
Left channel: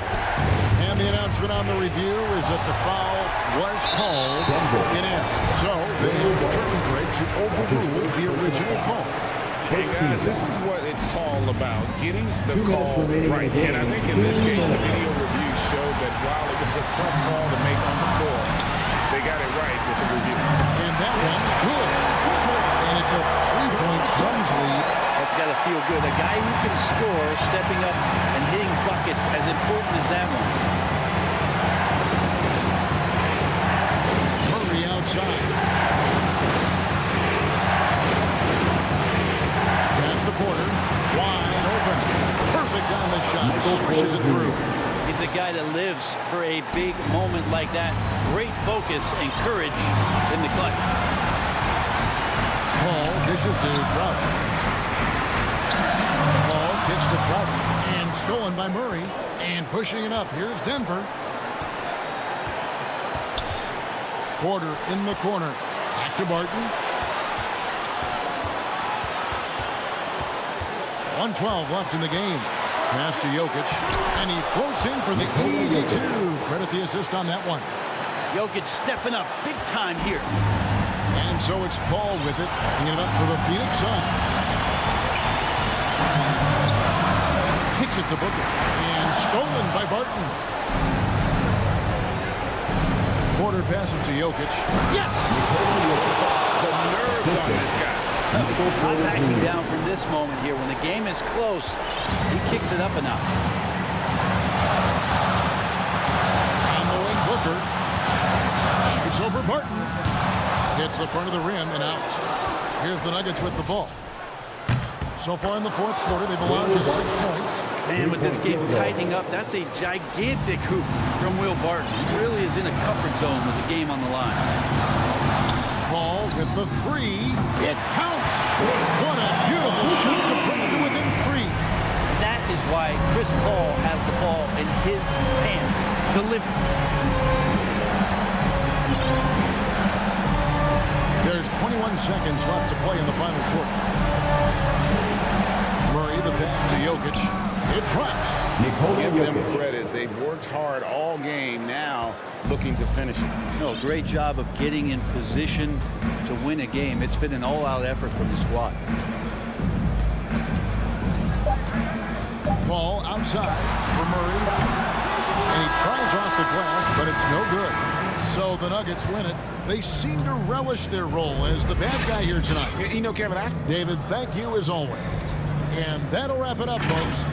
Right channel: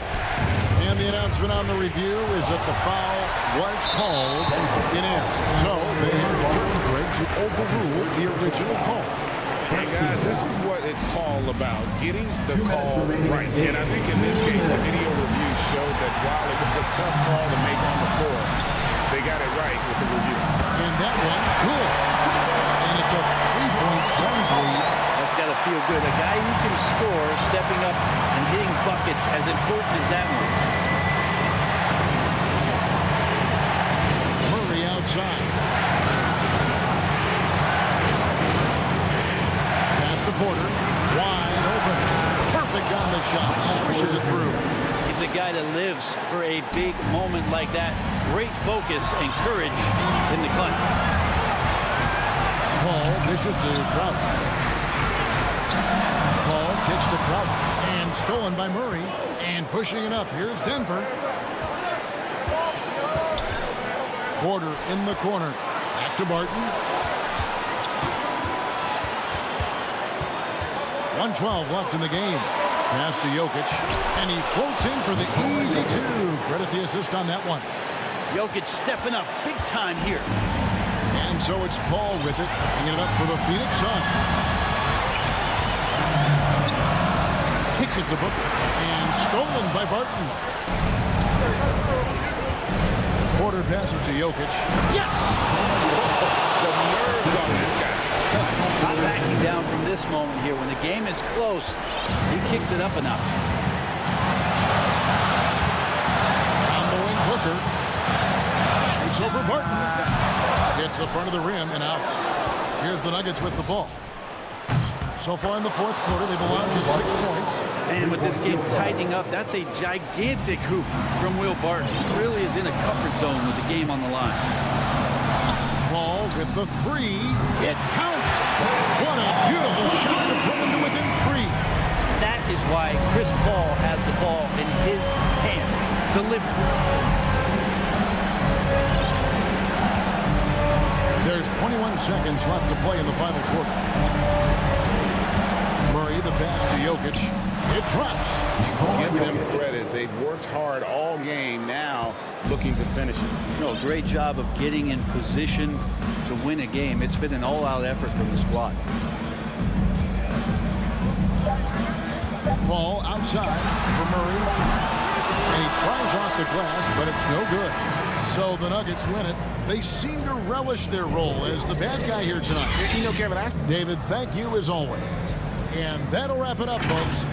And the announcement on the review is that the foul was called. It is. So they have determined, Greg, to overrule the original call. Hey guys, this is what it's all about, getting the call right. And I think in this case, the video review showed that while it was a tough call to make on the floor, they got it right with the review. And that one, good. And it's a 3-point Suns lead. That's got to feel good. A guy who can score, stepping up and hitting buckets, as important as that one. Murray outside. Pass to Porter. Wide open. Perfect on the shot. Swishes it through. He's a guy that lives for a big moment like that. Great focus and courage in the clutch. Paul dishes to Crowder. Paul kicks to Crowder. And stolen by Murray. And pushing it up. Here's Denver. Porter in the corner. Back to Barton. 1:12 left in the game. Pass to Jokic. And he floats in for the easy two. Credit the assist on that one. Jokic stepping up big time here. And so it's Paul with it. Bringing it up for the Phoenix Suns. Kicks it to Booker. And stolen by Barton. Porter passes to Jokic. Yes! The nerves on this guy. Not backing down from this moment here. When the game is close, he kicks it up enough. On the wing, Booker. Shoots over Barton. Hits the front of the rim and out. Here's the Nuggets with the ball. So far in the fourth quarter, they've allowed just 6 points. And with this game tightening up, that's a gigantic hoop from Will Barton. He really is in a comfort zone with the game on the line. Paul with the three. It counts. What a beautiful shot to bring him to within 3. That is why Chris Paul has the ball in his hand. Delivered. There's 21 seconds left to play in the final quarter. Murray, the pass to Jokic. It drops. Give them credit. They've worked hard all game, now looking to finish it. No, great job of getting in position to win a game. It's been an all-out effort from the squad. Paul outside for Murray. And he tries off the glass, but it's no good. So the Nuggets win it. They seem to relish their role as the bad guy here tonight. You know, Kevin, David, thank you as always. And that'll wrap it up, folks.